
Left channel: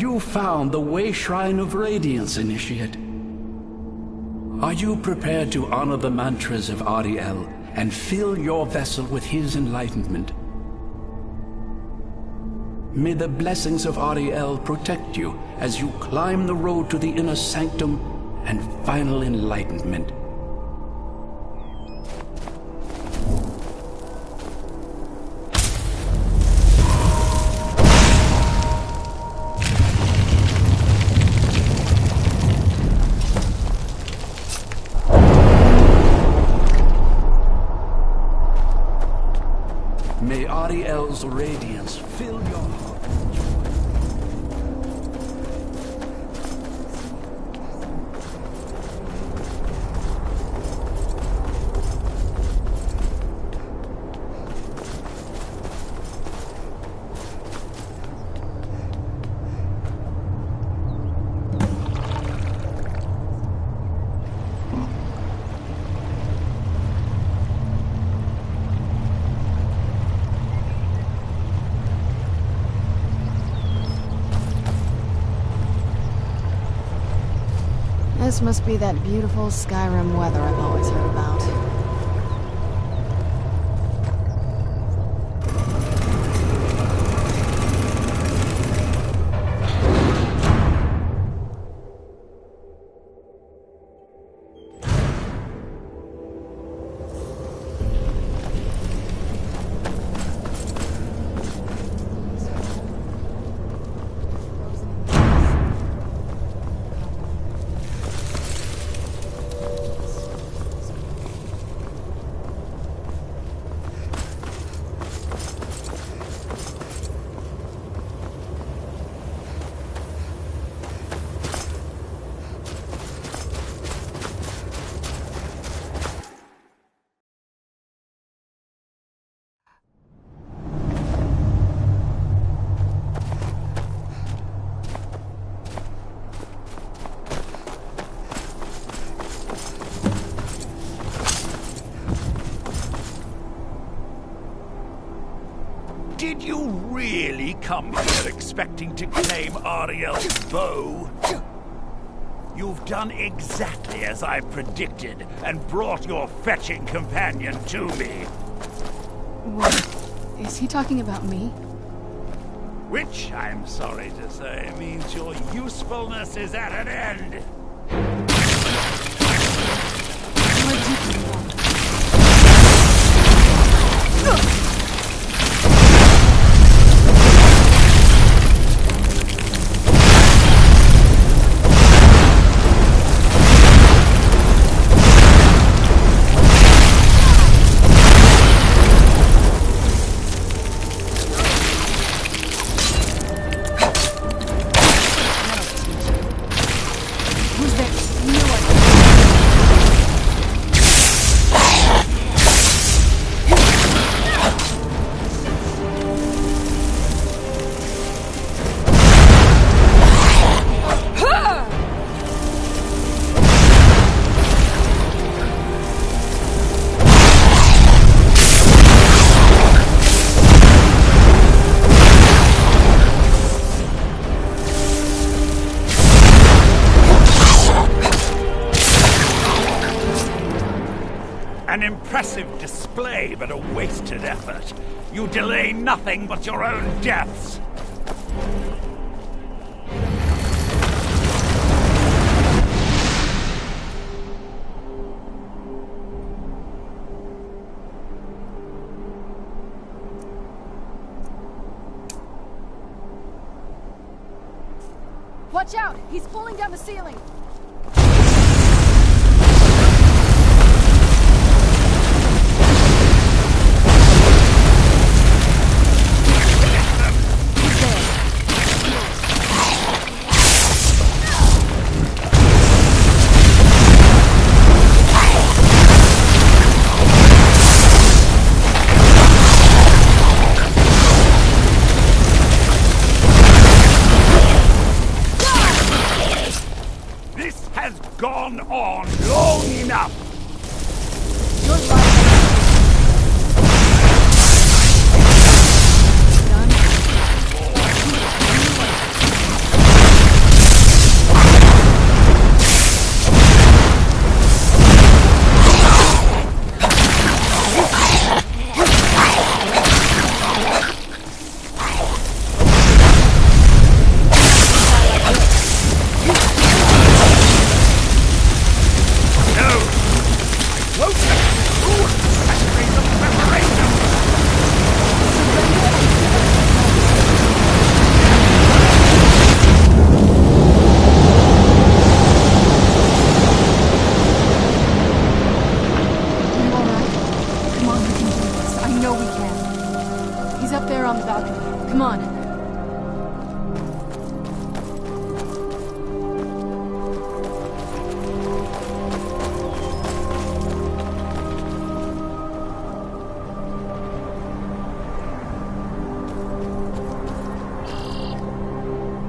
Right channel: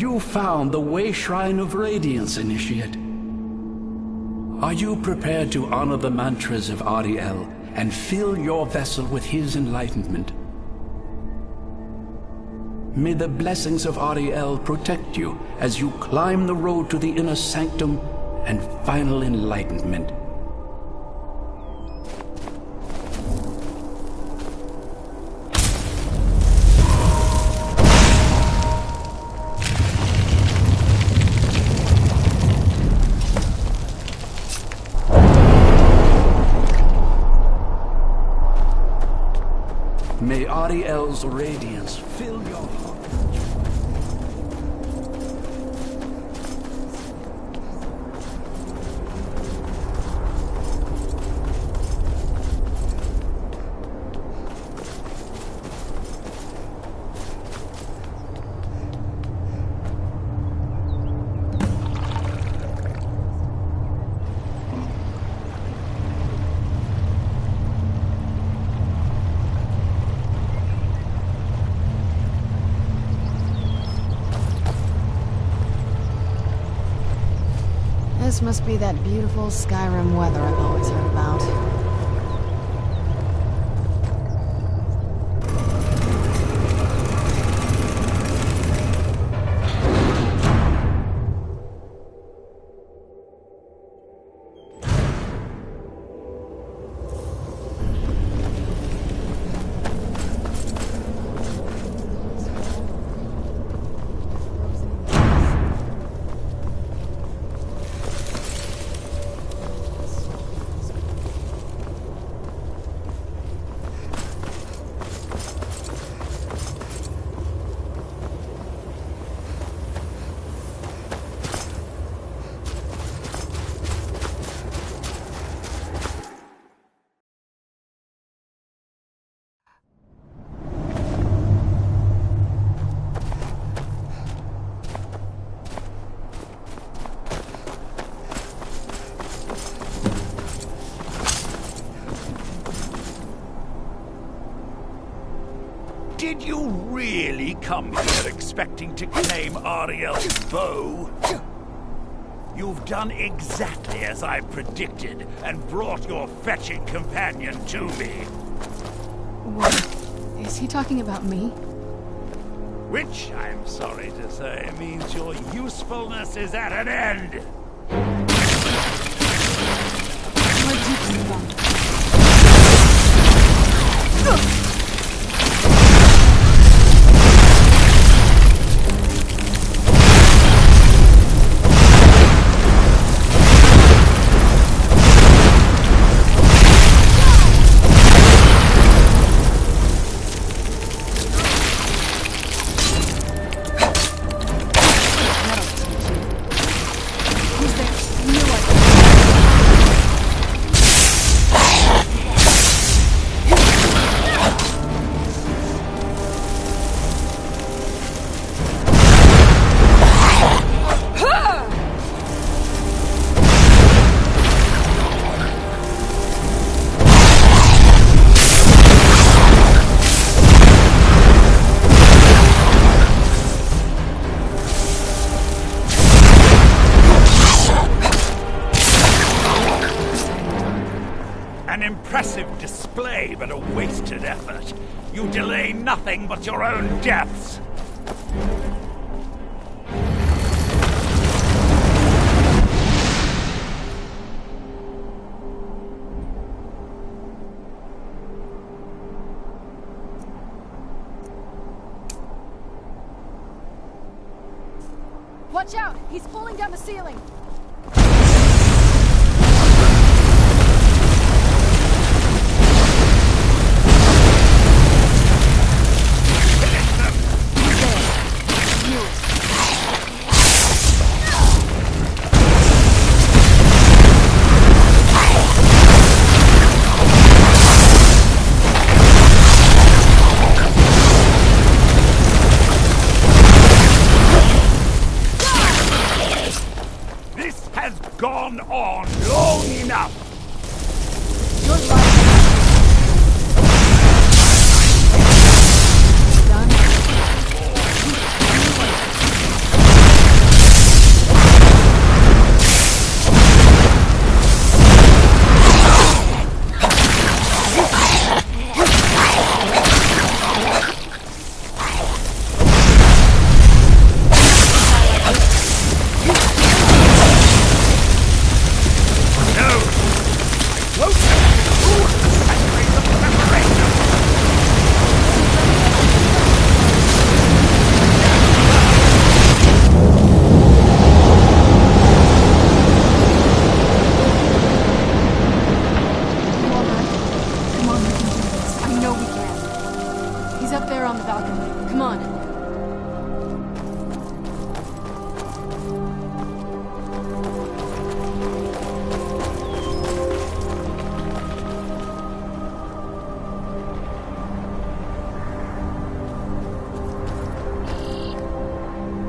You found the Way Shrine of Radiance, Initiate. Are you prepared to honor the mantras of Ariel and fill your vessel with his enlightenment? May the blessings of Ariel protect you as you climb the road to the inner sanctum and final enlightenment. May Ariel's radiance fill your heart with joy. This must be that beautiful Skyrim weather I've always heard about. Did you really come here expecting to claim Ariel's bow? You've done exactly as I predicted and brought your fetching companion to me. What? Is he talking about me? Which, I'm sorry to say, means your usefulness is at an end. What did you want? An impressive display, but a wasted effort. You delay nothing but your own deaths. Watch out! He's pulling down the ceiling! The Come on, we can do this. I know we can. He's up there on the balcony. Come on.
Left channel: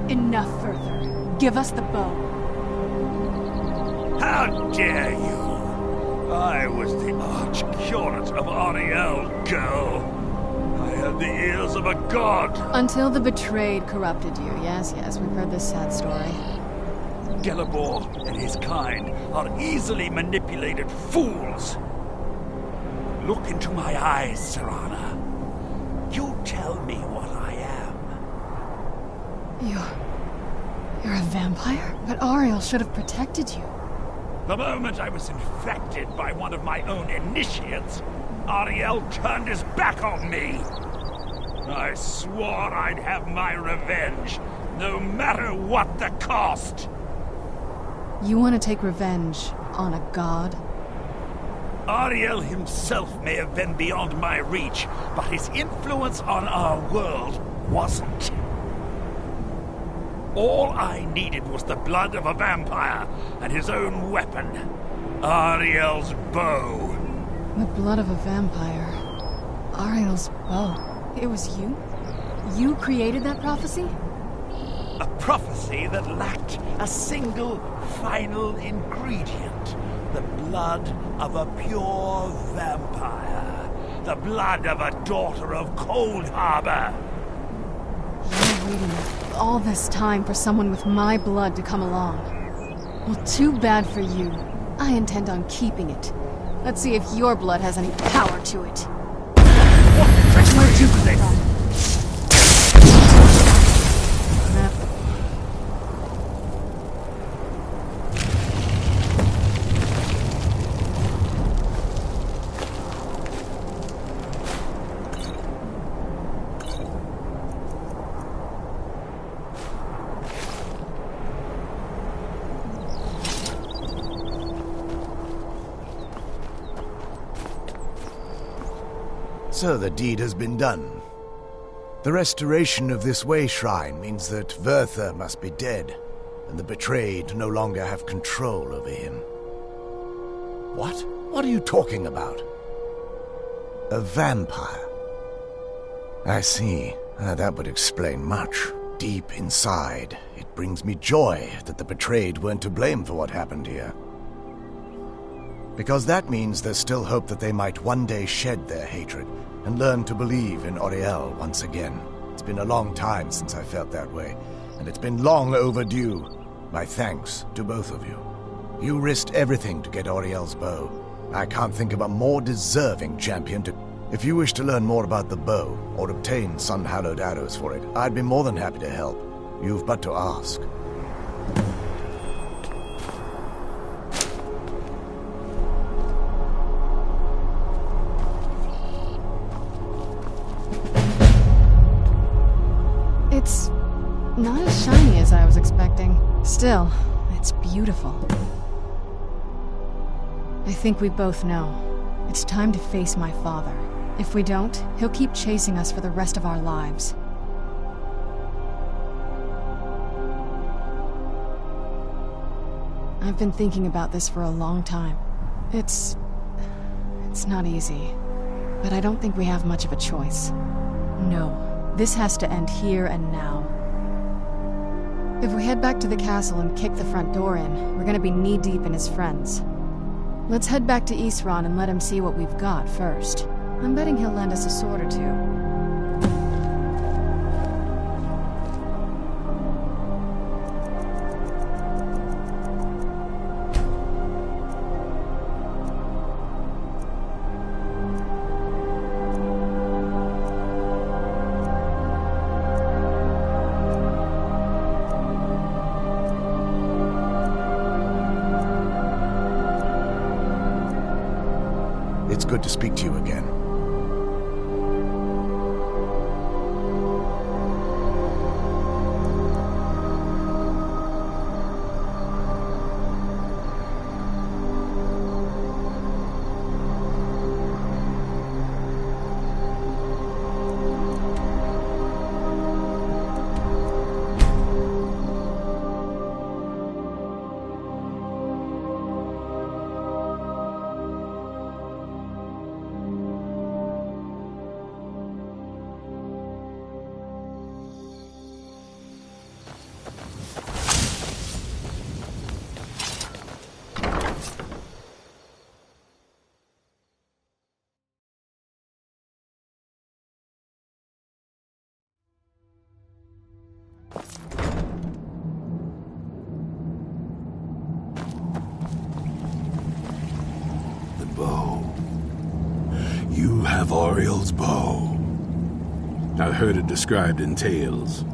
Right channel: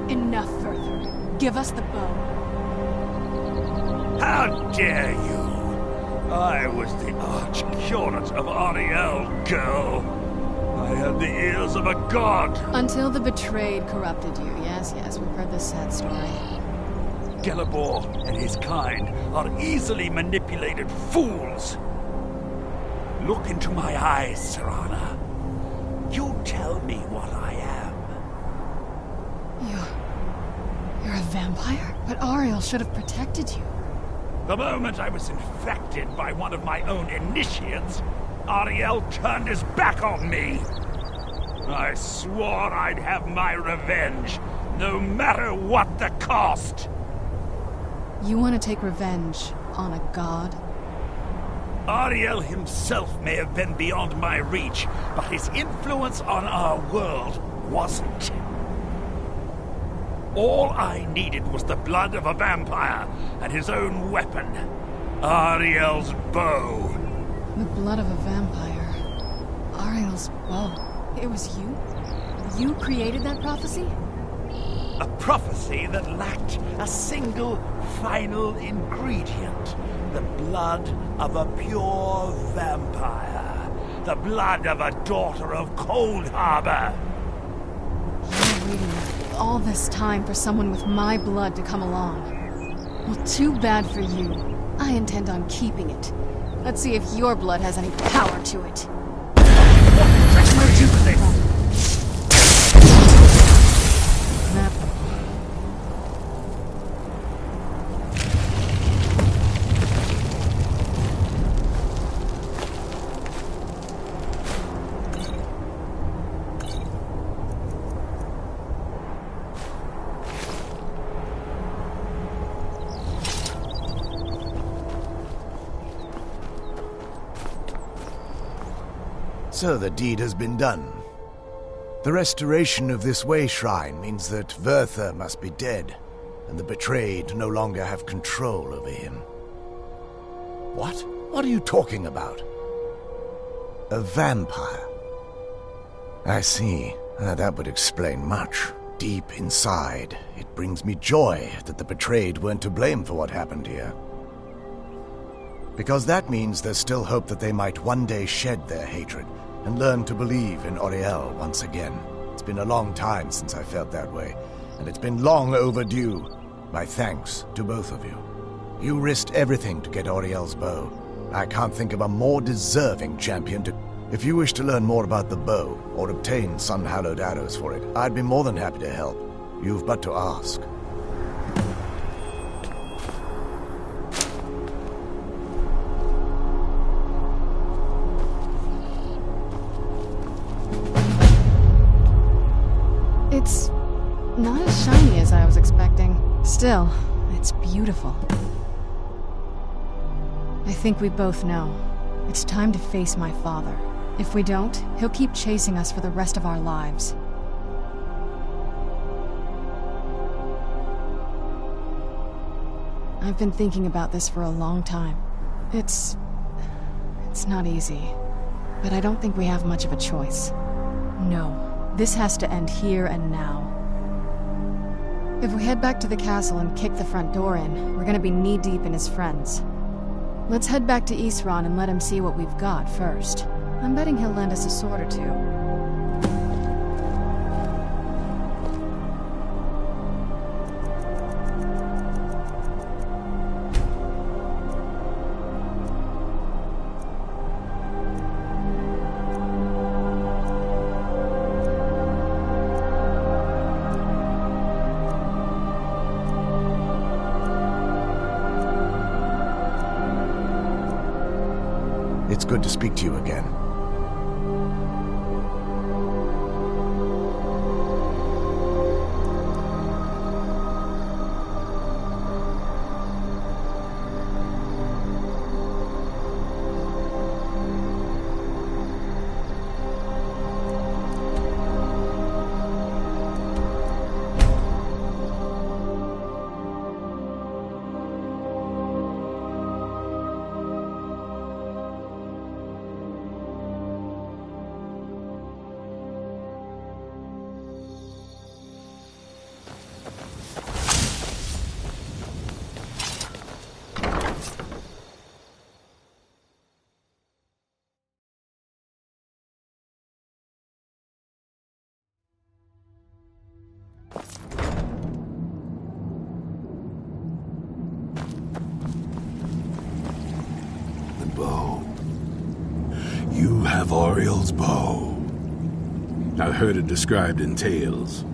Enough further. Give us the bow. How dare you! I was the arch-curate of Ariel, girl. I had the ears of a god. Until the betrayed corrupted you. Yes, we've heard this sad story. Gelibor and his kind are easily manipulated fools. Look into my eyes, Serana. You tell me what I am. You're a vampire? But Ariel should have protected you. The moment I was infected by one of my own initiates, Ariel turned his back on me. I swore I'd have my revenge, no matter what the cost. You want to take revenge on a god? Ariel himself may have been beyond my reach, but his influence on our world wasn't. All I needed was the blood of a vampire and his own weapon, Ariel's bow. The blood of a vampire. Ariel's bow. It was you? You created that prophecy? A prophecy that lacked a single final ingredient. The blood of a pure vampire. The blood of a daughter of Cold Harbor. You're waiting all this time for someone with my blood to come along. Well, too bad for you. I intend on keeping it. Let's see if your blood has any power to it. Where'd you come from? So the deed has been done. The restoration of this way shrine means that Verther must be dead, and the betrayed no longer have control over him. What? What are you talking about? A vampire. I see. That would explain much. Deep inside, it brings me joy that the betrayed weren't to blame for what happened here. Because that means there's still hope that they might one day shed their hatred and learn to believe in Oriel once again. It's been a long time since I felt that way, and it's been long overdue. My thanks to both of you. You risked everything to get Oriel's bow. I can't think of a more deserving champion to... If you wish to learn more about the bow, or obtain sun-hallowed arrows for it, I'd be more than happy to help. You've but to ask. It's not as shiny as I was expecting. Still, it's beautiful. I think we both know. It's time to face my father. If we don't, he'll keep chasing us for the rest of our lives. I've been thinking about this for a long time. It's not easy. But I don't think we have much of a choice. No. This has to end here and now. If we head back to the castle and kick the front door in, we're gonna be knee-deep in his friends. Let's head back to Isran and let him see what we've got first. I'm betting he'll lend us a sword or two. It's good to speak to you again. You have Oriel's bow. I've heard it described in tales,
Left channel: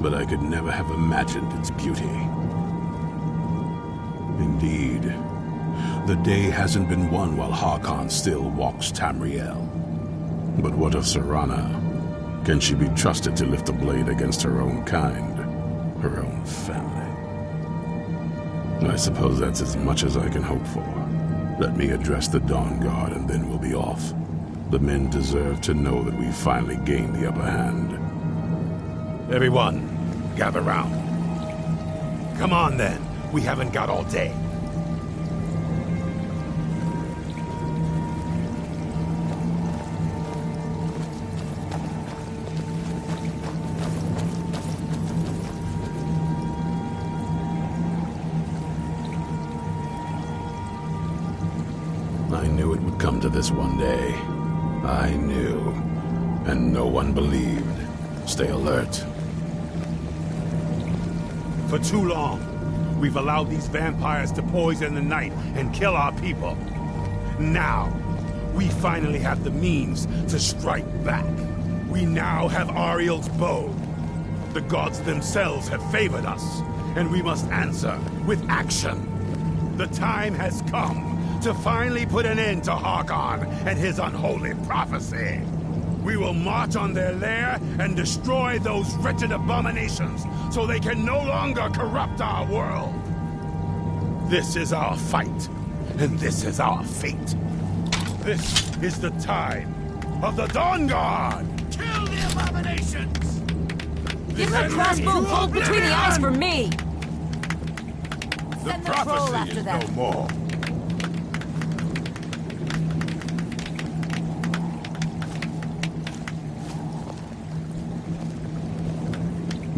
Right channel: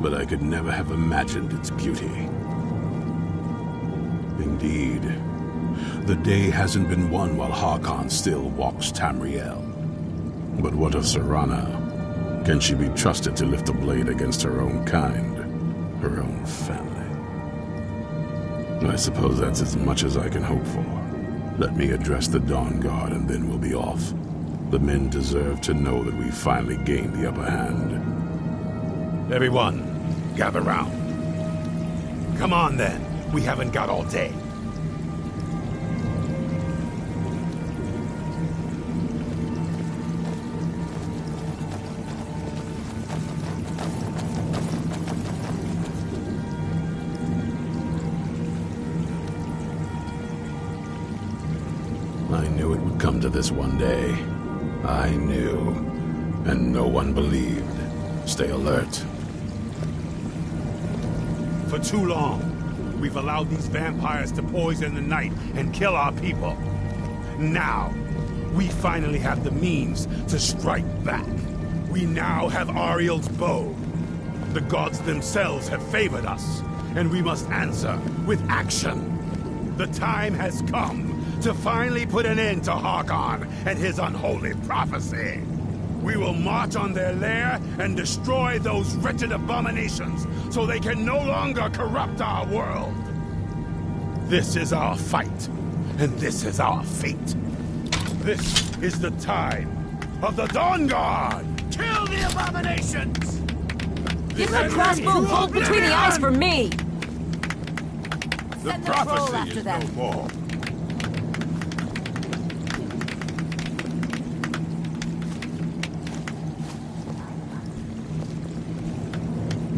but I could never have imagined its beauty. Indeed, the day hasn't been won while Harkon still walks Tamriel. But what of Serana? Can she be trusted to lift a blade against her own kind, her own family? I suppose that's as much as I can hope for. Let me address the Dawn Guard and then we'll be off. The men deserve to know that we finally gained the upper hand. Everyone, gather round. Come on then, we haven't got all day. I knew it would come to this one day. I knew. And no one believed. Stay alert. For too long, we've allowed these vampires to poison the night and kill our people. Now, we finally have the means to strike back. We now have Ariel's bow. The gods themselves have favored us, and we must answer with action. The time has come to finally put an end to Harkon and his unholy prophecy. We will march on their lair and destroy those wretched abominations so they can no longer corrupt our world. This is our fight, and this is our fate. This is the time of the Dawn Guard! Kill the abominations! Give the crossbow bolt between the eyes for me! The Send the troll prophecy after is them. no more.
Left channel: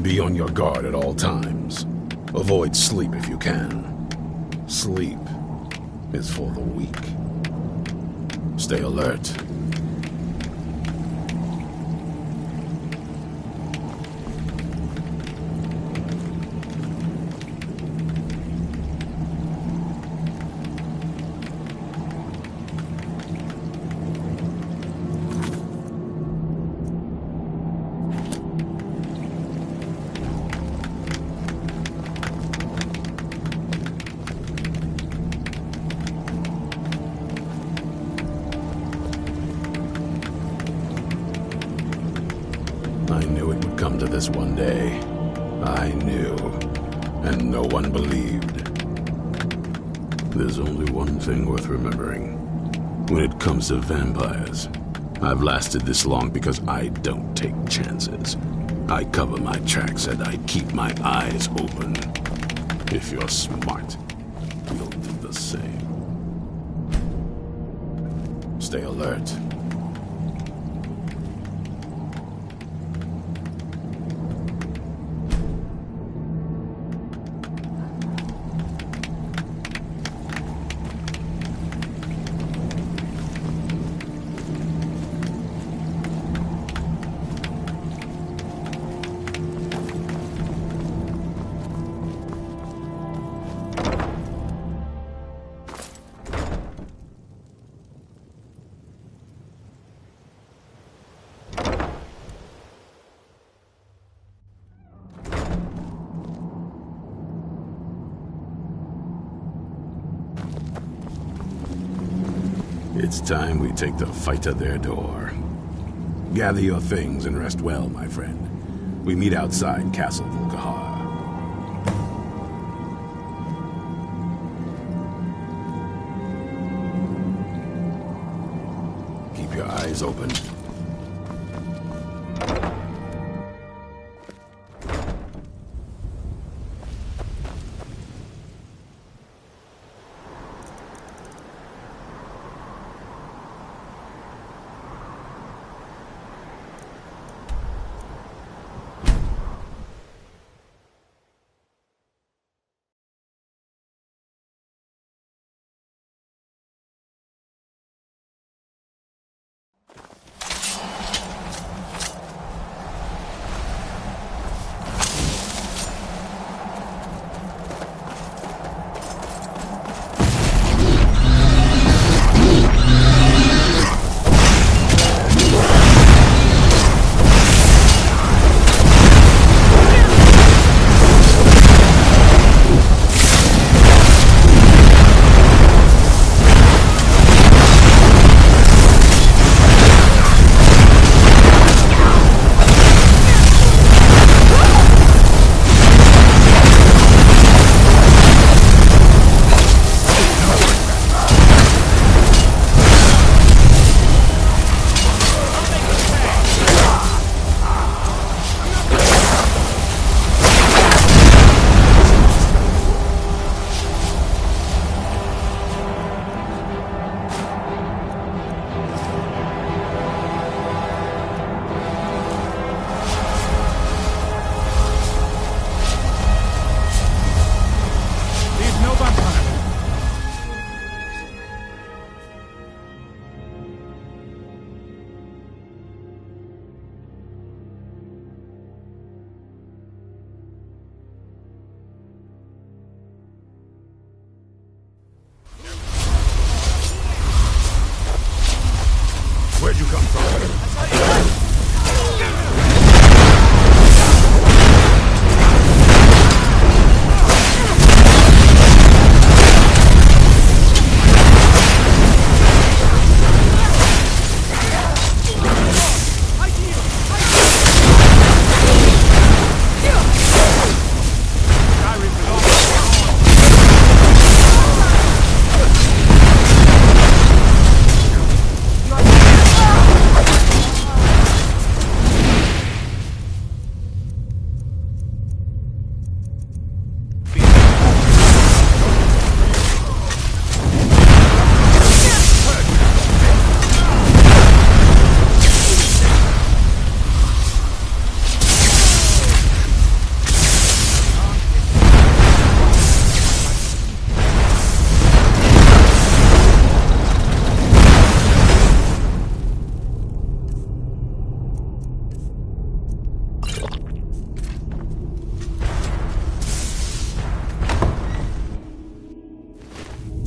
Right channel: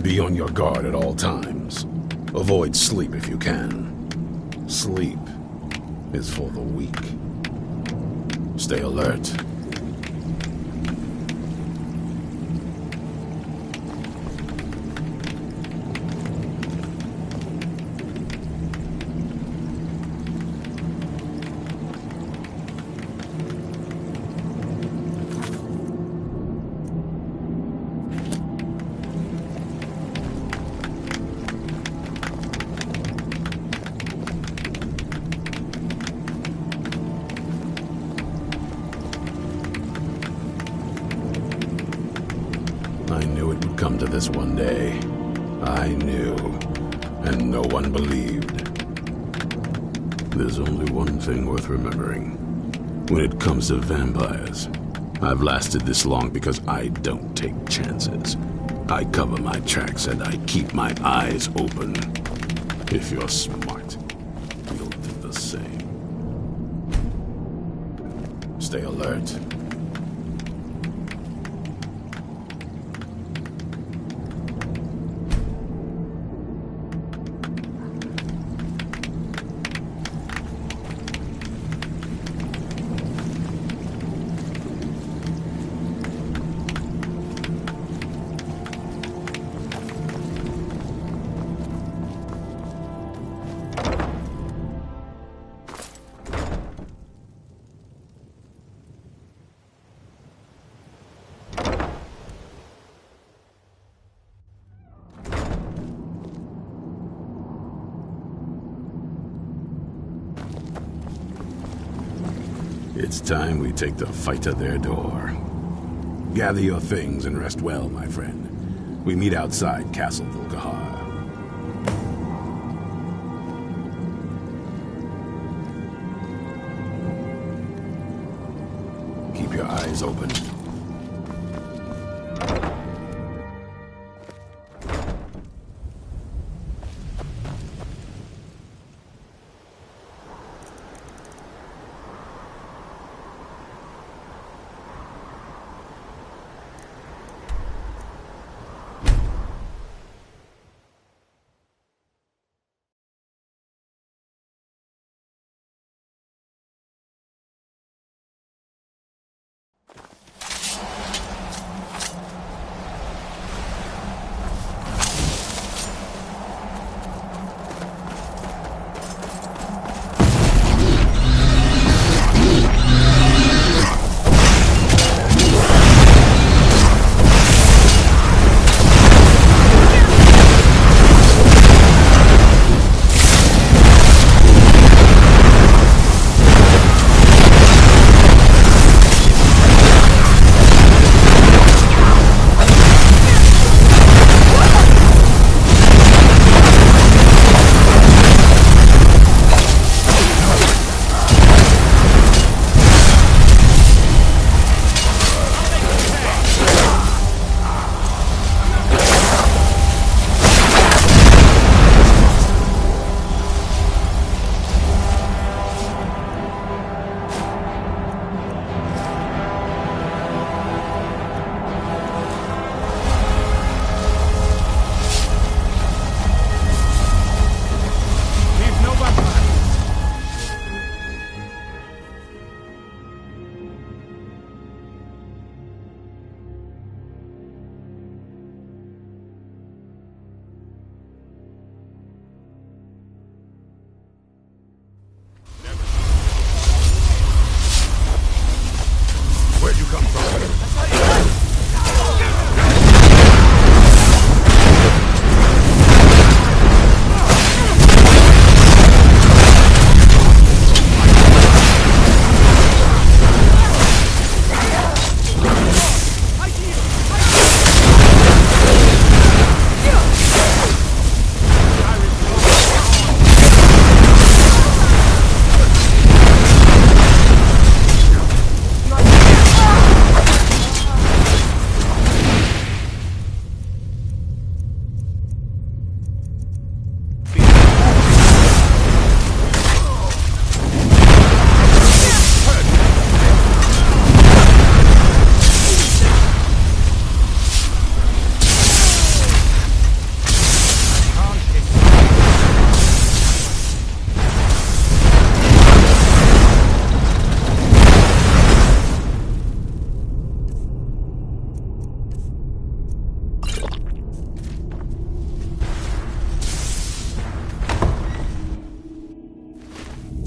Be on your guard at all times. Avoid sleep if you can. Sleep is for the weak. Stay alert. I knew it would come to this one day. I knew, and no one believed. There's only one thing worth remembering. When it comes to vampires, I've lasted this long because I don't take chances. I cover my tracks and I keep my eyes open. If you're smart, you'll do the same. Stay alert. It's time we take the fight to their door. Gather your things and rest well, my friend. We meet outside Castle Volkihar. Keep your eyes open. come from?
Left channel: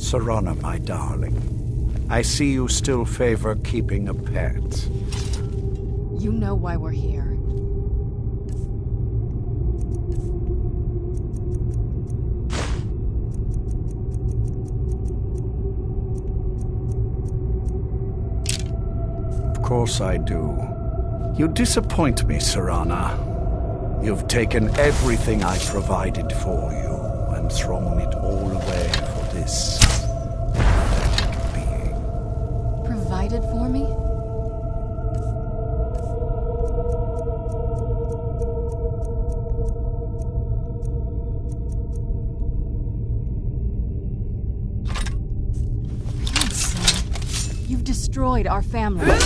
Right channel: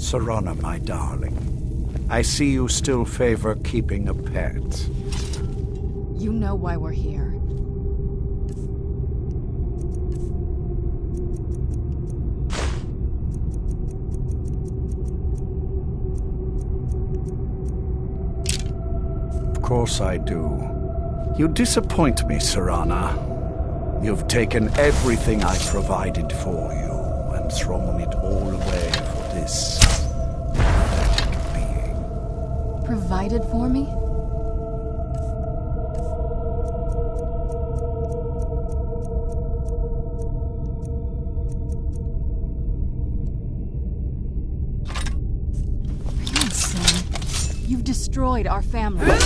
Serana, my darling, I see you still favor keeping a pet. You know why we're here. Of course I do. You disappoint me, Serana. You've taken everything I provided for you and thrown it all away for this pathetic being. Provided for me? Please, son. You've destroyed our family.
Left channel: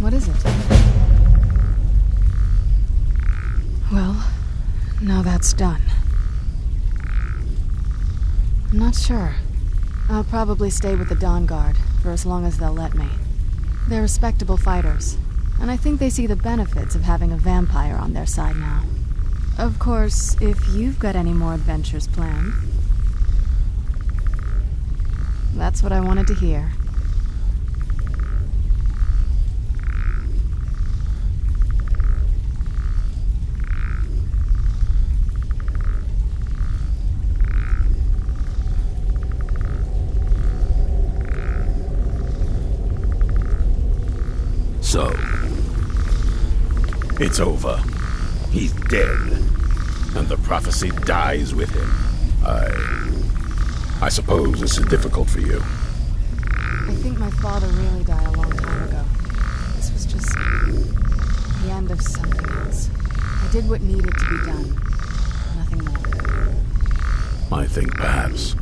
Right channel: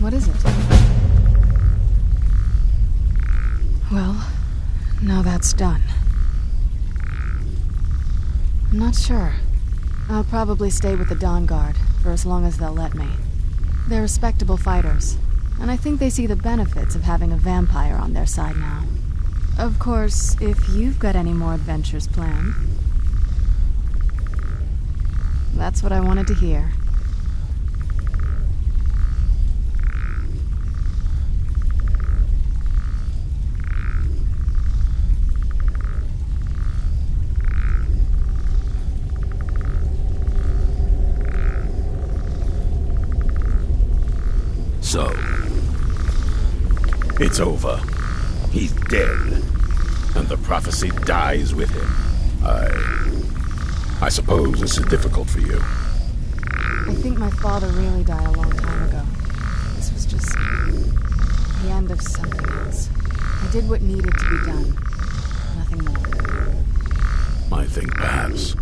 What is it? Well, now that's done. I'm not sure. I'll probably stay with the Dawn Guard for as long as they'll let me. They're respectable fighters, and I think they see the benefits of having a vampire on their side now. Of course, if you've got any more adventures planned. That's what I wanted to hear. So, it's over. He's dead. And the prophecy dies with him. I suppose this is difficult for you. I think my father really died a long time ago. This was just the end of something else. I did what needed to be done. Nothing more. I think perhaps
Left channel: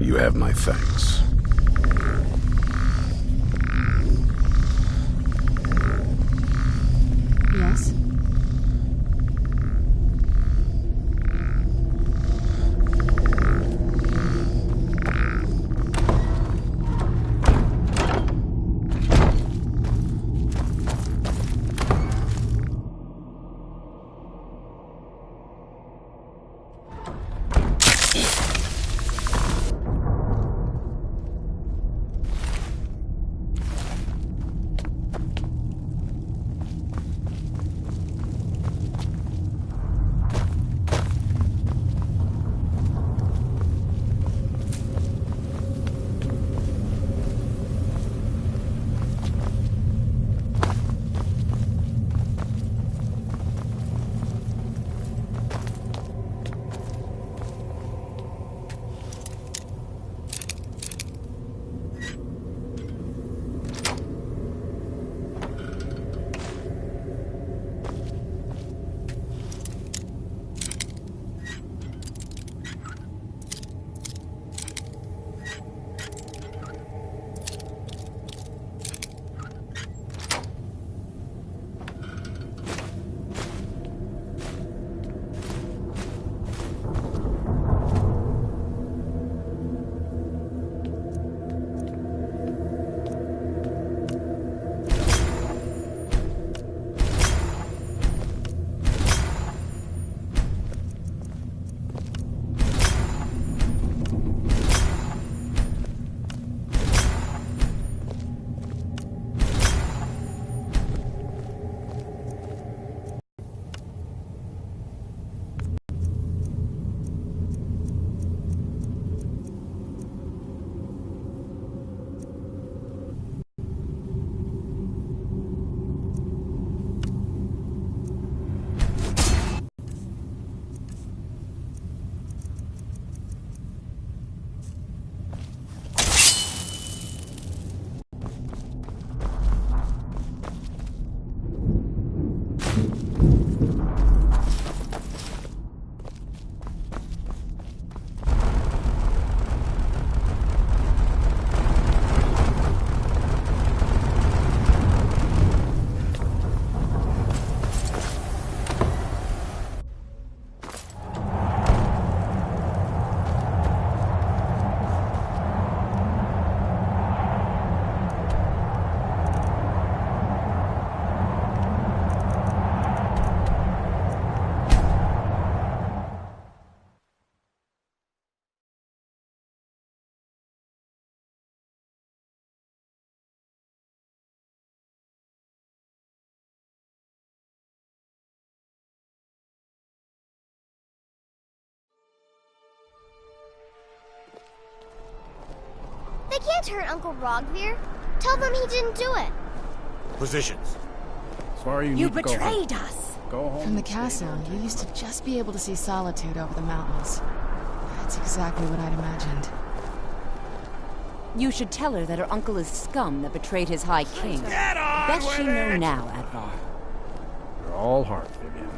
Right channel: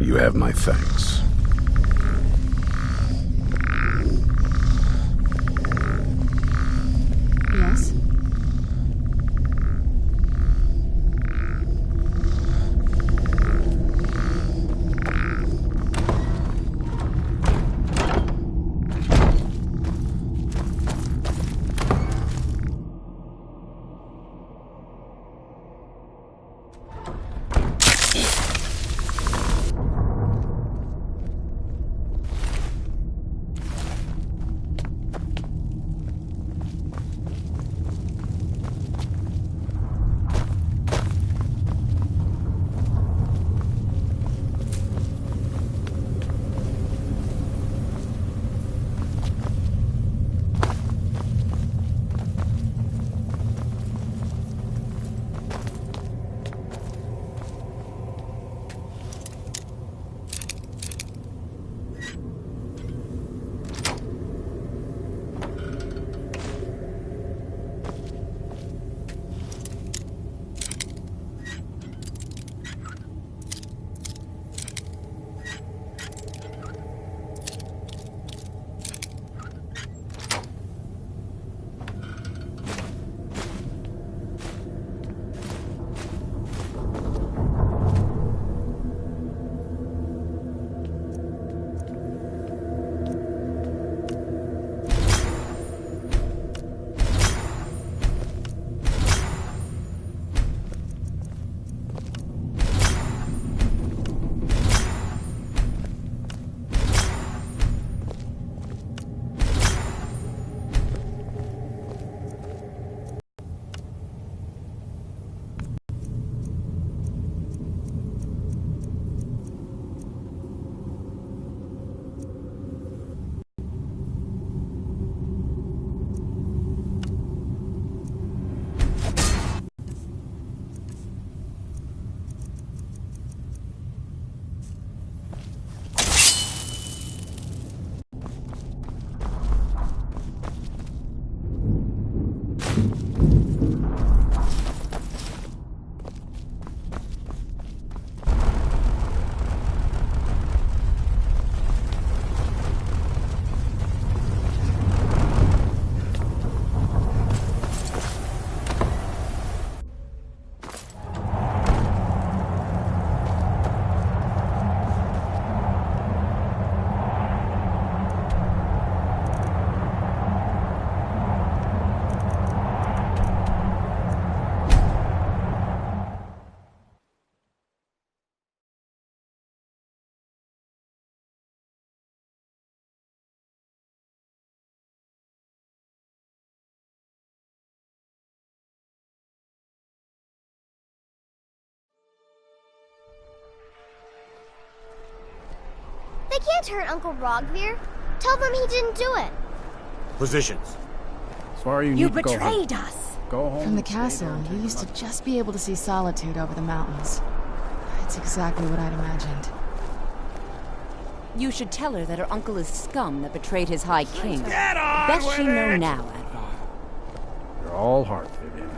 you have my thanks. Yes? They can't hurt Uncle Rogvir. Tell them he didn't do it. Positions. Sorry, You need to go home. betrayed us! Go home. From the and stay castle, there and you take used a to just be able to see Solitude over the mountains. It's exactly what I'd imagined. You should tell her that her uncle is scum that betrayed his High King. Get on Bet with she know it! now, Advar. You're all Dalhart live in.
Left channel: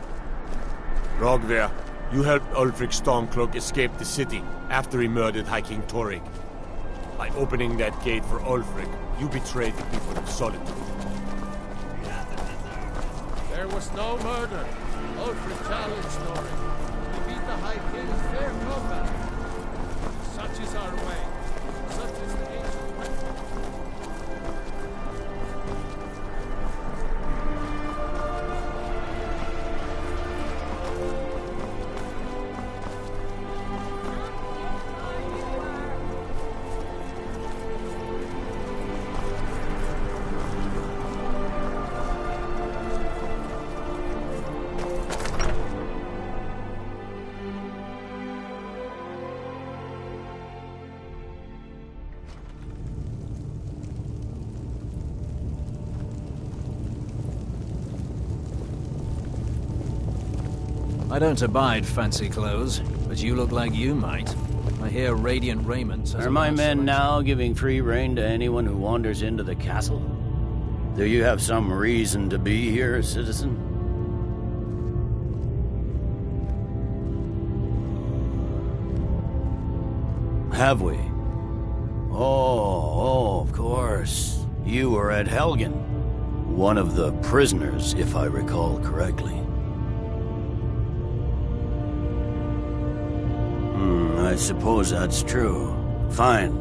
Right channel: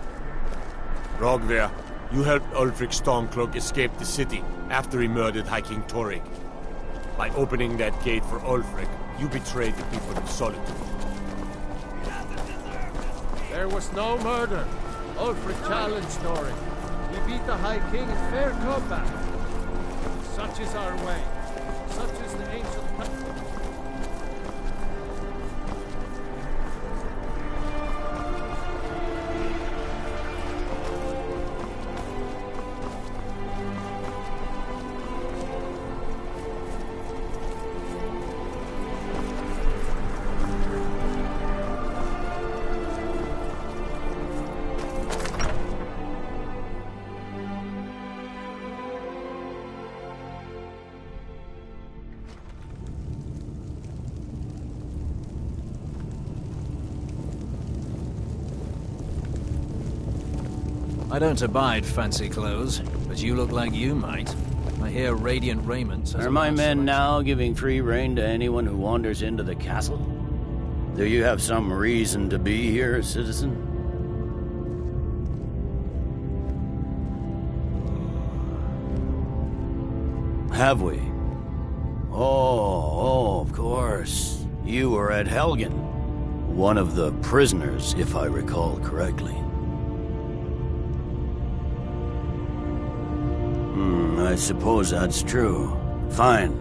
Rogver, you helped Ulfric Stormcloak escape the city after he murdered High King Torrik. By opening that gate for Ulfric, you betrayed the people of Solitude. There was no murder. Ulfric challenged Torrik. He beat the High King in fair combat. Such is our way. Such is the ancient practice. I don't abide fancy clothes, but you look like you might. I hear radiant raiment. Are my men now giving free rein to anyone who wanders into the castle? Do you have some reason to be here, citizen? Have we? Oh, of course. You were at Helgen. One of the prisoners, if I recall correctly. I suppose that's true. Fine.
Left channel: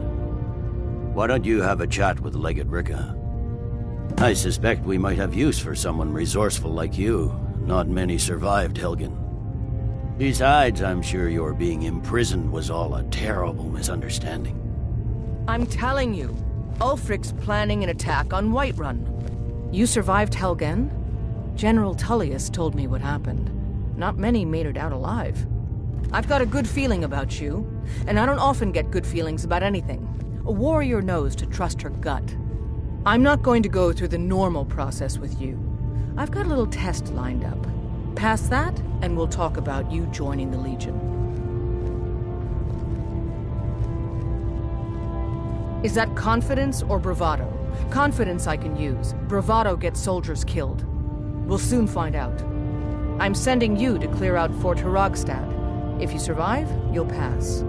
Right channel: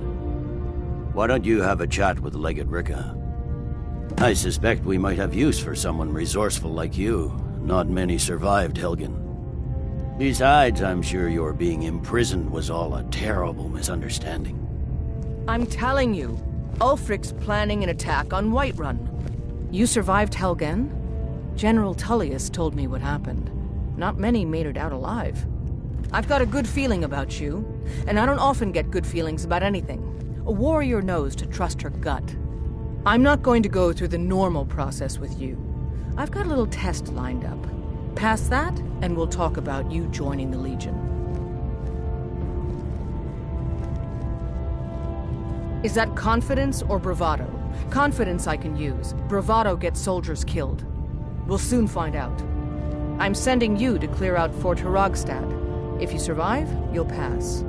Why don't you have a chat with Legate Ricka? I suspect we might have use for someone resourceful like you. Not many survived Helgen. Besides, I'm sure your being imprisoned was all a terrible misunderstanding. I'm telling you, Ulfric's planning an attack on Whiterun. You survived Helgen? General Tullius told me what happened. Not many made it out alive. I've got a good feeling about you, and I don't often get good feelings about anything. A warrior knows to trust her gut. I'm not going to go through the normal process with you. I've got a little test lined up. Pass that, and we'll talk about you joining the Legion. Is that confidence or bravado? Confidence I can use. Bravado gets soldiers killed. We'll soon find out. I'm sending you to clear out Fort Hrogstad. If you survive, you'll pass.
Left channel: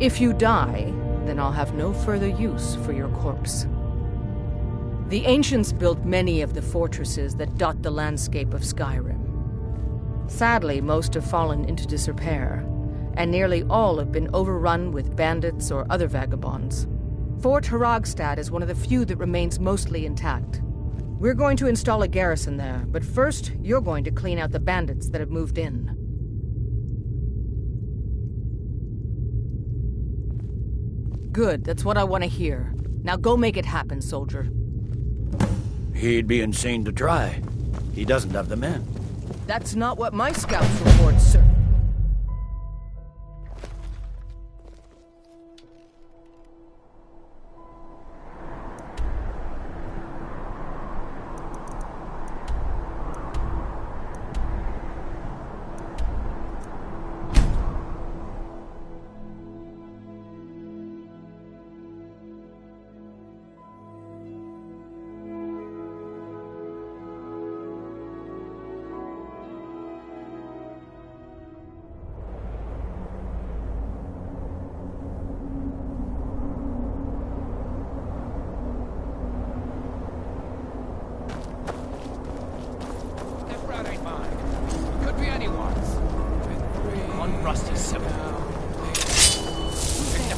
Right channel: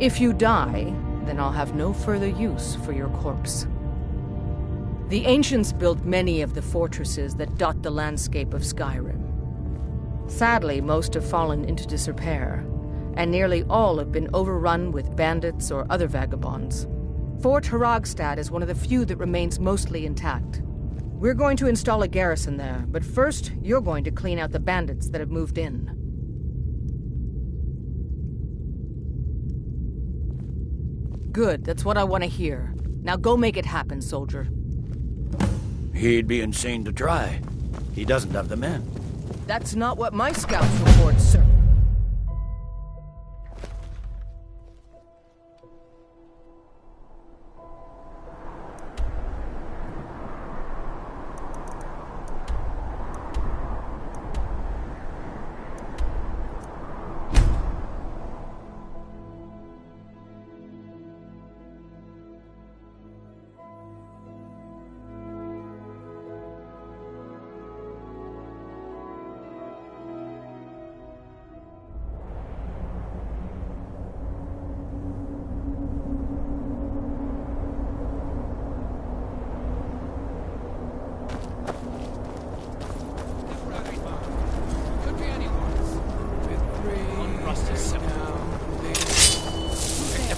If you die, then I'll have no further use for your corpse. The ancients built many of the fortresses that dot the landscape of Skyrim. Sadly, most have fallen into disrepair, and nearly all have been overrun with bandits or other vagabonds. Fort Hrogstad is one of the few that remains mostly intact. We're going to install a garrison there, but first, you're going to clean out the bandits that have moved in. Good, that's what I want to hear. Now go make it happen, soldier. He'd be insane to try. He doesn't have the men. That's not what my scouts report, sir.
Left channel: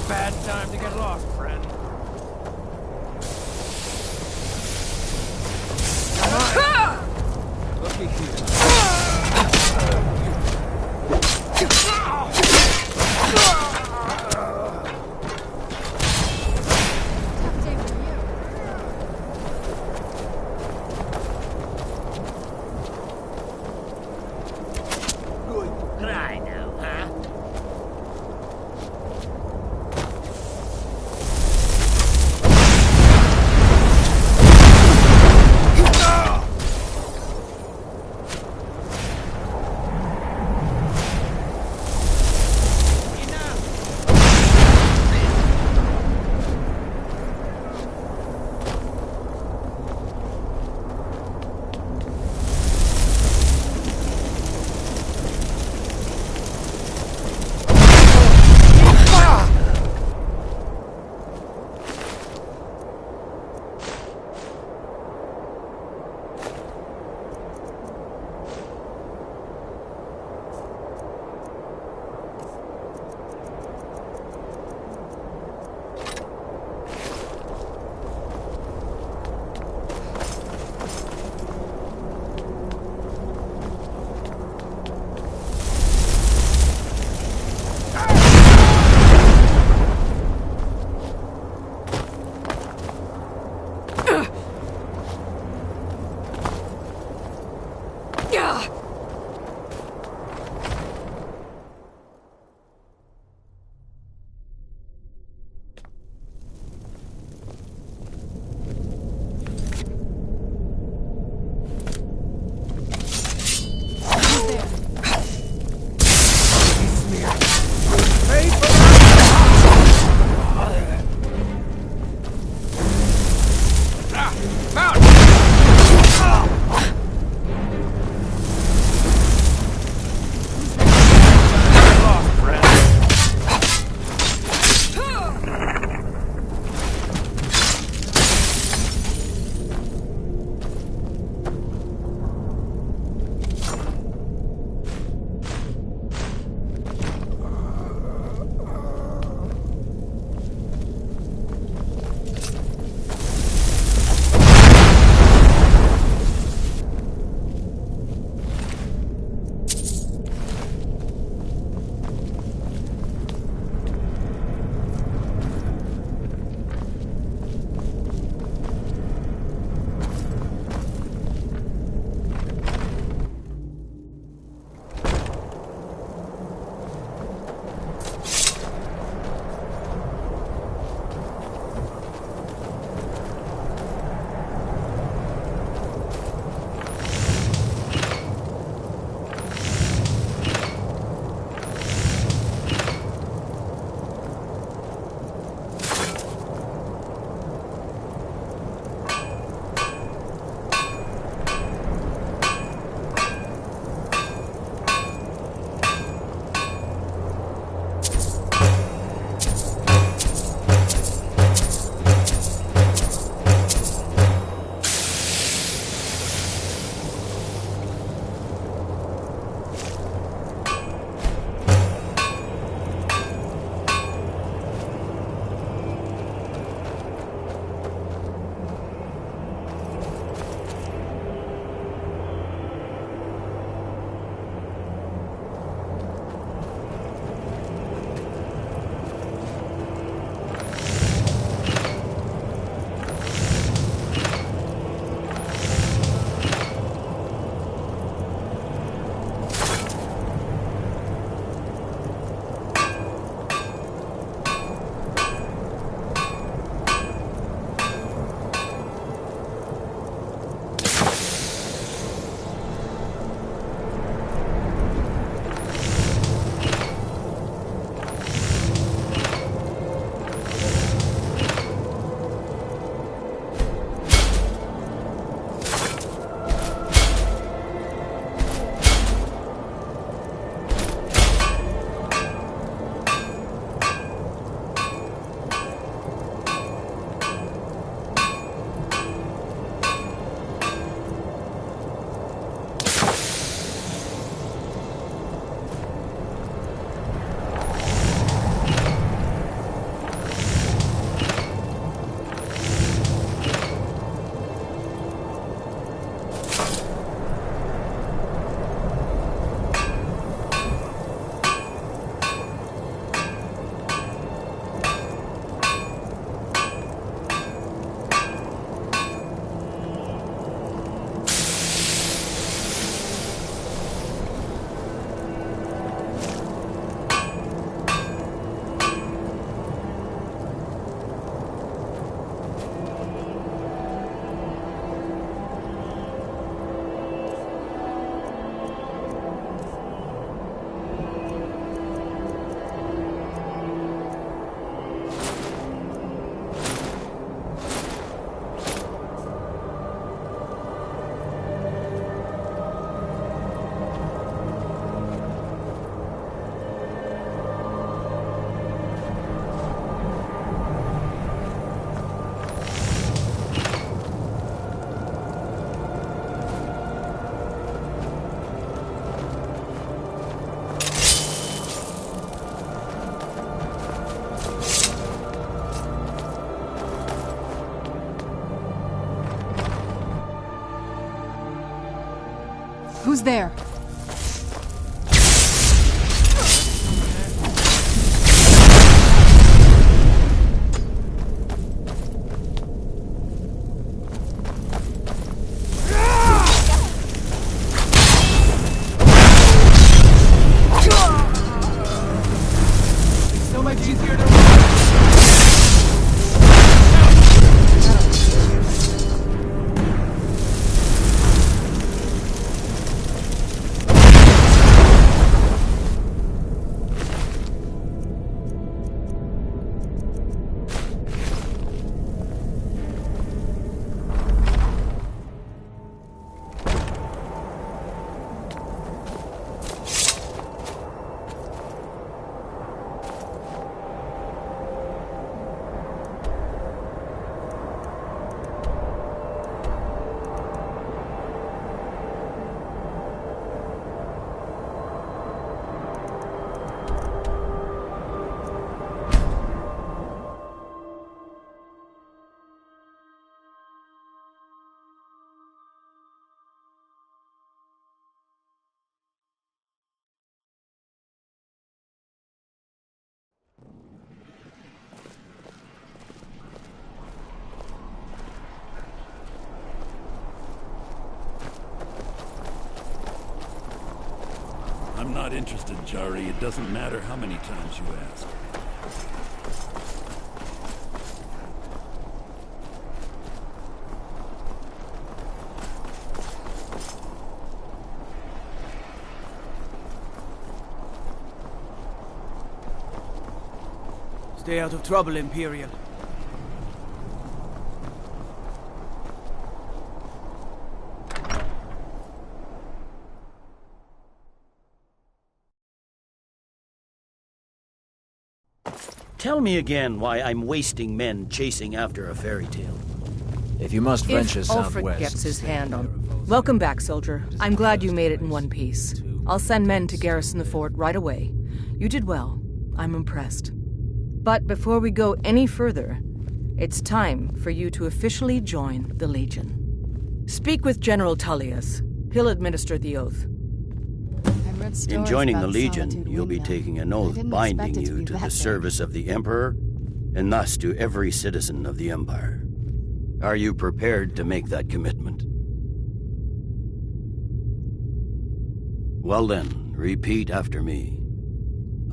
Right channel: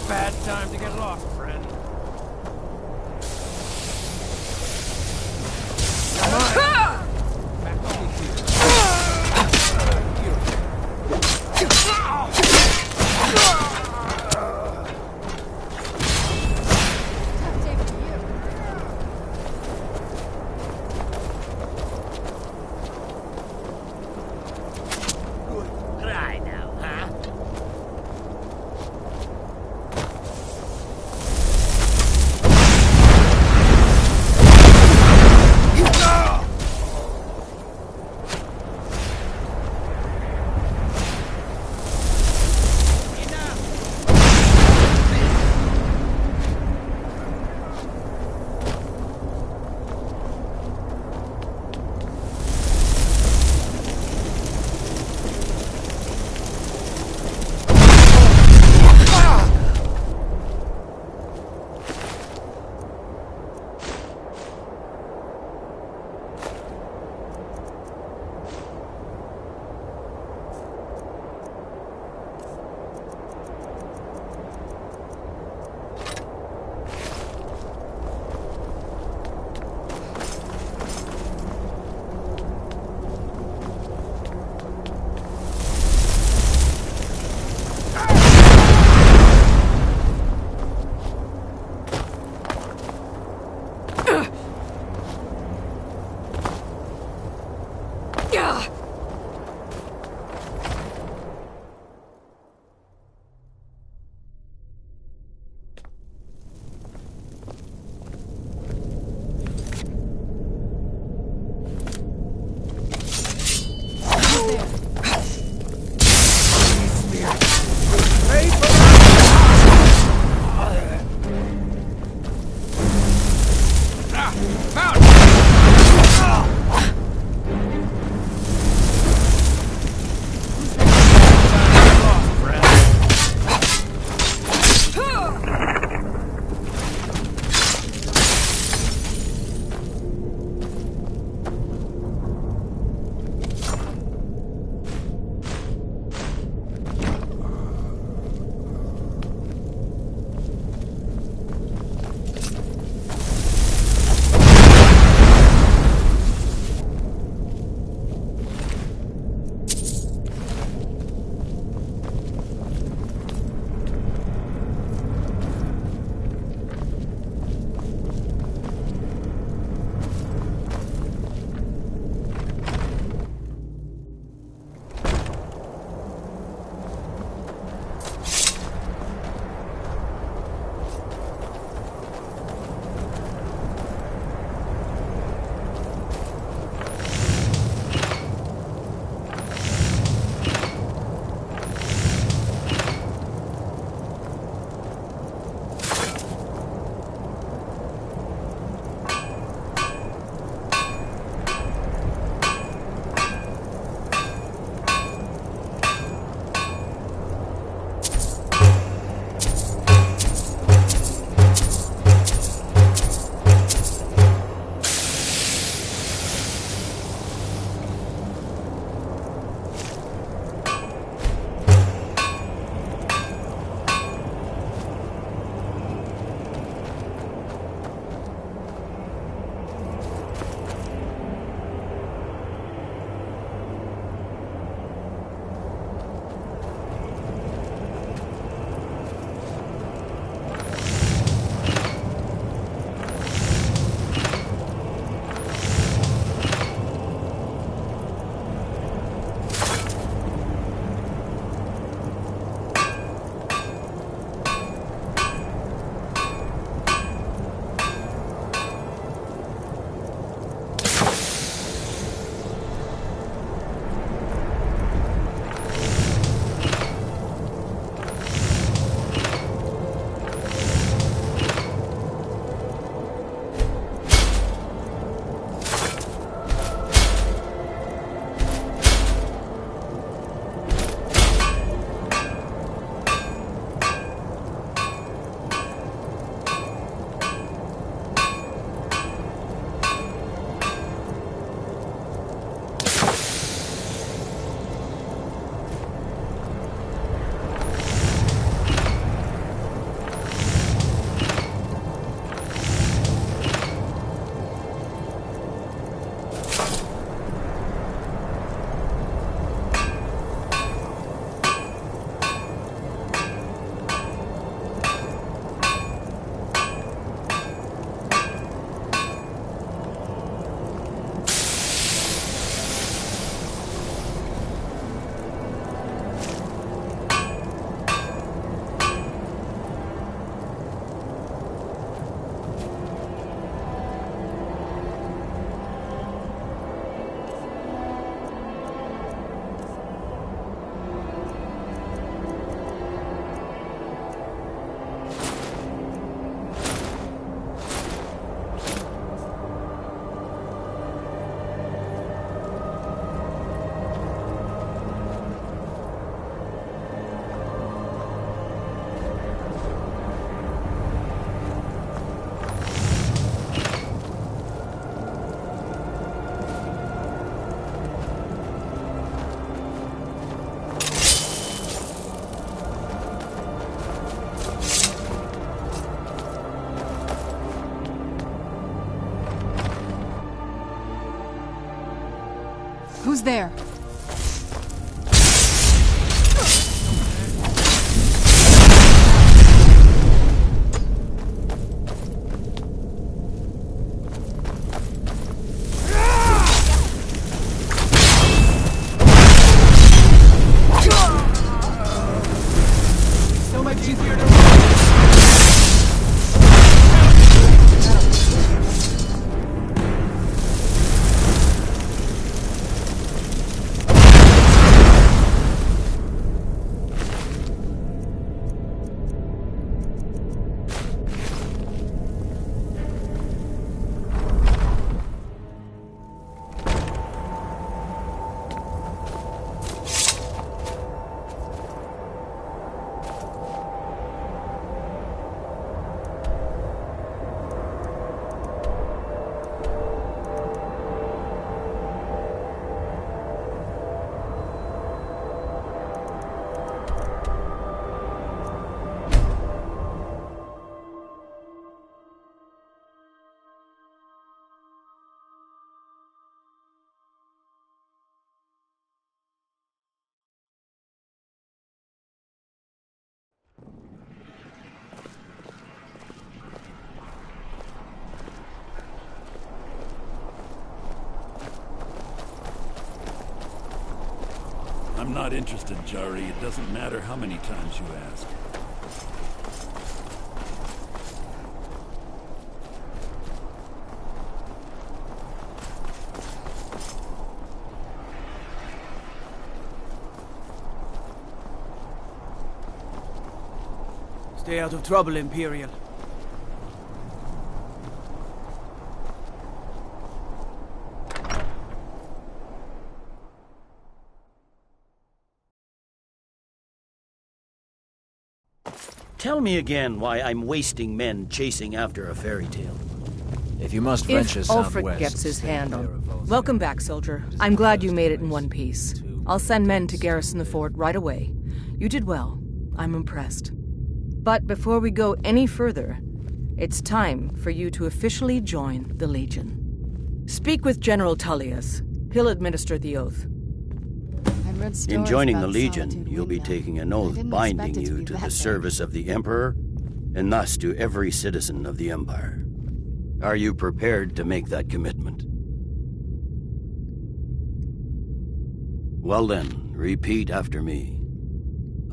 Bad time to get lost, friend. I'm lucky here. Tough day for you. Good cry now, huh? Who's there? So much easier to I'm not interested, Jari. It doesn't matter how many times you ask. Stay out of trouble, Imperial. Tell me again why I'm wasting men chasing after a fairy tale. If you must venture southwest... If Ulfric gets his hand on... Welcome back, soldier. I'm glad you made it in one piece. I'll send men to garrison the fort right away. You did well. I'm impressed. But before we go any further, it's time for you to officially join the Legion. Speak with General Tullius. He'll administer the oath. In joining the Legion, you'll be taking an oath binding you to the service of the Emperor, and thus to every citizen of the Empire. Are you prepared to make that commitment? Well then, repeat after me.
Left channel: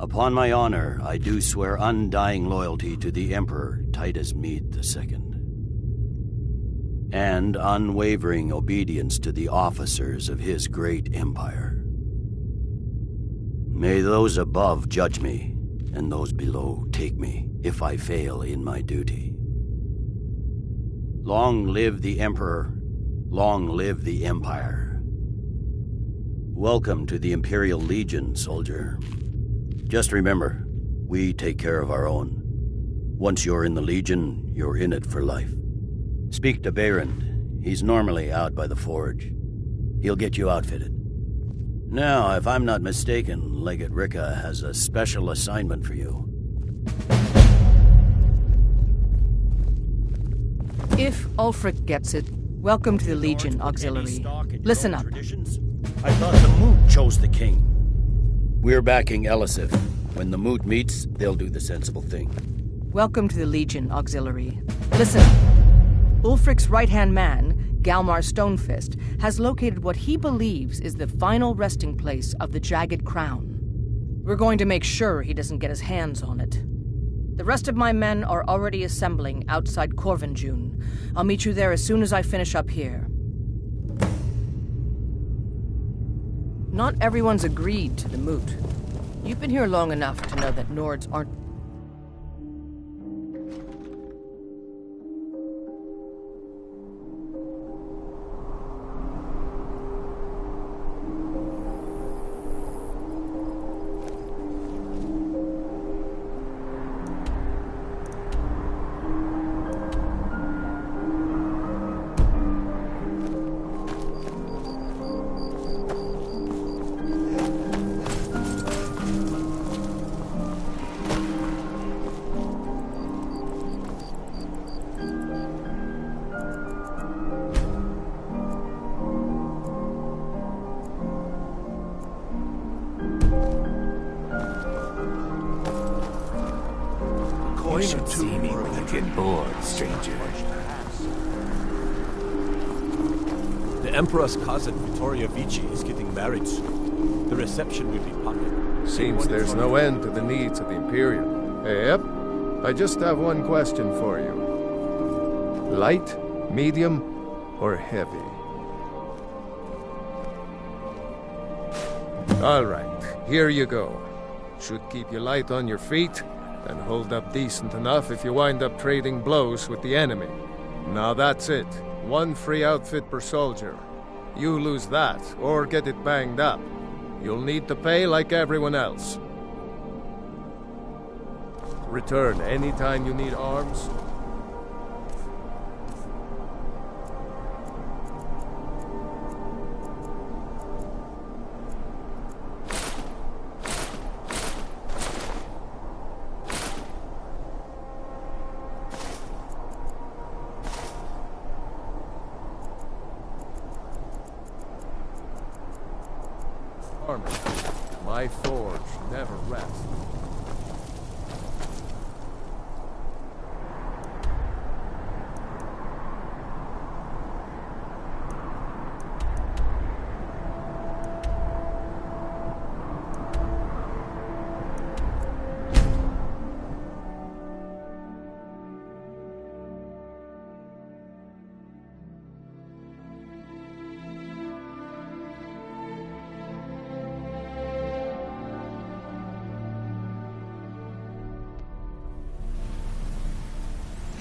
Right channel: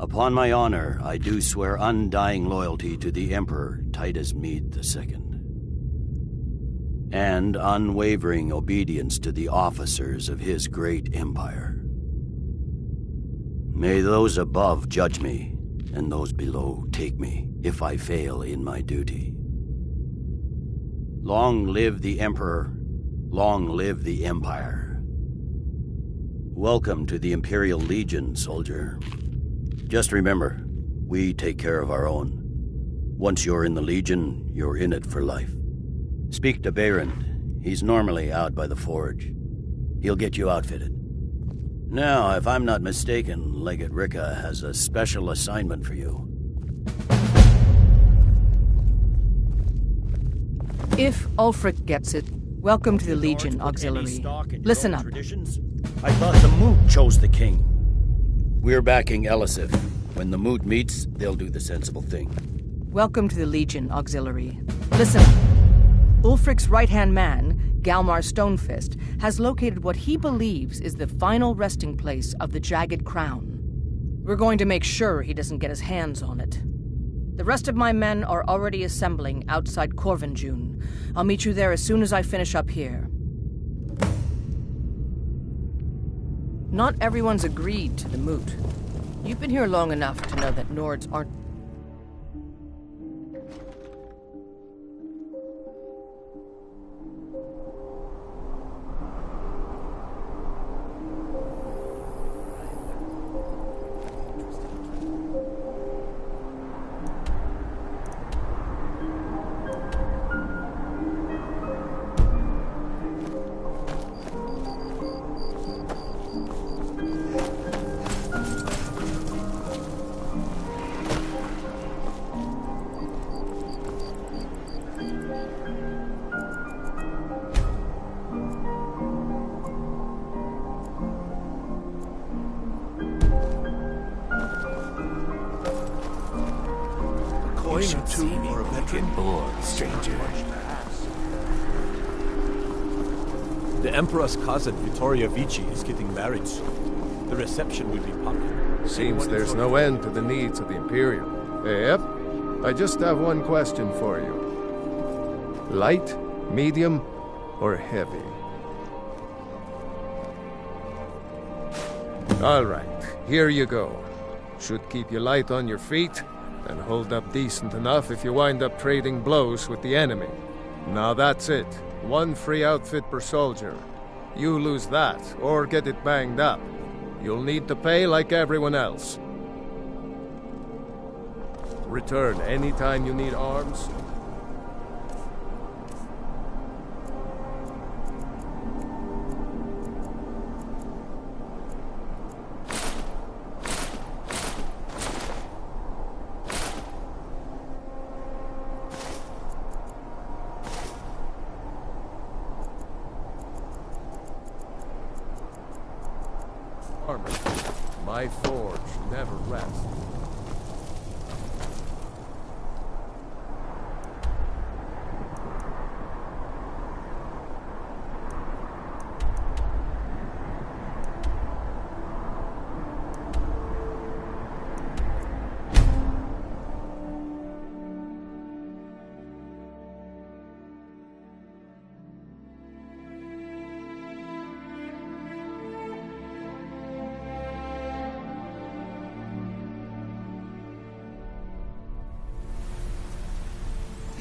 Upon my honor, I do swear undying loyalty to the Emperor Titus Mede II, and unwavering obedience to the officers of his great empire. May those above judge me, and those below take me, if I fail in my duty. Long live the Emperor, long live the Empire. Welcome to the Imperial Legion, soldier. Just remember, we take care of our own. Once you're in the Legion, you're in it for life. Speak to Behrend. He's normally out by the forge. He'll get you outfitted. Now, if I'm not mistaken, Legate Ricca has a special assignment for you. If Ulfric gets it, welcome to the Legion Auxiliary. Listen up. I thought the Moot chose the king. We're backing Elisif. When the Moot meets, they'll do the sensible thing. Welcome to the Legion Auxiliary. Listen up. Ulfric's right-hand man, Galmar Stonefist, has located what he believes is the final resting place of the Jagged Crown. We're going to make sure he doesn't get his hands on it. The rest of my men are already assembling outside Corvinjune. I'll meet you there as soon as I finish up here. Not everyone's agreed to the moot. You've been here long enough to know that Nords aren't... You should see me when you get bored, stranger. The Emperor's cousin, Vittoria Vici, is getting married soon. The reception will be public. Seems there's no end to the needs of the Imperial. Yep. I just have one question for you. Light, medium, or heavy? All right, here you go. Should keep you light on your feet, and hold up decent enough if you wind up trading blows with the enemy. Now that's it. One free outfit per soldier. You lose that, or get it banged up. You'll need to pay like everyone else. Return anytime you need arms. Armor. My forge never rests.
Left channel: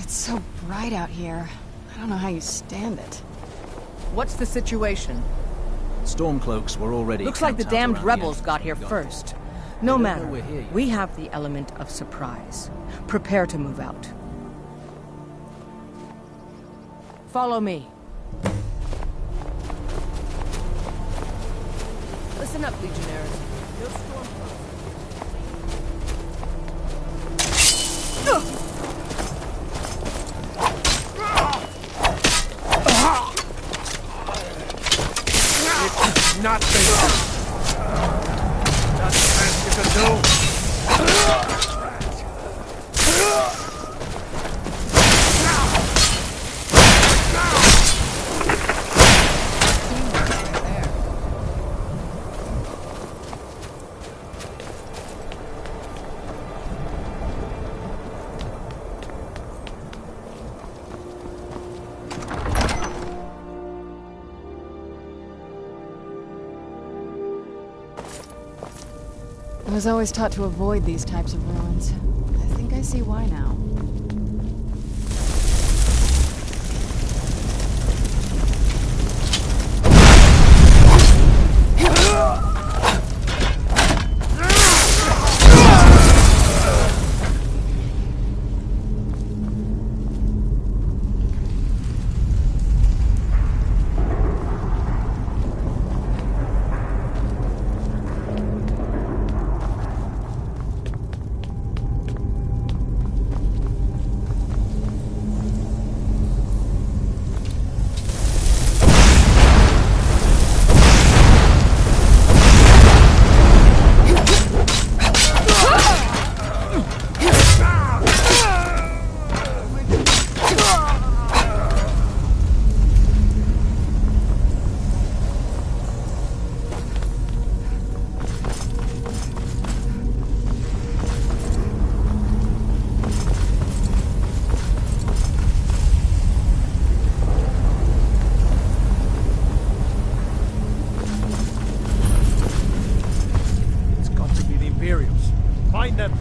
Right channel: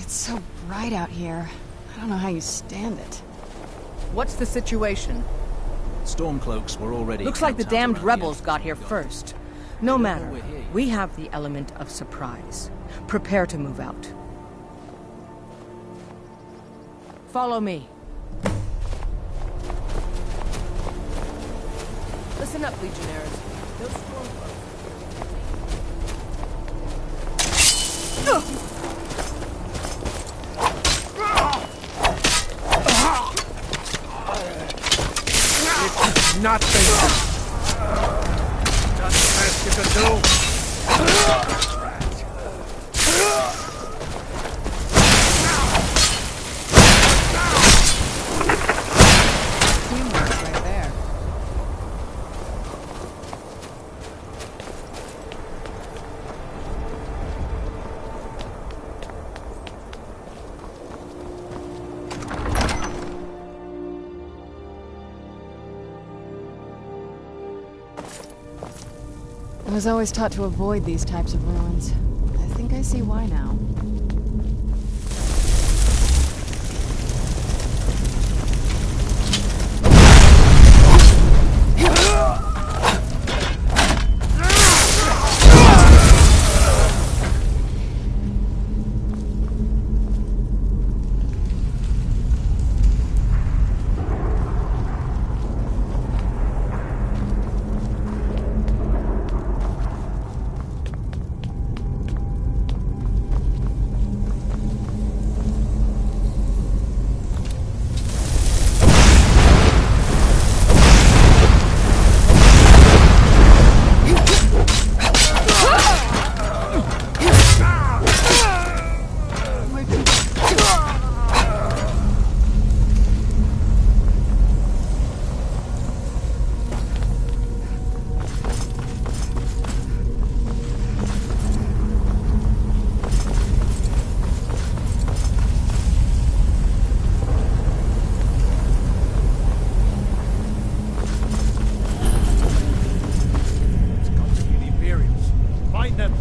It's so bright out here. I don't know how you stand it. What's the situation? Stormcloaks were already... Looks like the camped out damned around rebels the got here entrance. first. No They don't matter. know we're here yet. We have the element of surprise. Prepare to move out. Follow me. Listen up, Legionnaires. Those Stormcloaks are here. It's nothing. That's the best you can do. Right there. I was always taught to avoid these types of ruins. I think I see why now. Imperials. Find them.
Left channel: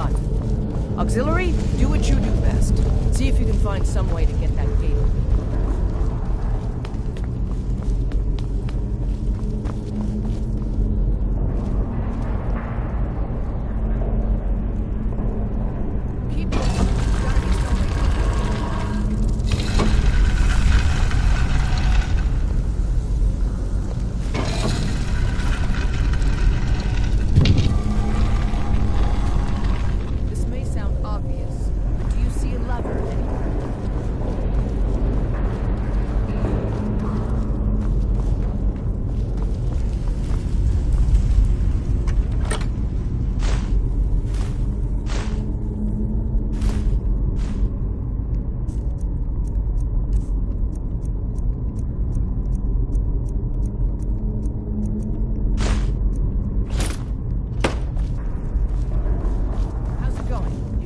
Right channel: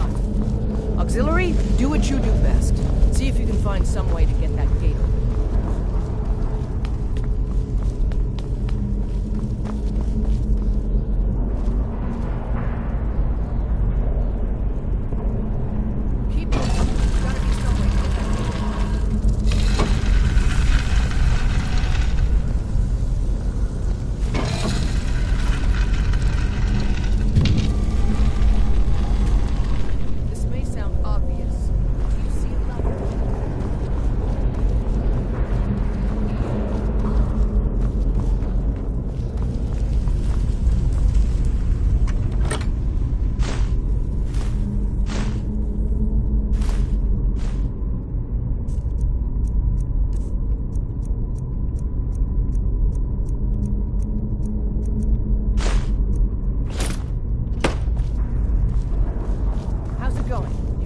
got. Auxiliary, do what you do best. See if you can find some way to get that gate open.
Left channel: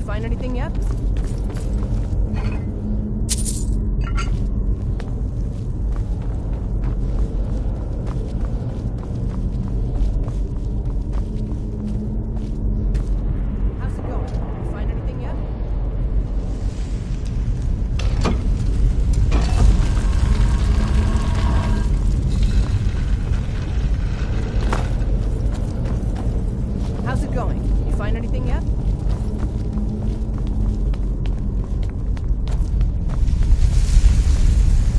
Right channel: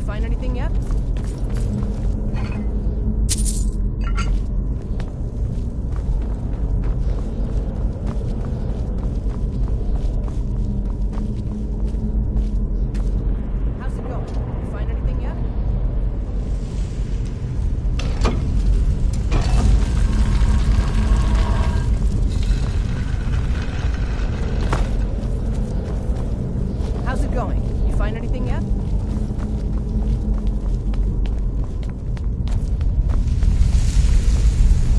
Find anything yet? How's it going? You find anything yet? How's it going? You find anything yet? How's it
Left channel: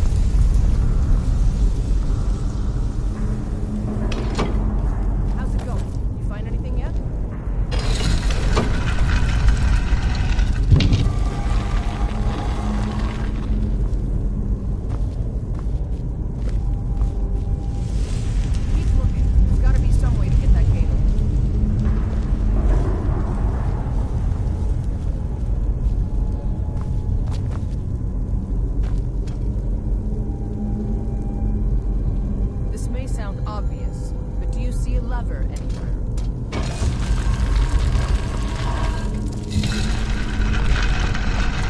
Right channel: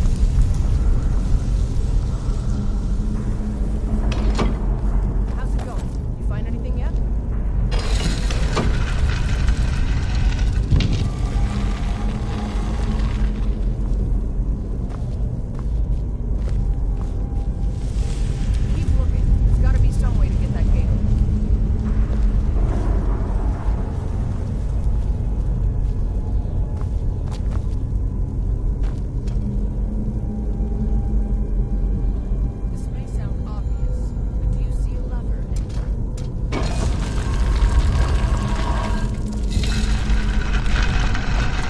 going? You find anything yet?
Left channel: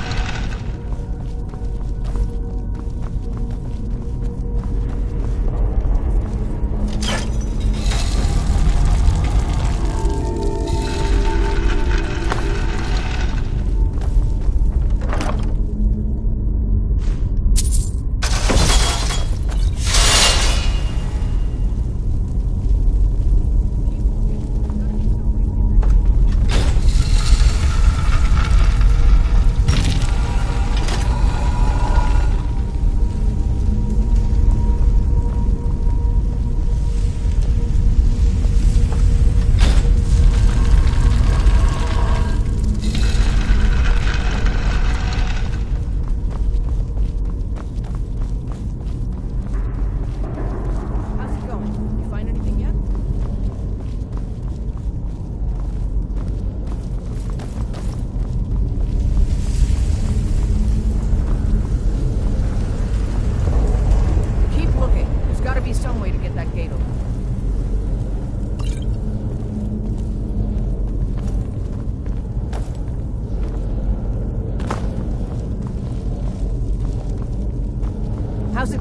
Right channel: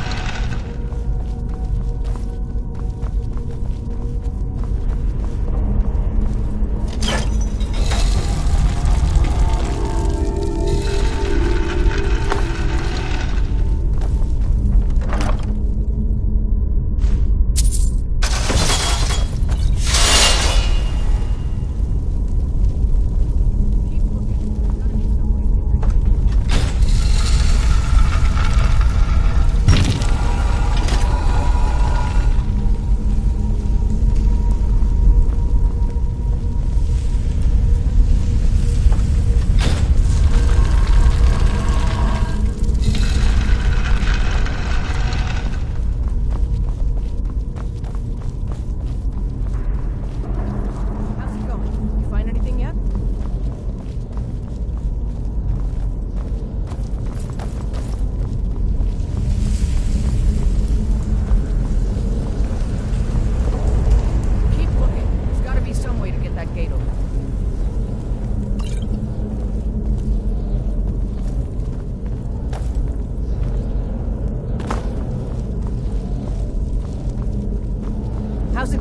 How's it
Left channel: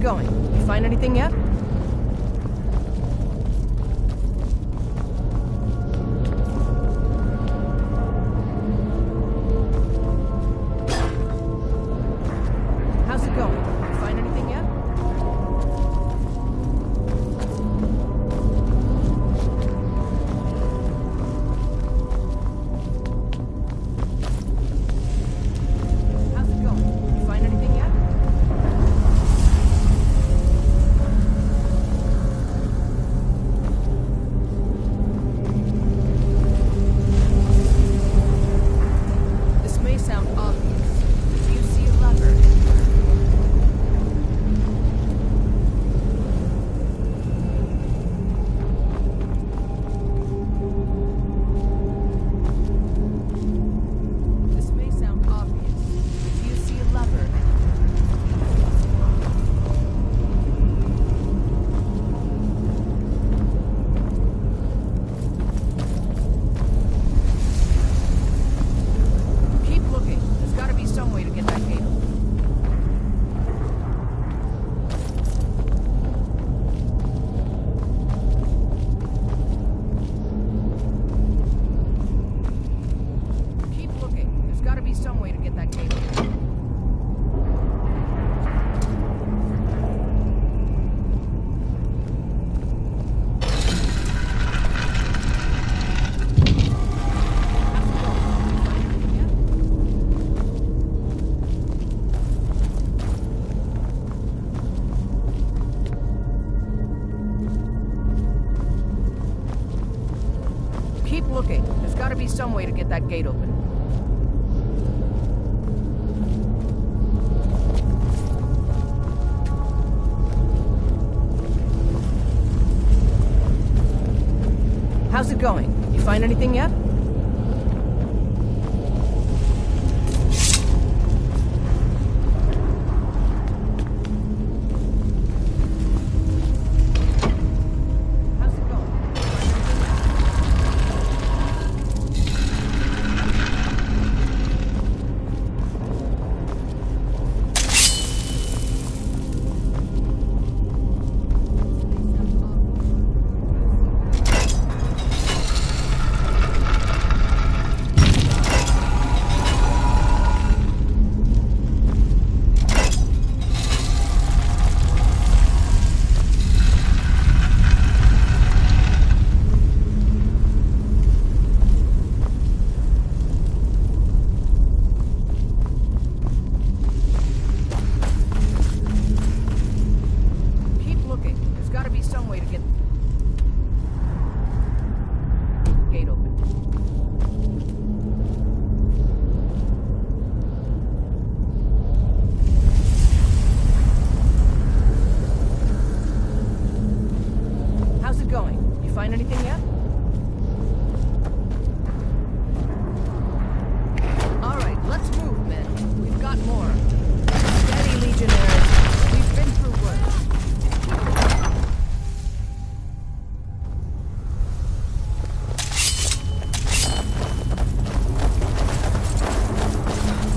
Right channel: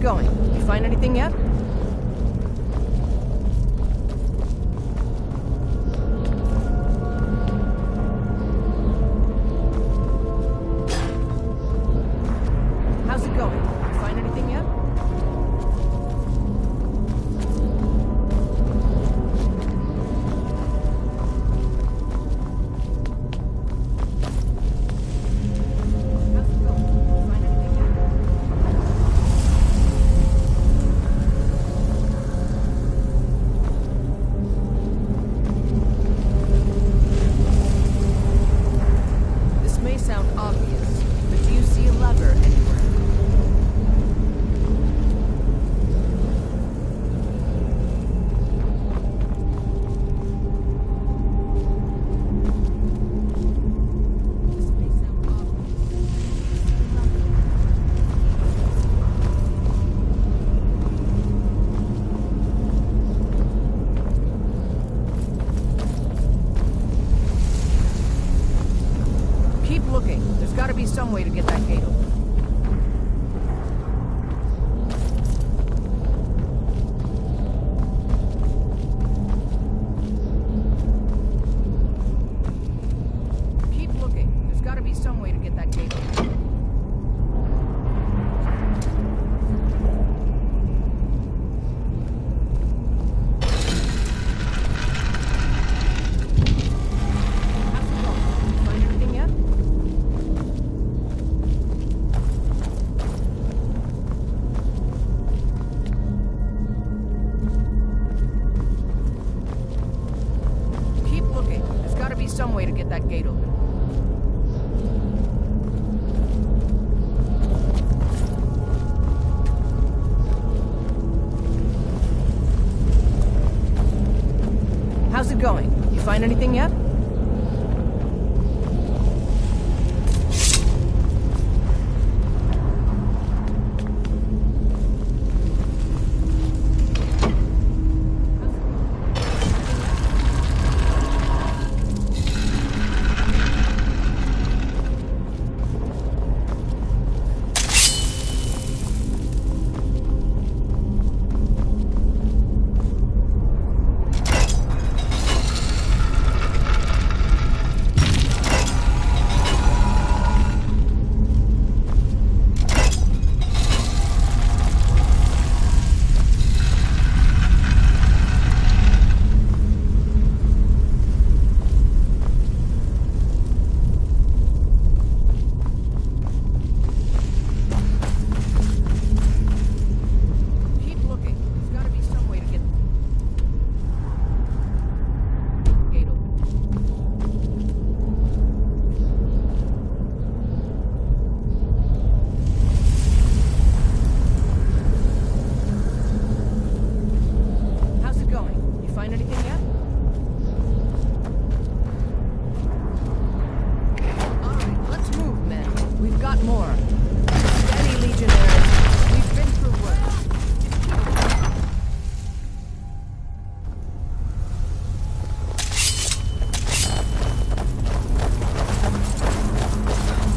going? You find anything yet? How's it going? You find anything yet? This may sound obvious, but do you see a lever anywhere? This may sound obvious, but do you see a lever anywhere? Keep looking. There's got to be some way to get that gate open. be some way to get that gate open. How's it going? You find anything yet? Find anything yet? All right, let's move, men. We've got more. Steady, Legionnaires. We've been through worse.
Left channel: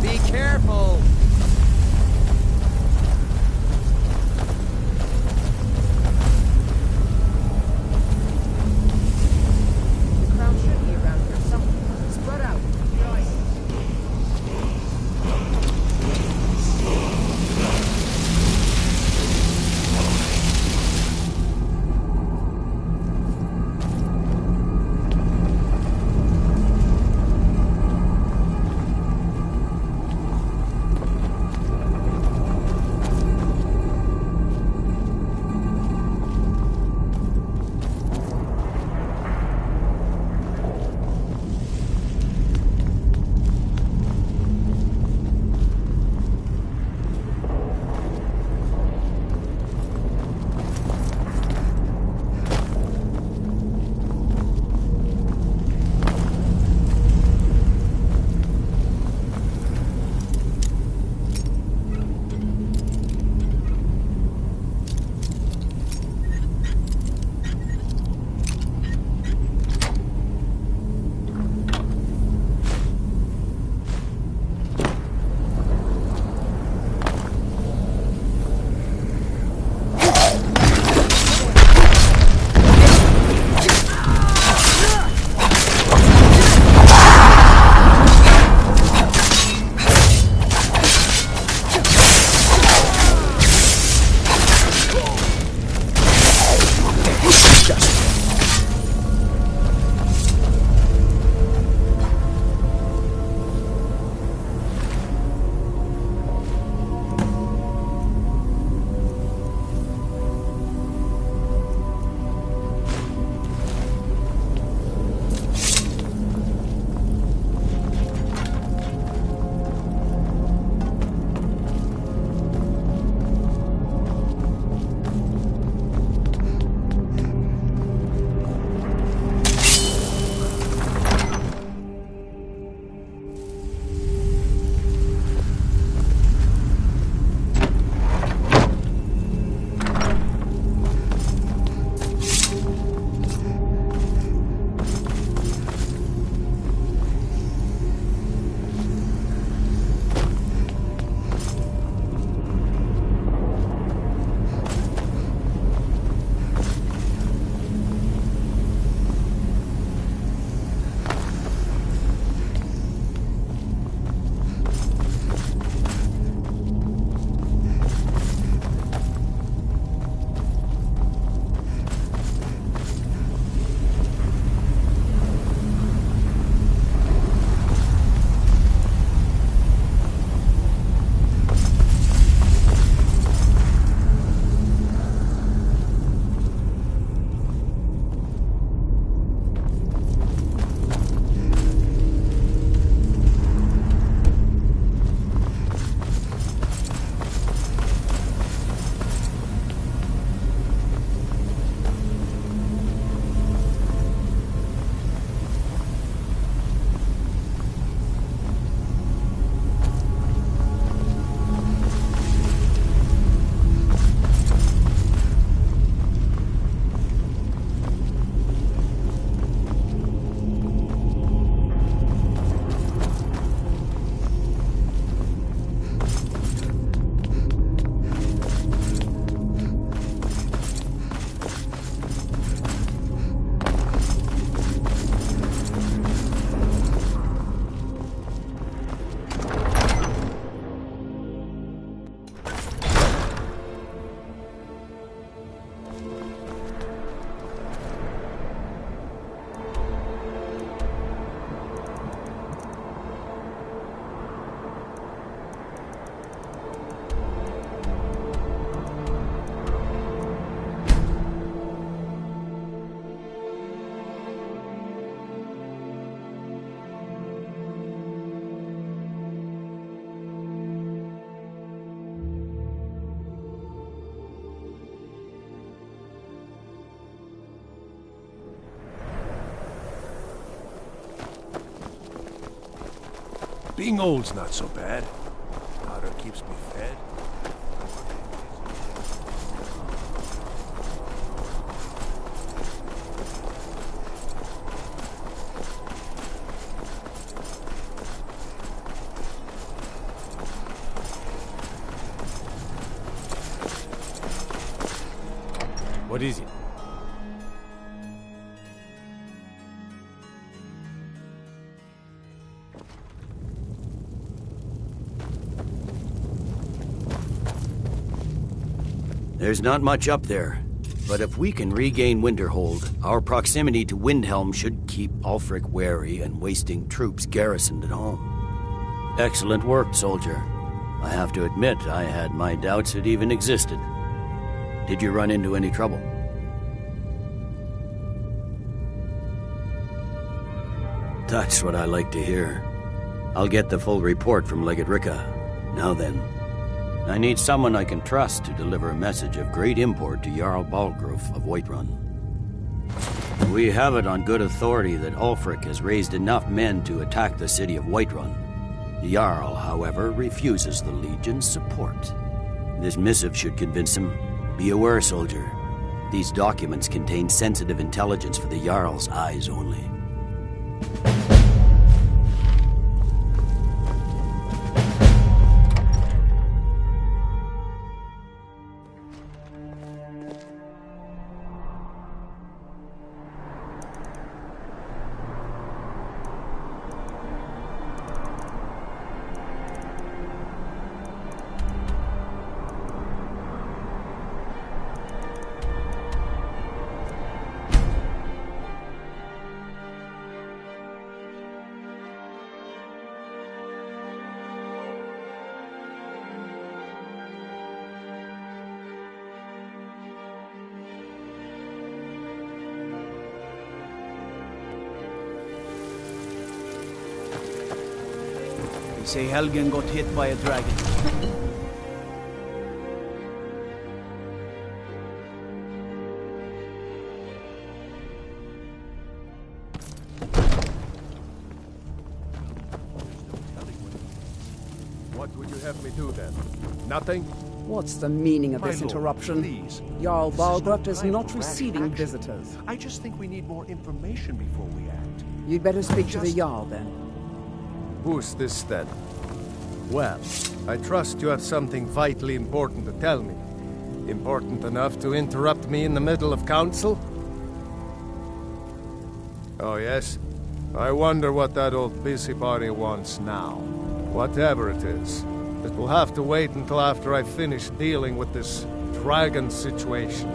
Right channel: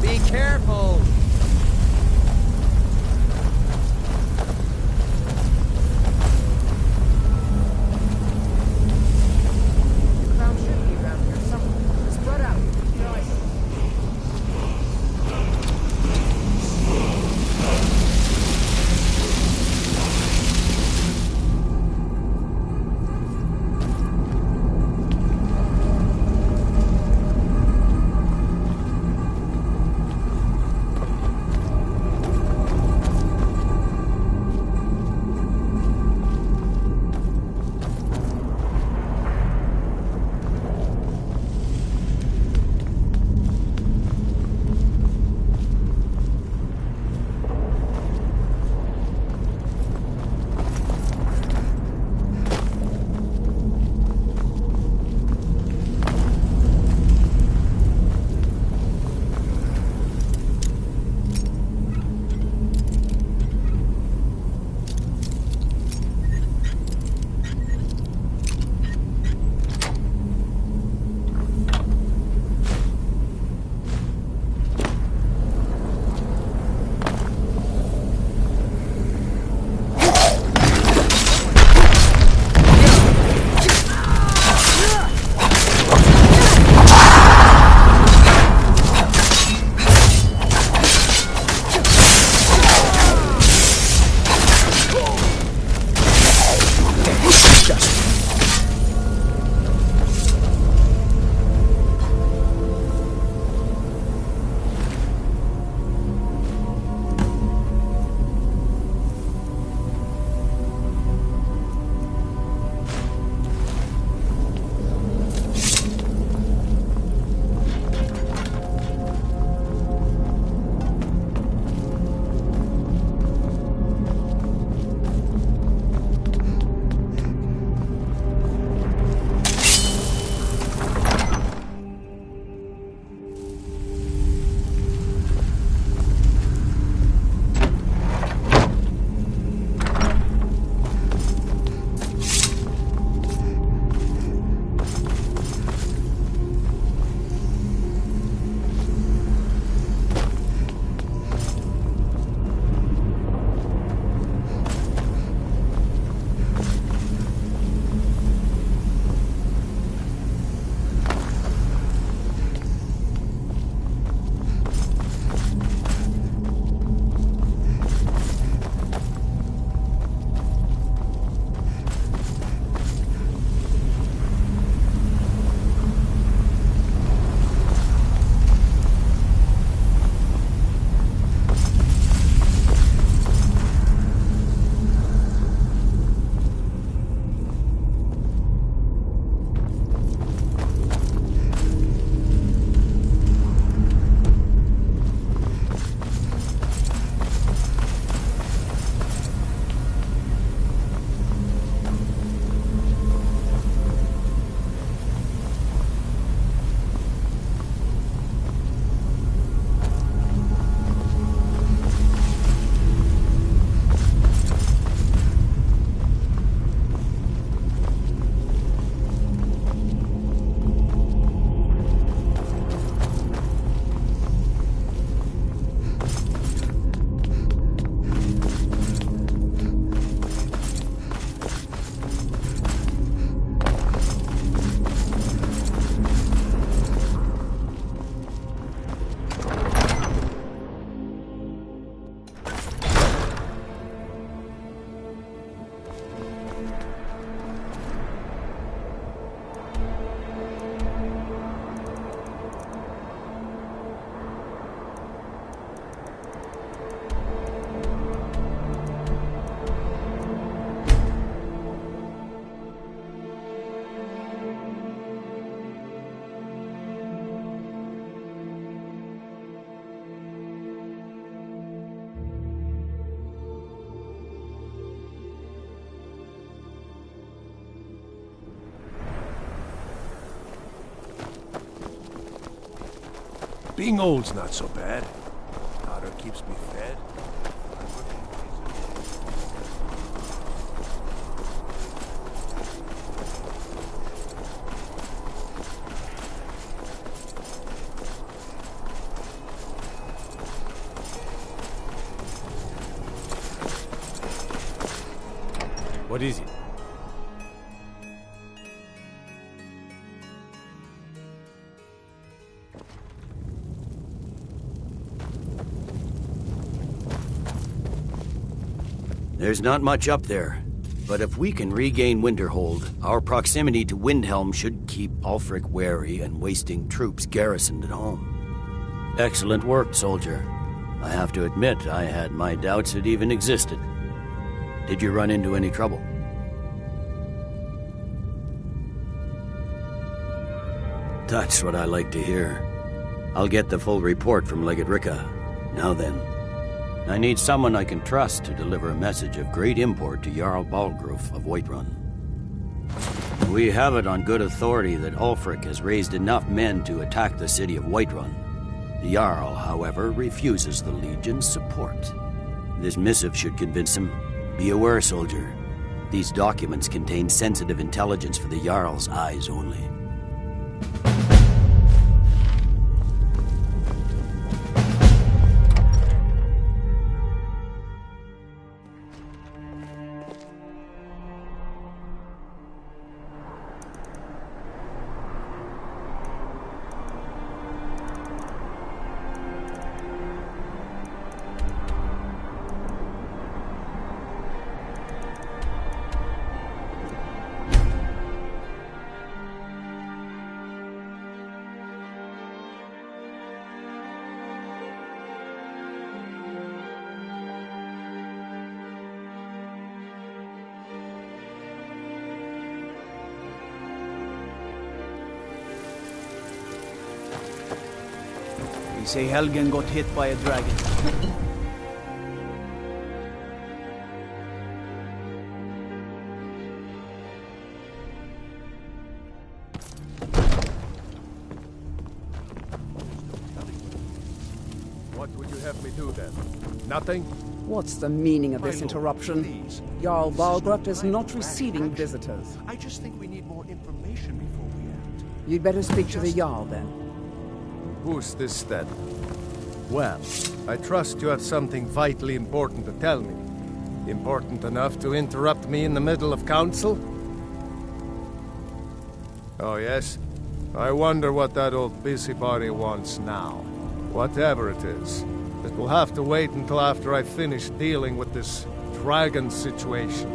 Be careful! Being old's not so bad. Daughter keeps me fed. What is it? There's not much up there, but if we can regain Winterhold, our proximity to Windhelm should keep Ulfric wary and wasting troops garrisoned at home. Excellent work, soldier. I have to admit, I had my doubts it even existed. Did you run into any trouble? That's what I like to hear. I'll get the full report from Legate Ricca. Now then, I need someone I can trust to deliver a message of great import to Jarl Balgruf of Whiterun. We have it on good authority that Ulfric has raised enough men to attack the city of Whiterun. The Jarl, however, refuses the Legion's support. This missive should convince him. Be aware, soldier. These documents contain sensitive intelligence for the Jarl's eyes only. Say Helgen got hit by a dragon. What would you have me do then? Nothing? What's the meaning of My this lord, interruption? please. Jarl This is no Balgruf is time not for rash receiving action. visitors. I just think we need more information before we act. You'd better speak to the Jarl then. Who's this then? Well, I trust you have something vitally important to tell me. Important enough to interrupt me in the middle of council? Oh yes? I wonder what that old busybody wants now. Whatever it is, it will have to wait until after I finish dealing with this dragon situation.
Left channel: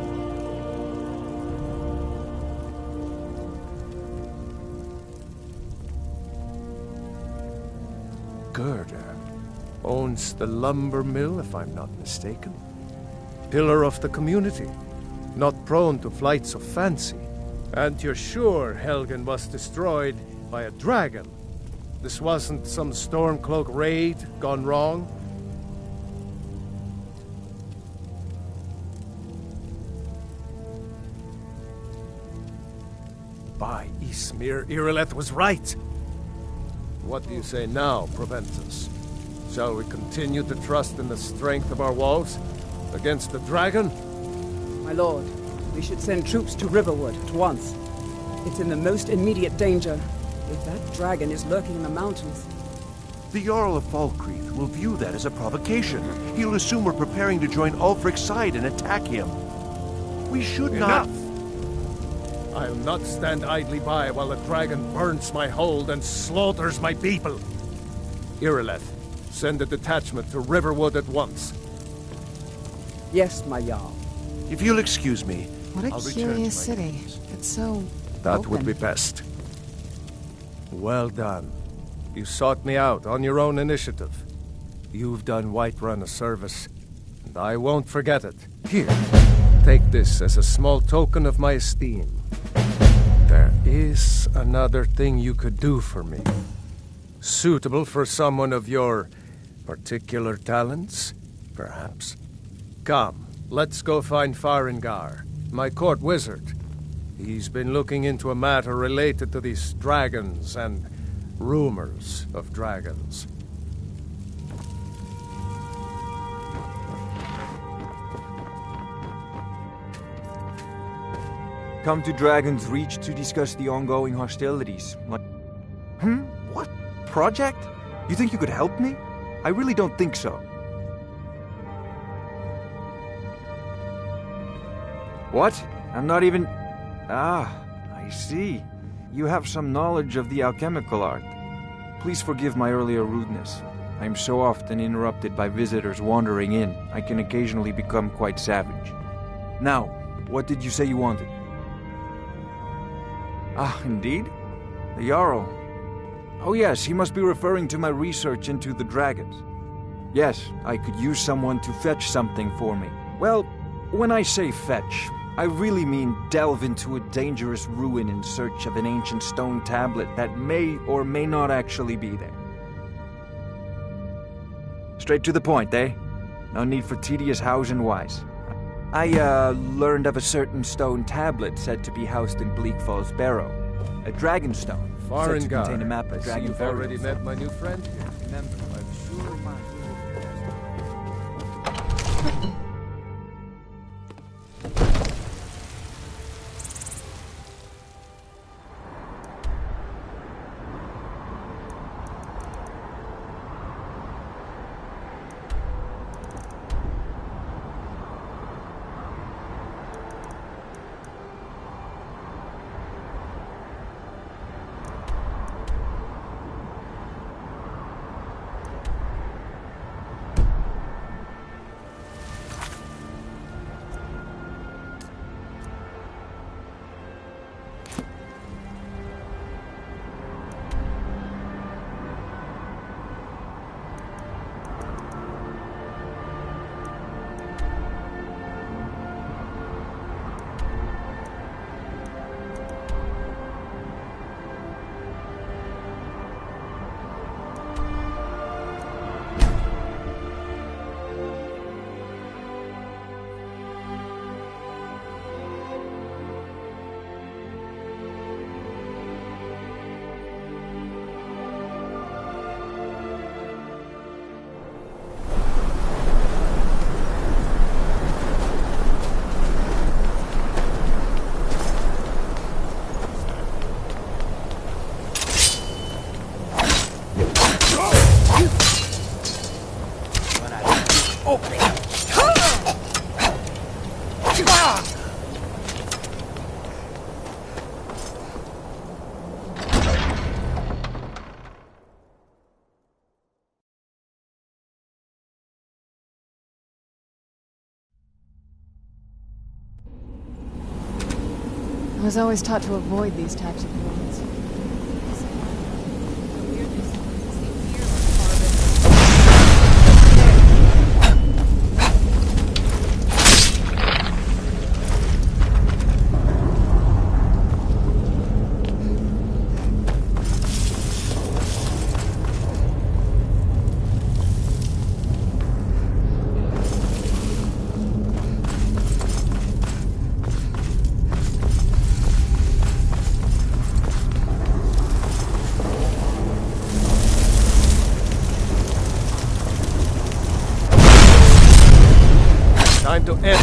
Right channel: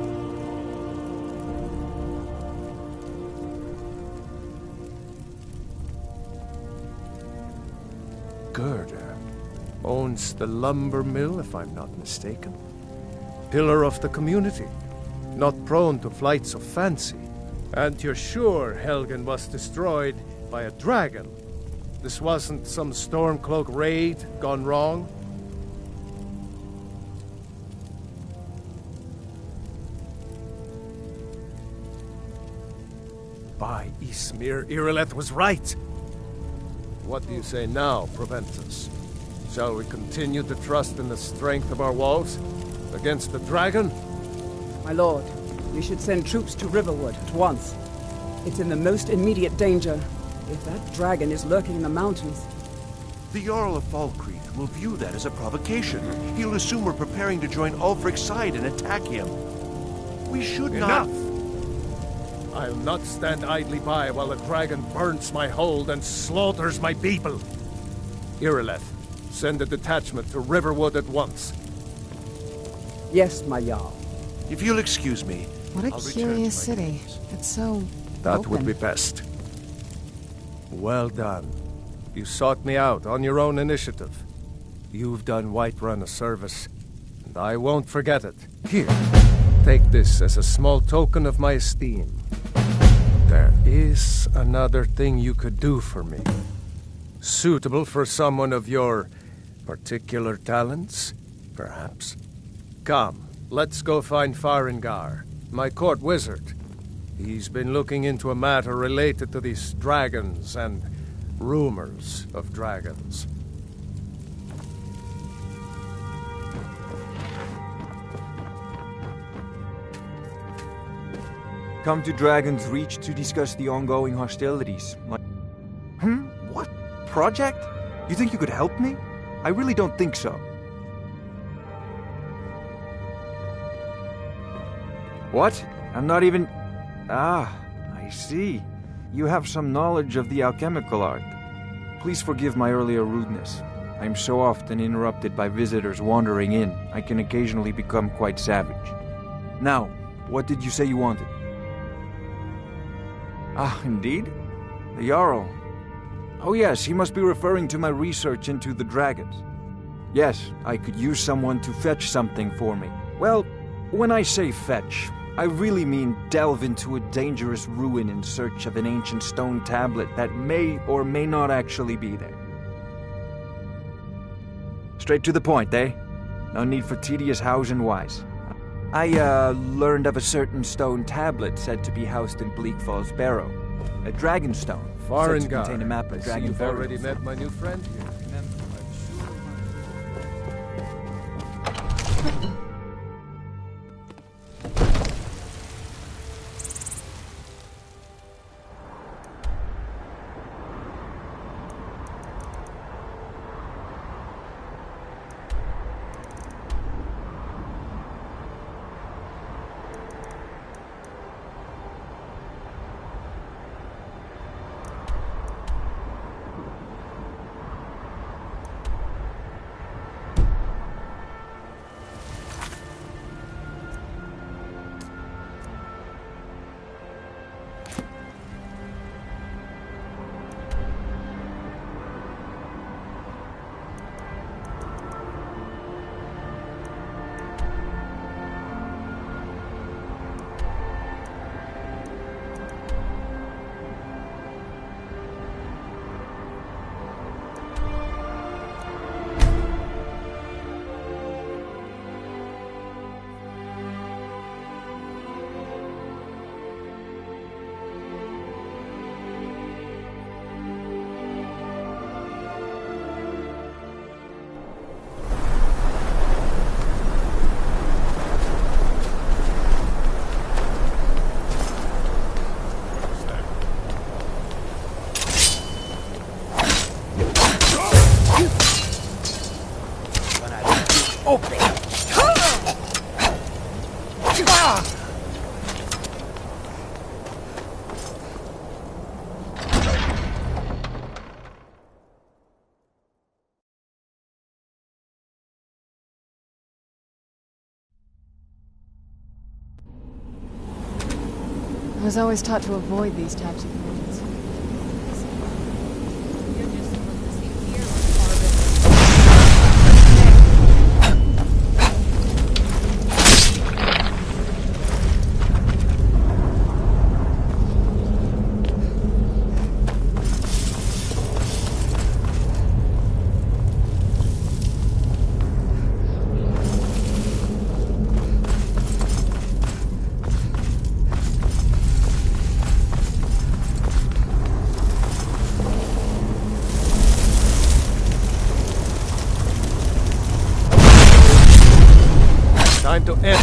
Gerda owns the lumber mill, if I'm not mistaken. Pillar of the community, not prone to flights of fancy. And you're sure Helgen was destroyed by a dragon? This wasn't some Stormcloak raid gone wrong? By Ysmir, Irileth was right! What do you say now, Proventus? Shall we continue to trust in the strength of our walls? Against the dragon? My lord, we should send troops to Riverwood at once. It's in the most immediate danger. If that dragon is lurking in the mountains... The Jarl of Falkreath will view that as a provocation. He'll assume we're preparing to join Ulfric's side and attack him. We should not... Enough! I'll not stand idly by while the dragon burns my hold and slaughters my people. Irileth, send a detachment to Riverwood at once. Yes, my Jarl. If you'll excuse me, What a I'll curious city. It's so... That would open. be best. Well done. You sought me out on your own initiative. You've done Whiterun a service, and I won't forget it. Here, take this as a small token of my esteem. There is another thing you could do for me. Suitable for someone of your particular talents, perhaps. Come, let's go find Farengar, my court wizard. He's been looking into a matter related to these dragons and rumors of dragons. Come to Dragon's Reach to discuss the ongoing hostilities. What? Project? You think you could help me? I really don't think so. What? I'm not even... Ah, I see. You have some knowledge of the alchemical art. Please forgive my earlier rudeness. I am so often interrupted by visitors wandering in, I can occasionally become quite savage. Now, what did you say you wanted? Ah, indeed? The Jarl. Oh yes, he must be referring to my research into the dragons. Yes, I could use someone to fetch something for me. Well, when I say fetch, I really mean delve into a dangerous ruin in search of an ancient stone tablet that may or may not actually be there. Straight to the point, eh? No need for tedious hows and whys. I learned of a certain stone tablet said to be housed in Bleak Falls Barrow. A dragon stone, said to contain a map of dragon you've burials. already met my new friend here. Remember, I was always taught to avoid these types of ruins. Time to end.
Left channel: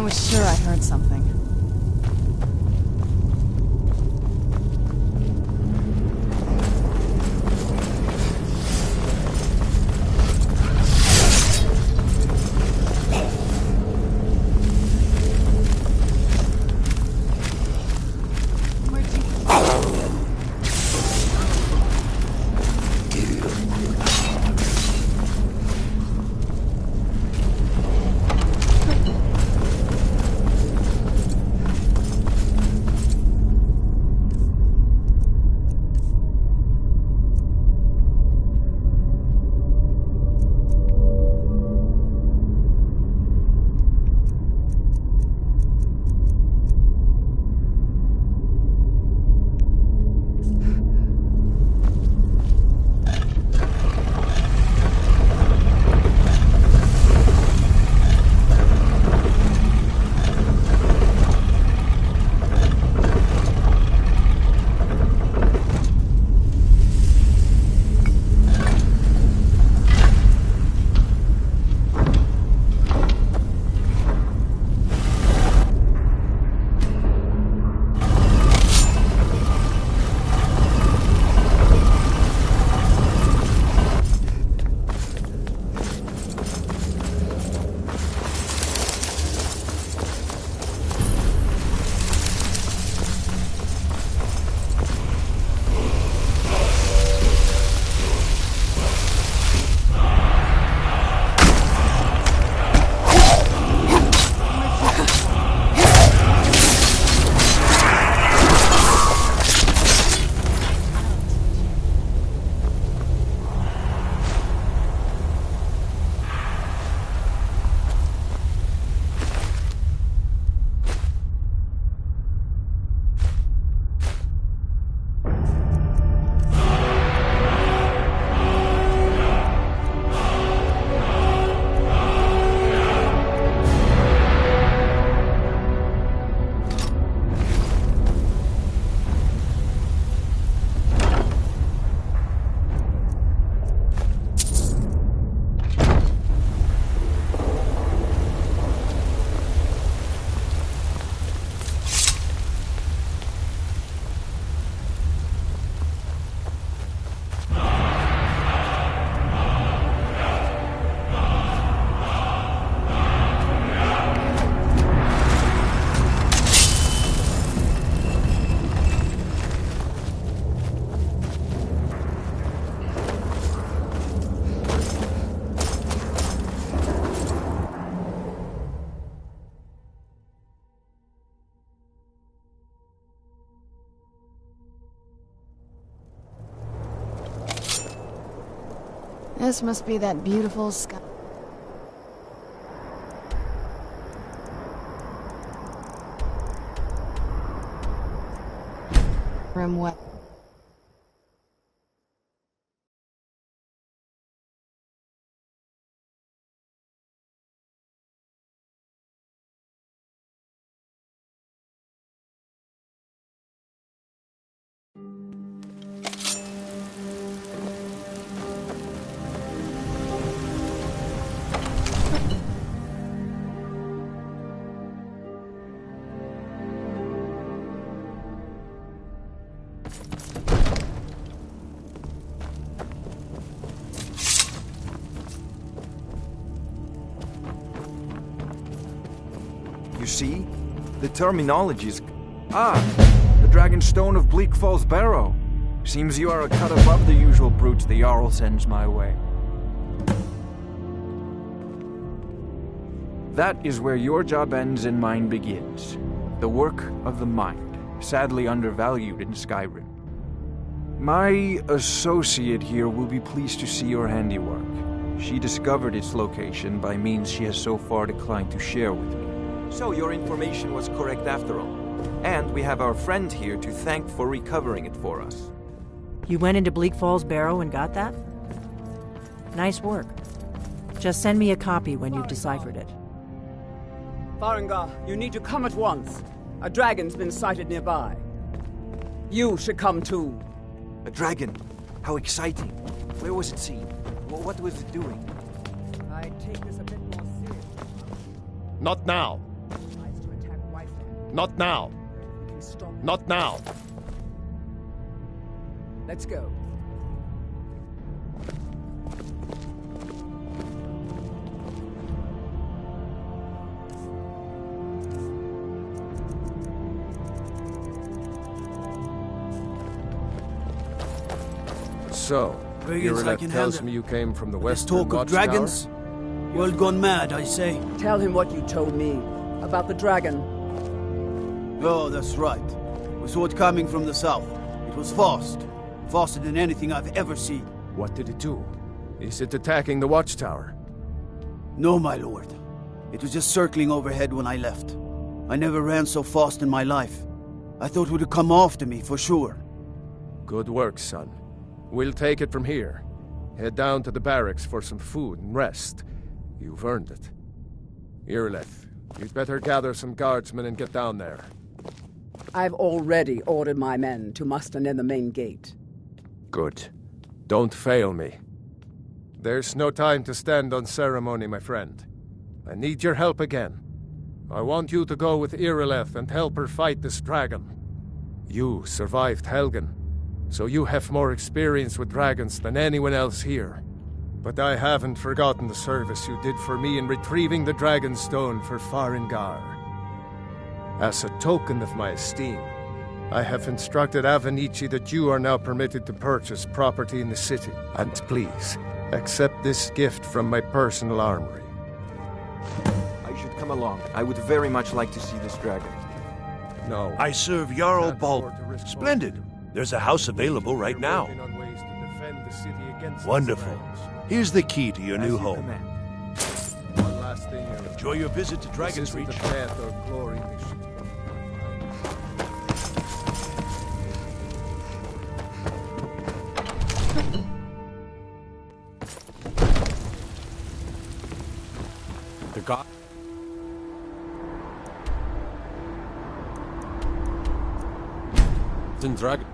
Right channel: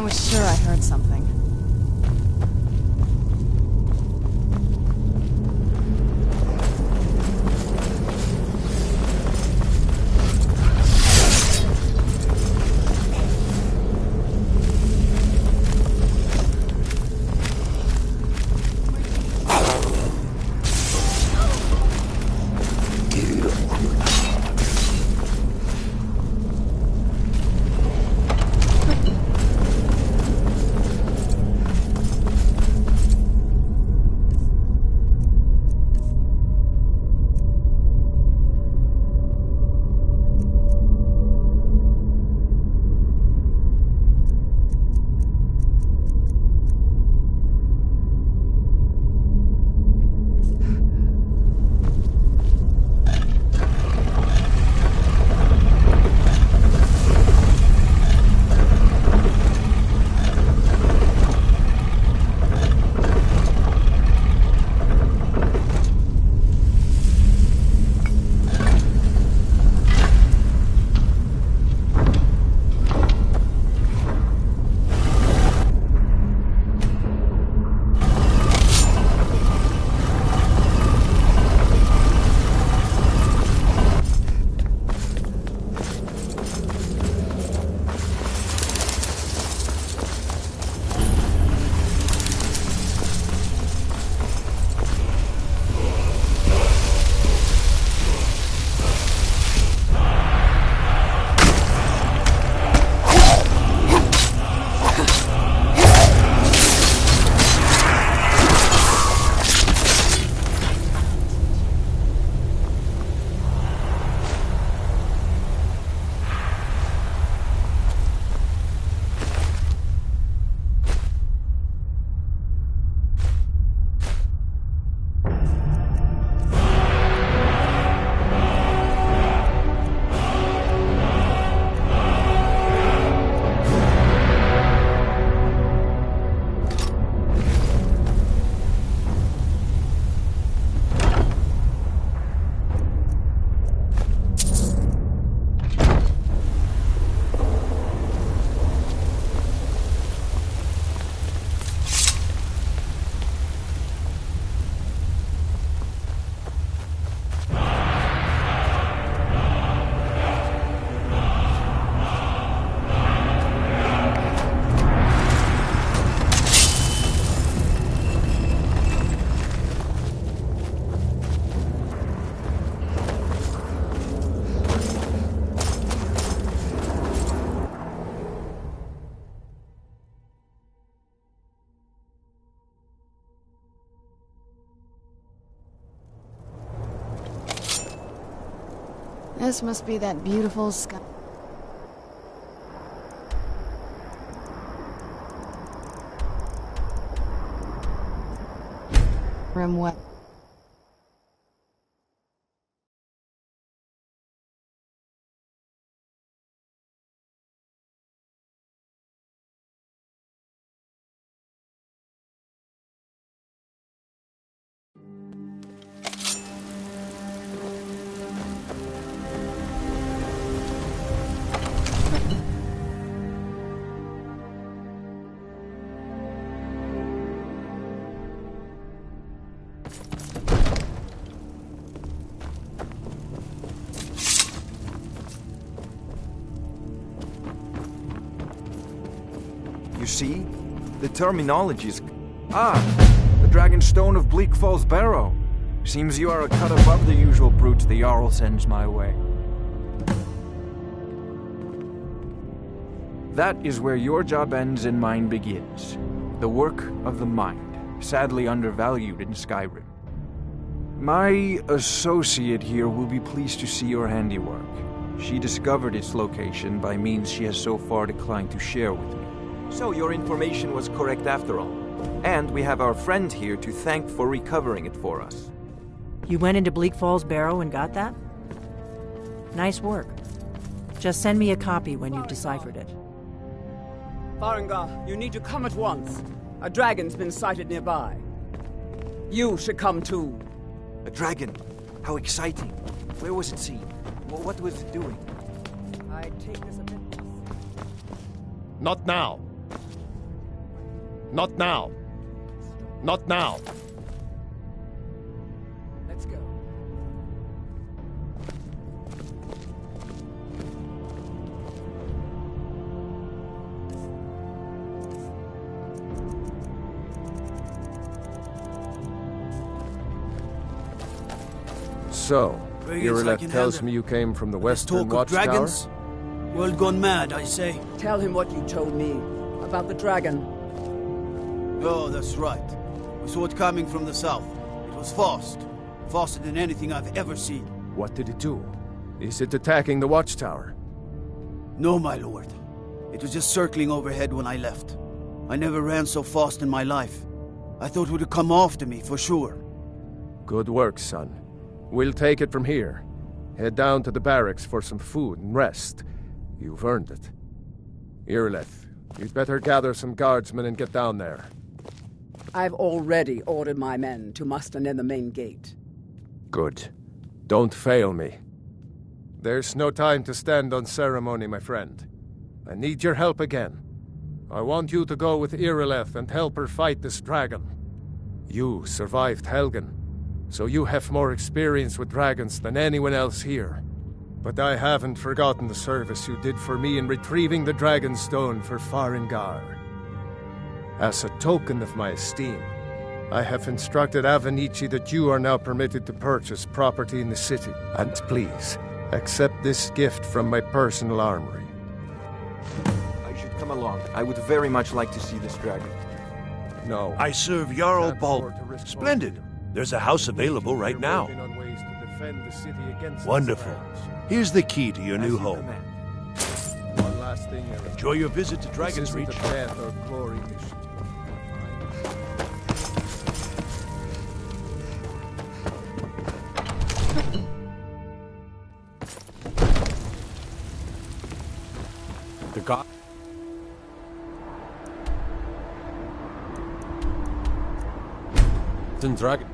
I was sure I heard something. This must be that beautiful sky. Skyrim wet. You see? The terminology is... Ah! The Dragon Stone of Bleak Falls Barrow. Seems you are a cut above the usual brutes the Jarl sends my way. That is where your job ends and mine begins. The work of the mind, sadly undervalued in Skyrim. My associate here will be pleased to see your handiwork. She discovered its location by means she has so far declined to share with me. So your information was correct after all. And we have our friend here to thank for recovering it for us. You went into Bleak Falls Barrow and got that? Nice work. Just send me a copy when you've deciphered it. Farengar, you need to come at once. A dragon's been sighted nearby. You should come too. A dragon? How exciting. Where was it seen? What was it doing? I take this a bit more seriously. Not now. Not now. Not now. Let's go. So, Irileth tells me you came from the Western Talk of dragons? World gone mad, I say. Tell him what you told me about the dragon. Oh, that's right. We saw it coming from the south. It was fast. Faster than anything I've ever seen. What did it do? Is it attacking the watchtower? No, my lord. It was just circling overhead when I left. I never ran so fast in my life. I thought it would come after me, for sure. Good work, son. We'll take it from here. Head down to the barracks for some food and rest. You've earned it. Irileth, you'd better gather some guardsmen and get down there. I've already ordered my men to muster near the main gate. Good. Don't fail me. There's no time to stand on ceremony, my friend. I need your help again. I want you to go with Irileth and help her fight this dragon. You survived Helgen, so you have more experience with dragons than anyone else here. But I haven't forgotten the service you did for me in retrieving the Dragon Stone for Farengar. As a token of my esteem, I have instructed Avenici that you are now permitted to purchase property in the city. And please, accept this gift from my personal armory. I should come along. I would very much like to see this dragon. No. I serve Jarl Balt. Splendid. There's a house available right now. Wonderful. Here's the key to your new home. One last thing, Eric. Enjoy your visit to Dragon's Reach. This isn't a death or glory mission. The god. Dragon.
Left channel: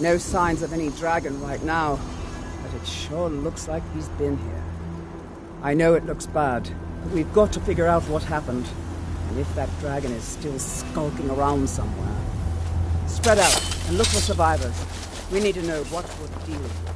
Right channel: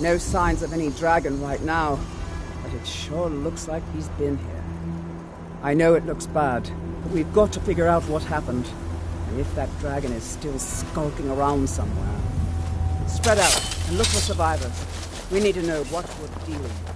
No signs of any dragon right now, but it sure looks like he's been here. I know it looks bad, but we've got to figure out what happened, and if that dragon is still skulking around somewhere. Spread out and look for survivors. We need to know what we're dealing with.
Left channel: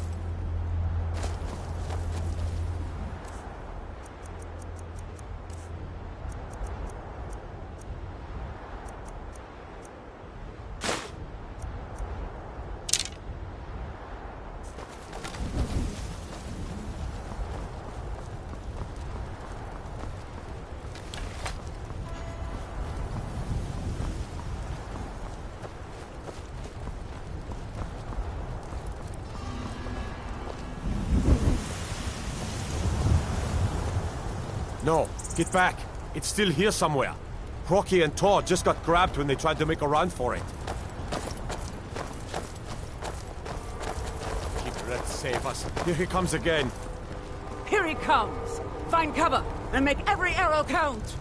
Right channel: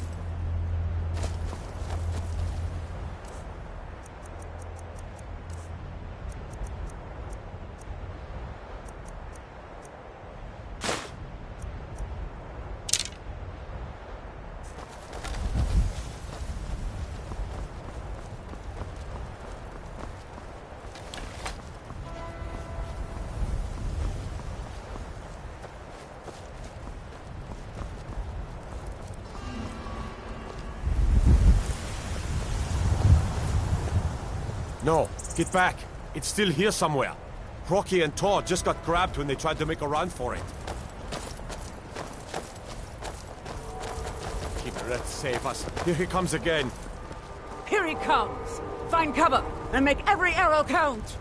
No, get back. It's still here somewhere. Rocky and Todd just got grabbed when they tried to make a run for it. Keep it, let's save us. Here he comes again. Here he comes! Find cover and make every arrow count!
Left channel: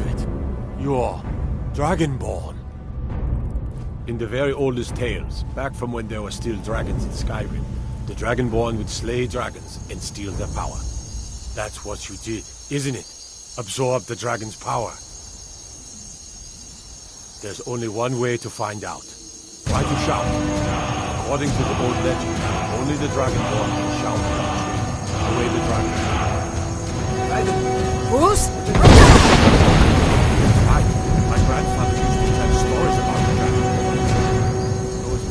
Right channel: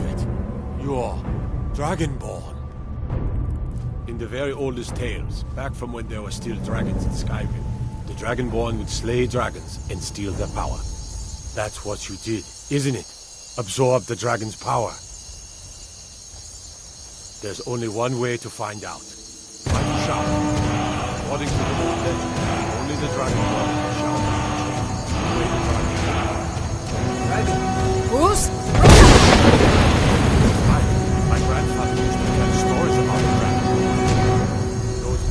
believe it. You're Dragonborn. In the very oldest tales, back from when there were still dragons in Skyrim, the Dragonborn would slay dragons and steal their power. That's what you did, isn't it? Absorb the dragon's power. There's only one way to find out. Try to shout. According to the old legend, only the Dragonborn can shout at a tree, the way the dragon should. Dragon! Who's? My grandfather used to tell stories about the Dragonborn. Those...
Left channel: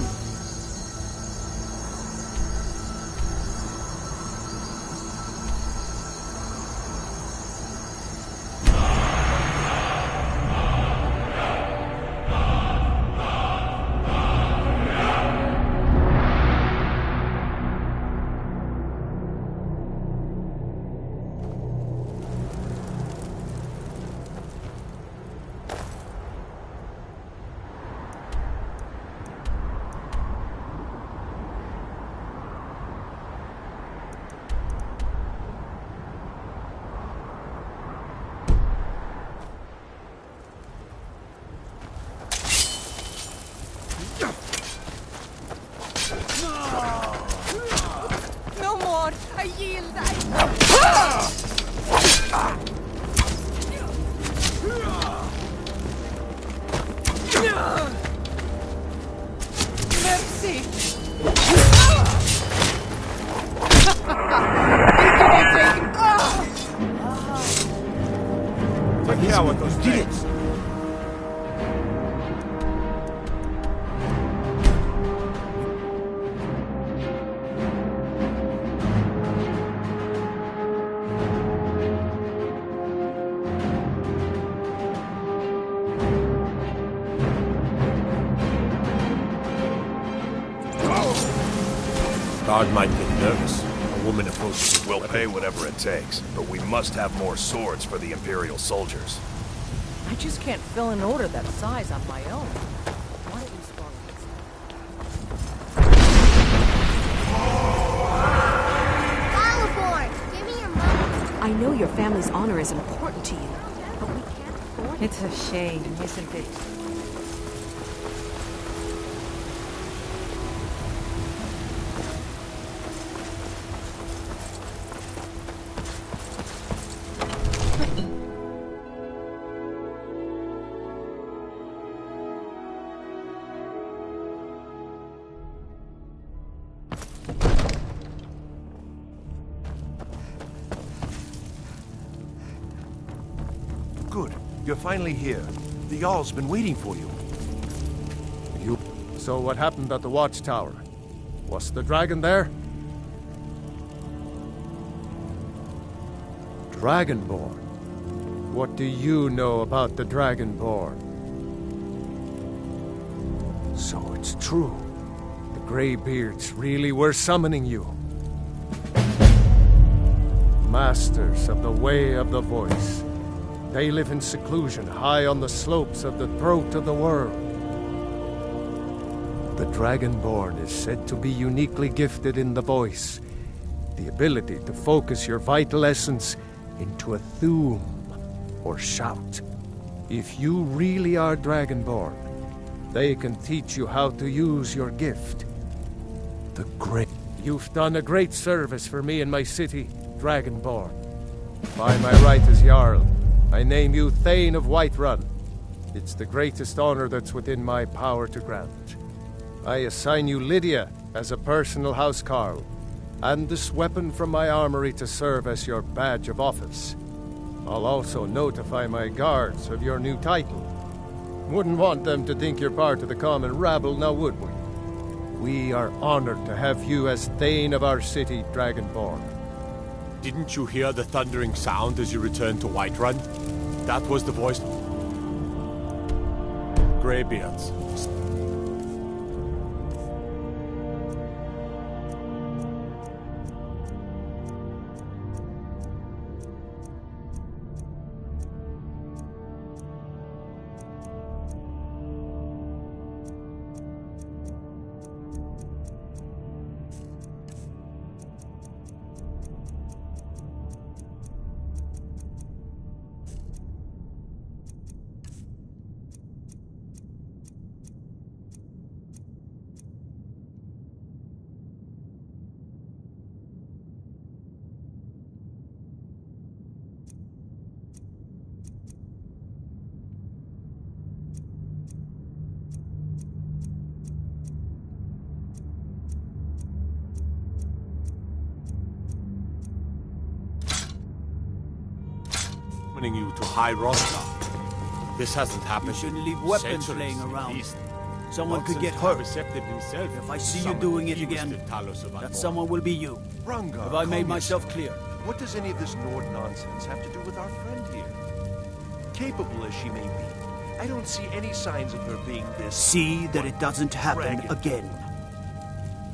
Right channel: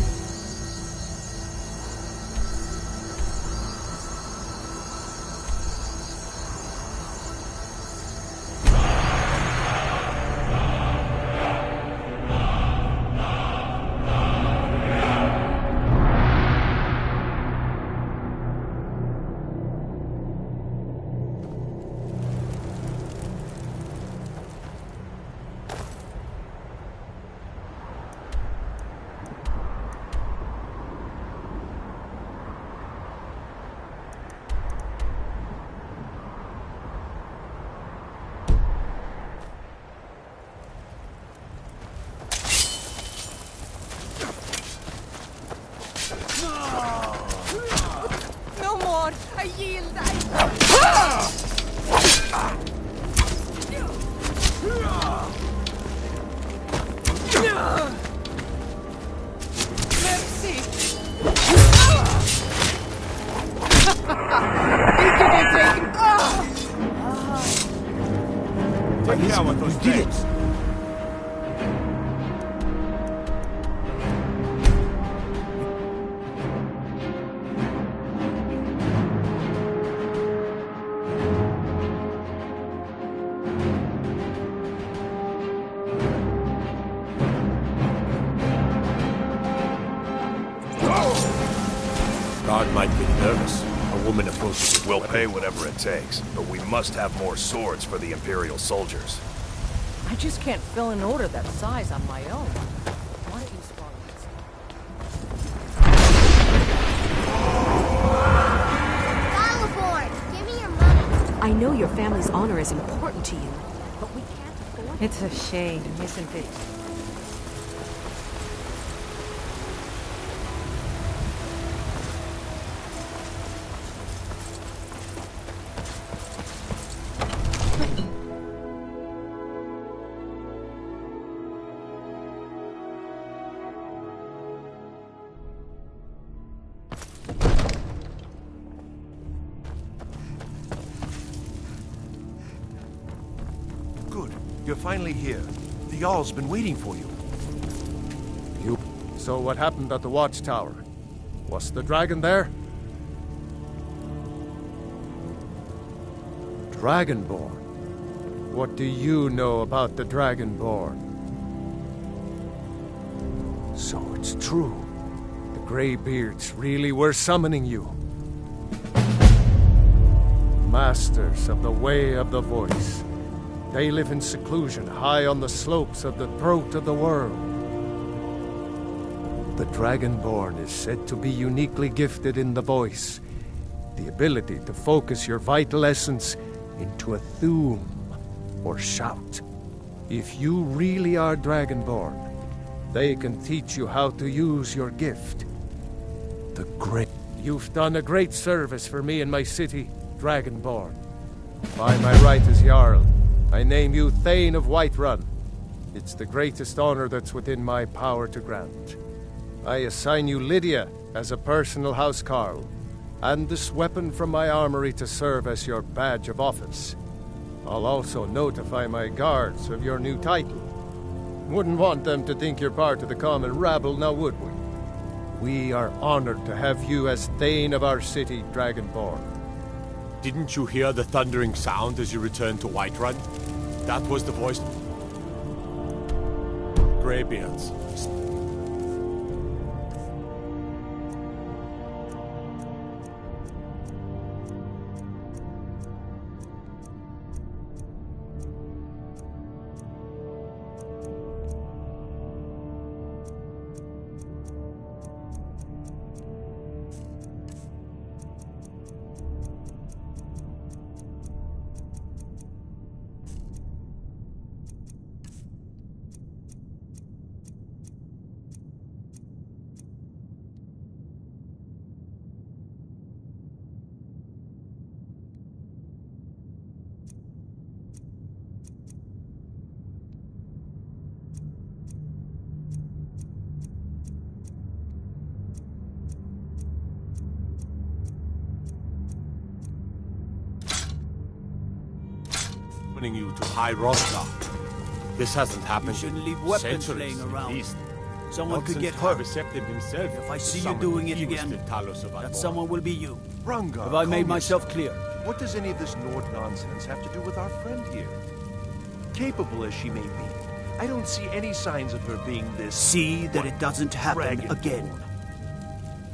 No more! I yield! Mercy! Take care with those things. Guard might get nervous. A woman approaches with We'll pay whatever it takes, but we must have more swords for the Imperial soldiers. I just can't fill an order that size on my own. Why don't you swallow this? Galaborn, give me your money. I know your family's honor is important to you, but we can't afford it. It's a shame, isn't it? Good. You're finally here. The Jarl's been waiting for you. So what happened at the watchtower? Was the dragon there? Dragonborn? What do you know about the Dragonborn? So it's true. The Greybeards really were summoning you. Masters of the Way of the Voice. They live in seclusion high on the slopes of the throat of the world. The Dragonborn is said to be uniquely gifted in the voice, the ability to focus your vital essence into a thum, or shout. If you really are Dragonborn, they can teach you how to use your gift. The great... You've done a great service for me and my city, Dragonborn. By my right as Jarl, I name you Thane of Whiterun. It's the greatest honor that's within my power to grant. I assign you Lydia as a personal housecarl, and this weapon from my armory to serve as your badge of office. I'll also notify my guards of your new title. Wouldn't want them to think you're part of the common rabble, now would we? We are honored to have you as Thane of our city, Dragonborn. Didn't you hear the thundering sound as you returned to Whiterun? That was the voice... Greybeards. summoning you to High Rostar. This hasn't happened. You shouldn't leave weapons centuries, laying at around. least. Someone Not could since get hurt. Receptive himself If I to see you summon doing the it again, Ewisted Talos of that Admor. someone will be you. Runga, Have I made calm myself yourself. clear? What does any of this Nord nonsense have to do with our friend here? Capable as she may be, I don't see any signs of her being this... See that it doesn't happen dragon. again.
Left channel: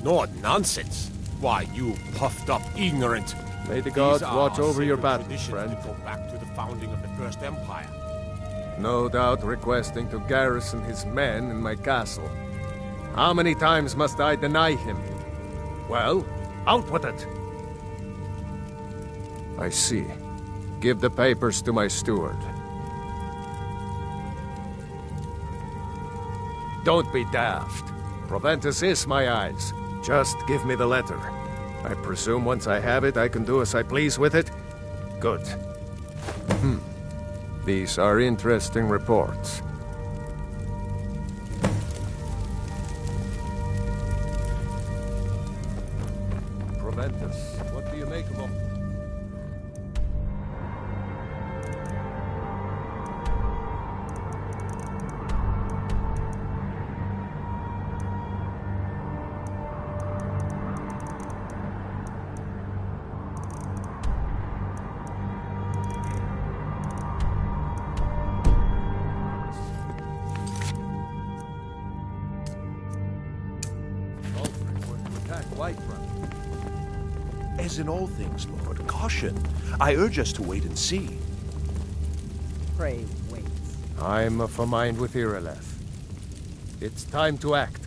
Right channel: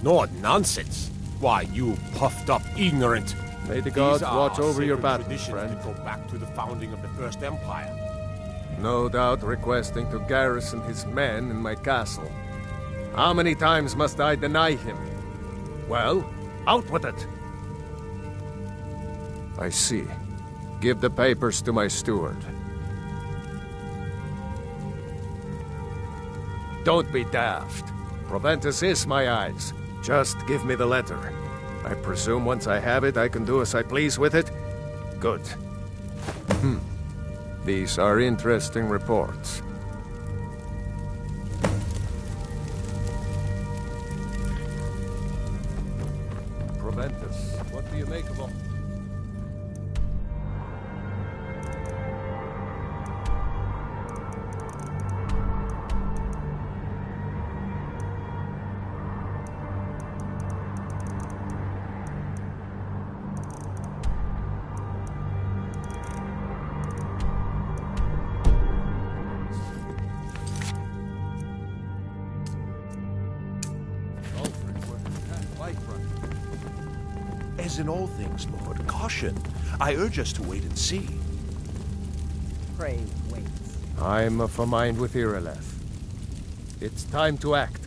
Nord nonsense? Why, you puffed up ignorant. May the gods These are watch over your sacred battles, traditions friend. that go back to the founding of the First Empire. No doubt requesting to garrison his men in my castle. How many times must I deny him? Well, out with it! I see. Give the papers to my steward. Don't be daft. Proventus is my eyes. Just give me the letter. I presume once I have it, I can do as I please with it? Good. These are interesting reports. Proventus, what do you make of all... As in all things, Lord, caution. I urge us to wait and see. Pray wait. I'm of a mind with Irileth. It's time to act.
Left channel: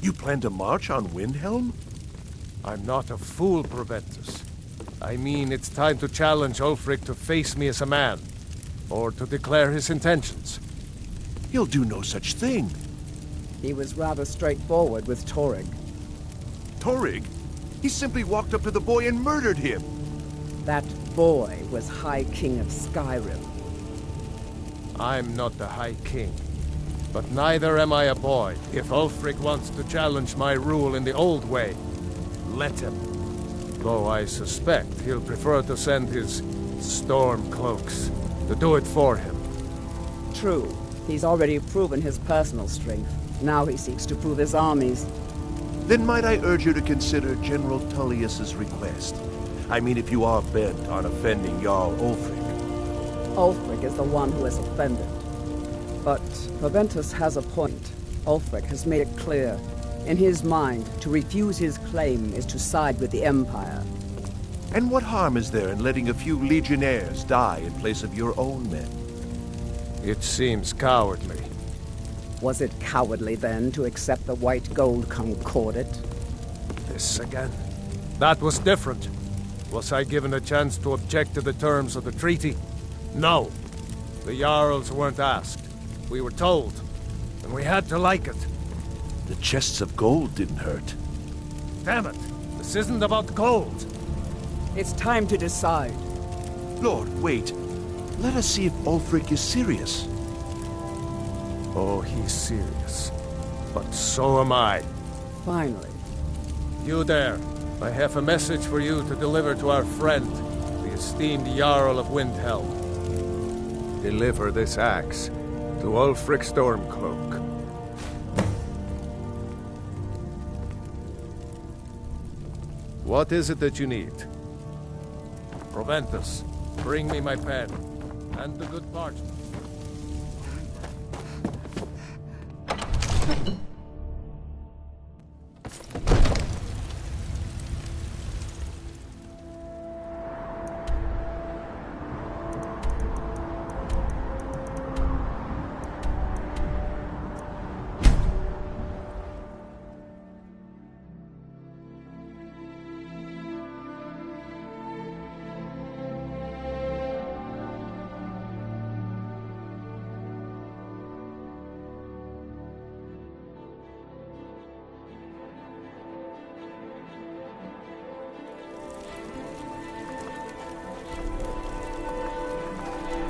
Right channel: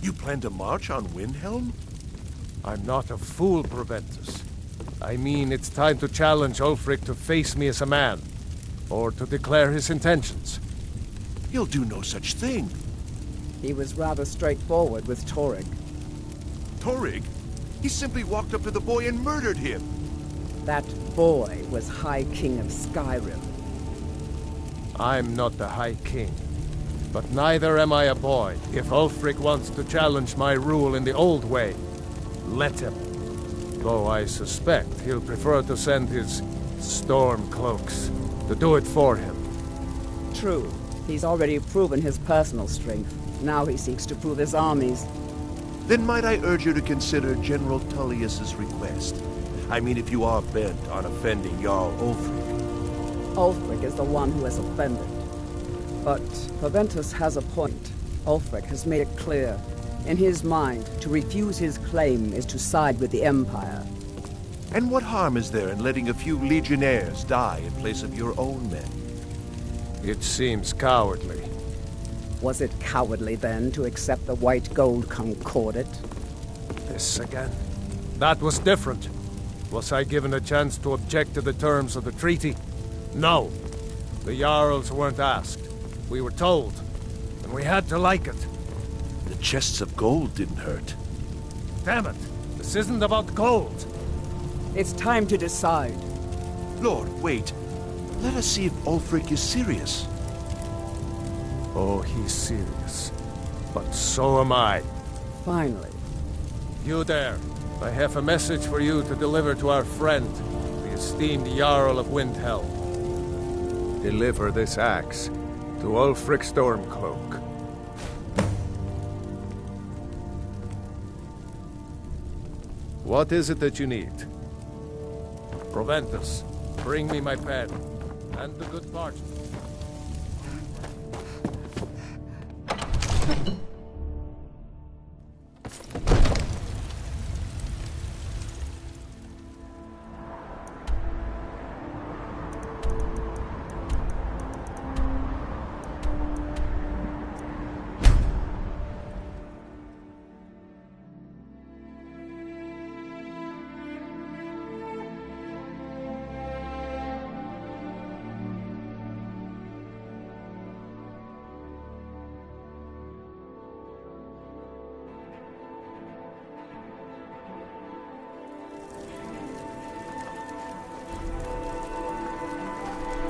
You plan to march on Windhelm? I'm not a fool, Proventus. I mean, it's time to challenge Ulfric to face me as a man, or to declare his intentions. He'll do no such thing. He was rather straightforward with Torrig. Torrig? He simply walked up to the boy and murdered him. That boy was High King of Skyrim. I'm not the High King, but neither am I a boy. If Ulfric wants to challenge my rule in the old way, let him. Though I suspect he'll prefer to send his storm cloaks to do it for him. True. He's already proven his personal strength. Now he seeks to prove his armies. Then might I urge you to consider General Tullius's request? I mean, if you are bent on offending Jarl Ulfric. Ulfric is the one who has offended. But Proventus has a point. Ulfric has made it clear. In his mind, to refuse his claim is to side with the Empire. And what harm is there in letting a few legionnaires die in place of your own men? It seems cowardly. Was it cowardly, then, to accept the white gold concordat? This again? That was different. Was I given a chance to object to the terms of the treaty? No. The Jarls weren't asked. We were told. And we had to like it. The chests of gold didn't hurt. Damn it! This isn't about gold! It's time to decide. Lord, wait. Let us see if Ulfric is serious. Oh, he's serious. But so am I. Finally. You there. I have a message for you to deliver to our friend, the esteemed Jarl of Windhelm. Deliver this axe to Ulfric Stormcloak. What is it that you need? Proventus, bring me my pen, and the good parchment.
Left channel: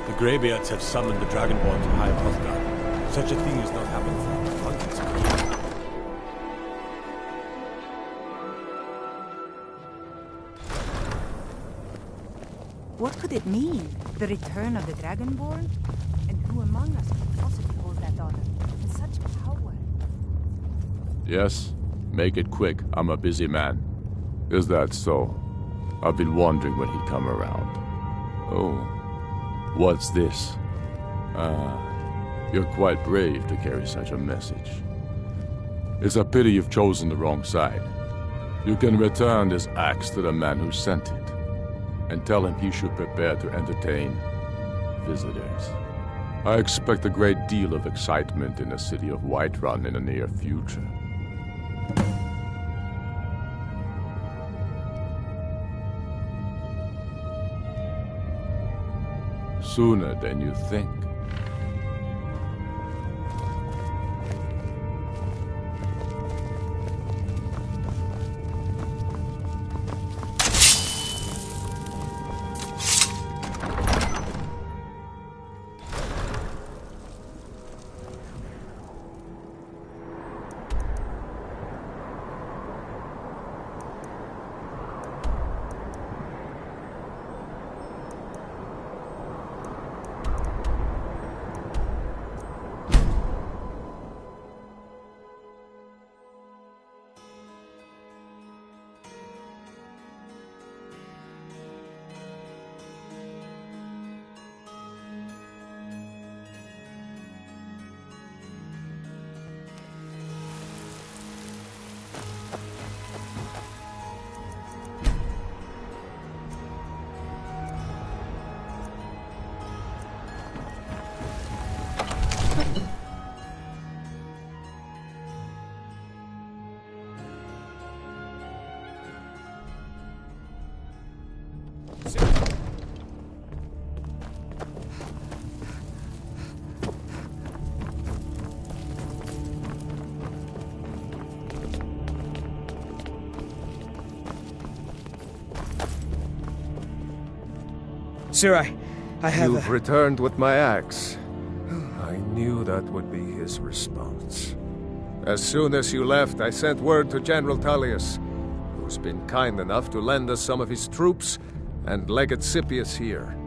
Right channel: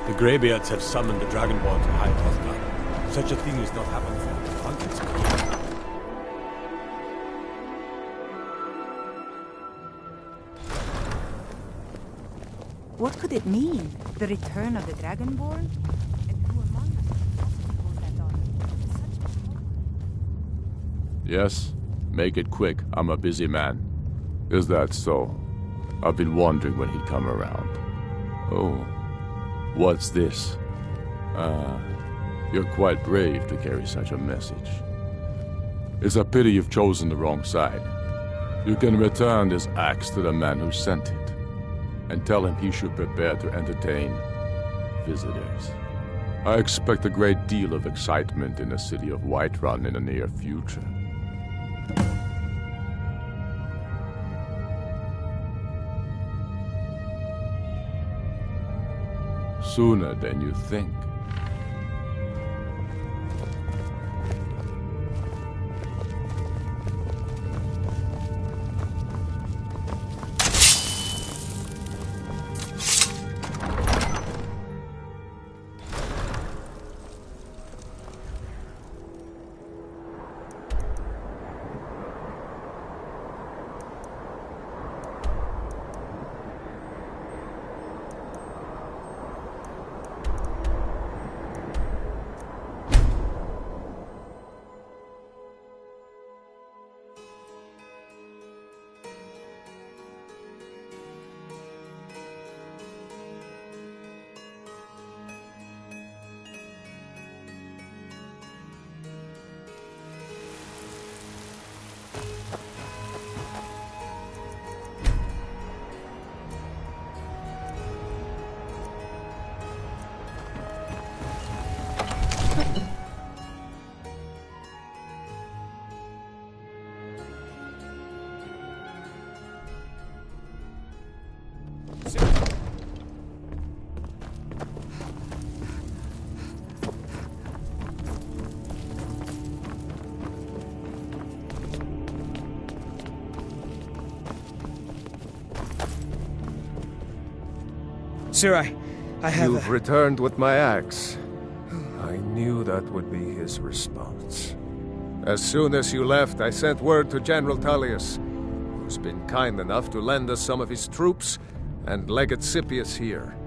The Greybeards have summoned the Dragonborn to High Hrothgar. Such a thing has not happened for hundreds of years. What could it mean? The return of the Dragonborn? And who among us could possibly hold that honor? Such power. Yes? Make it quick. I'm a busy man. Is that so? I've been wondering when he'd come around. Oh. What's this? You're quite brave to carry such a message. It's a pity you've chosen the wrong side. You can return this axe to the man who sent it, and tell him he should prepare to entertain visitors. I expect a great deal of excitement in the city of Whiterun in the near future. Sooner than you think. Sir, I have You've returned with my axe. I knew that would be his response. As soon as you left, I sent word to General Tullius, who's been kind enough to lend us some of his troops, and Legate Scipius here.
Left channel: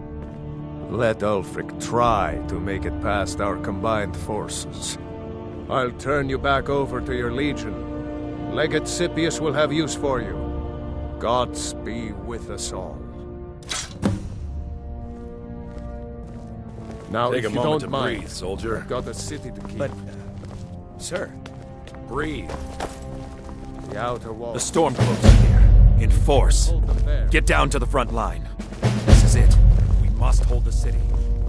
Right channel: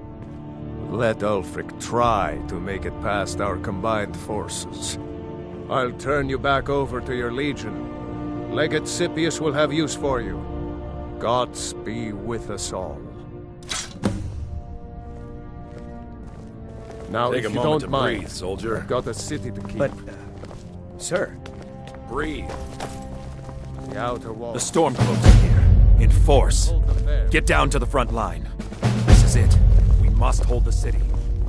Let Ulfric try to make it past our combined forces. I'll turn you back over to your legion. Legate Scipius will have use for you. Gods be with us all. Now, Take if a you moment don't to mind, breathe, soldier. I've got a city to keep. But, sir... Breathe. The outer wall... The Stormcloaks are here, in force. Get down to the front line. This is it. We must hold the city.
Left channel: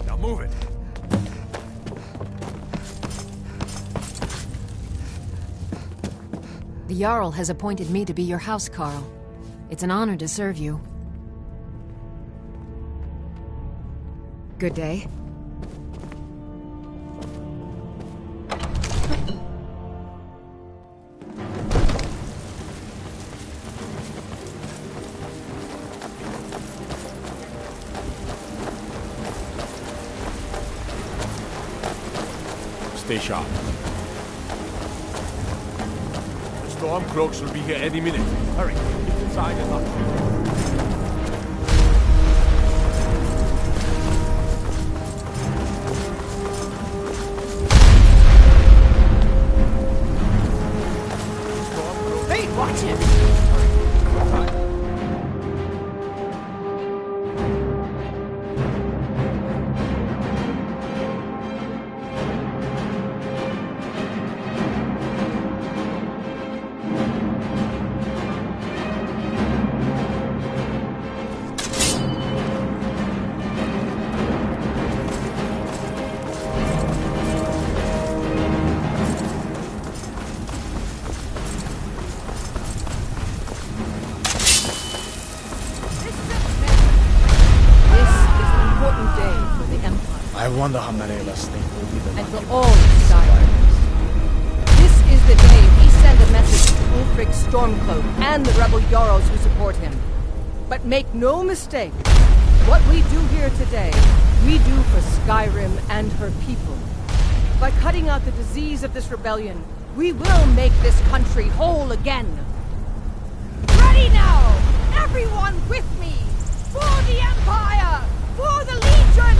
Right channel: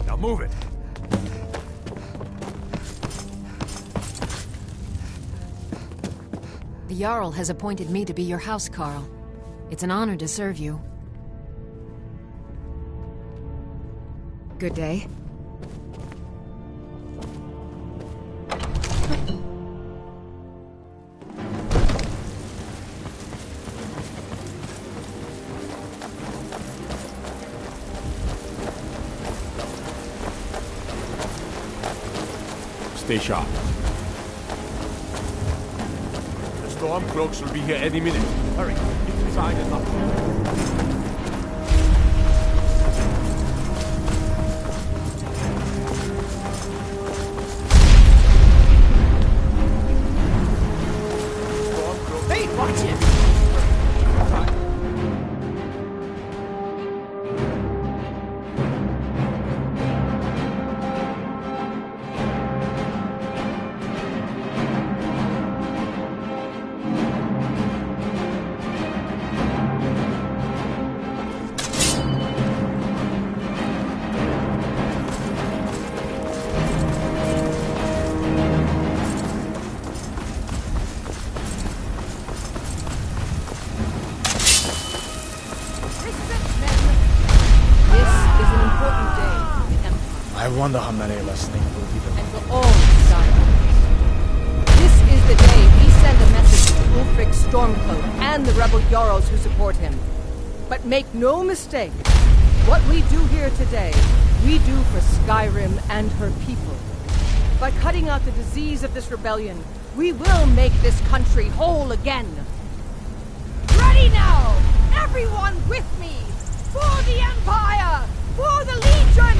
Now move it. The Jarl has appointed me to be your housecarl. It's an honor to serve you. Good day. Stay sharp. The Stormcloaks will be here any minute. Hurry, get inside and up. Hey, watch it! I wonder how many of us think we'll be the And one. for all Skyrim. This is the day we send a message to Ulfric Stormcloak and the rebel Jarls who support him. But make no mistake, what we do here today, we do for Skyrim and her people. By cutting out the disease of this rebellion, we will make this country whole again. Ready now! Everyone with me! For the Empire! For the Legion!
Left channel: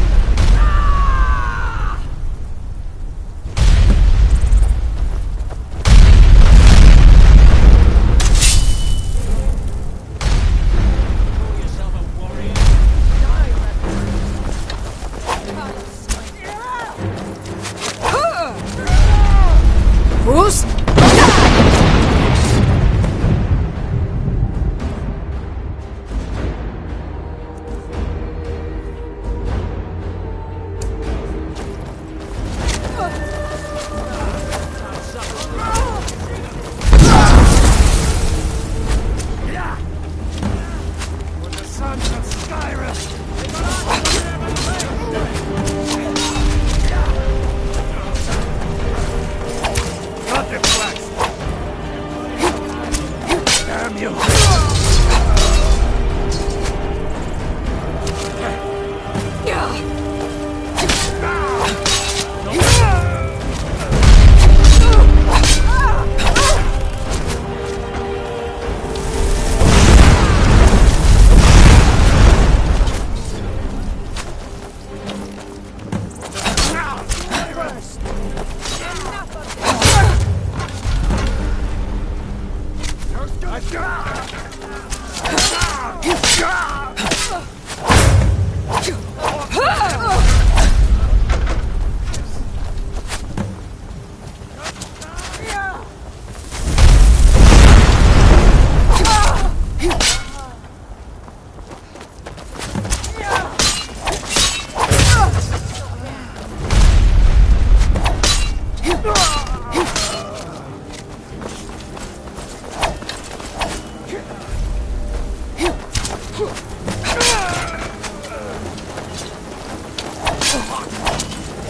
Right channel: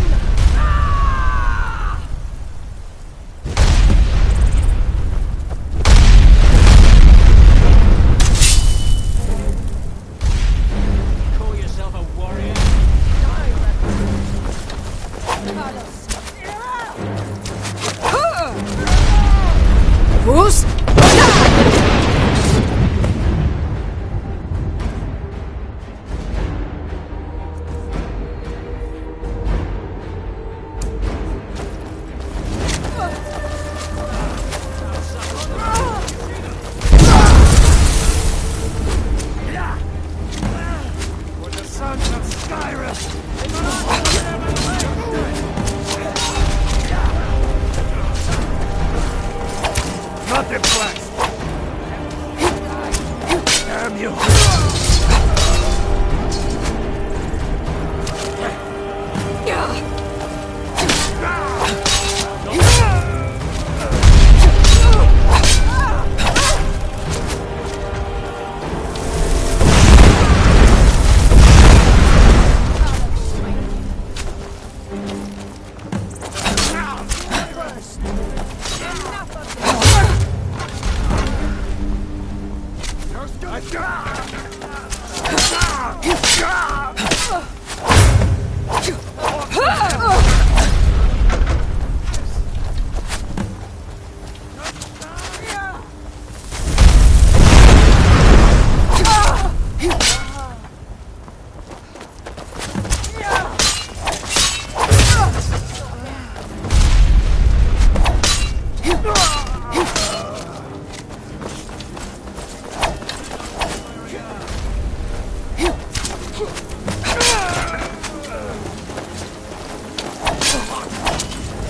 Ah! Call yourself a warrior? Who's? For the sons of Skyrim! Not deflect! Damn you!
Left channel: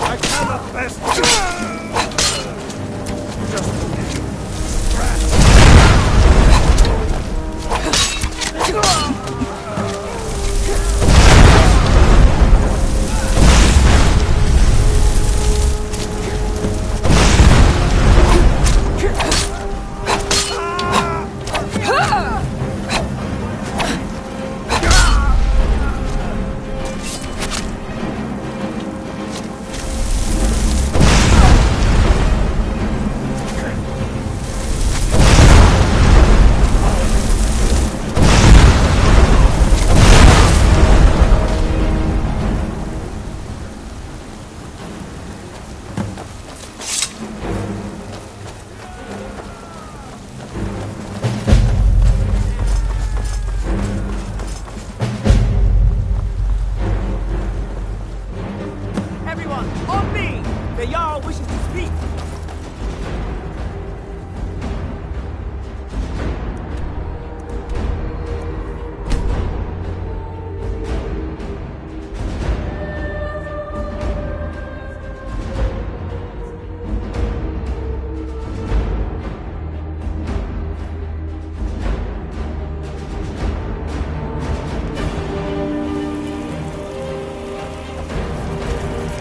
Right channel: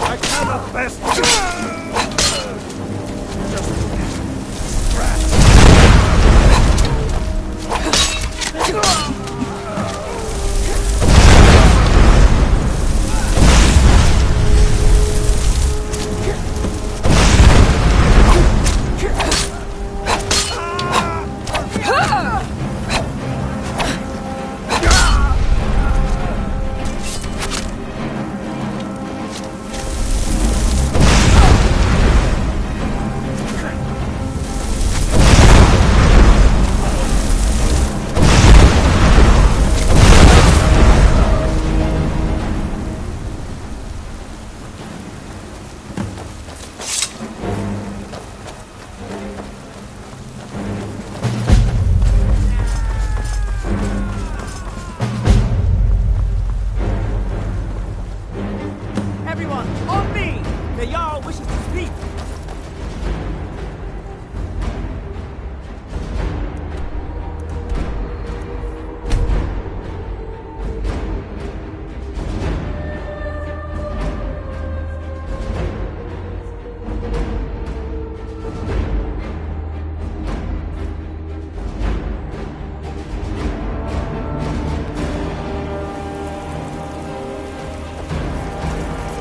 I cannot best. Everyone, on me! The Jarl wishes to speak!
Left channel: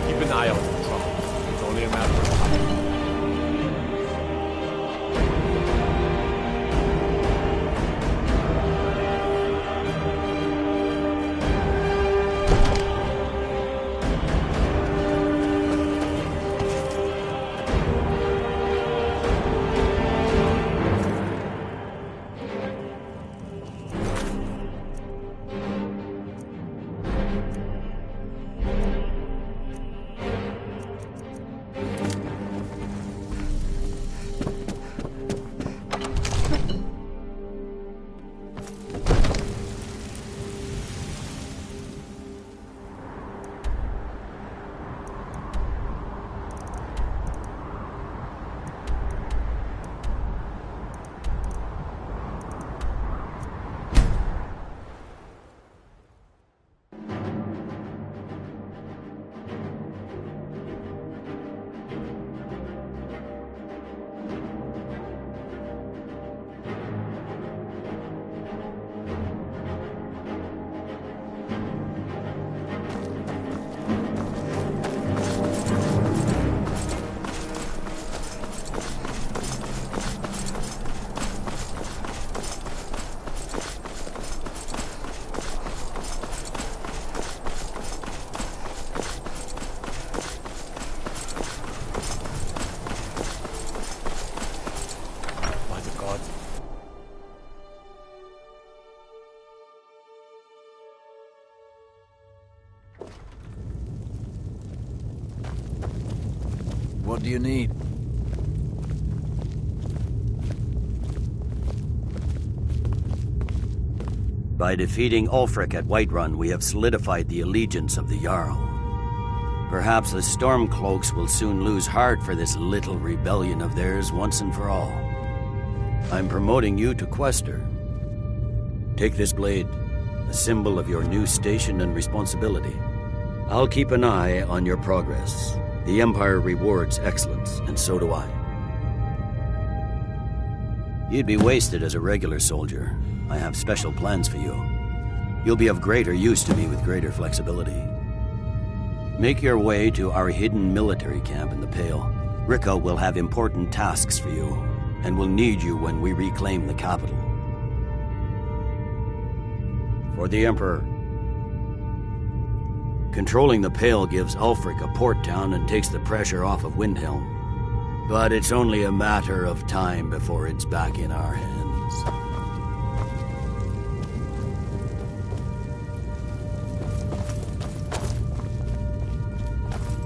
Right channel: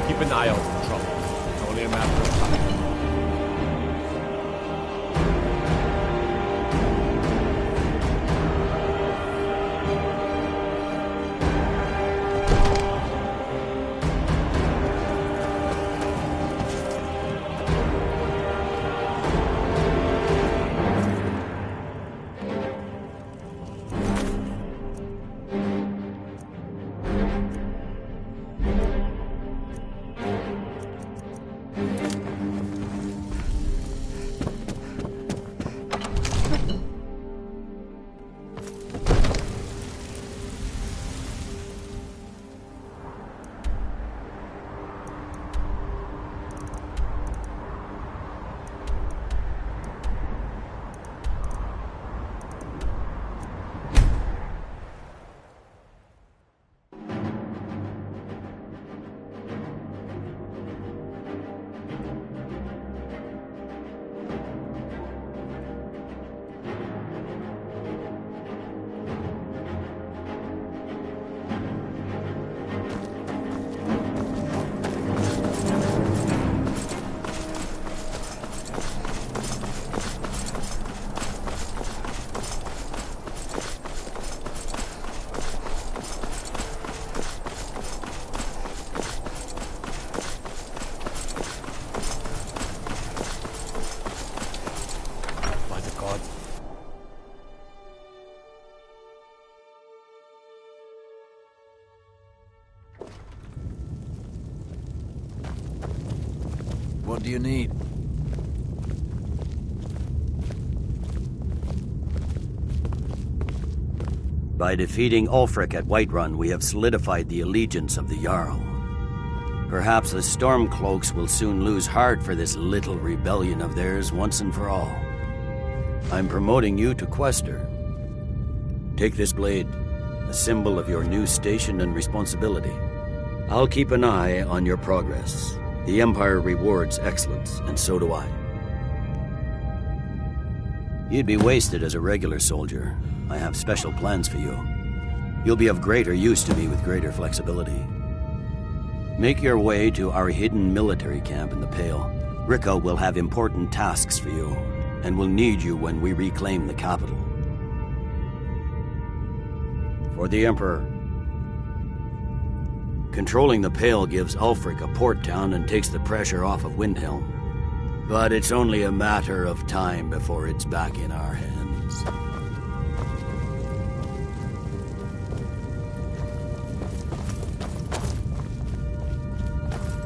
Keep an eye out for trouble. It's only a matter of time. What do you need? By defeating Ulfric at Whiterun, we have solidified the allegiance of the Jarl. Perhaps the Stormcloaks will soon lose heart for this little rebellion of theirs once and for all. I'm promoting you to Quester. Take this blade, a symbol of your new station and responsibility. I'll keep an eye on your progress. The Empire rewards excellence, and so do I. You'd be wasted as a regular soldier. I have special plans for you. You'll be of greater use to me with greater flexibility. Make your way to our hidden military camp in the Pale. Rika will have important tasks for you, and will need you when we reclaim the capital. For the Emperor, controlling the Pale gives Ulfric a port town and takes the pressure off of Windhelm. But it's only a matter of time before it's back in our hands.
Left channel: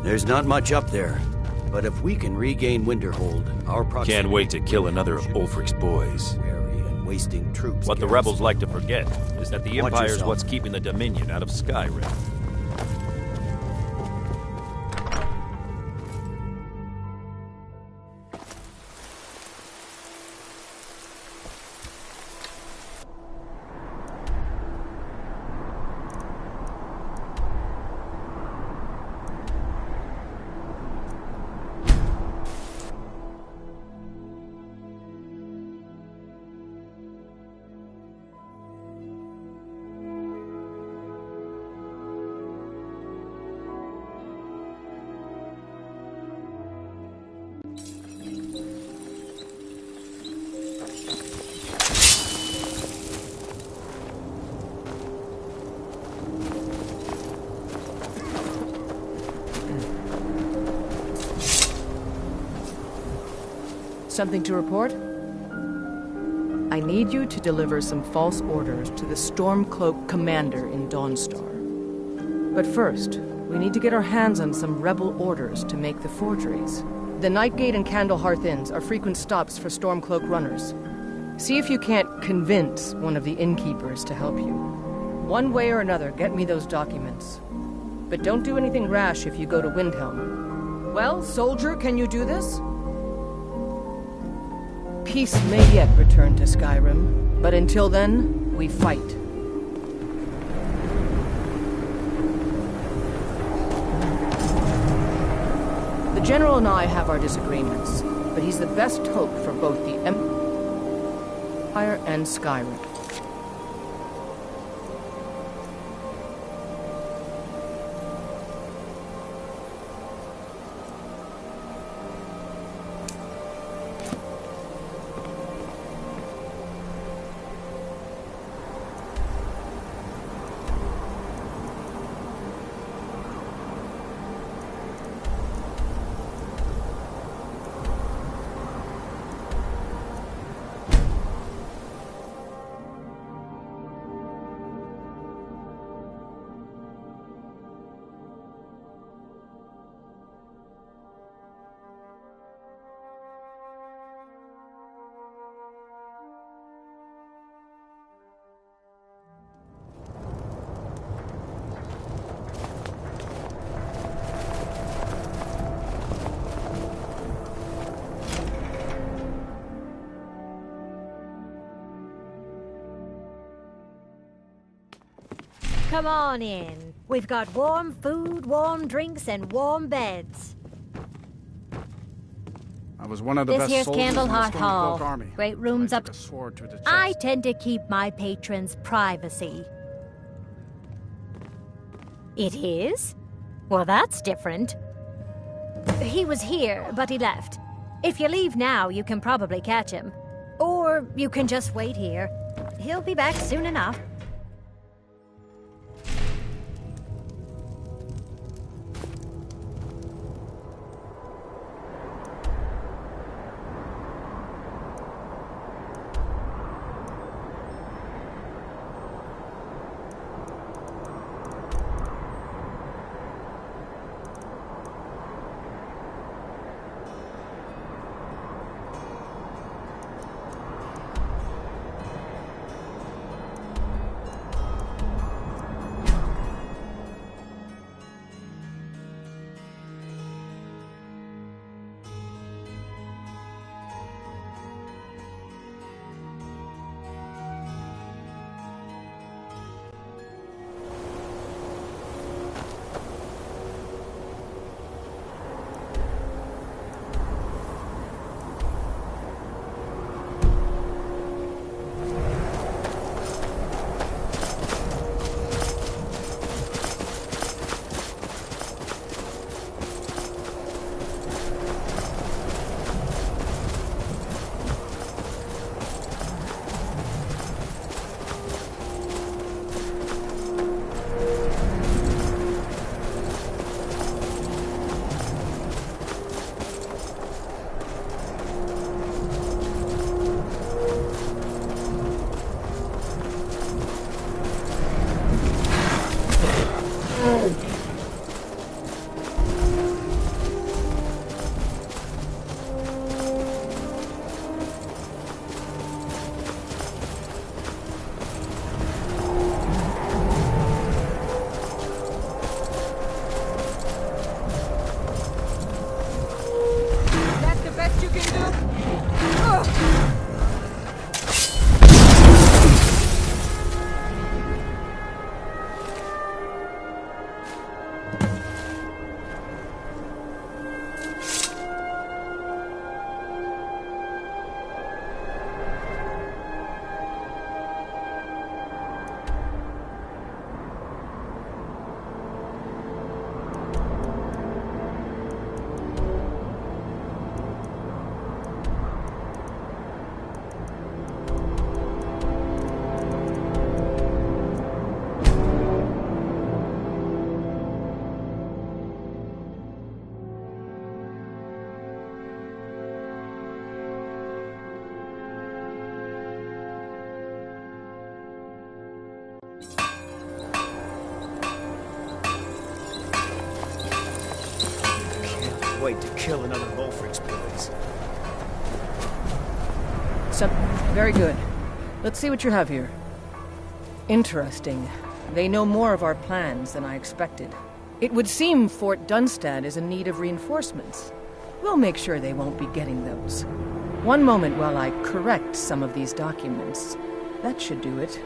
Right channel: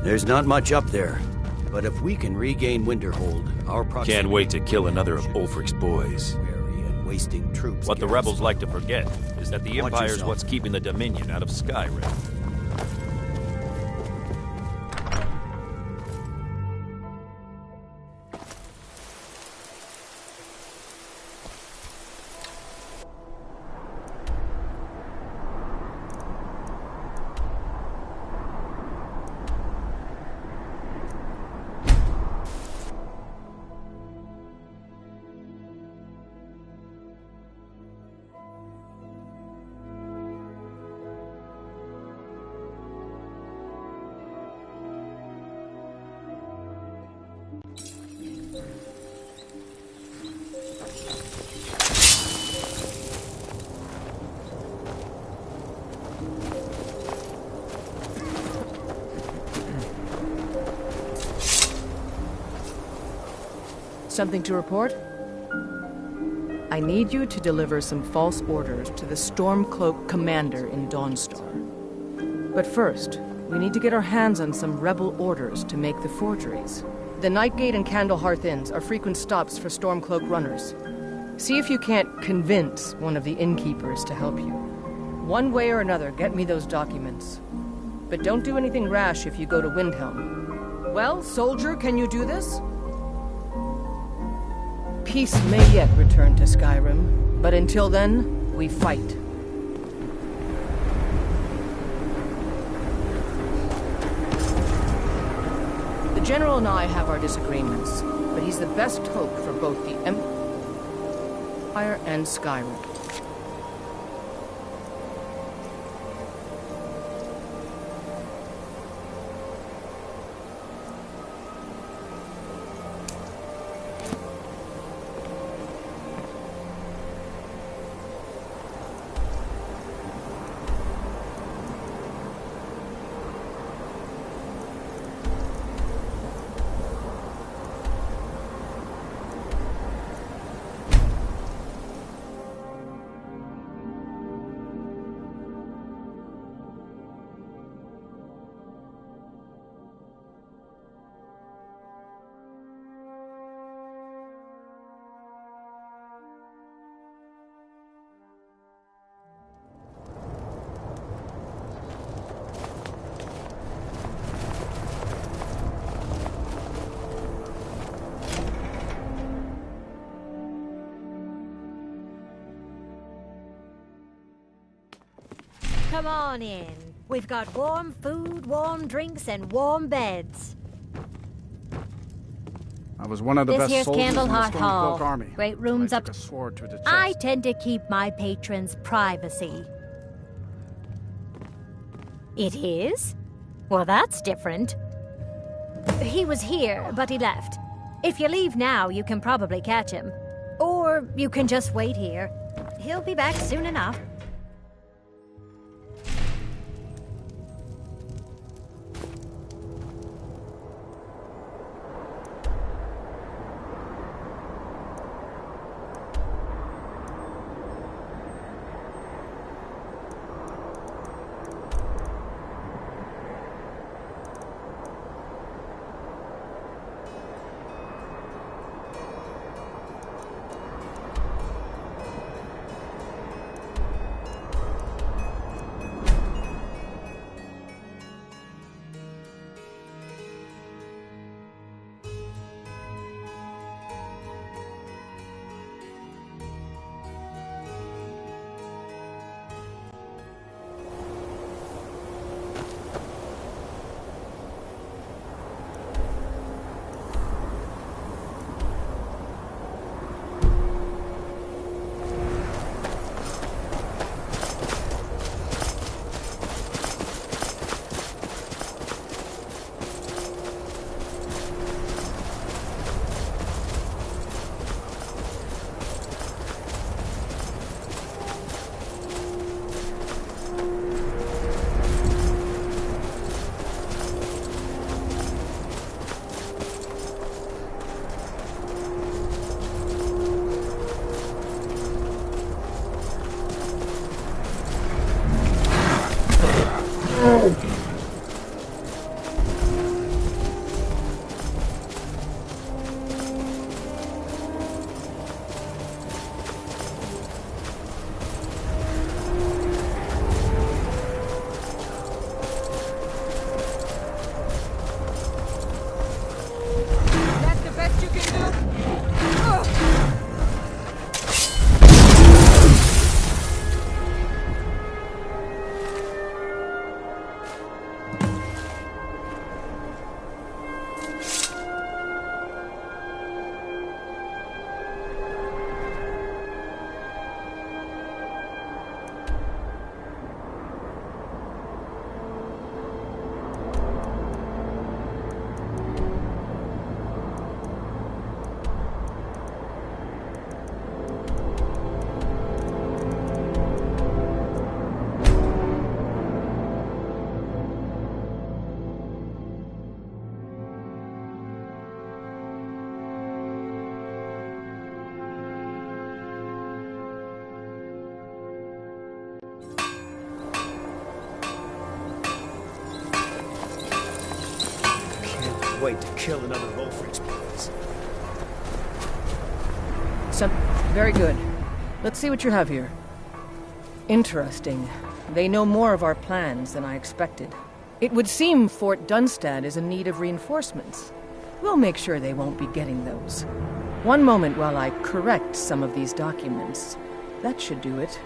There's not much up there, but if we can regain Winterhold, our proximity... Can't wait to kill another of Ulfric's boys. ...and wasting troops... What the rebels like to forget is that the Watch Empire's yourself. what's keeping the Dominion out of Skyrim. Something to report? I need you to deliver some false orders to the Stormcloak commander in Dawnstar. But first, we need to get our hands on some rebel orders to make the forgeries. The Nightgate and Candlehearth Inns are frequent stops for Stormcloak runners. See if you can't convince one of the innkeepers to help you. One way or another, get me those documents. But don't do anything rash if you go to Windhelm. Well, soldier, can you do this? Peace may yet return to Skyrim, but until then, we fight. The General and I have our disagreements, but he's the best hope for both the Empire and Skyrim. Come on in. We've got warm food, warm drinks, and warm beds. I was one of the This best here's soldiers in the Candlehearth Hall. Stormcloak army. Great rooms I up. took a sword to the chest. I tend to keep my patrons' privacy. It is? Well, that's different. He was here, but he left. If you leave now, you can probably catch him. Or you can just wait here. He'll be back soon enough. wait to kill another Wolfric's boys. Very good. Let's see what you have here. Interesting. They know more of our plans than I expected. It would seem Fort Dunstad is in need of reinforcements. We'll make sure they won't be getting those. One moment while I correct some of these documents. That should do it.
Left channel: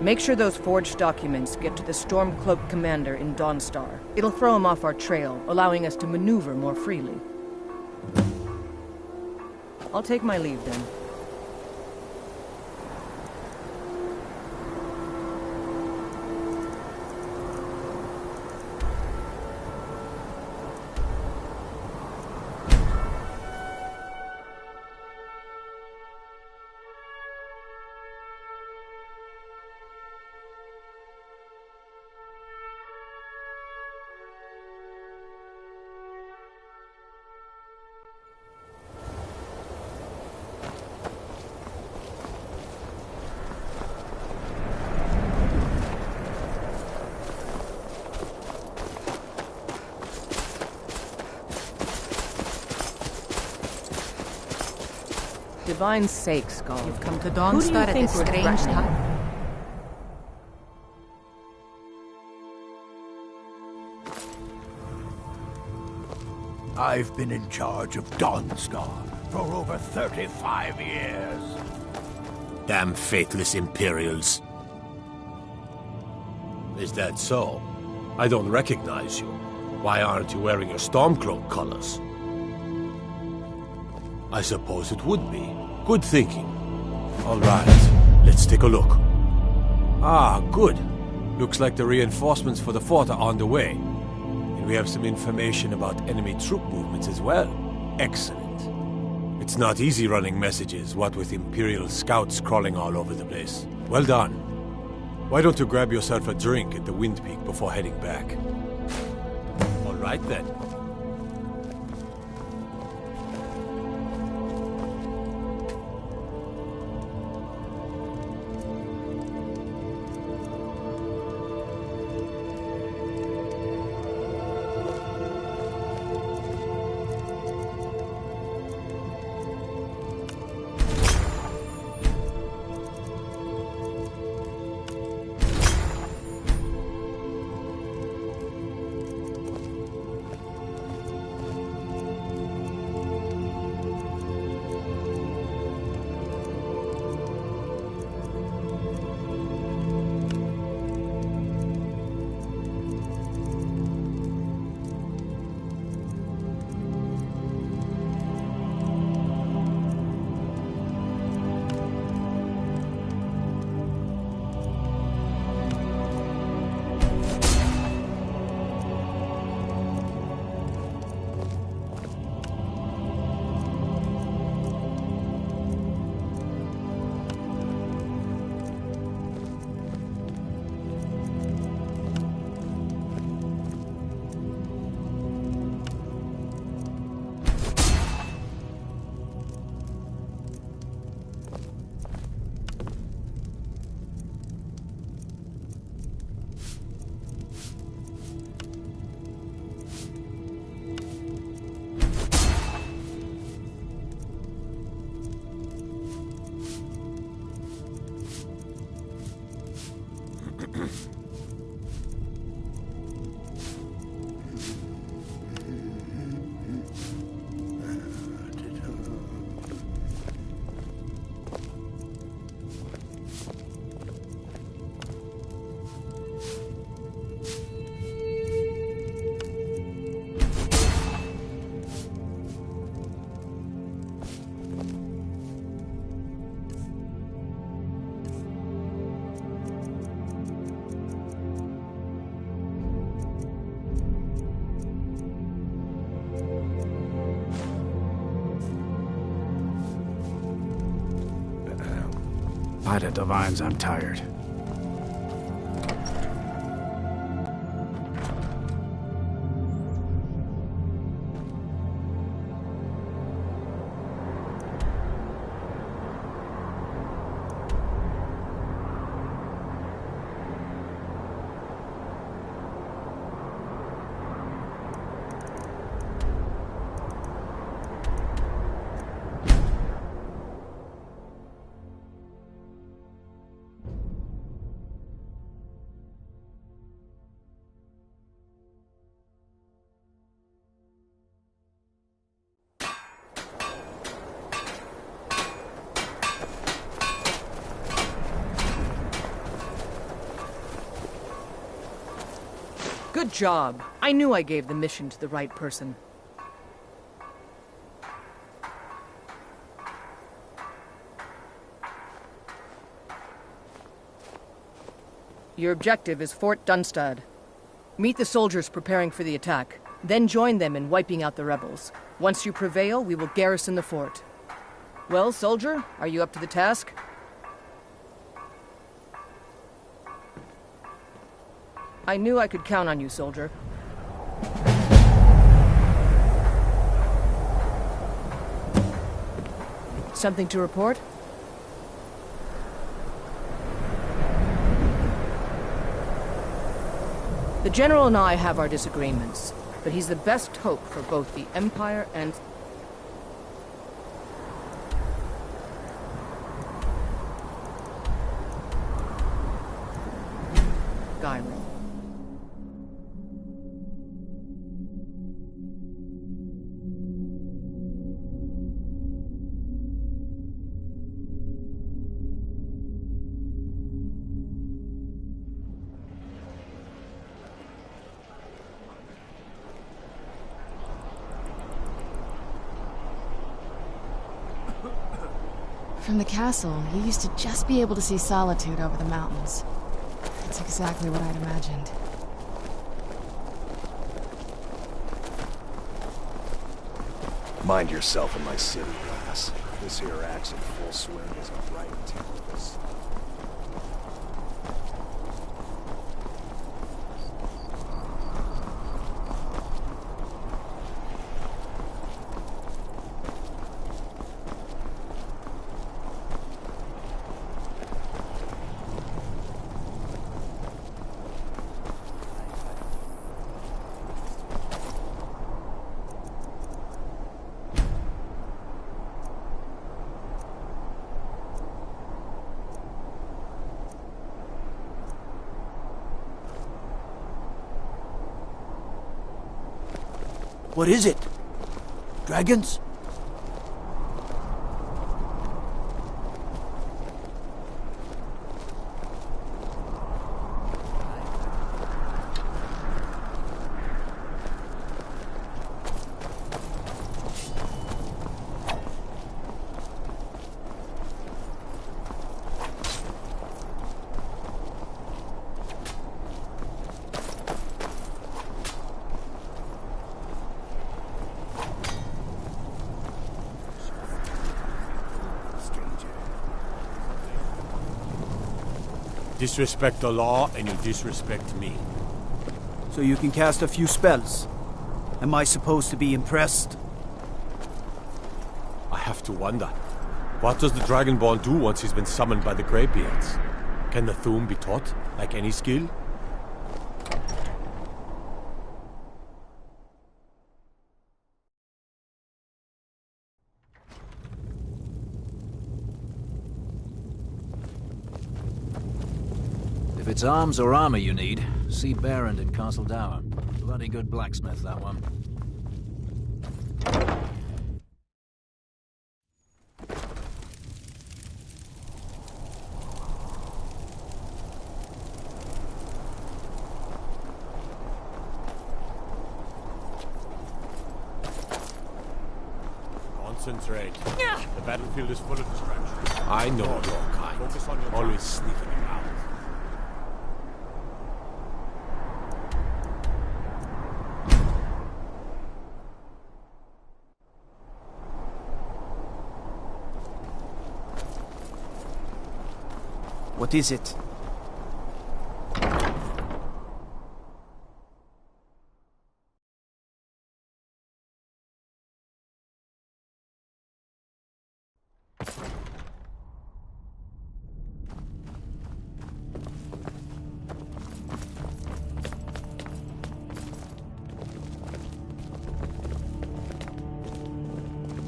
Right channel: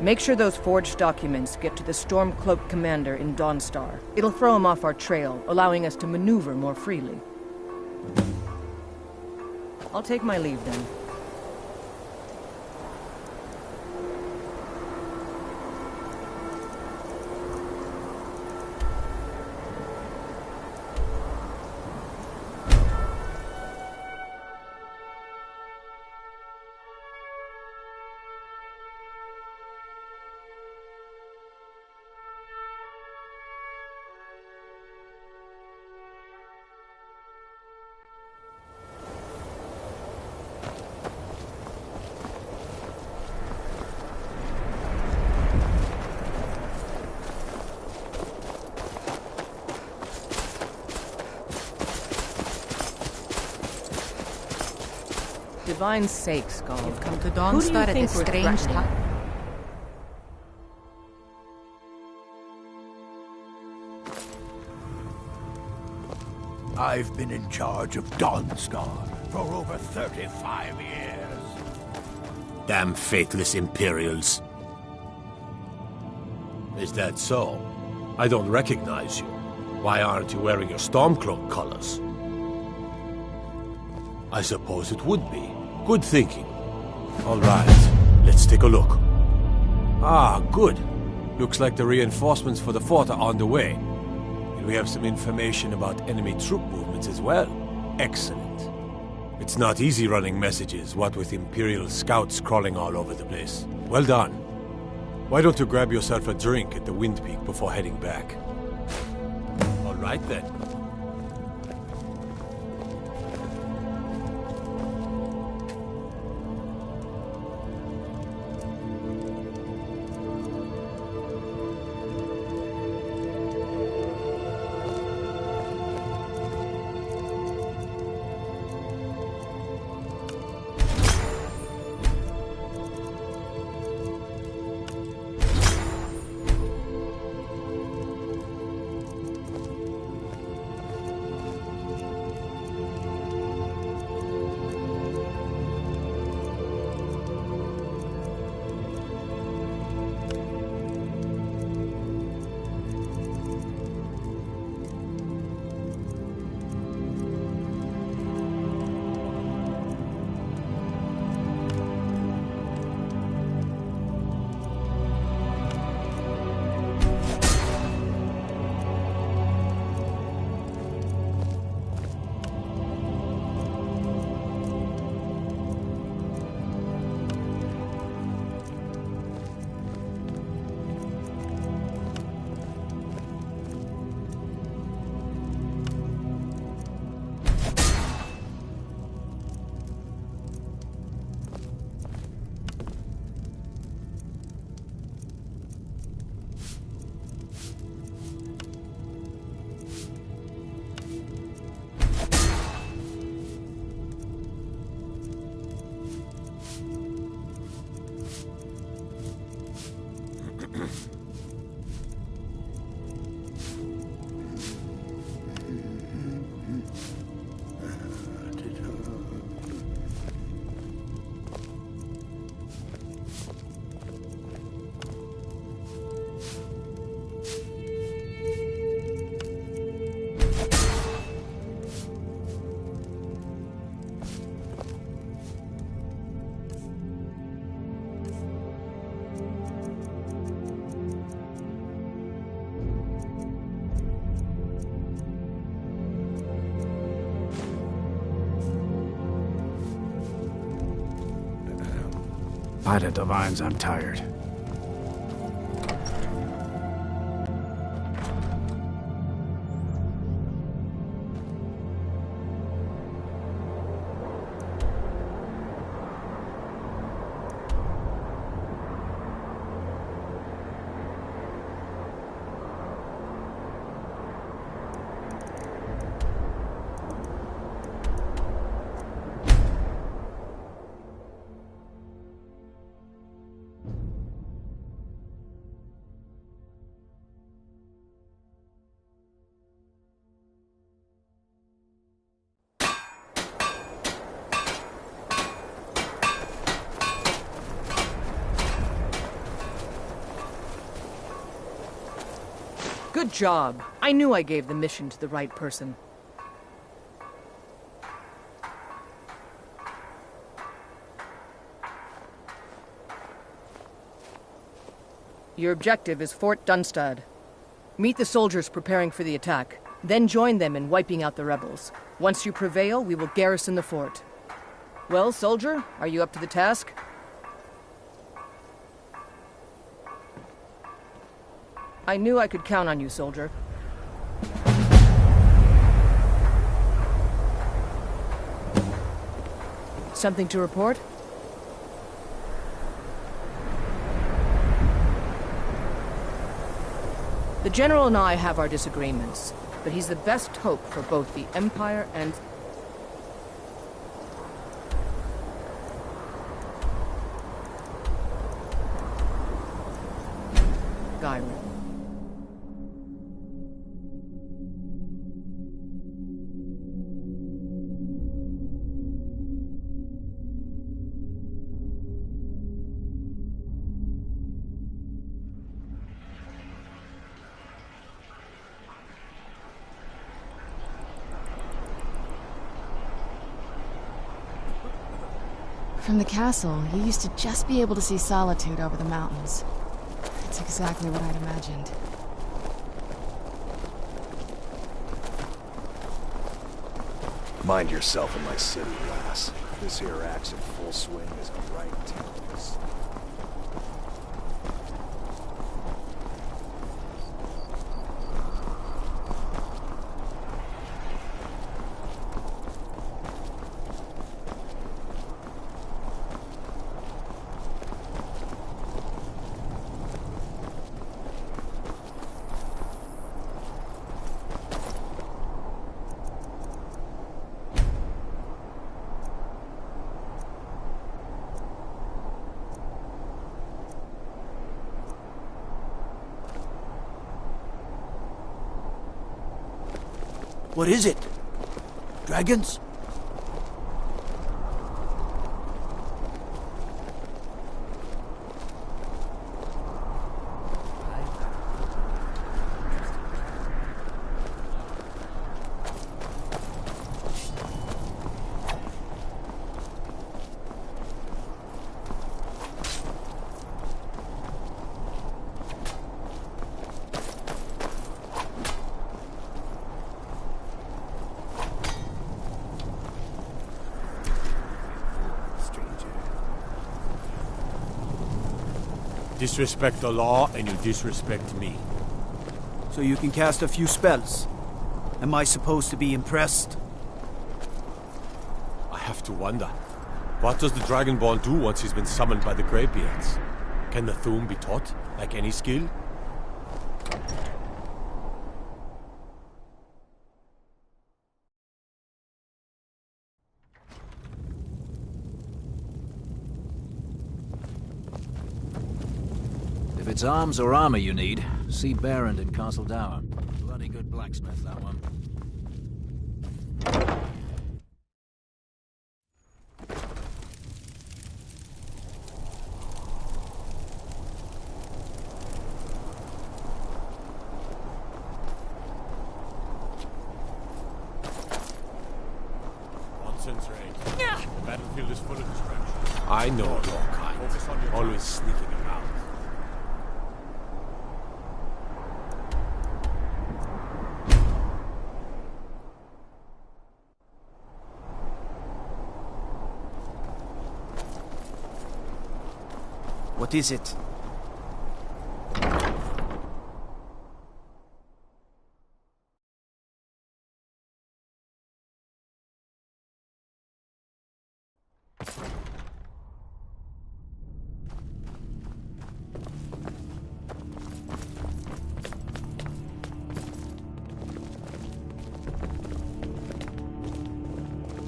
Make sure those forged documents get to the Stormcloak commander in Dawnstar. It'll throw him off our trail, allowing us to maneuver more freely. I'll take my leave then. Divine's sake, Skull. You've come to Who do you Dawnstar at think this we're strange threatening? time. I've been in charge of Dawnstar for over 35 years. Damn faithless Imperials. Is that so? I don't recognize you. Why aren't you wearing your Stormcloak colors? I suppose it would be. Good thinking. All right, let's take a look. Ah, good. Looks like the reinforcements for the fort are on the way. And we have some information about enemy troop movements as well. Excellent. It's not easy running messages, what with Imperial scouts crawling all over the place. Well done. Why don't you grab yourself a drink at the Wind Peak before heading back? All right then. By the Divines, I'm tired. Good job. I knew I gave the mission to the right person. Your objective is Fort Dunstad. Meet the soldiers preparing for the attack, then join them in wiping out the rebels. Once you prevail, we will garrison the fort. Well, soldier, are you up to the task? I knew I could count on you, soldier. Something to report? The General and I have our disagreements, but he's the best hope for both the Empire and... Skyrim. From the castle, you used to just be able to see Solitude over the mountains. It's exactly what I'd imagined. Mind yourself in my city, lass. This here axe in full swing is a right tempest. What is it? Dragons? Disrespect the law, and you disrespect me. So you can cast a few spells. Am I supposed to be impressed? I have to wonder. What does the Dragonborn do once he's been summoned by the Greybeards? Can the Thu'um be taught, like any skill? If it's arms or armor you need, see Berend in Castle Dower. Bloody good blacksmith, that one. Concentrate. The battlefield is full of distractions. I know your kind. Focus on your always sneaking about. What is it?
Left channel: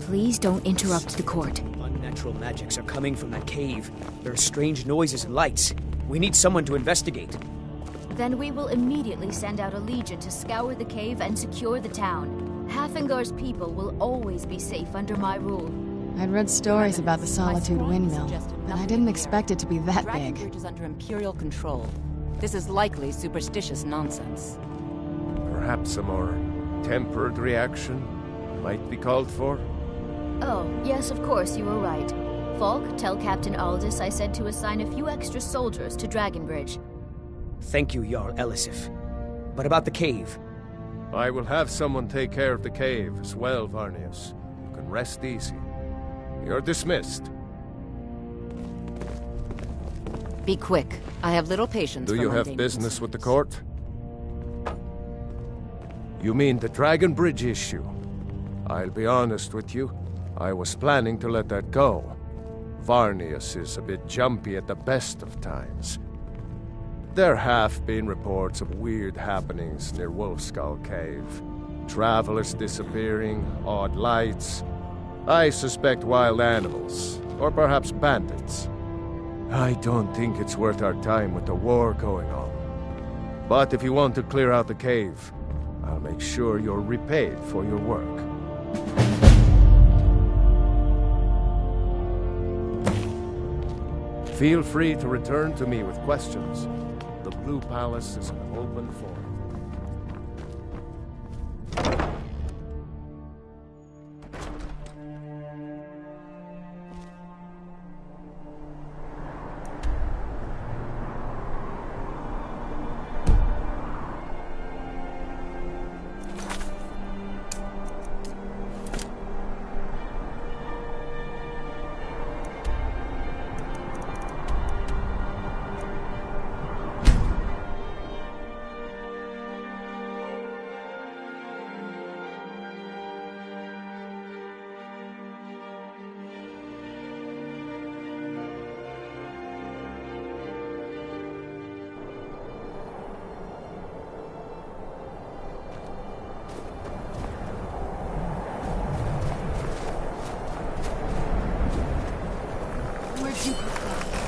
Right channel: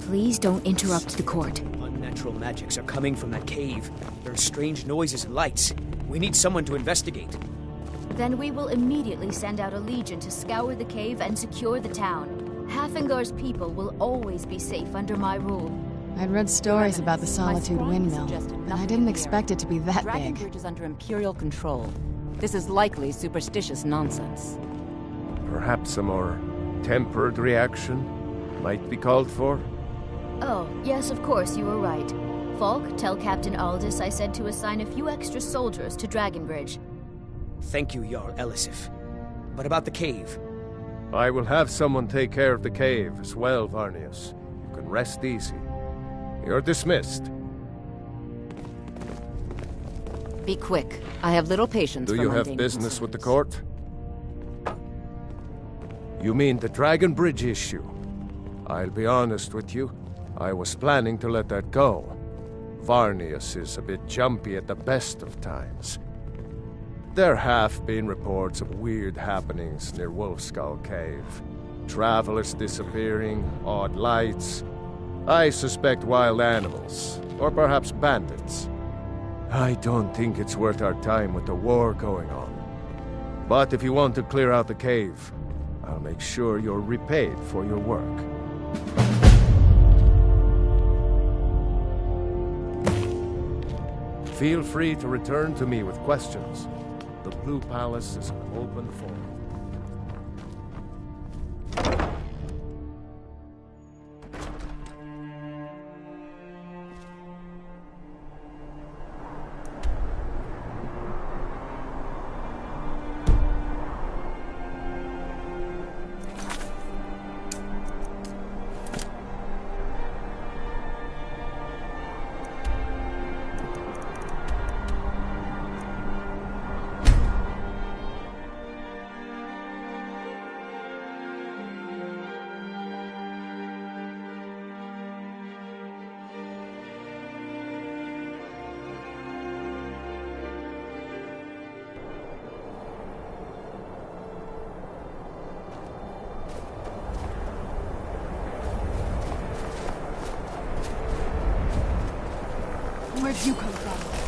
Please don't interrupt the court. Unnatural magics are coming from that cave. There are strange noises and lights. We need someone to investigate. Then we will immediately send out a legion to scour the cave and secure the town. Hafingar's people will always be safe under my rule. I'd read stories about the Solitude windmill, but I didn't expect it to be that big. Dragonbridge is under Imperial control. This is likely superstitious nonsense. Perhaps a more tempered reaction might be called for? Oh, yes, of course, you were right. Falk, tell Captain Aldous I said to assign a few extra soldiers to Dragonbridge. Thank you, Jarl Elisif. But about the cave? I will have someone take care of the cave as well, Varnius. You can rest easy. You're dismissed. Be quick. I have little patience Do for you have mundane business with the court? You mean the Dragonbridge issue? I'll be honest with you. I was planning to let that go. Varnius is a bit jumpy at the best of times. There have been reports of weird happenings near Wolfskull Cave. Travelers disappearing, odd lights. I suspect wild animals, or perhaps bandits. I don't think it's worth our time with the war going on. But if you want to clear out the cave, I'll make sure you're repaid for your work. Feel free to return to me with questions. The Blue Palace is an open forum. Where'd you come from?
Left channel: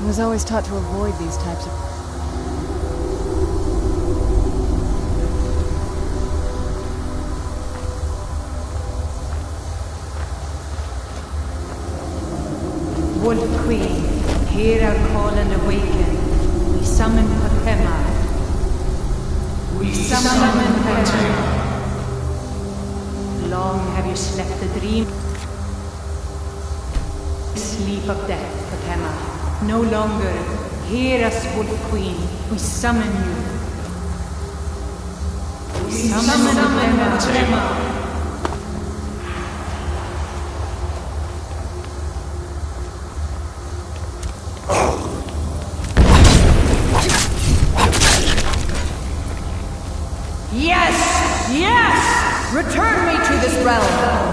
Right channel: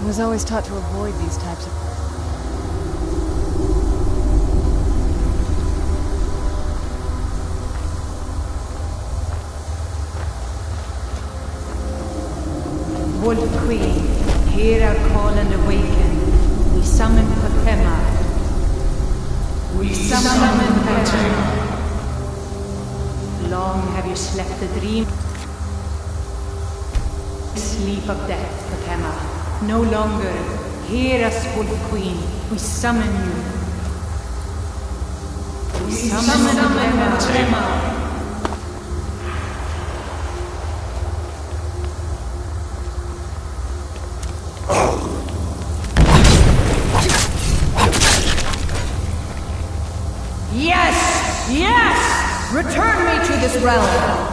I was always taught to avoid these types of... Wolf Queen, hear our call and awaken. We summon Potema. We summon Potema. Long have you slept the dream. Sleep of death, Potema. No longer. Hear us, Wolf Queen. We summon you. We summon Potema. Yes! Yes! Return me to this realm!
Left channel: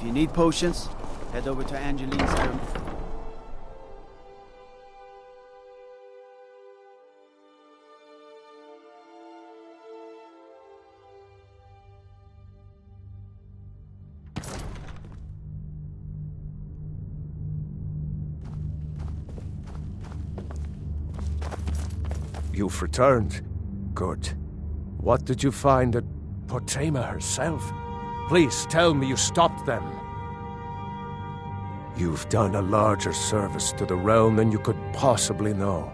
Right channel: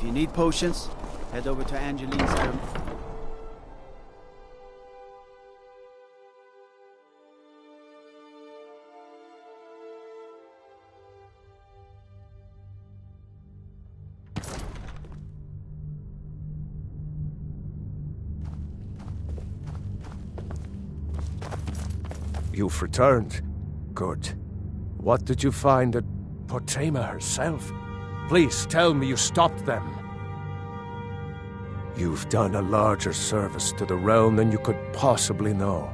If you need potions, head over to Angeline's iron. You've returned. Good. What did you find at Potema herself? Please tell me you stopped them. You've done a larger service to the realm than you could possibly know.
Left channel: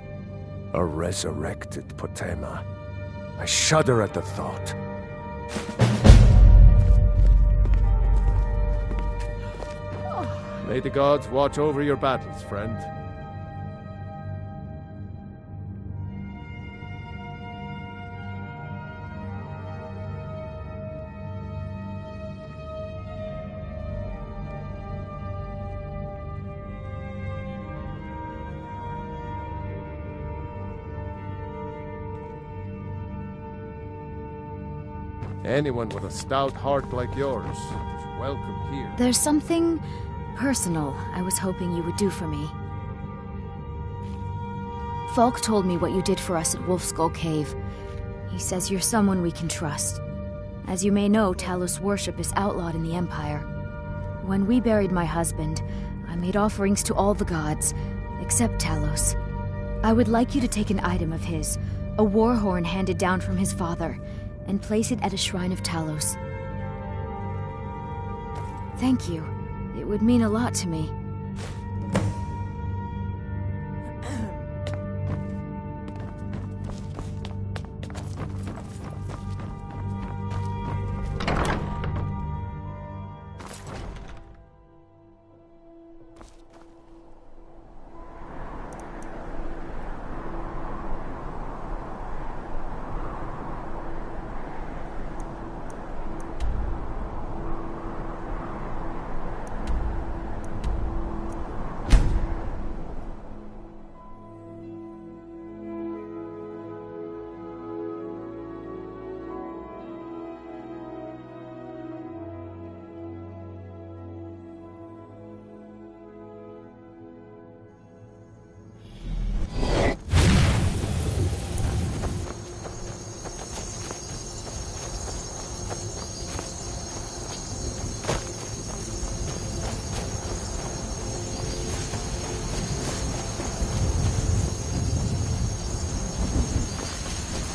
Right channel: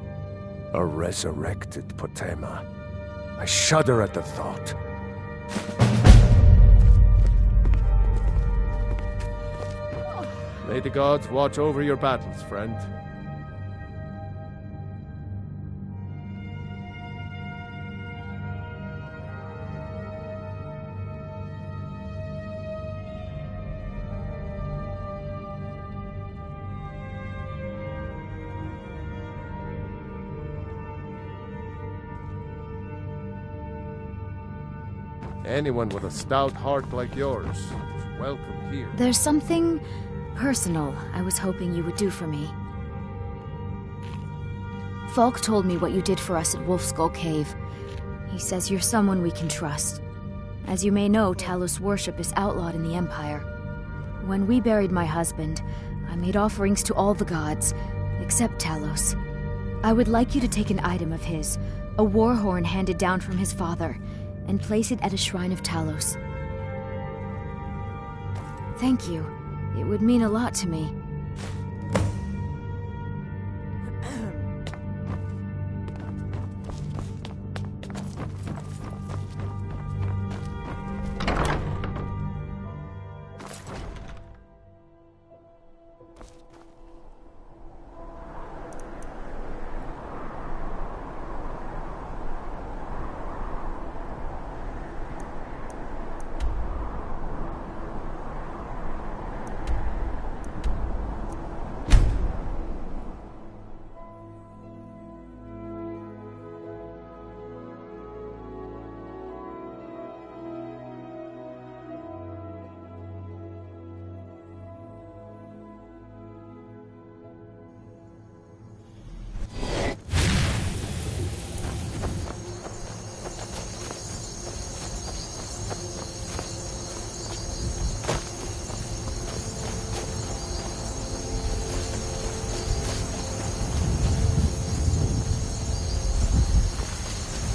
A resurrected Potema. I shudder at the thought. May the gods watch over your battles, friend. Anyone with a stout heart like yours is welcome here. There's something personal I was hoping you would do for me. Falk told me what you did for us at Wolfskull Cave. He says you're someone we can trust. As you may know, Talos worship is outlawed in the Empire. When we buried my husband, I made offerings to all the gods, except Talos. I would like you to take an item of his, a war horn handed down from his father, and place it at a shrine of Talos. Thank you. It would mean a lot to me.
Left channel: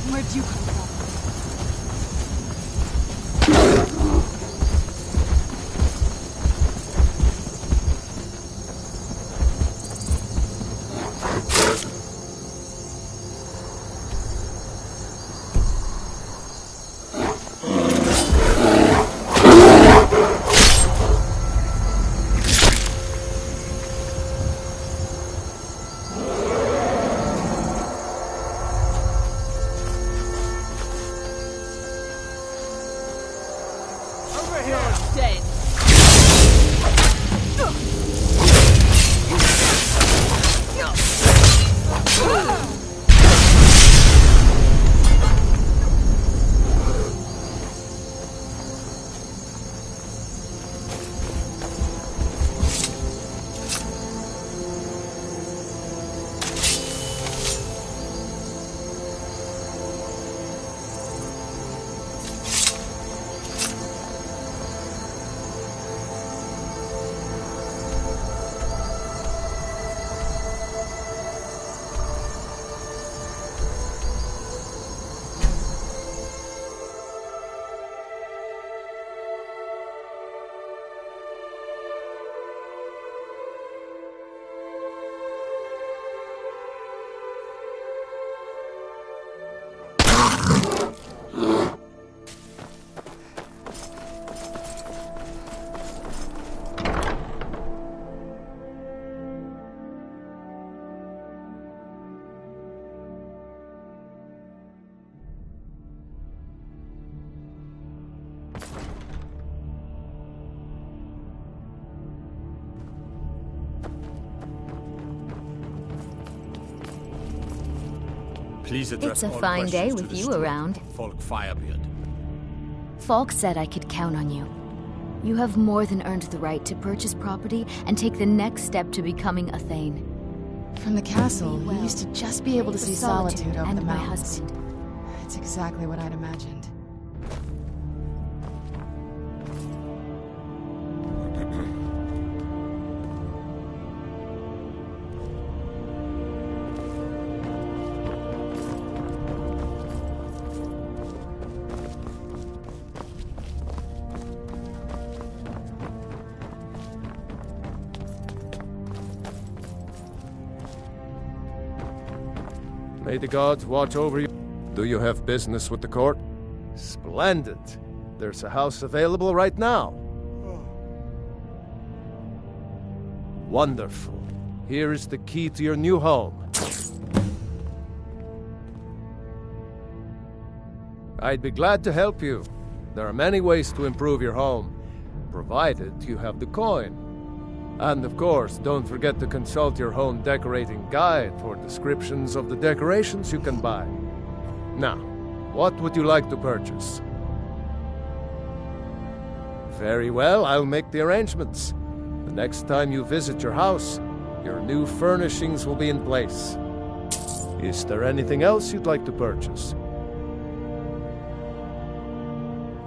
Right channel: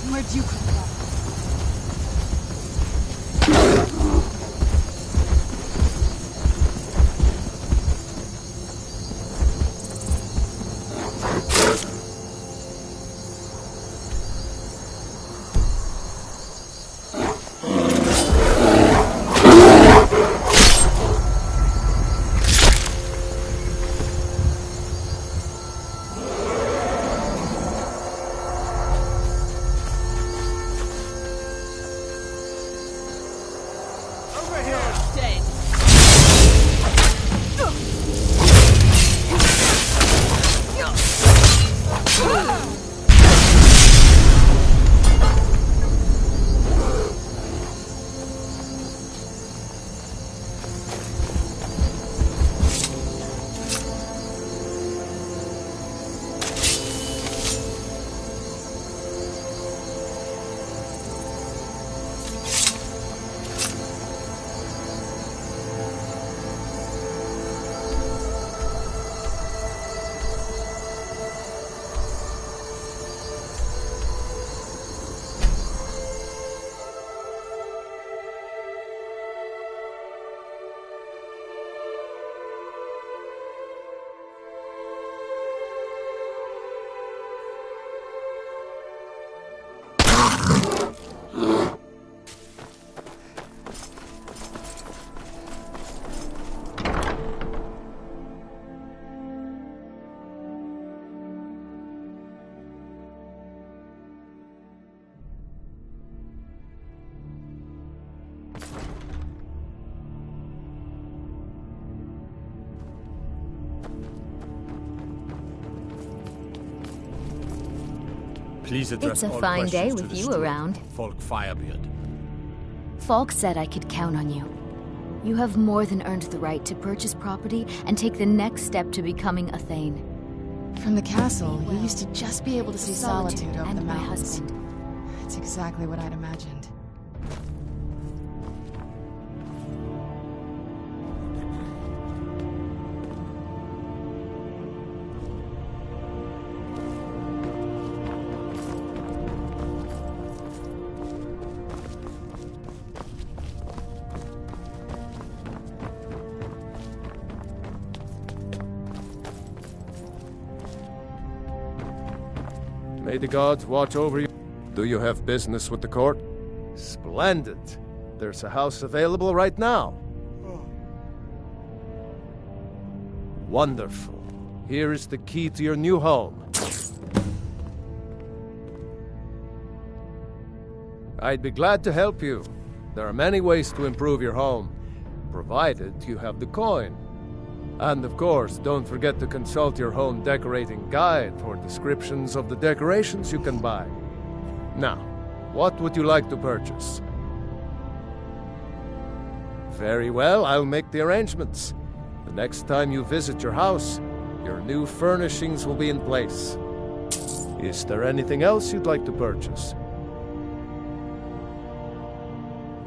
Where'd you come from? Please address It's a all fine day questions to with the you steward, around. Falk Firebeard. Falk said I could count on you. You have more than earned the right to purchase property and take the next step to becoming a Thane. From the castle, you used to just be able to see solitude over and the my mountains. husband. It's exactly what I'd imagined. May the gods watch over you. Do you have business with the court? Splendid. There's a house available right now. Wonderful. Here is the key to your new home. I'd be glad to help you. There are many ways to improve your home, provided you have the coin. And of course, don't forget to consult your home decorating guide for descriptions of the decorations you can buy. Now, what would you like to purchase? Very well, I'll make the arrangements. The next time you visit your house, your new furnishings will be in place. Is there anything else you'd like to purchase?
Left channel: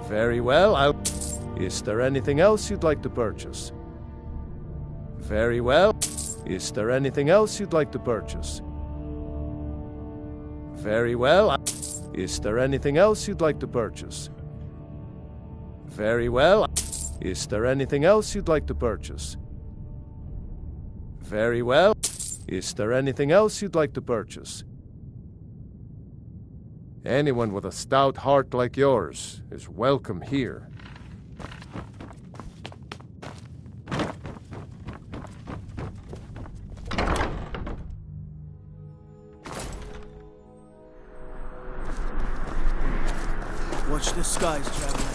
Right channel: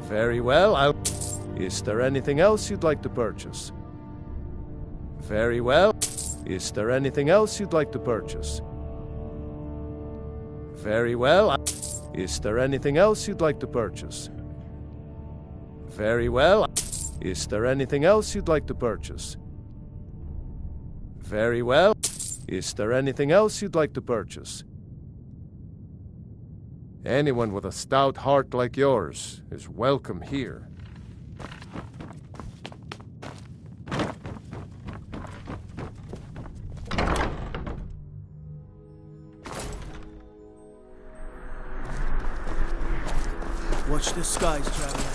Very well, Is there anything else you'd like to purchase? Very well. Is there anything else you'd like to purchase? Very well. Is there anything else you'd like to purchase? Very well. Is there anything else you'd like to purchase? Very well. Is there anything else you'd like to purchase? Anyone with a stout heart like yours is welcome here. Watch the skies, traveler.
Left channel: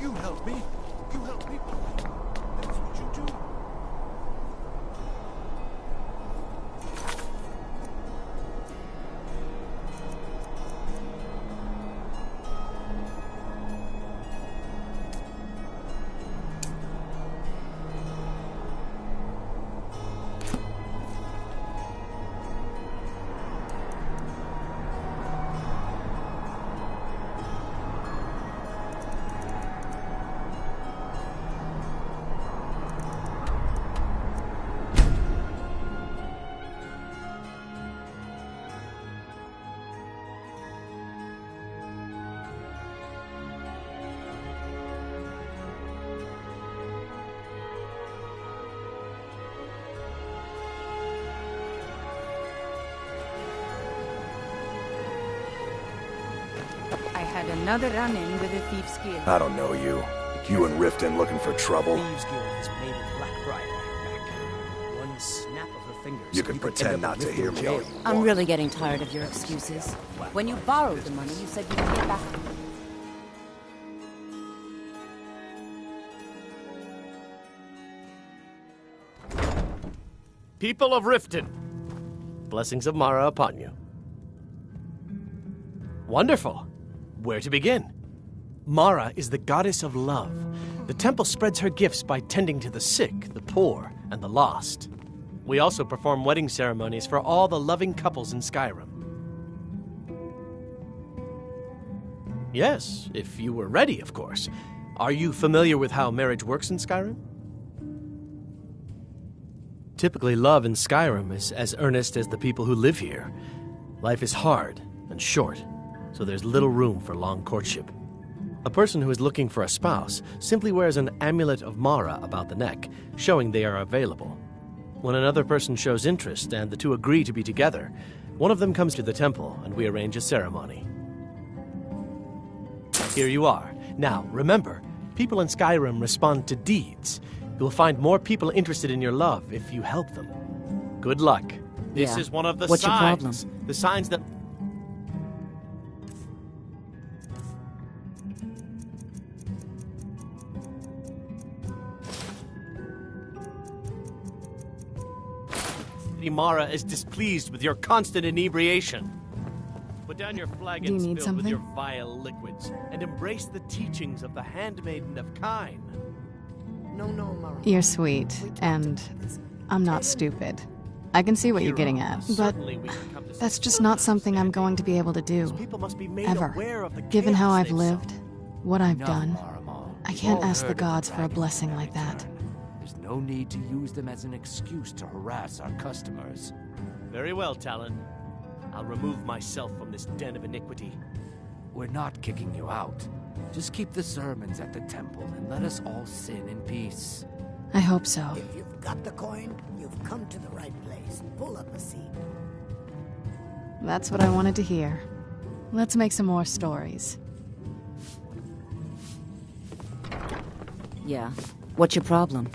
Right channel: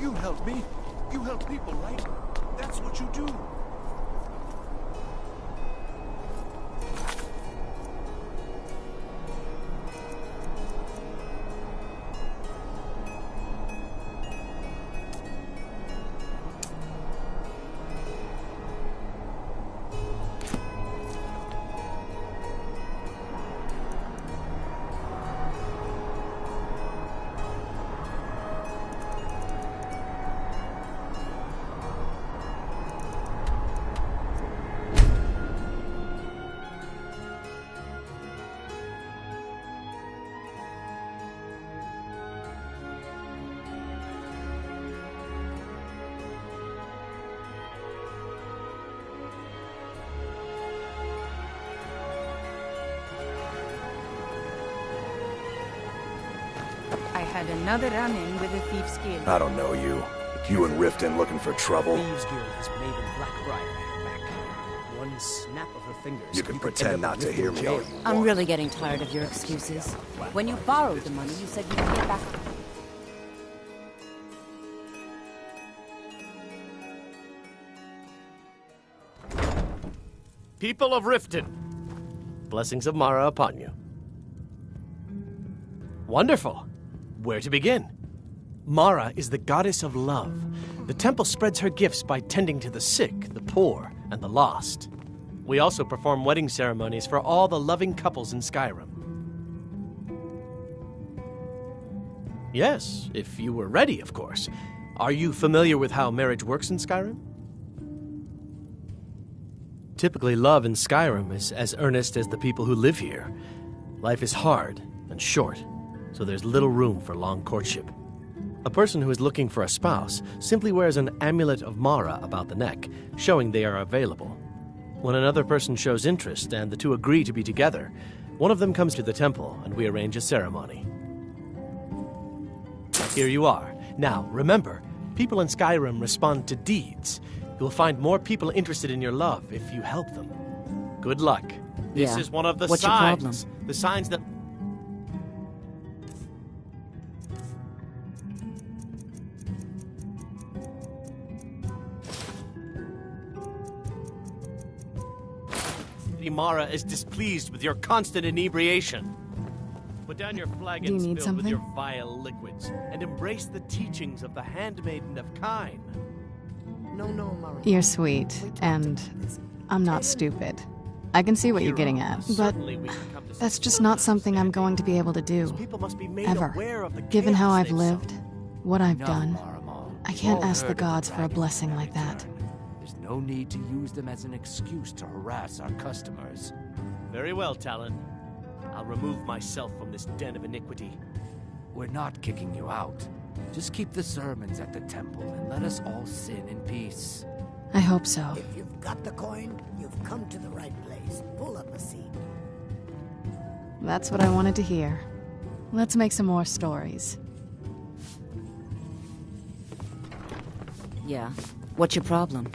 You help me. You help people, right? That's what you do. I had another run-in with a Thieves Guild. I don't know you. You and Riften looking for trouble? Thieves Guild has Maven Blackbriar at her back. One snap of her fingers. You can pretend not to hear me all you I'm want. really getting tired of your excuses. When you borrowed the money, you said you'd pay it back. People of Riften, blessings of Mara upon you. Wonderful. Where to begin? Mara is the goddess of love. The temple spreads her gifts by tending to the sick, the poor, and the lost. We also perform wedding ceremonies for all the loving couples in Skyrim. Yes, if you were ready, of course. Are you familiar with how marriage works in Skyrim? Typically, love in Skyrim is as earnest as the people who live here. Life is hard and short, so there's little room for long courtship. A person who is looking for a spouse simply wears an amulet of Mara about the neck, showing they are available. When another person shows interest and the two agree to be together, one of them comes to the temple and we arrange a ceremony. Here you are. Now, remember, people in Skyrim respond to deeds. You'll find more people interested in your love if you help them. Good luck. This Yeah. is one of the What's your signs. problem? The signs that... unhappy Mara is displeased with your constant inebriation. Put down your flagons need filled with something? your vile liquids and embrace the teachings of the Handmaiden of Kine. No, Mara. You're sweet, and I'm not stupid. I can see what you're getting at, but that's just not something I'm going to be able to do. Ever. Given how I've lived, what I've done, I can't ask the gods for a blessing like that. There's no need to use them as an excuse to harass our customers. Very well, Talon. I'll remove myself from this den of iniquity. We're not kicking you out. Just keep the sermons at the temple and let us all sin in peace. I hope so. If you've got the coin, you've come to the right place. Pull up a seat. That's what I wanted to hear. Let's make some more stories. Yeah. What's your problem?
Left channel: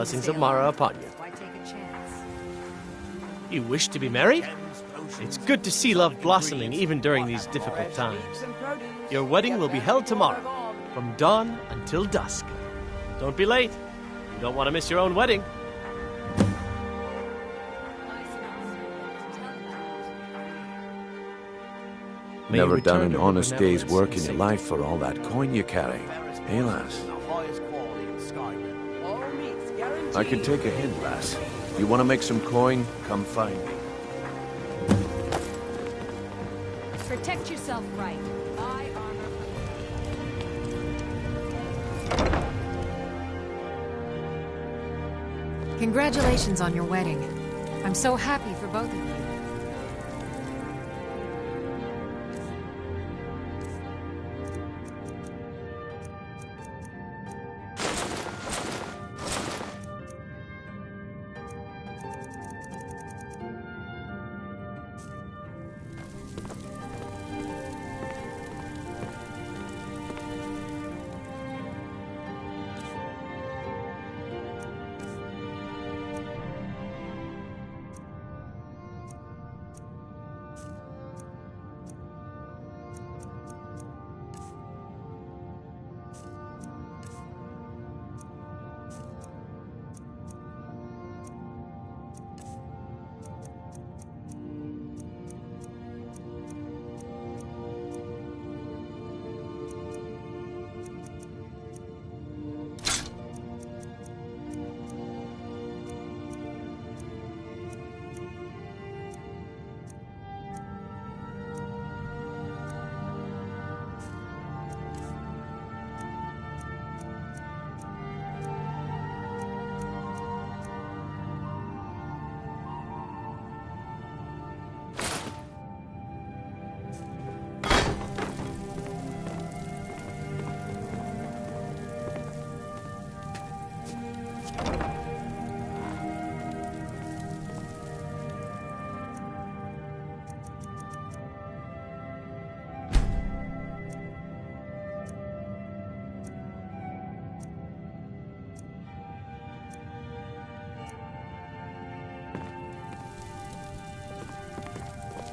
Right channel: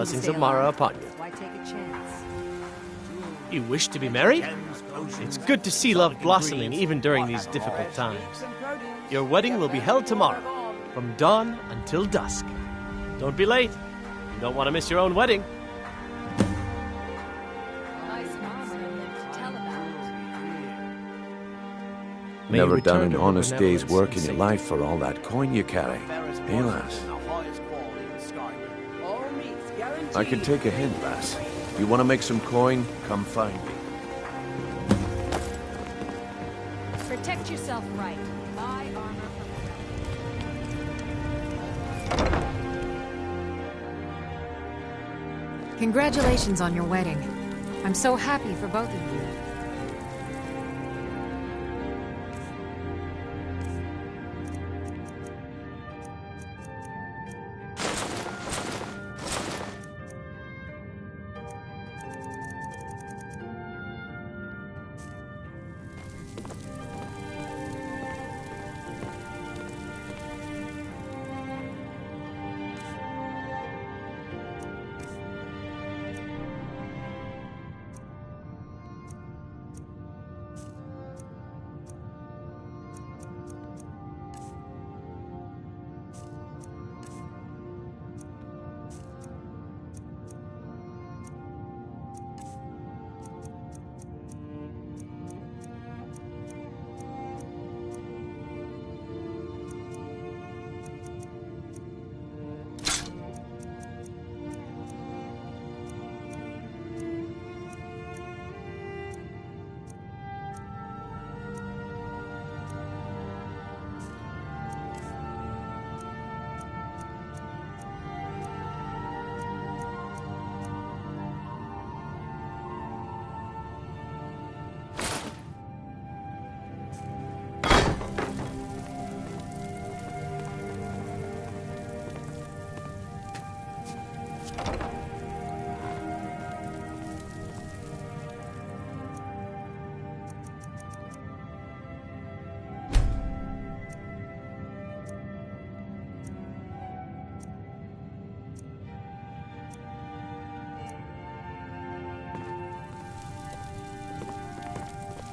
Blessings of Mara upon you. Why take a chance? You wish to be married? It's good to see love blossoming even during these difficult times. Your wedding will be held tomorrow, from dawn until dusk. Don't be late. You don't want to miss your own wedding. Never done an honest day's work in your life for all that coin you carry. Hey, lass. I can take a hint, lass. You want to make some coin? Come find me. Protect yourself right. Buy armor Congratulations on your wedding. I'm so happy for both of you.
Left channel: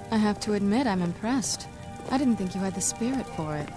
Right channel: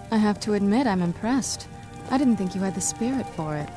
I have to admit, I'm impressed. I didn't think you had the spirit for it.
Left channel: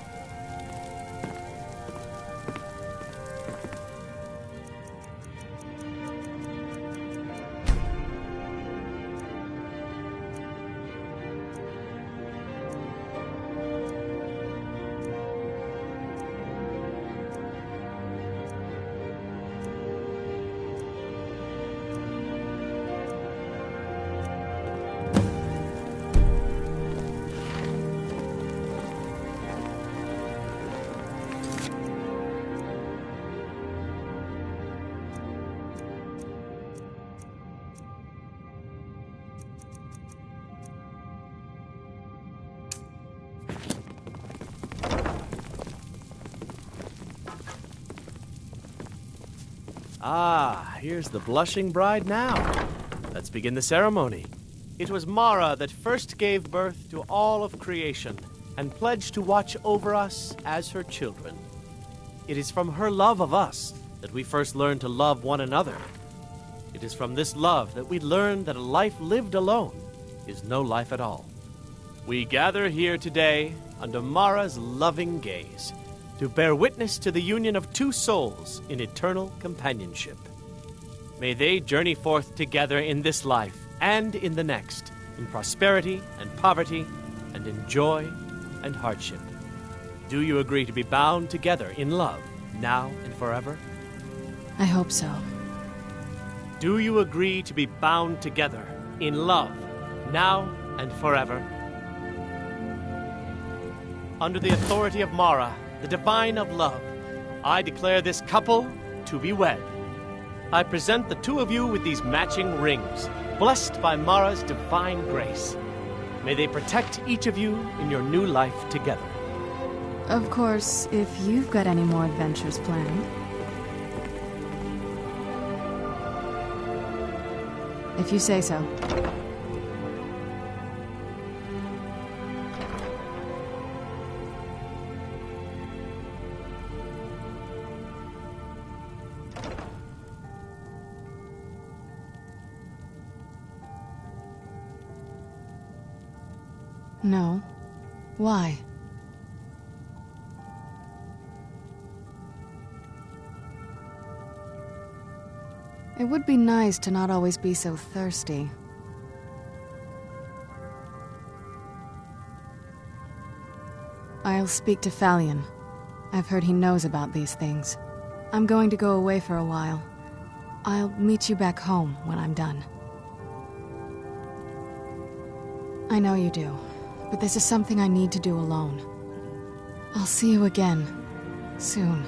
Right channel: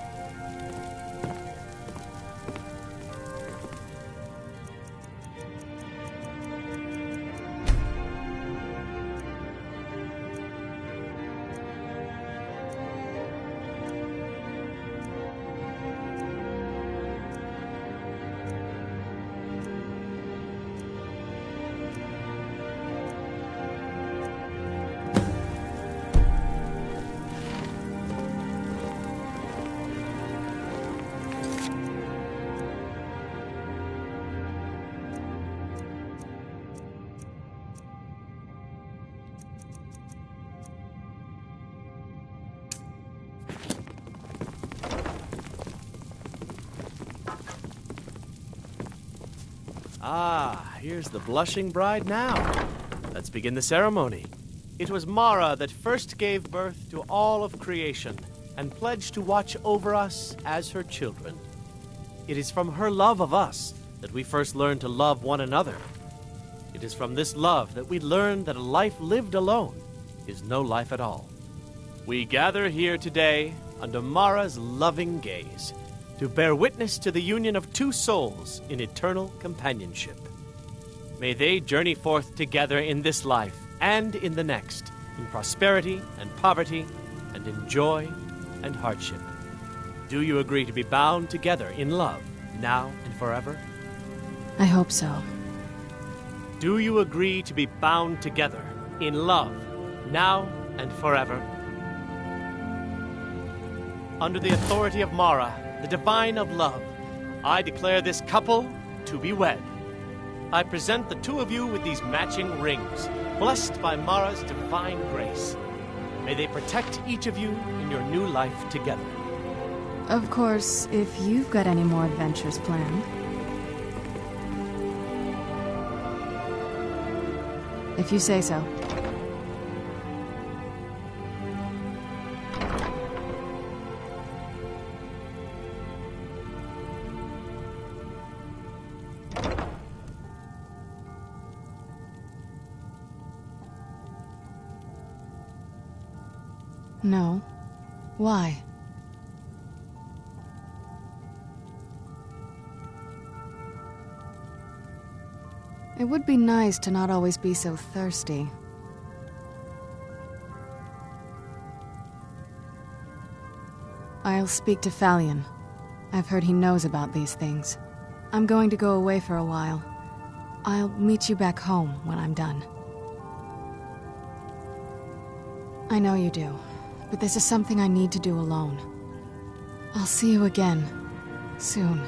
Ah, here's the blushing bride now. Let's begin the ceremony. It was Mara that first gave birth to all of creation and pledged to watch over us as her children. It is from her love of us that we first learned to love one another. It is from this love that we learn that a life lived alone is no life at all. We gather here today under Mara's loving gaze to bear witness to the union of two souls in eternal companionship. May they journey forth together in this life and in the next, in prosperity and poverty, and in joy and hardship. Do you agree to be bound together in love, now and forever? I hope so. Do you agree to be bound together in love, now and forever? Under the authority of Mara, the divine of love, I declare this couple to be wed. I present the two of you with these matching rings, blessed by Mara's divine grace. May they protect each of you in your new life together. Of course, if you've got any more adventures planned. If you say so. No. Why? It would be nice to not always be so thirsty. I'll speak to Falion. I've heard he knows about these things. I'm going to go away for a while. I'll meet you back home when I'm done. I know you do, but this is something I need to do alone. I'll see you again, soon.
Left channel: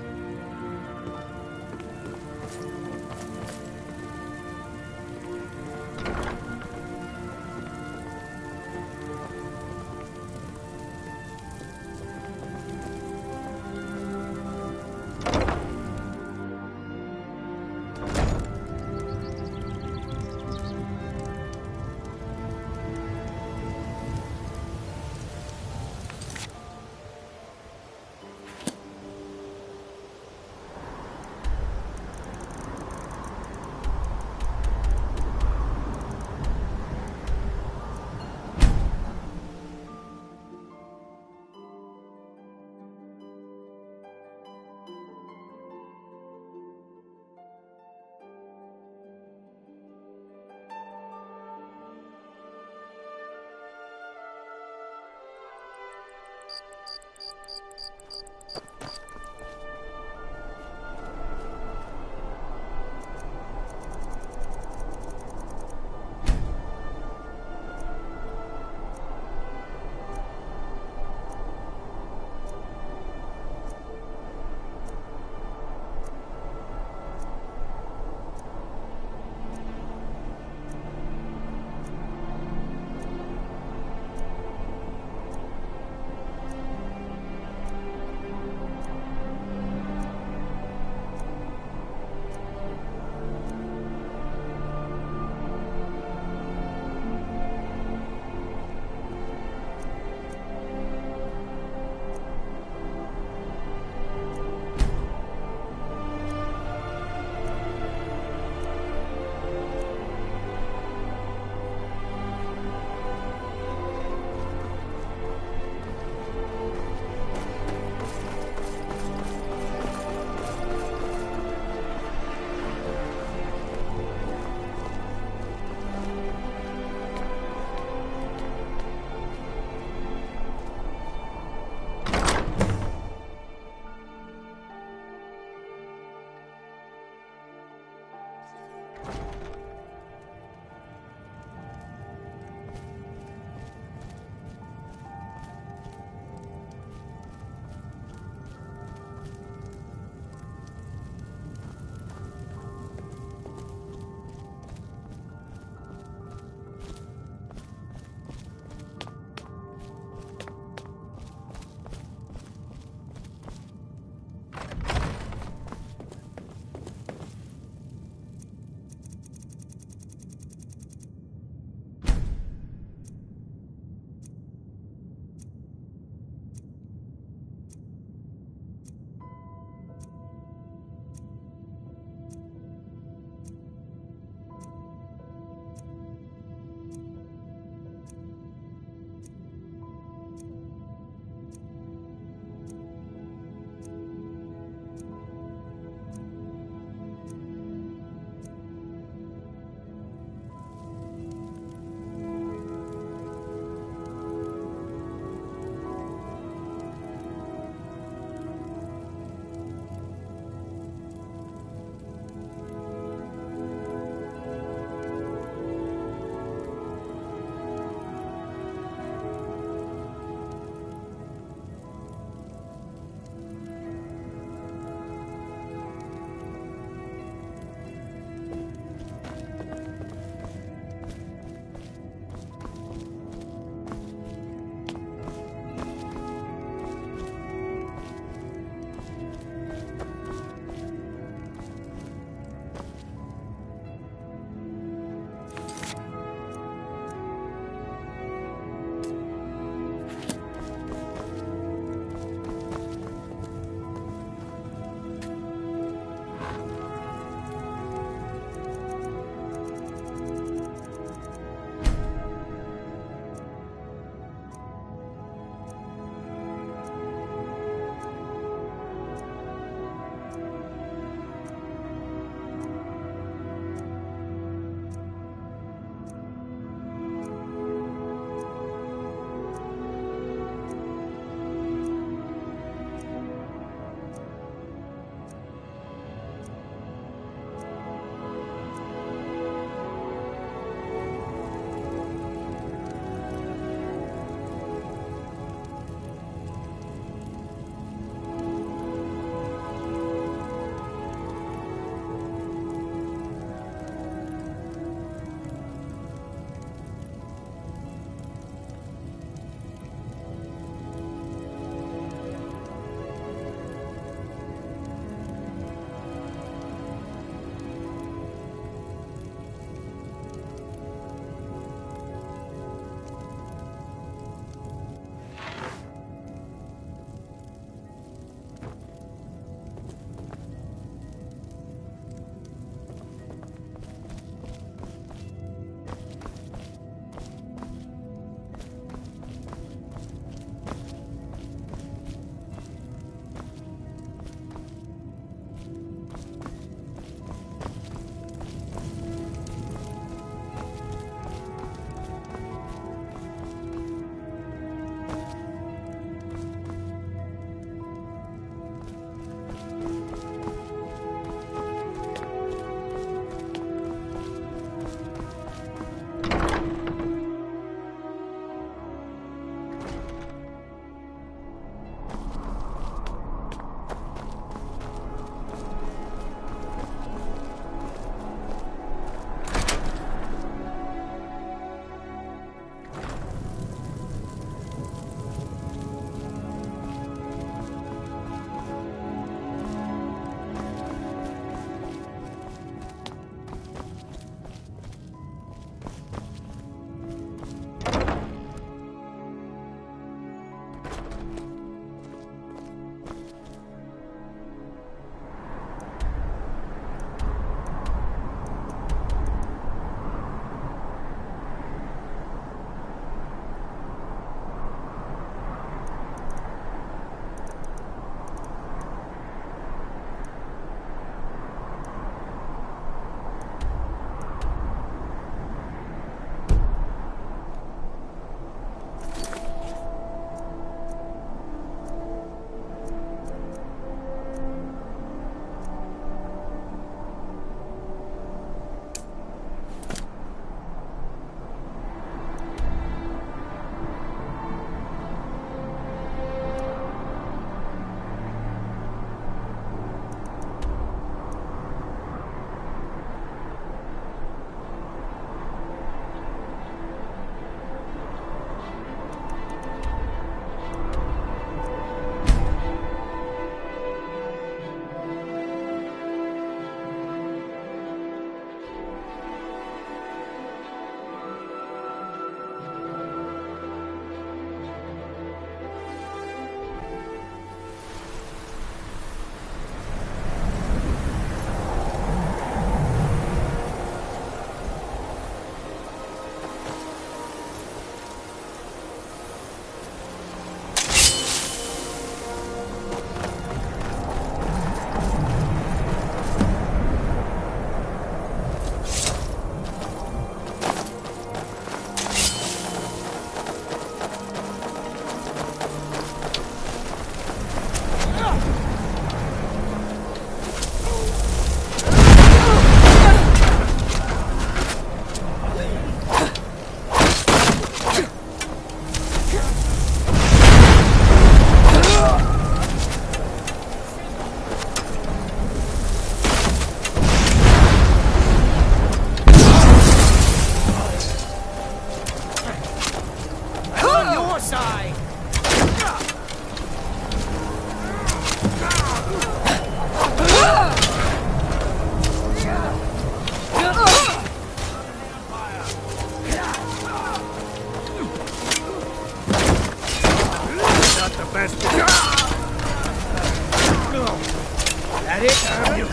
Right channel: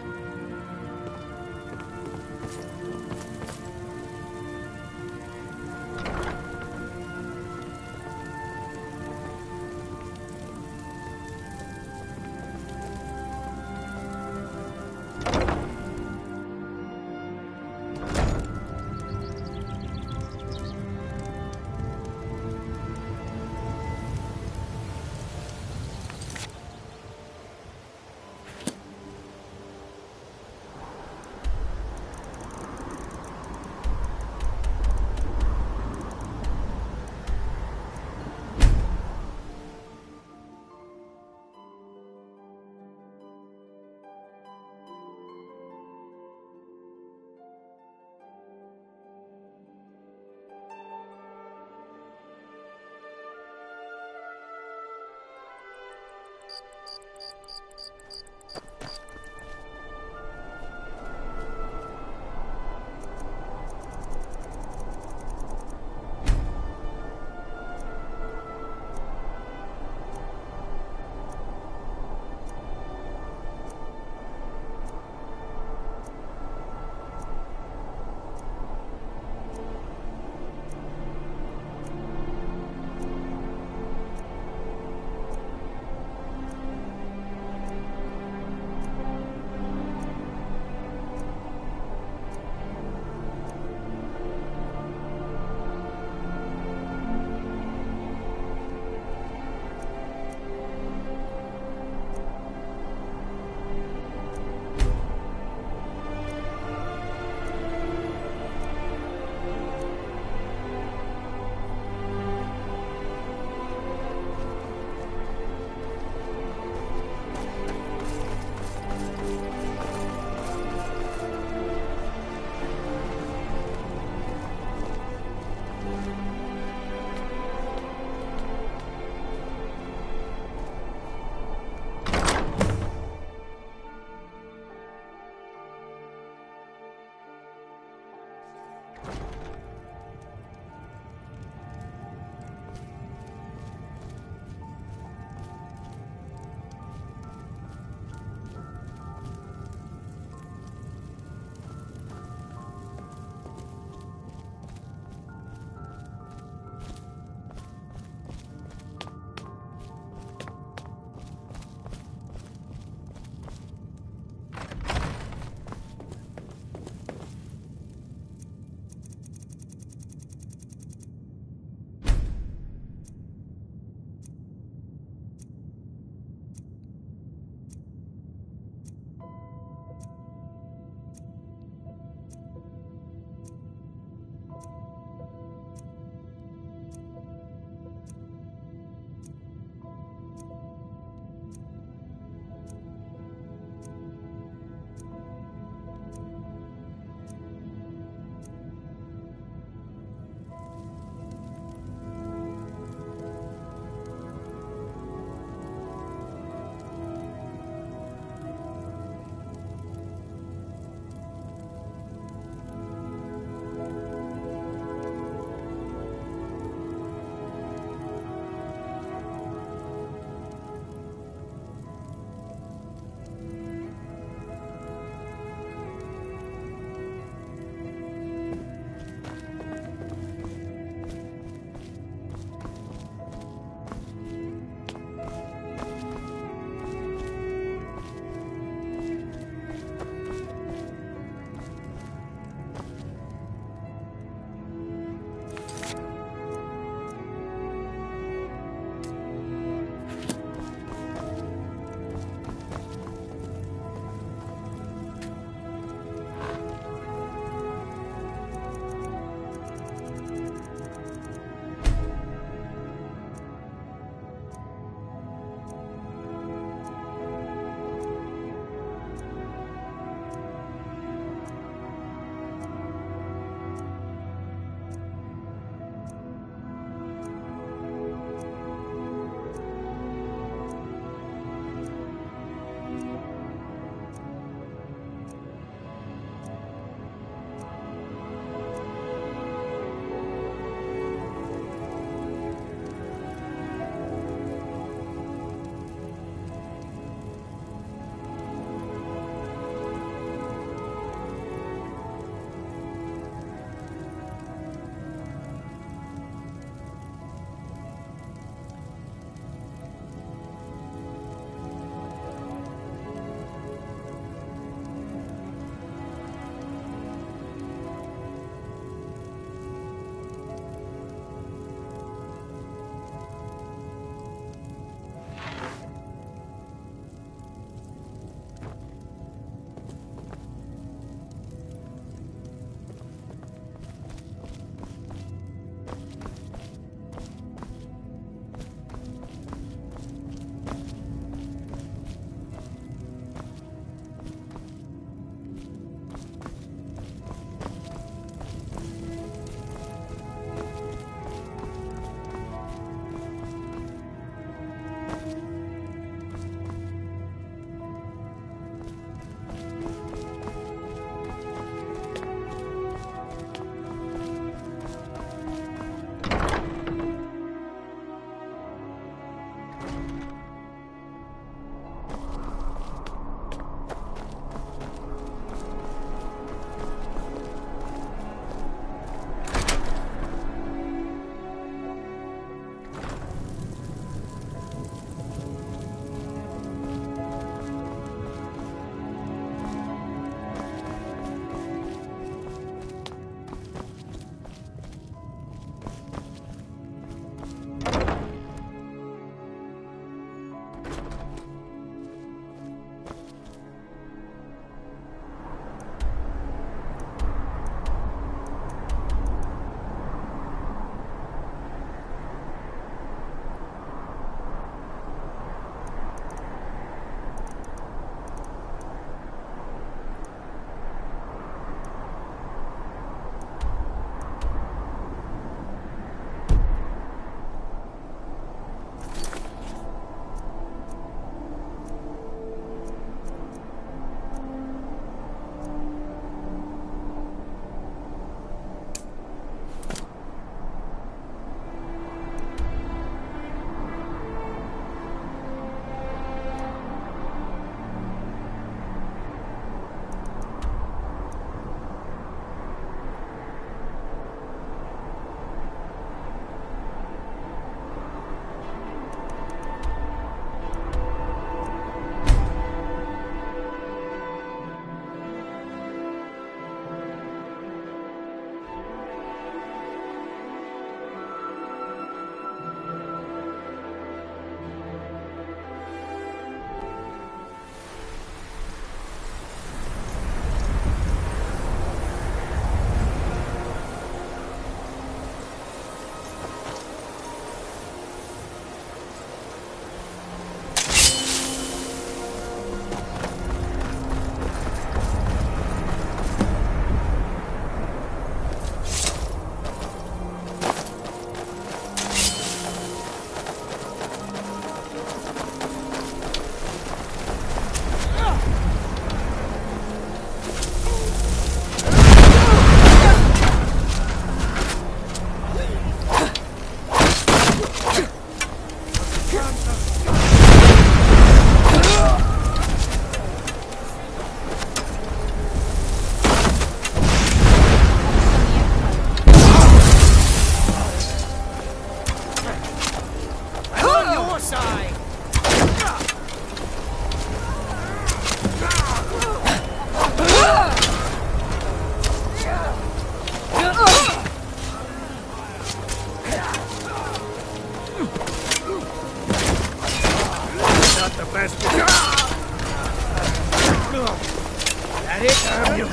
That it? You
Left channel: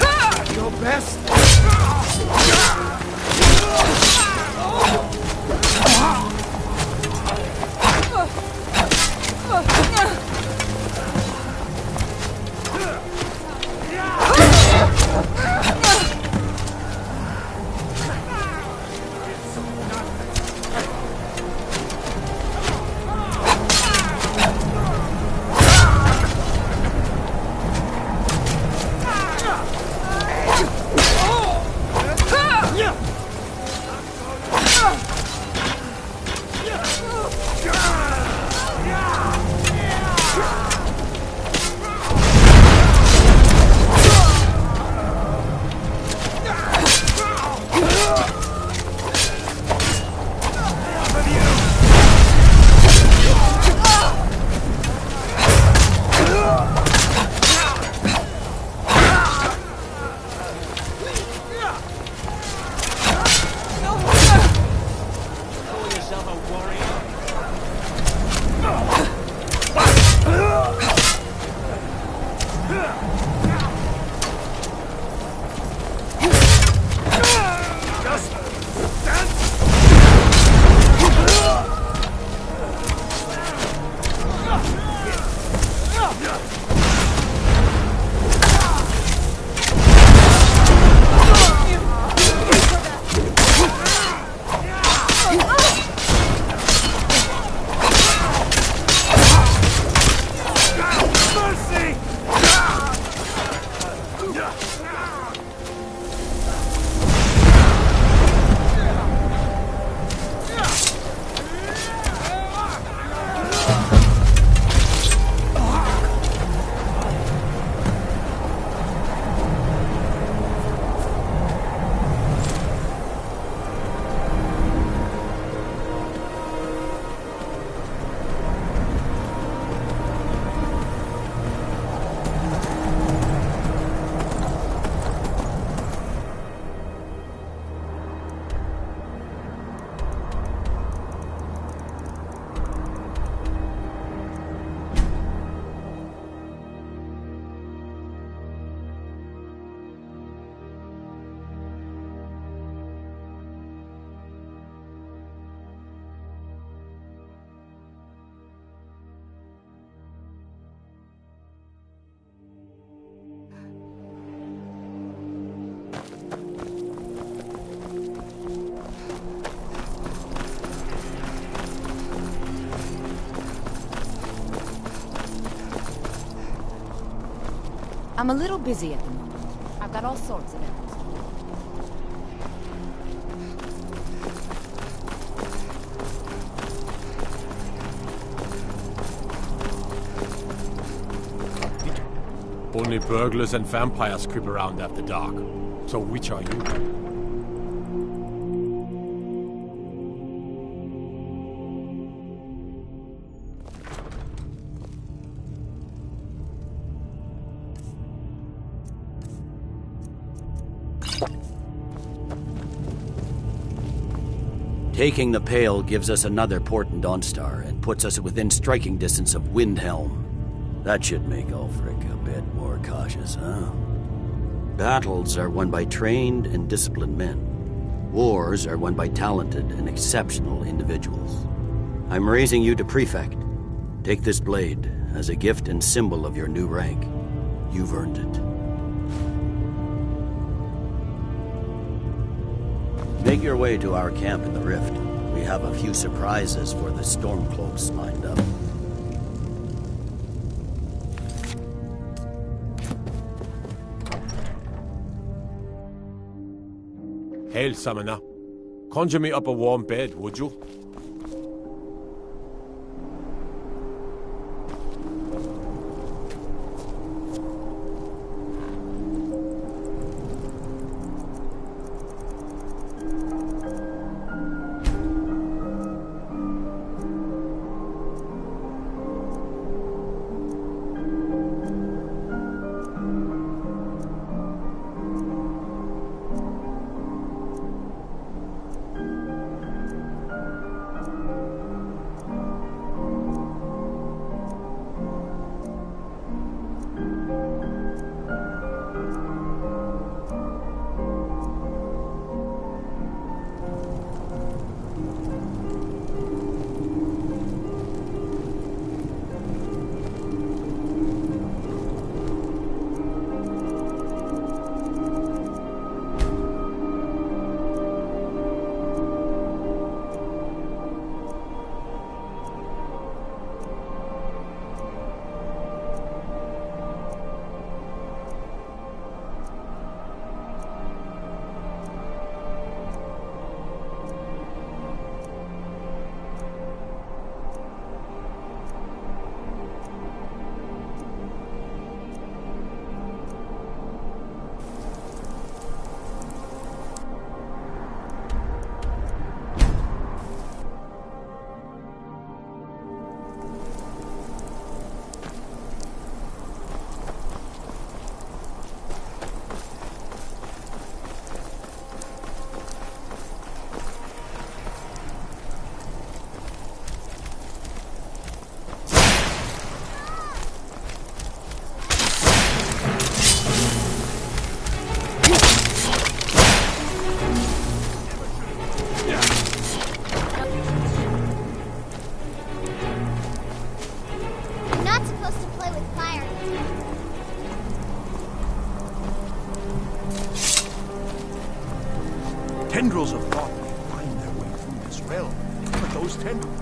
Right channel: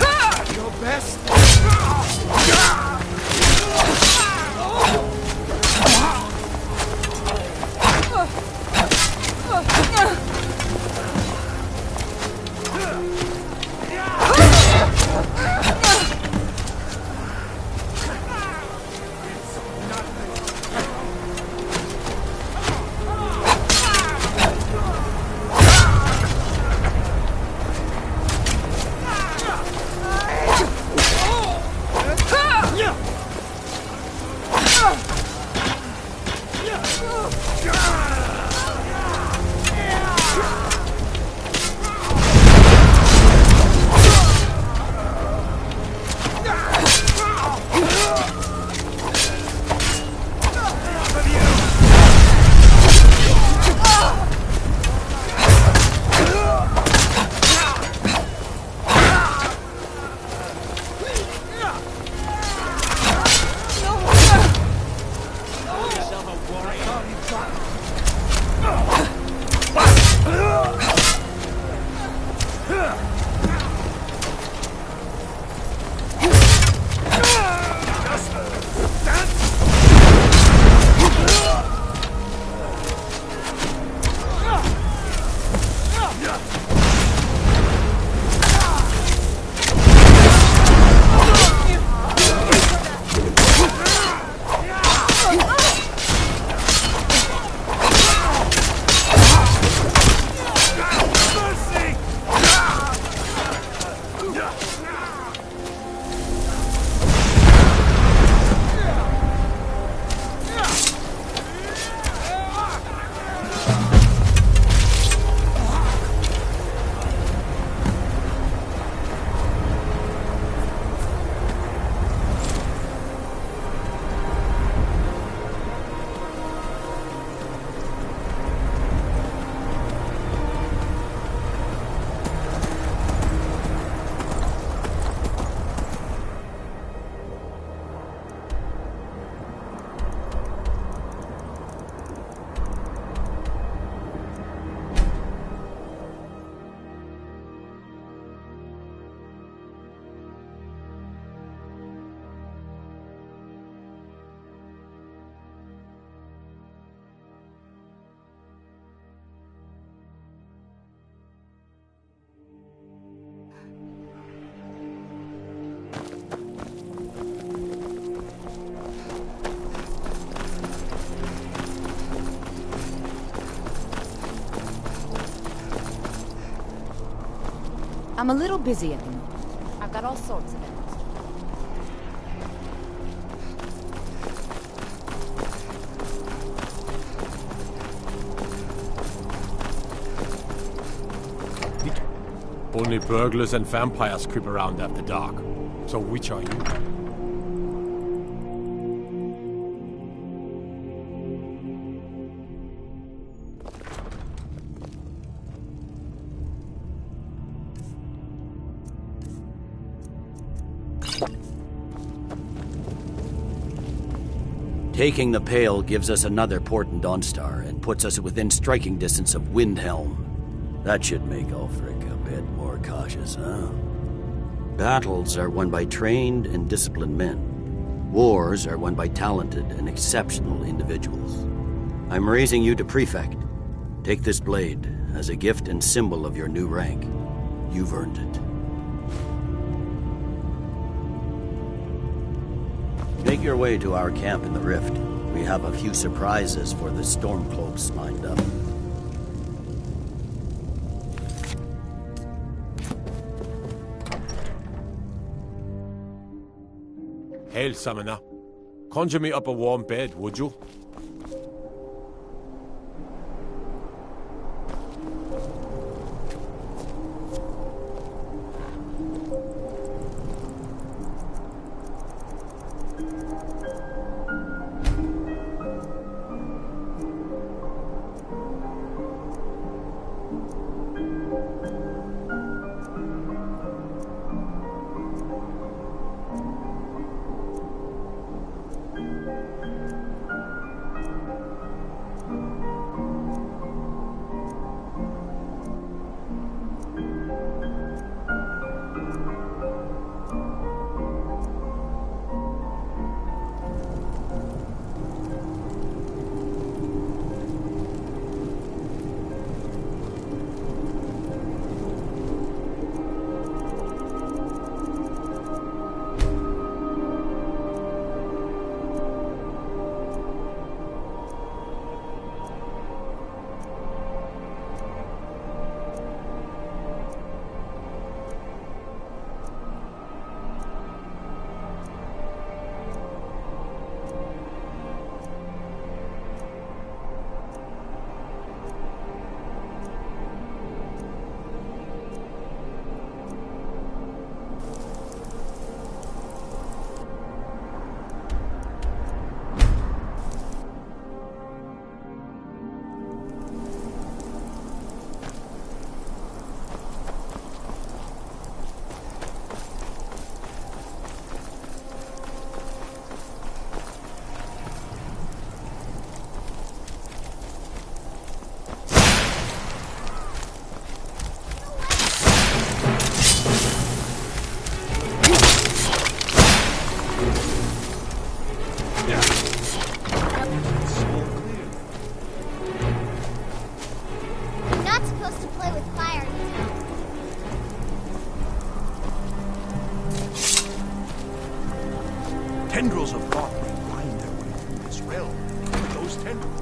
your best? I'm a little busy at the moment. I've got all sorts of errands. Only burglars and vampires creep around after dark. So which are you? Taking the Pale gives us another port in Dawnstar and puts us within striking distance of Windhelm. That should make Ulfric a bit more cautious, huh? Battles are won by trained and disciplined men. Wars are won by talented and exceptional individuals. I'm raising you to Prefect. Take this blade as a gift and symbol of your new rank. You've earned it. Make your way to our camp in the Rift. We have a few surprises for the Stormcloaks lined up. Hail, Summoner. Conjure me up a warm bed, would you? Tendrils of thought may find their way through this realm, but those tendrils...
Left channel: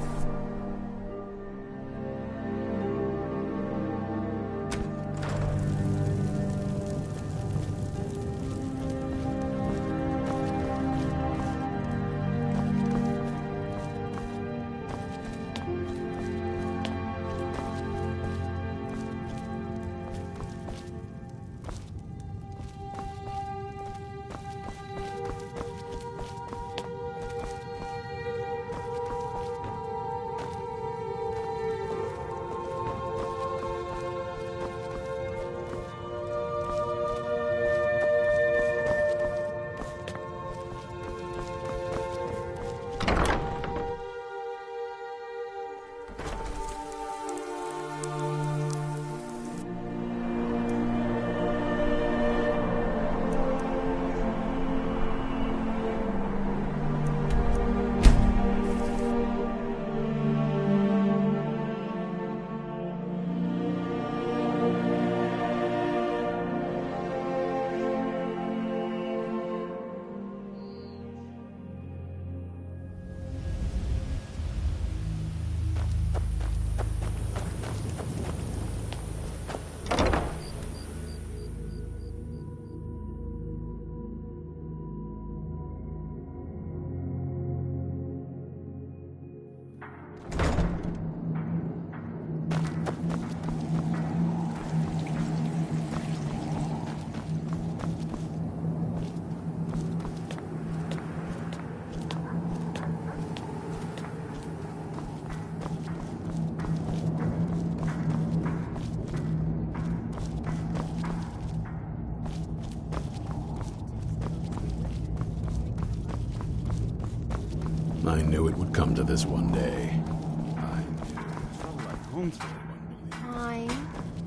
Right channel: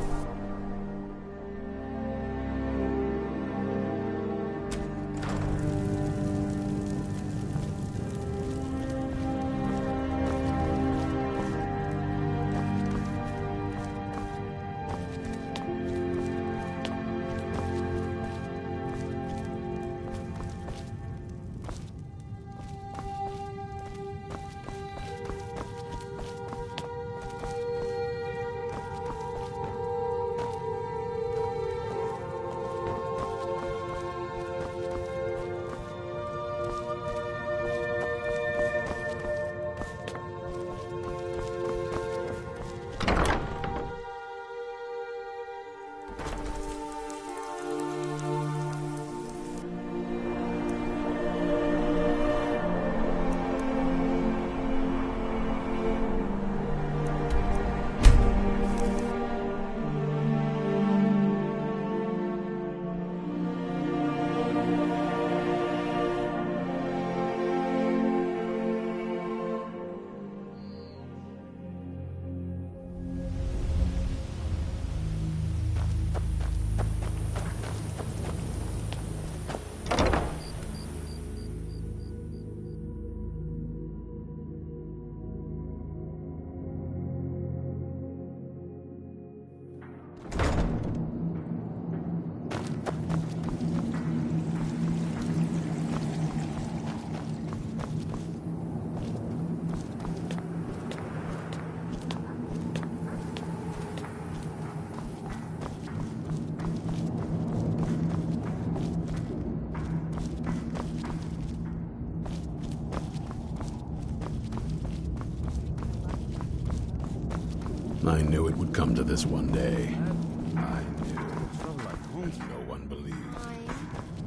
I knew it would come to this one day.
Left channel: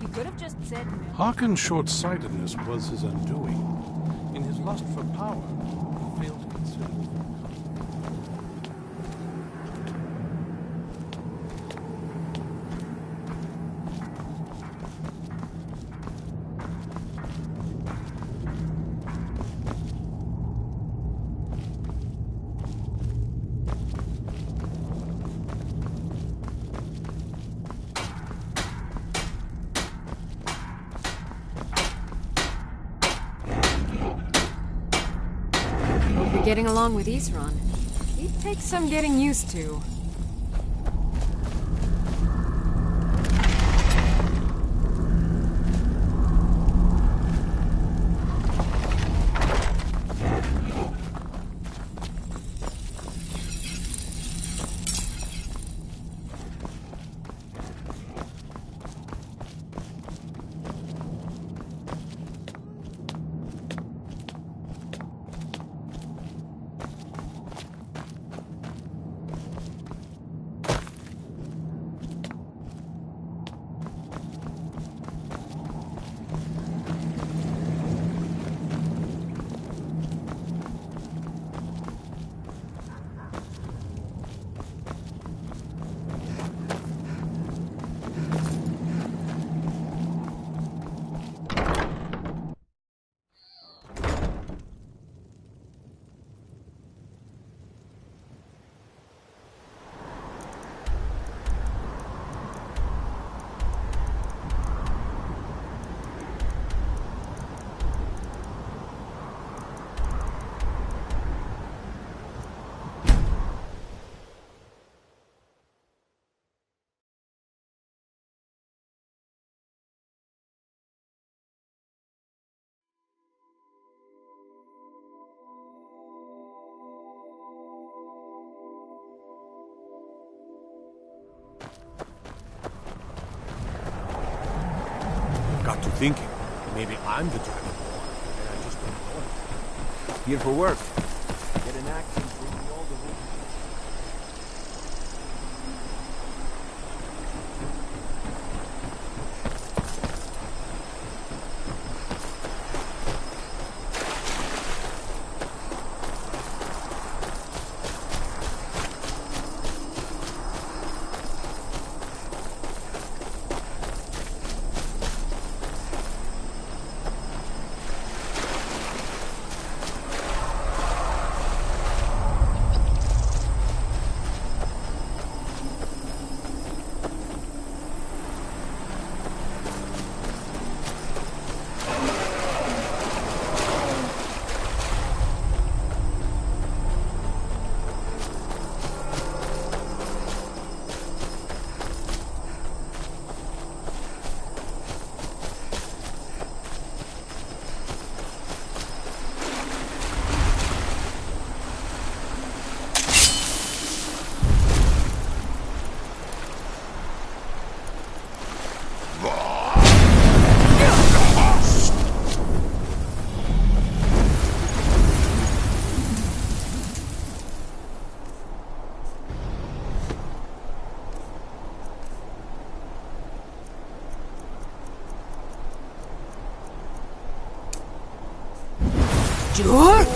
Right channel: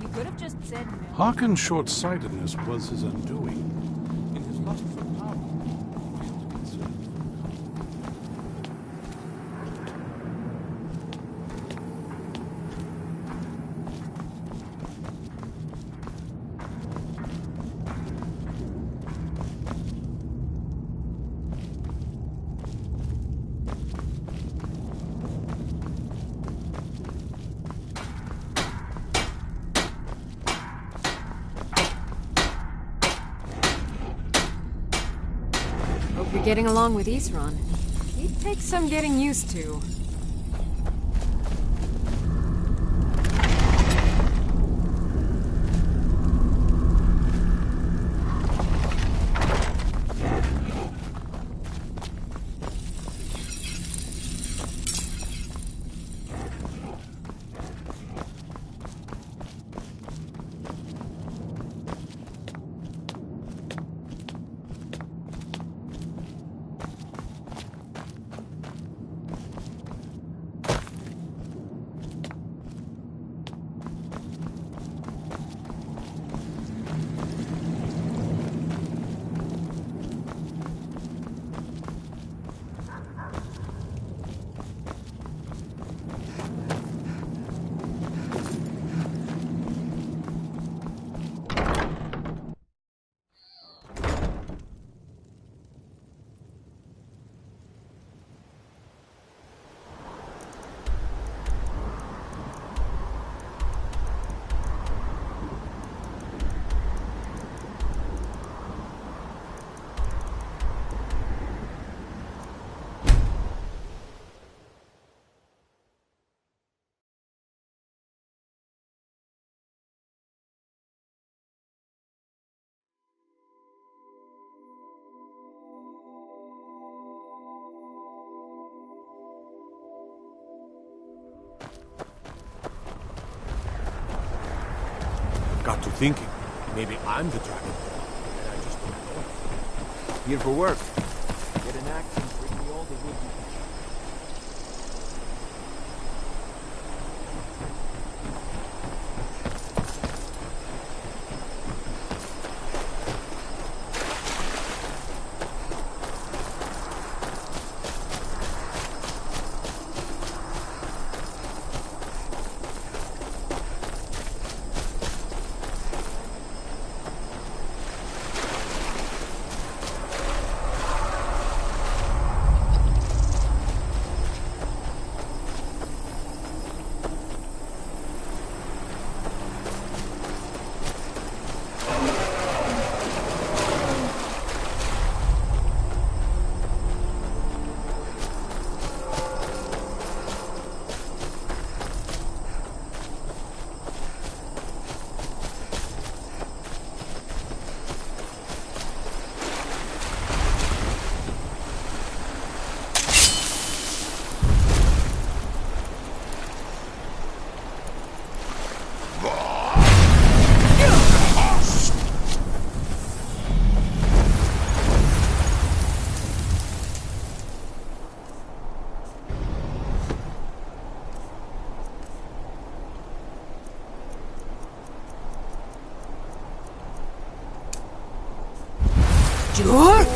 You could have just said no. Harkin's short-sightedness was his undoing. In his lust for power, he failed to consider the You're getting along with Isran. He'd take some getting used to. Got to thinking. Maybe I'm the Dragonborn, and I just don't know it. Here for work. Get an axe and bring me all the wood you can. Sure?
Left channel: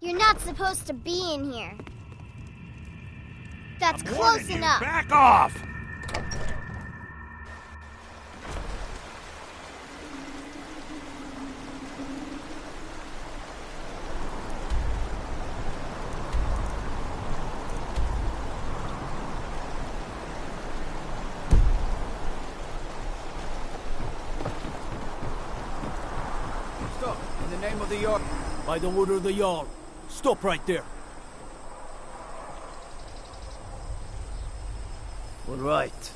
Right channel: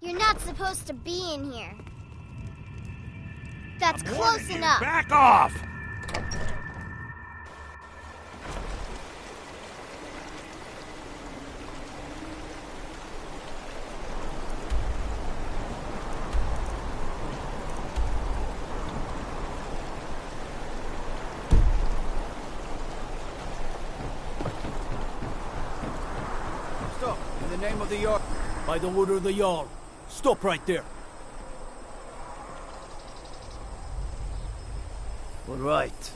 You're not supposed to be in here. That's close enough. Back off! Stop! In the name of the Jarl. By the order of the Jarl. Stop right there. All right.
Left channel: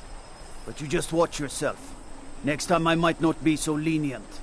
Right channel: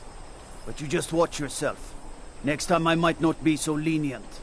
But you just watch yourself. Next time I might not be so lenient.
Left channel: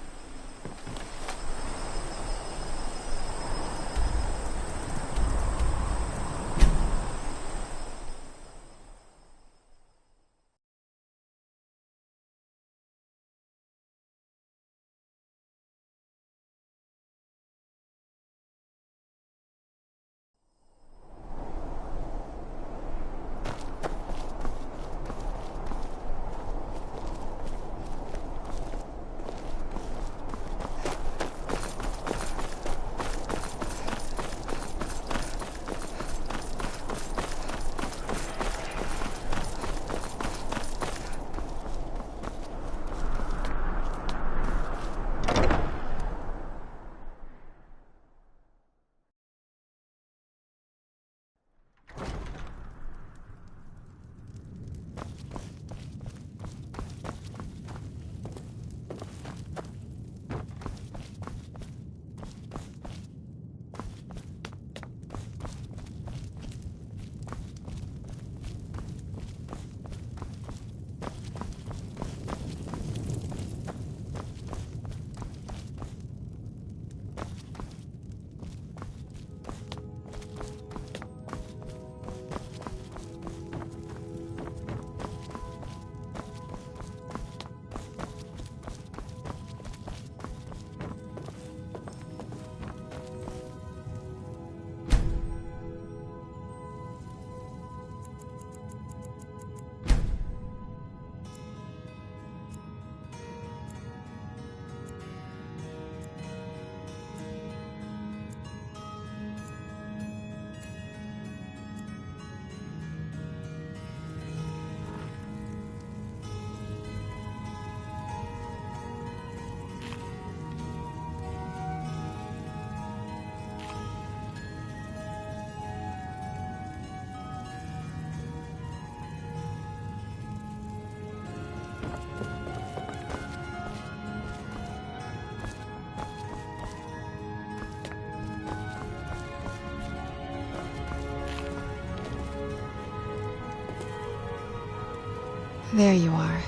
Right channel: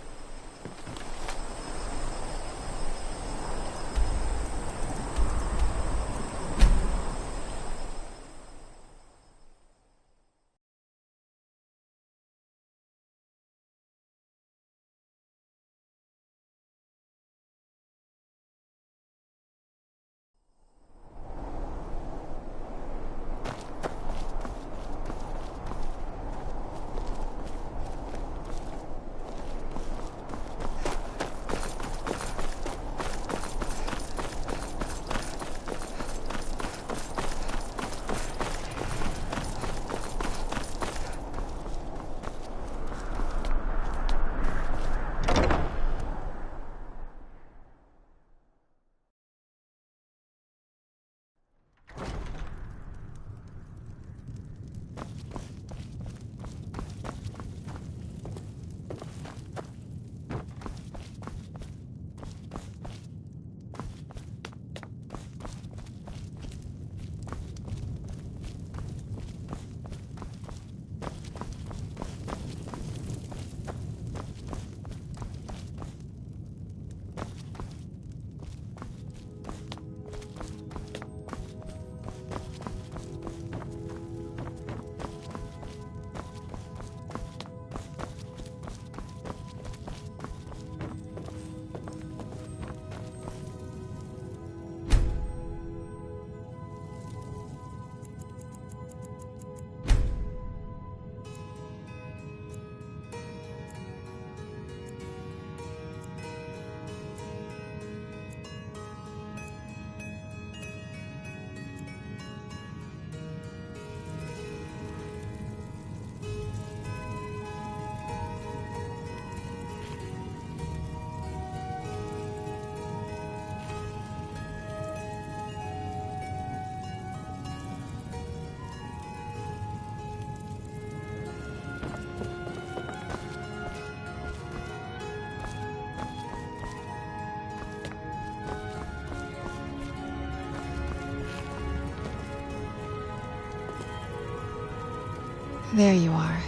There you are.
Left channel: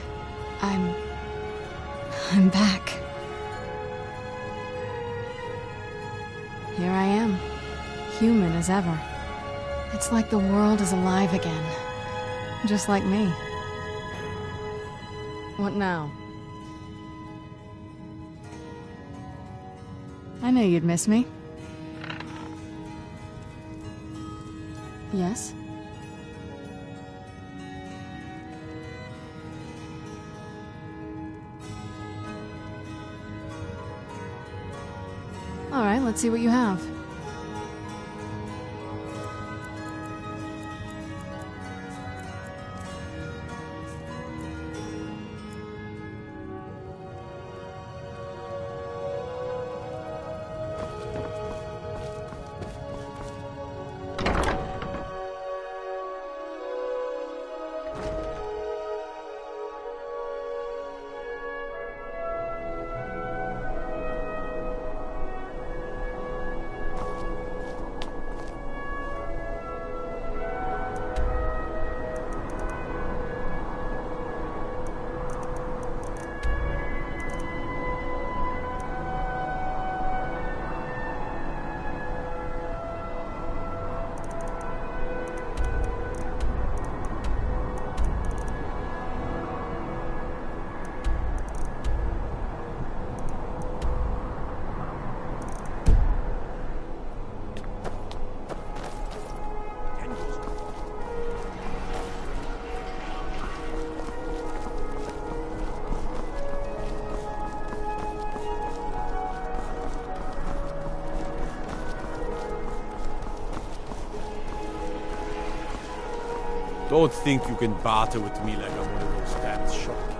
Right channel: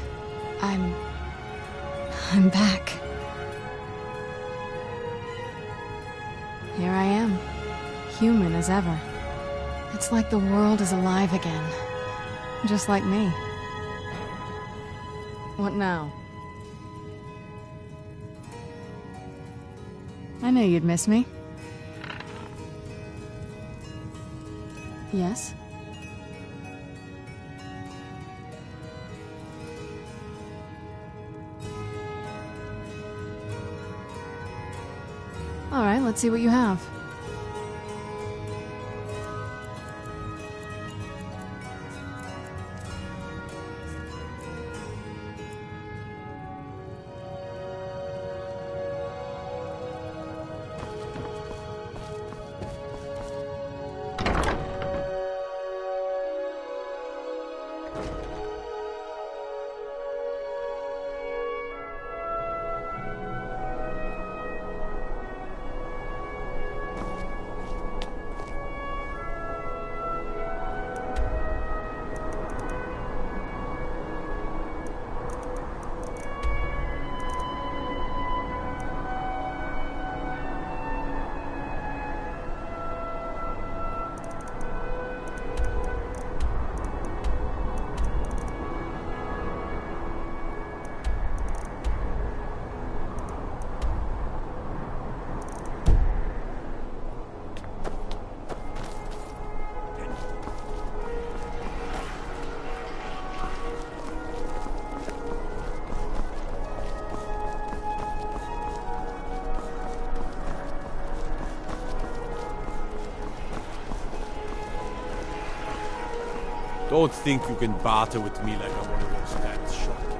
I'm back. Here I am, human as ever. It's like the world is alive again, just like me. What now? I knew you'd miss me. Yes? All right, let's see what you have. Don't think you can barter with me like I'm one of those damn shopkeepers.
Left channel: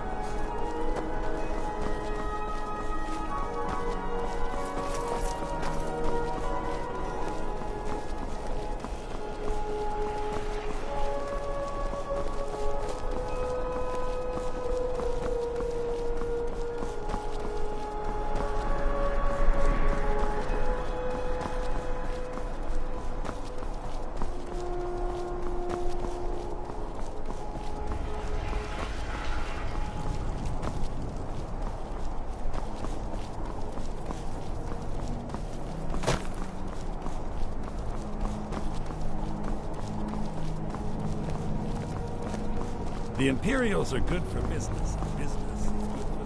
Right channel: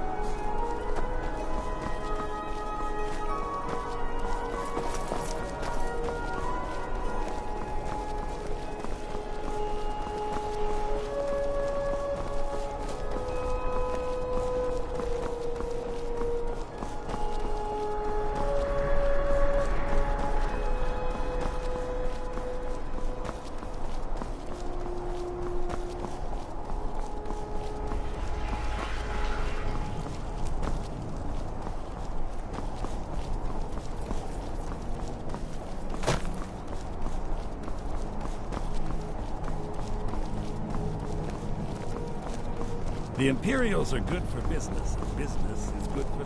The Imperials are good for business, and business is good for...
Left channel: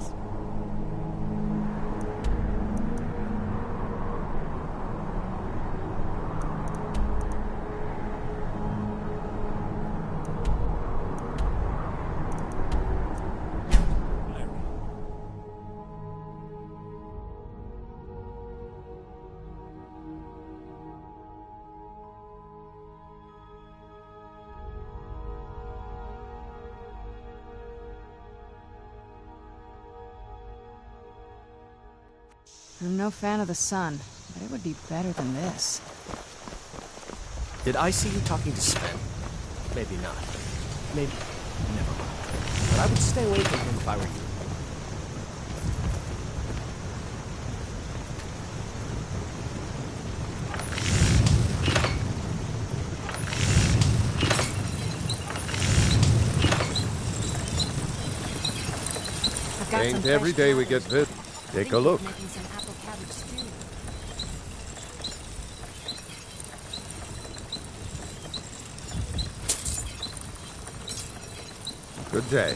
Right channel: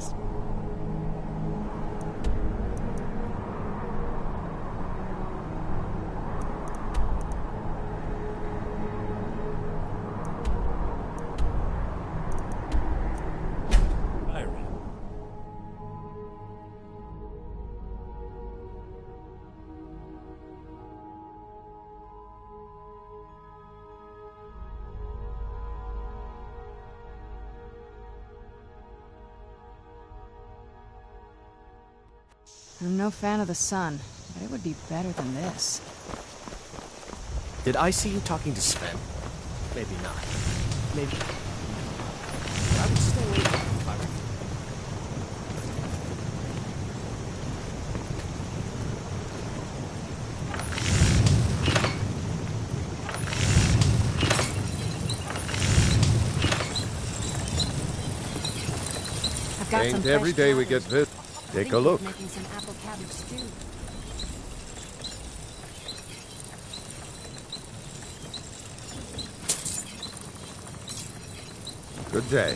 I'm no fan of the sun, but it would be better than this. Did I see you talking to Sven? Maybe not. Maybe... never mind. But I would stay away from him if I were you. Ain't every day we get this. Take a look. Making some apple cabbage stew. Good day.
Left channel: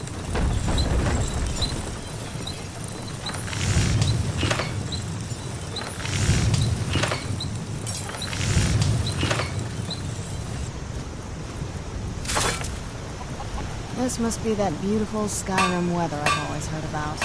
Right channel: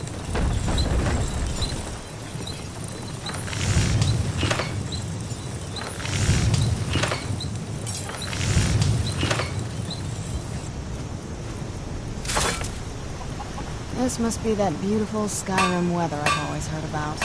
This must be that beautiful Skyrim weather I've always heard about.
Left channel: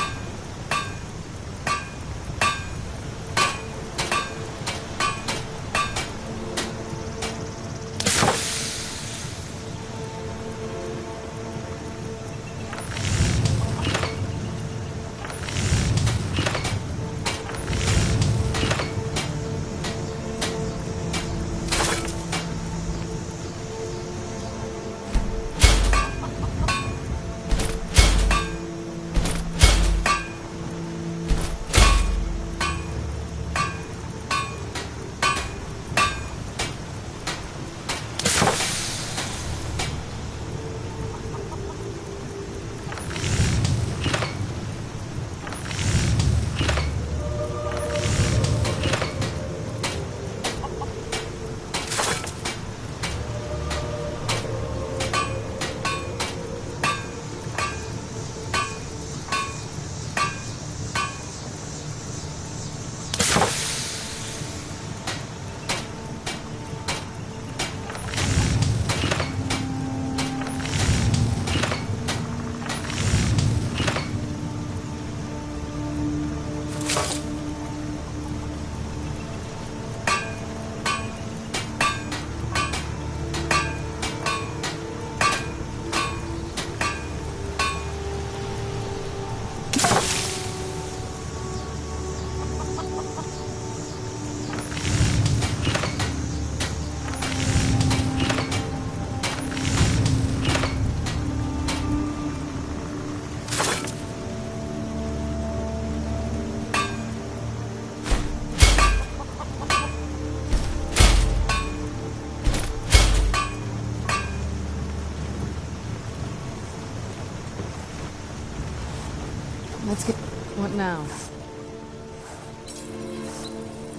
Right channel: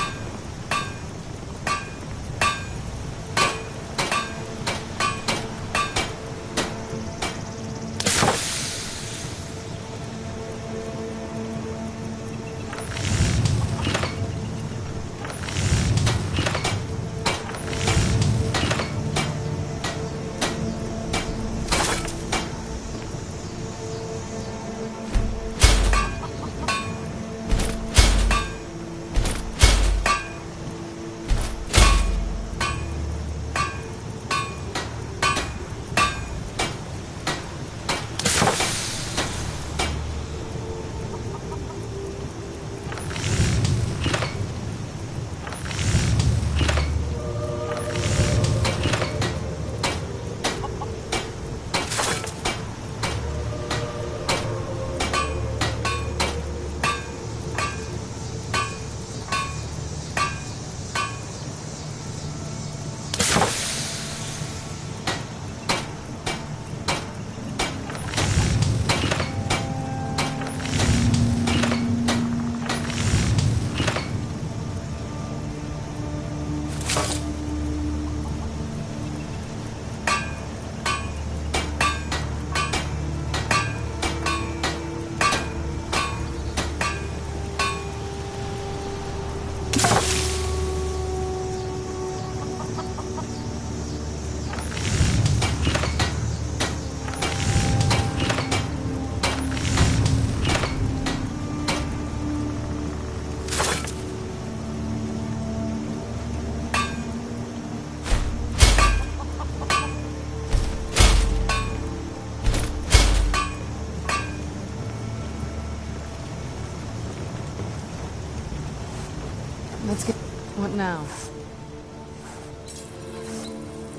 Let's get... What now?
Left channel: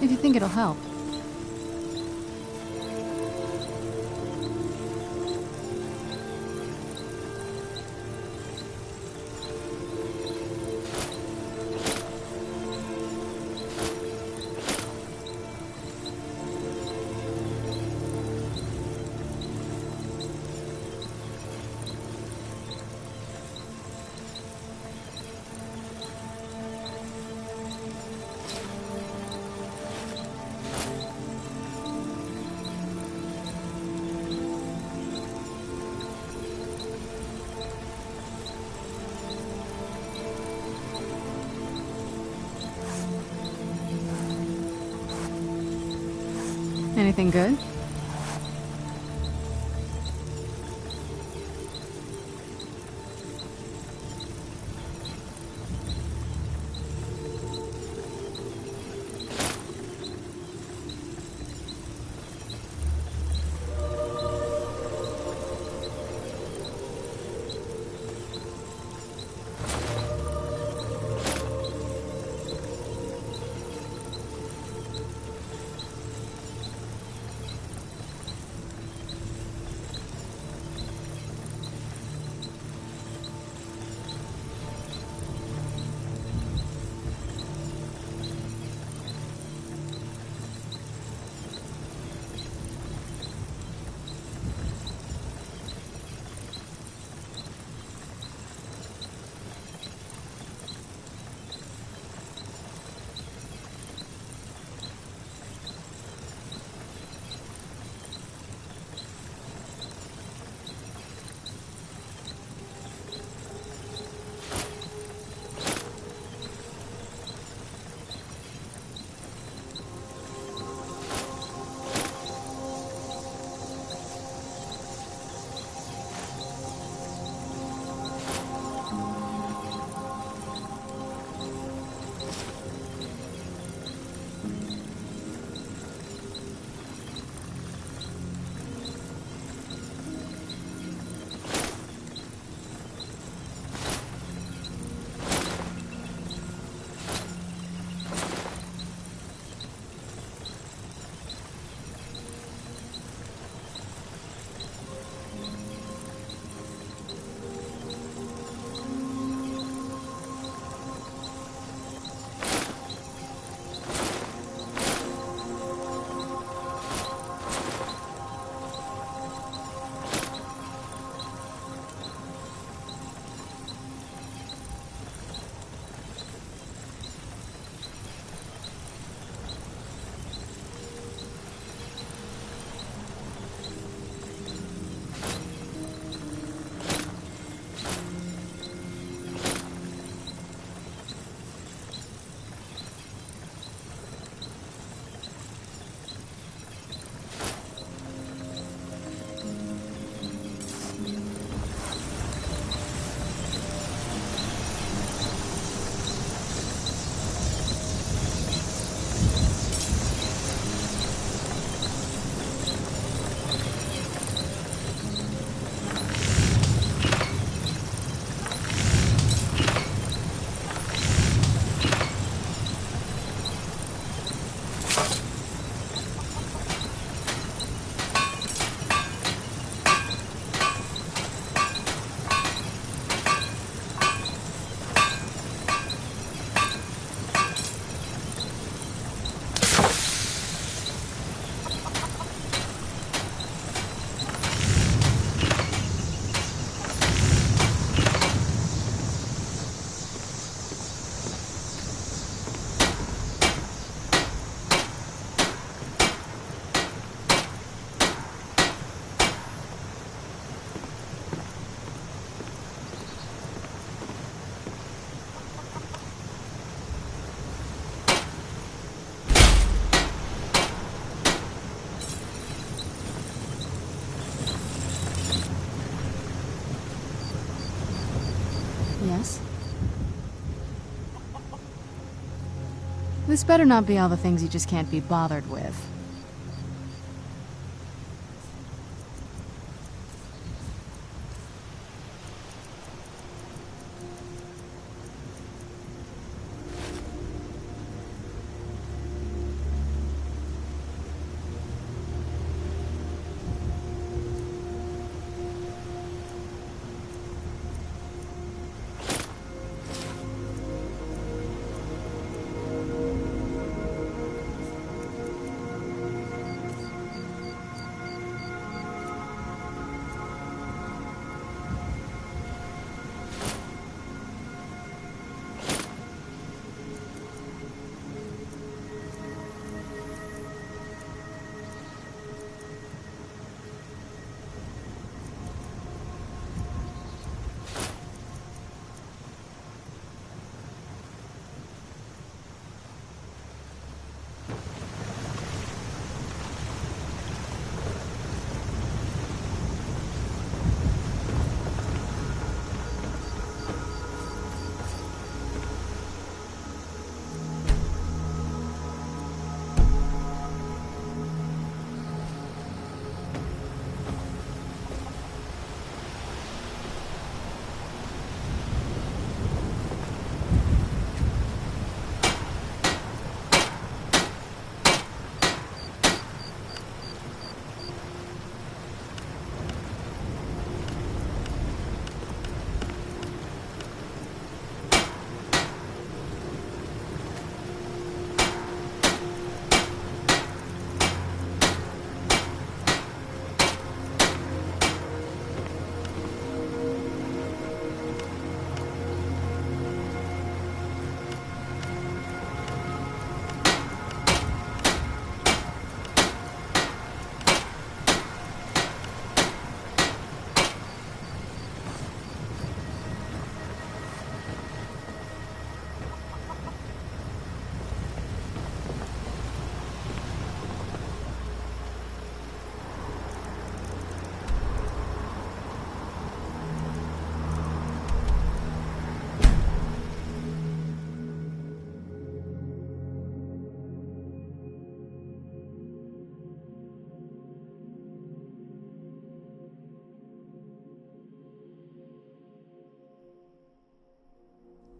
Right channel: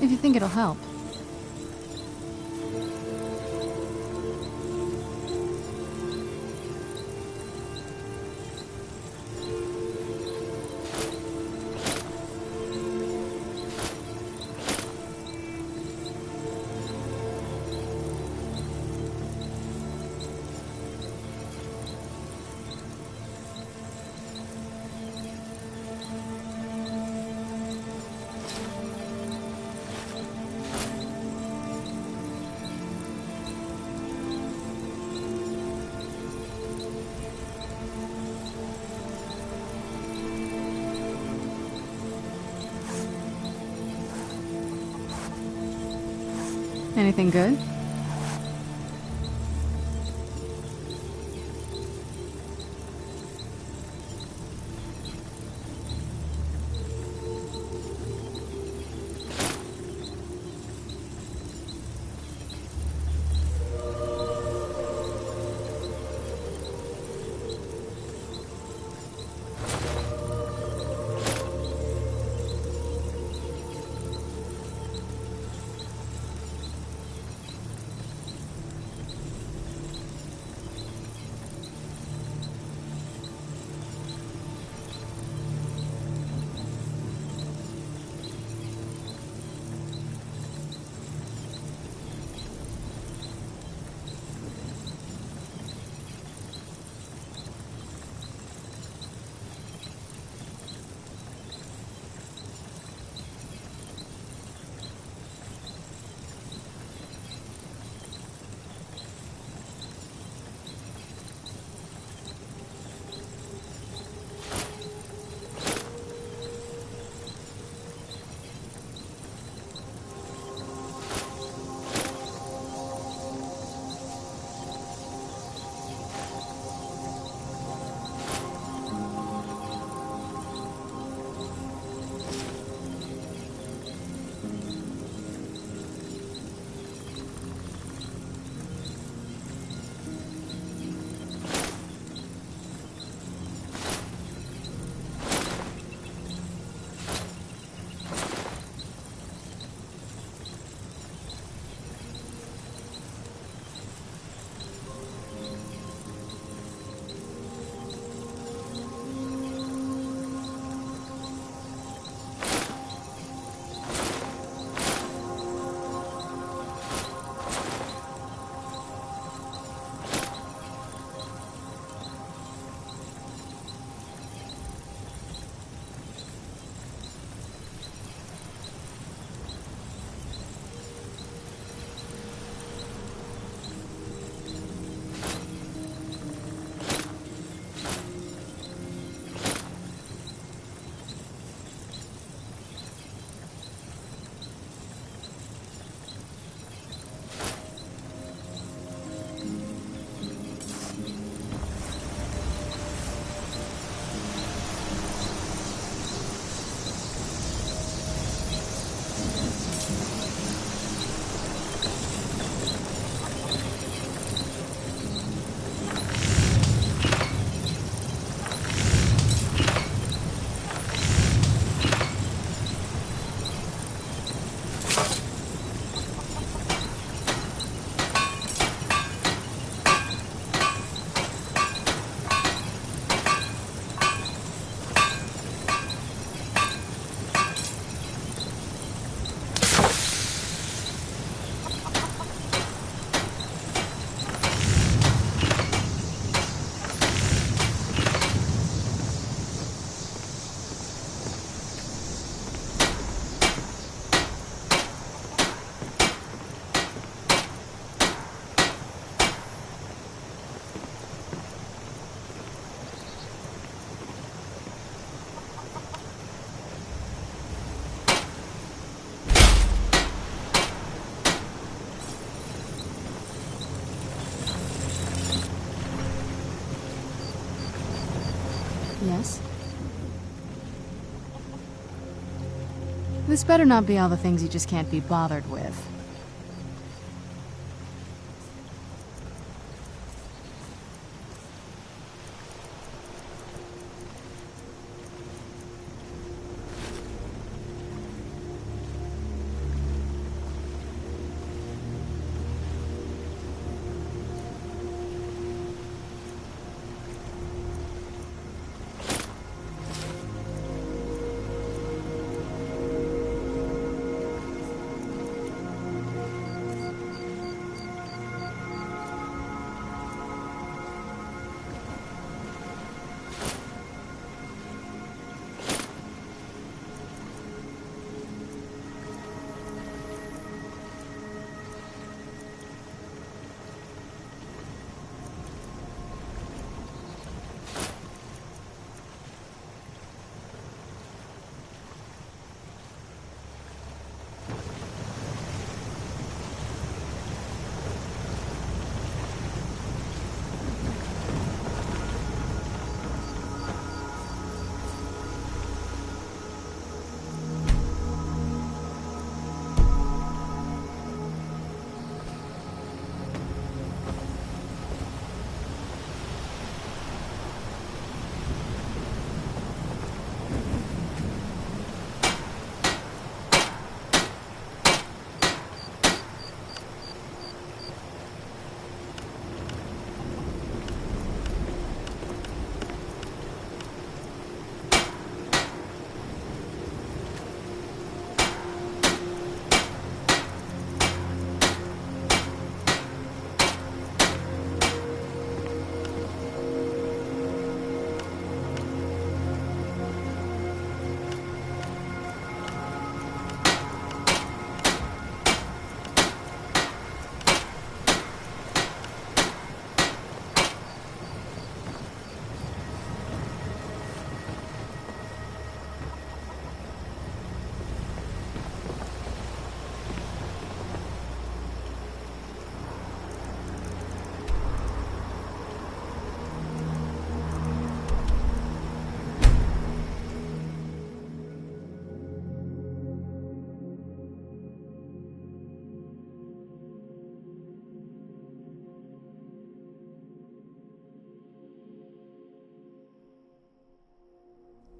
If you think it'll help. Anything good? Yes? This better not be all the things you just can't be bothered with.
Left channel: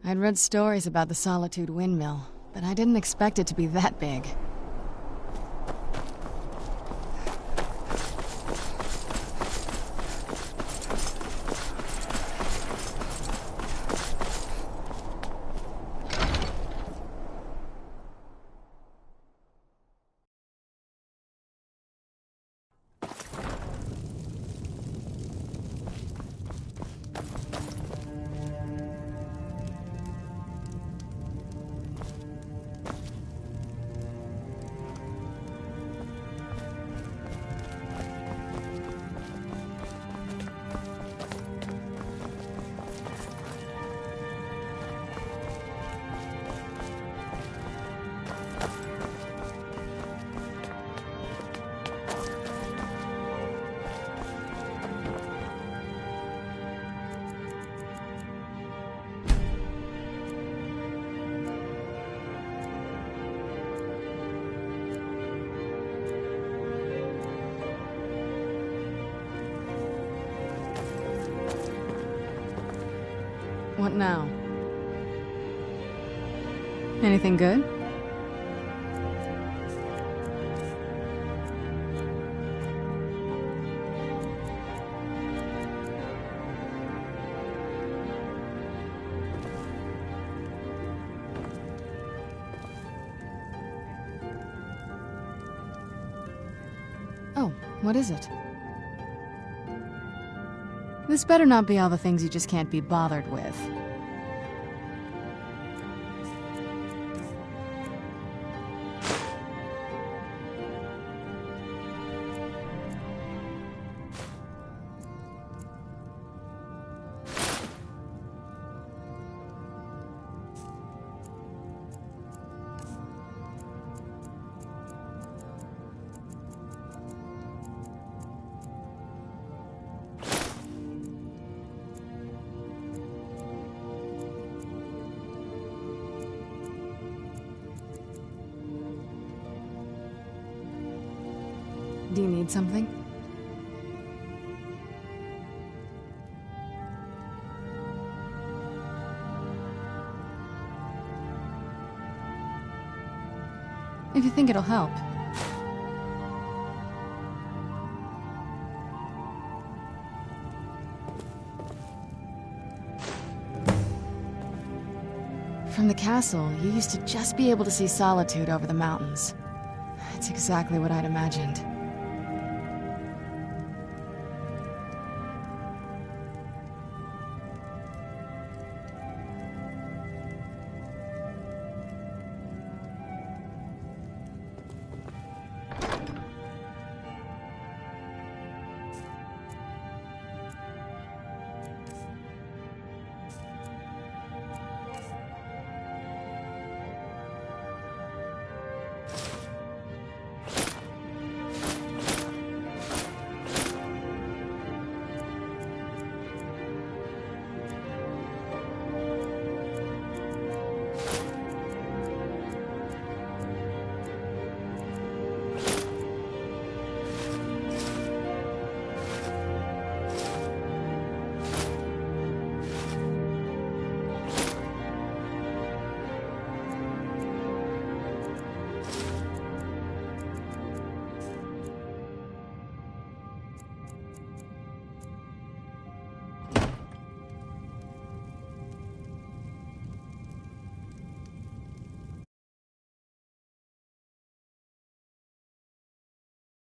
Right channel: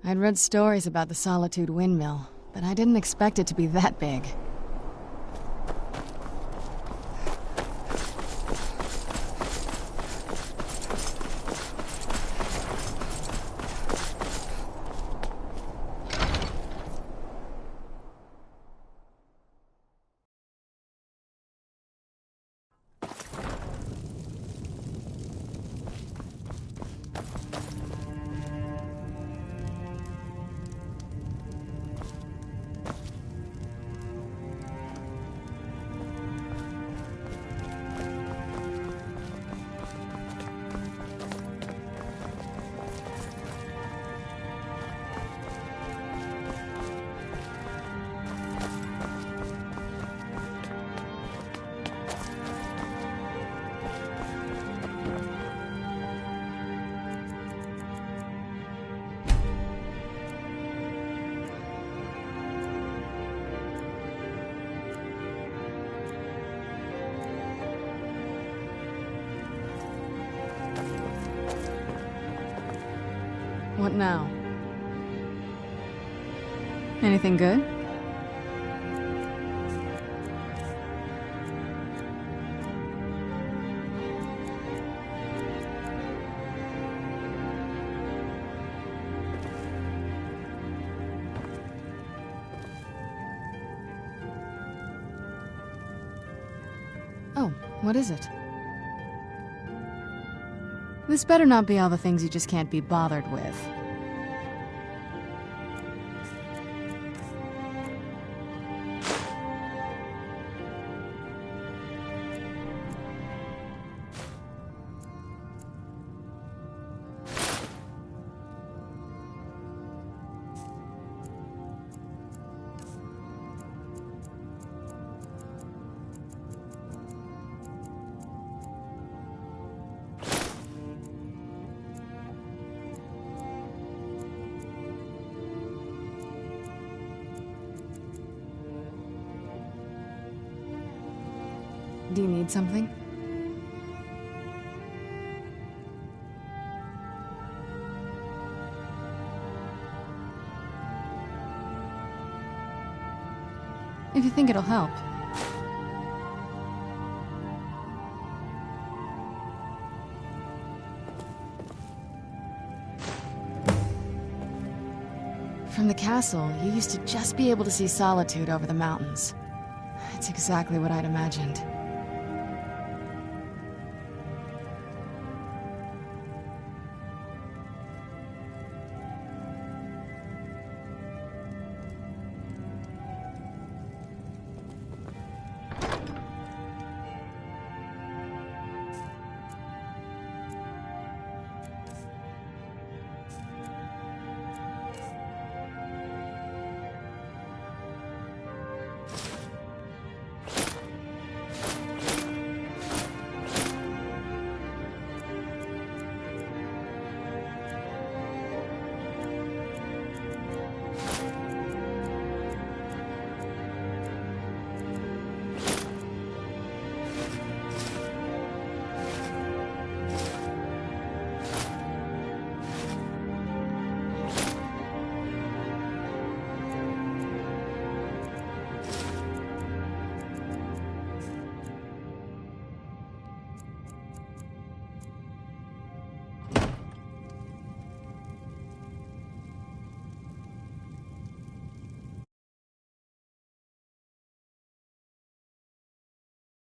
I'd read stories about the Solitude windmill, but I didn't expect it to be that big. What now? Anything good? Oh, what is it? This better not be all the things you just can't be bothered with. Do you need something? If you think it'll help. From the castle, you used to just be able to see Solitude over the mountains. It's exactly what I'd imagined.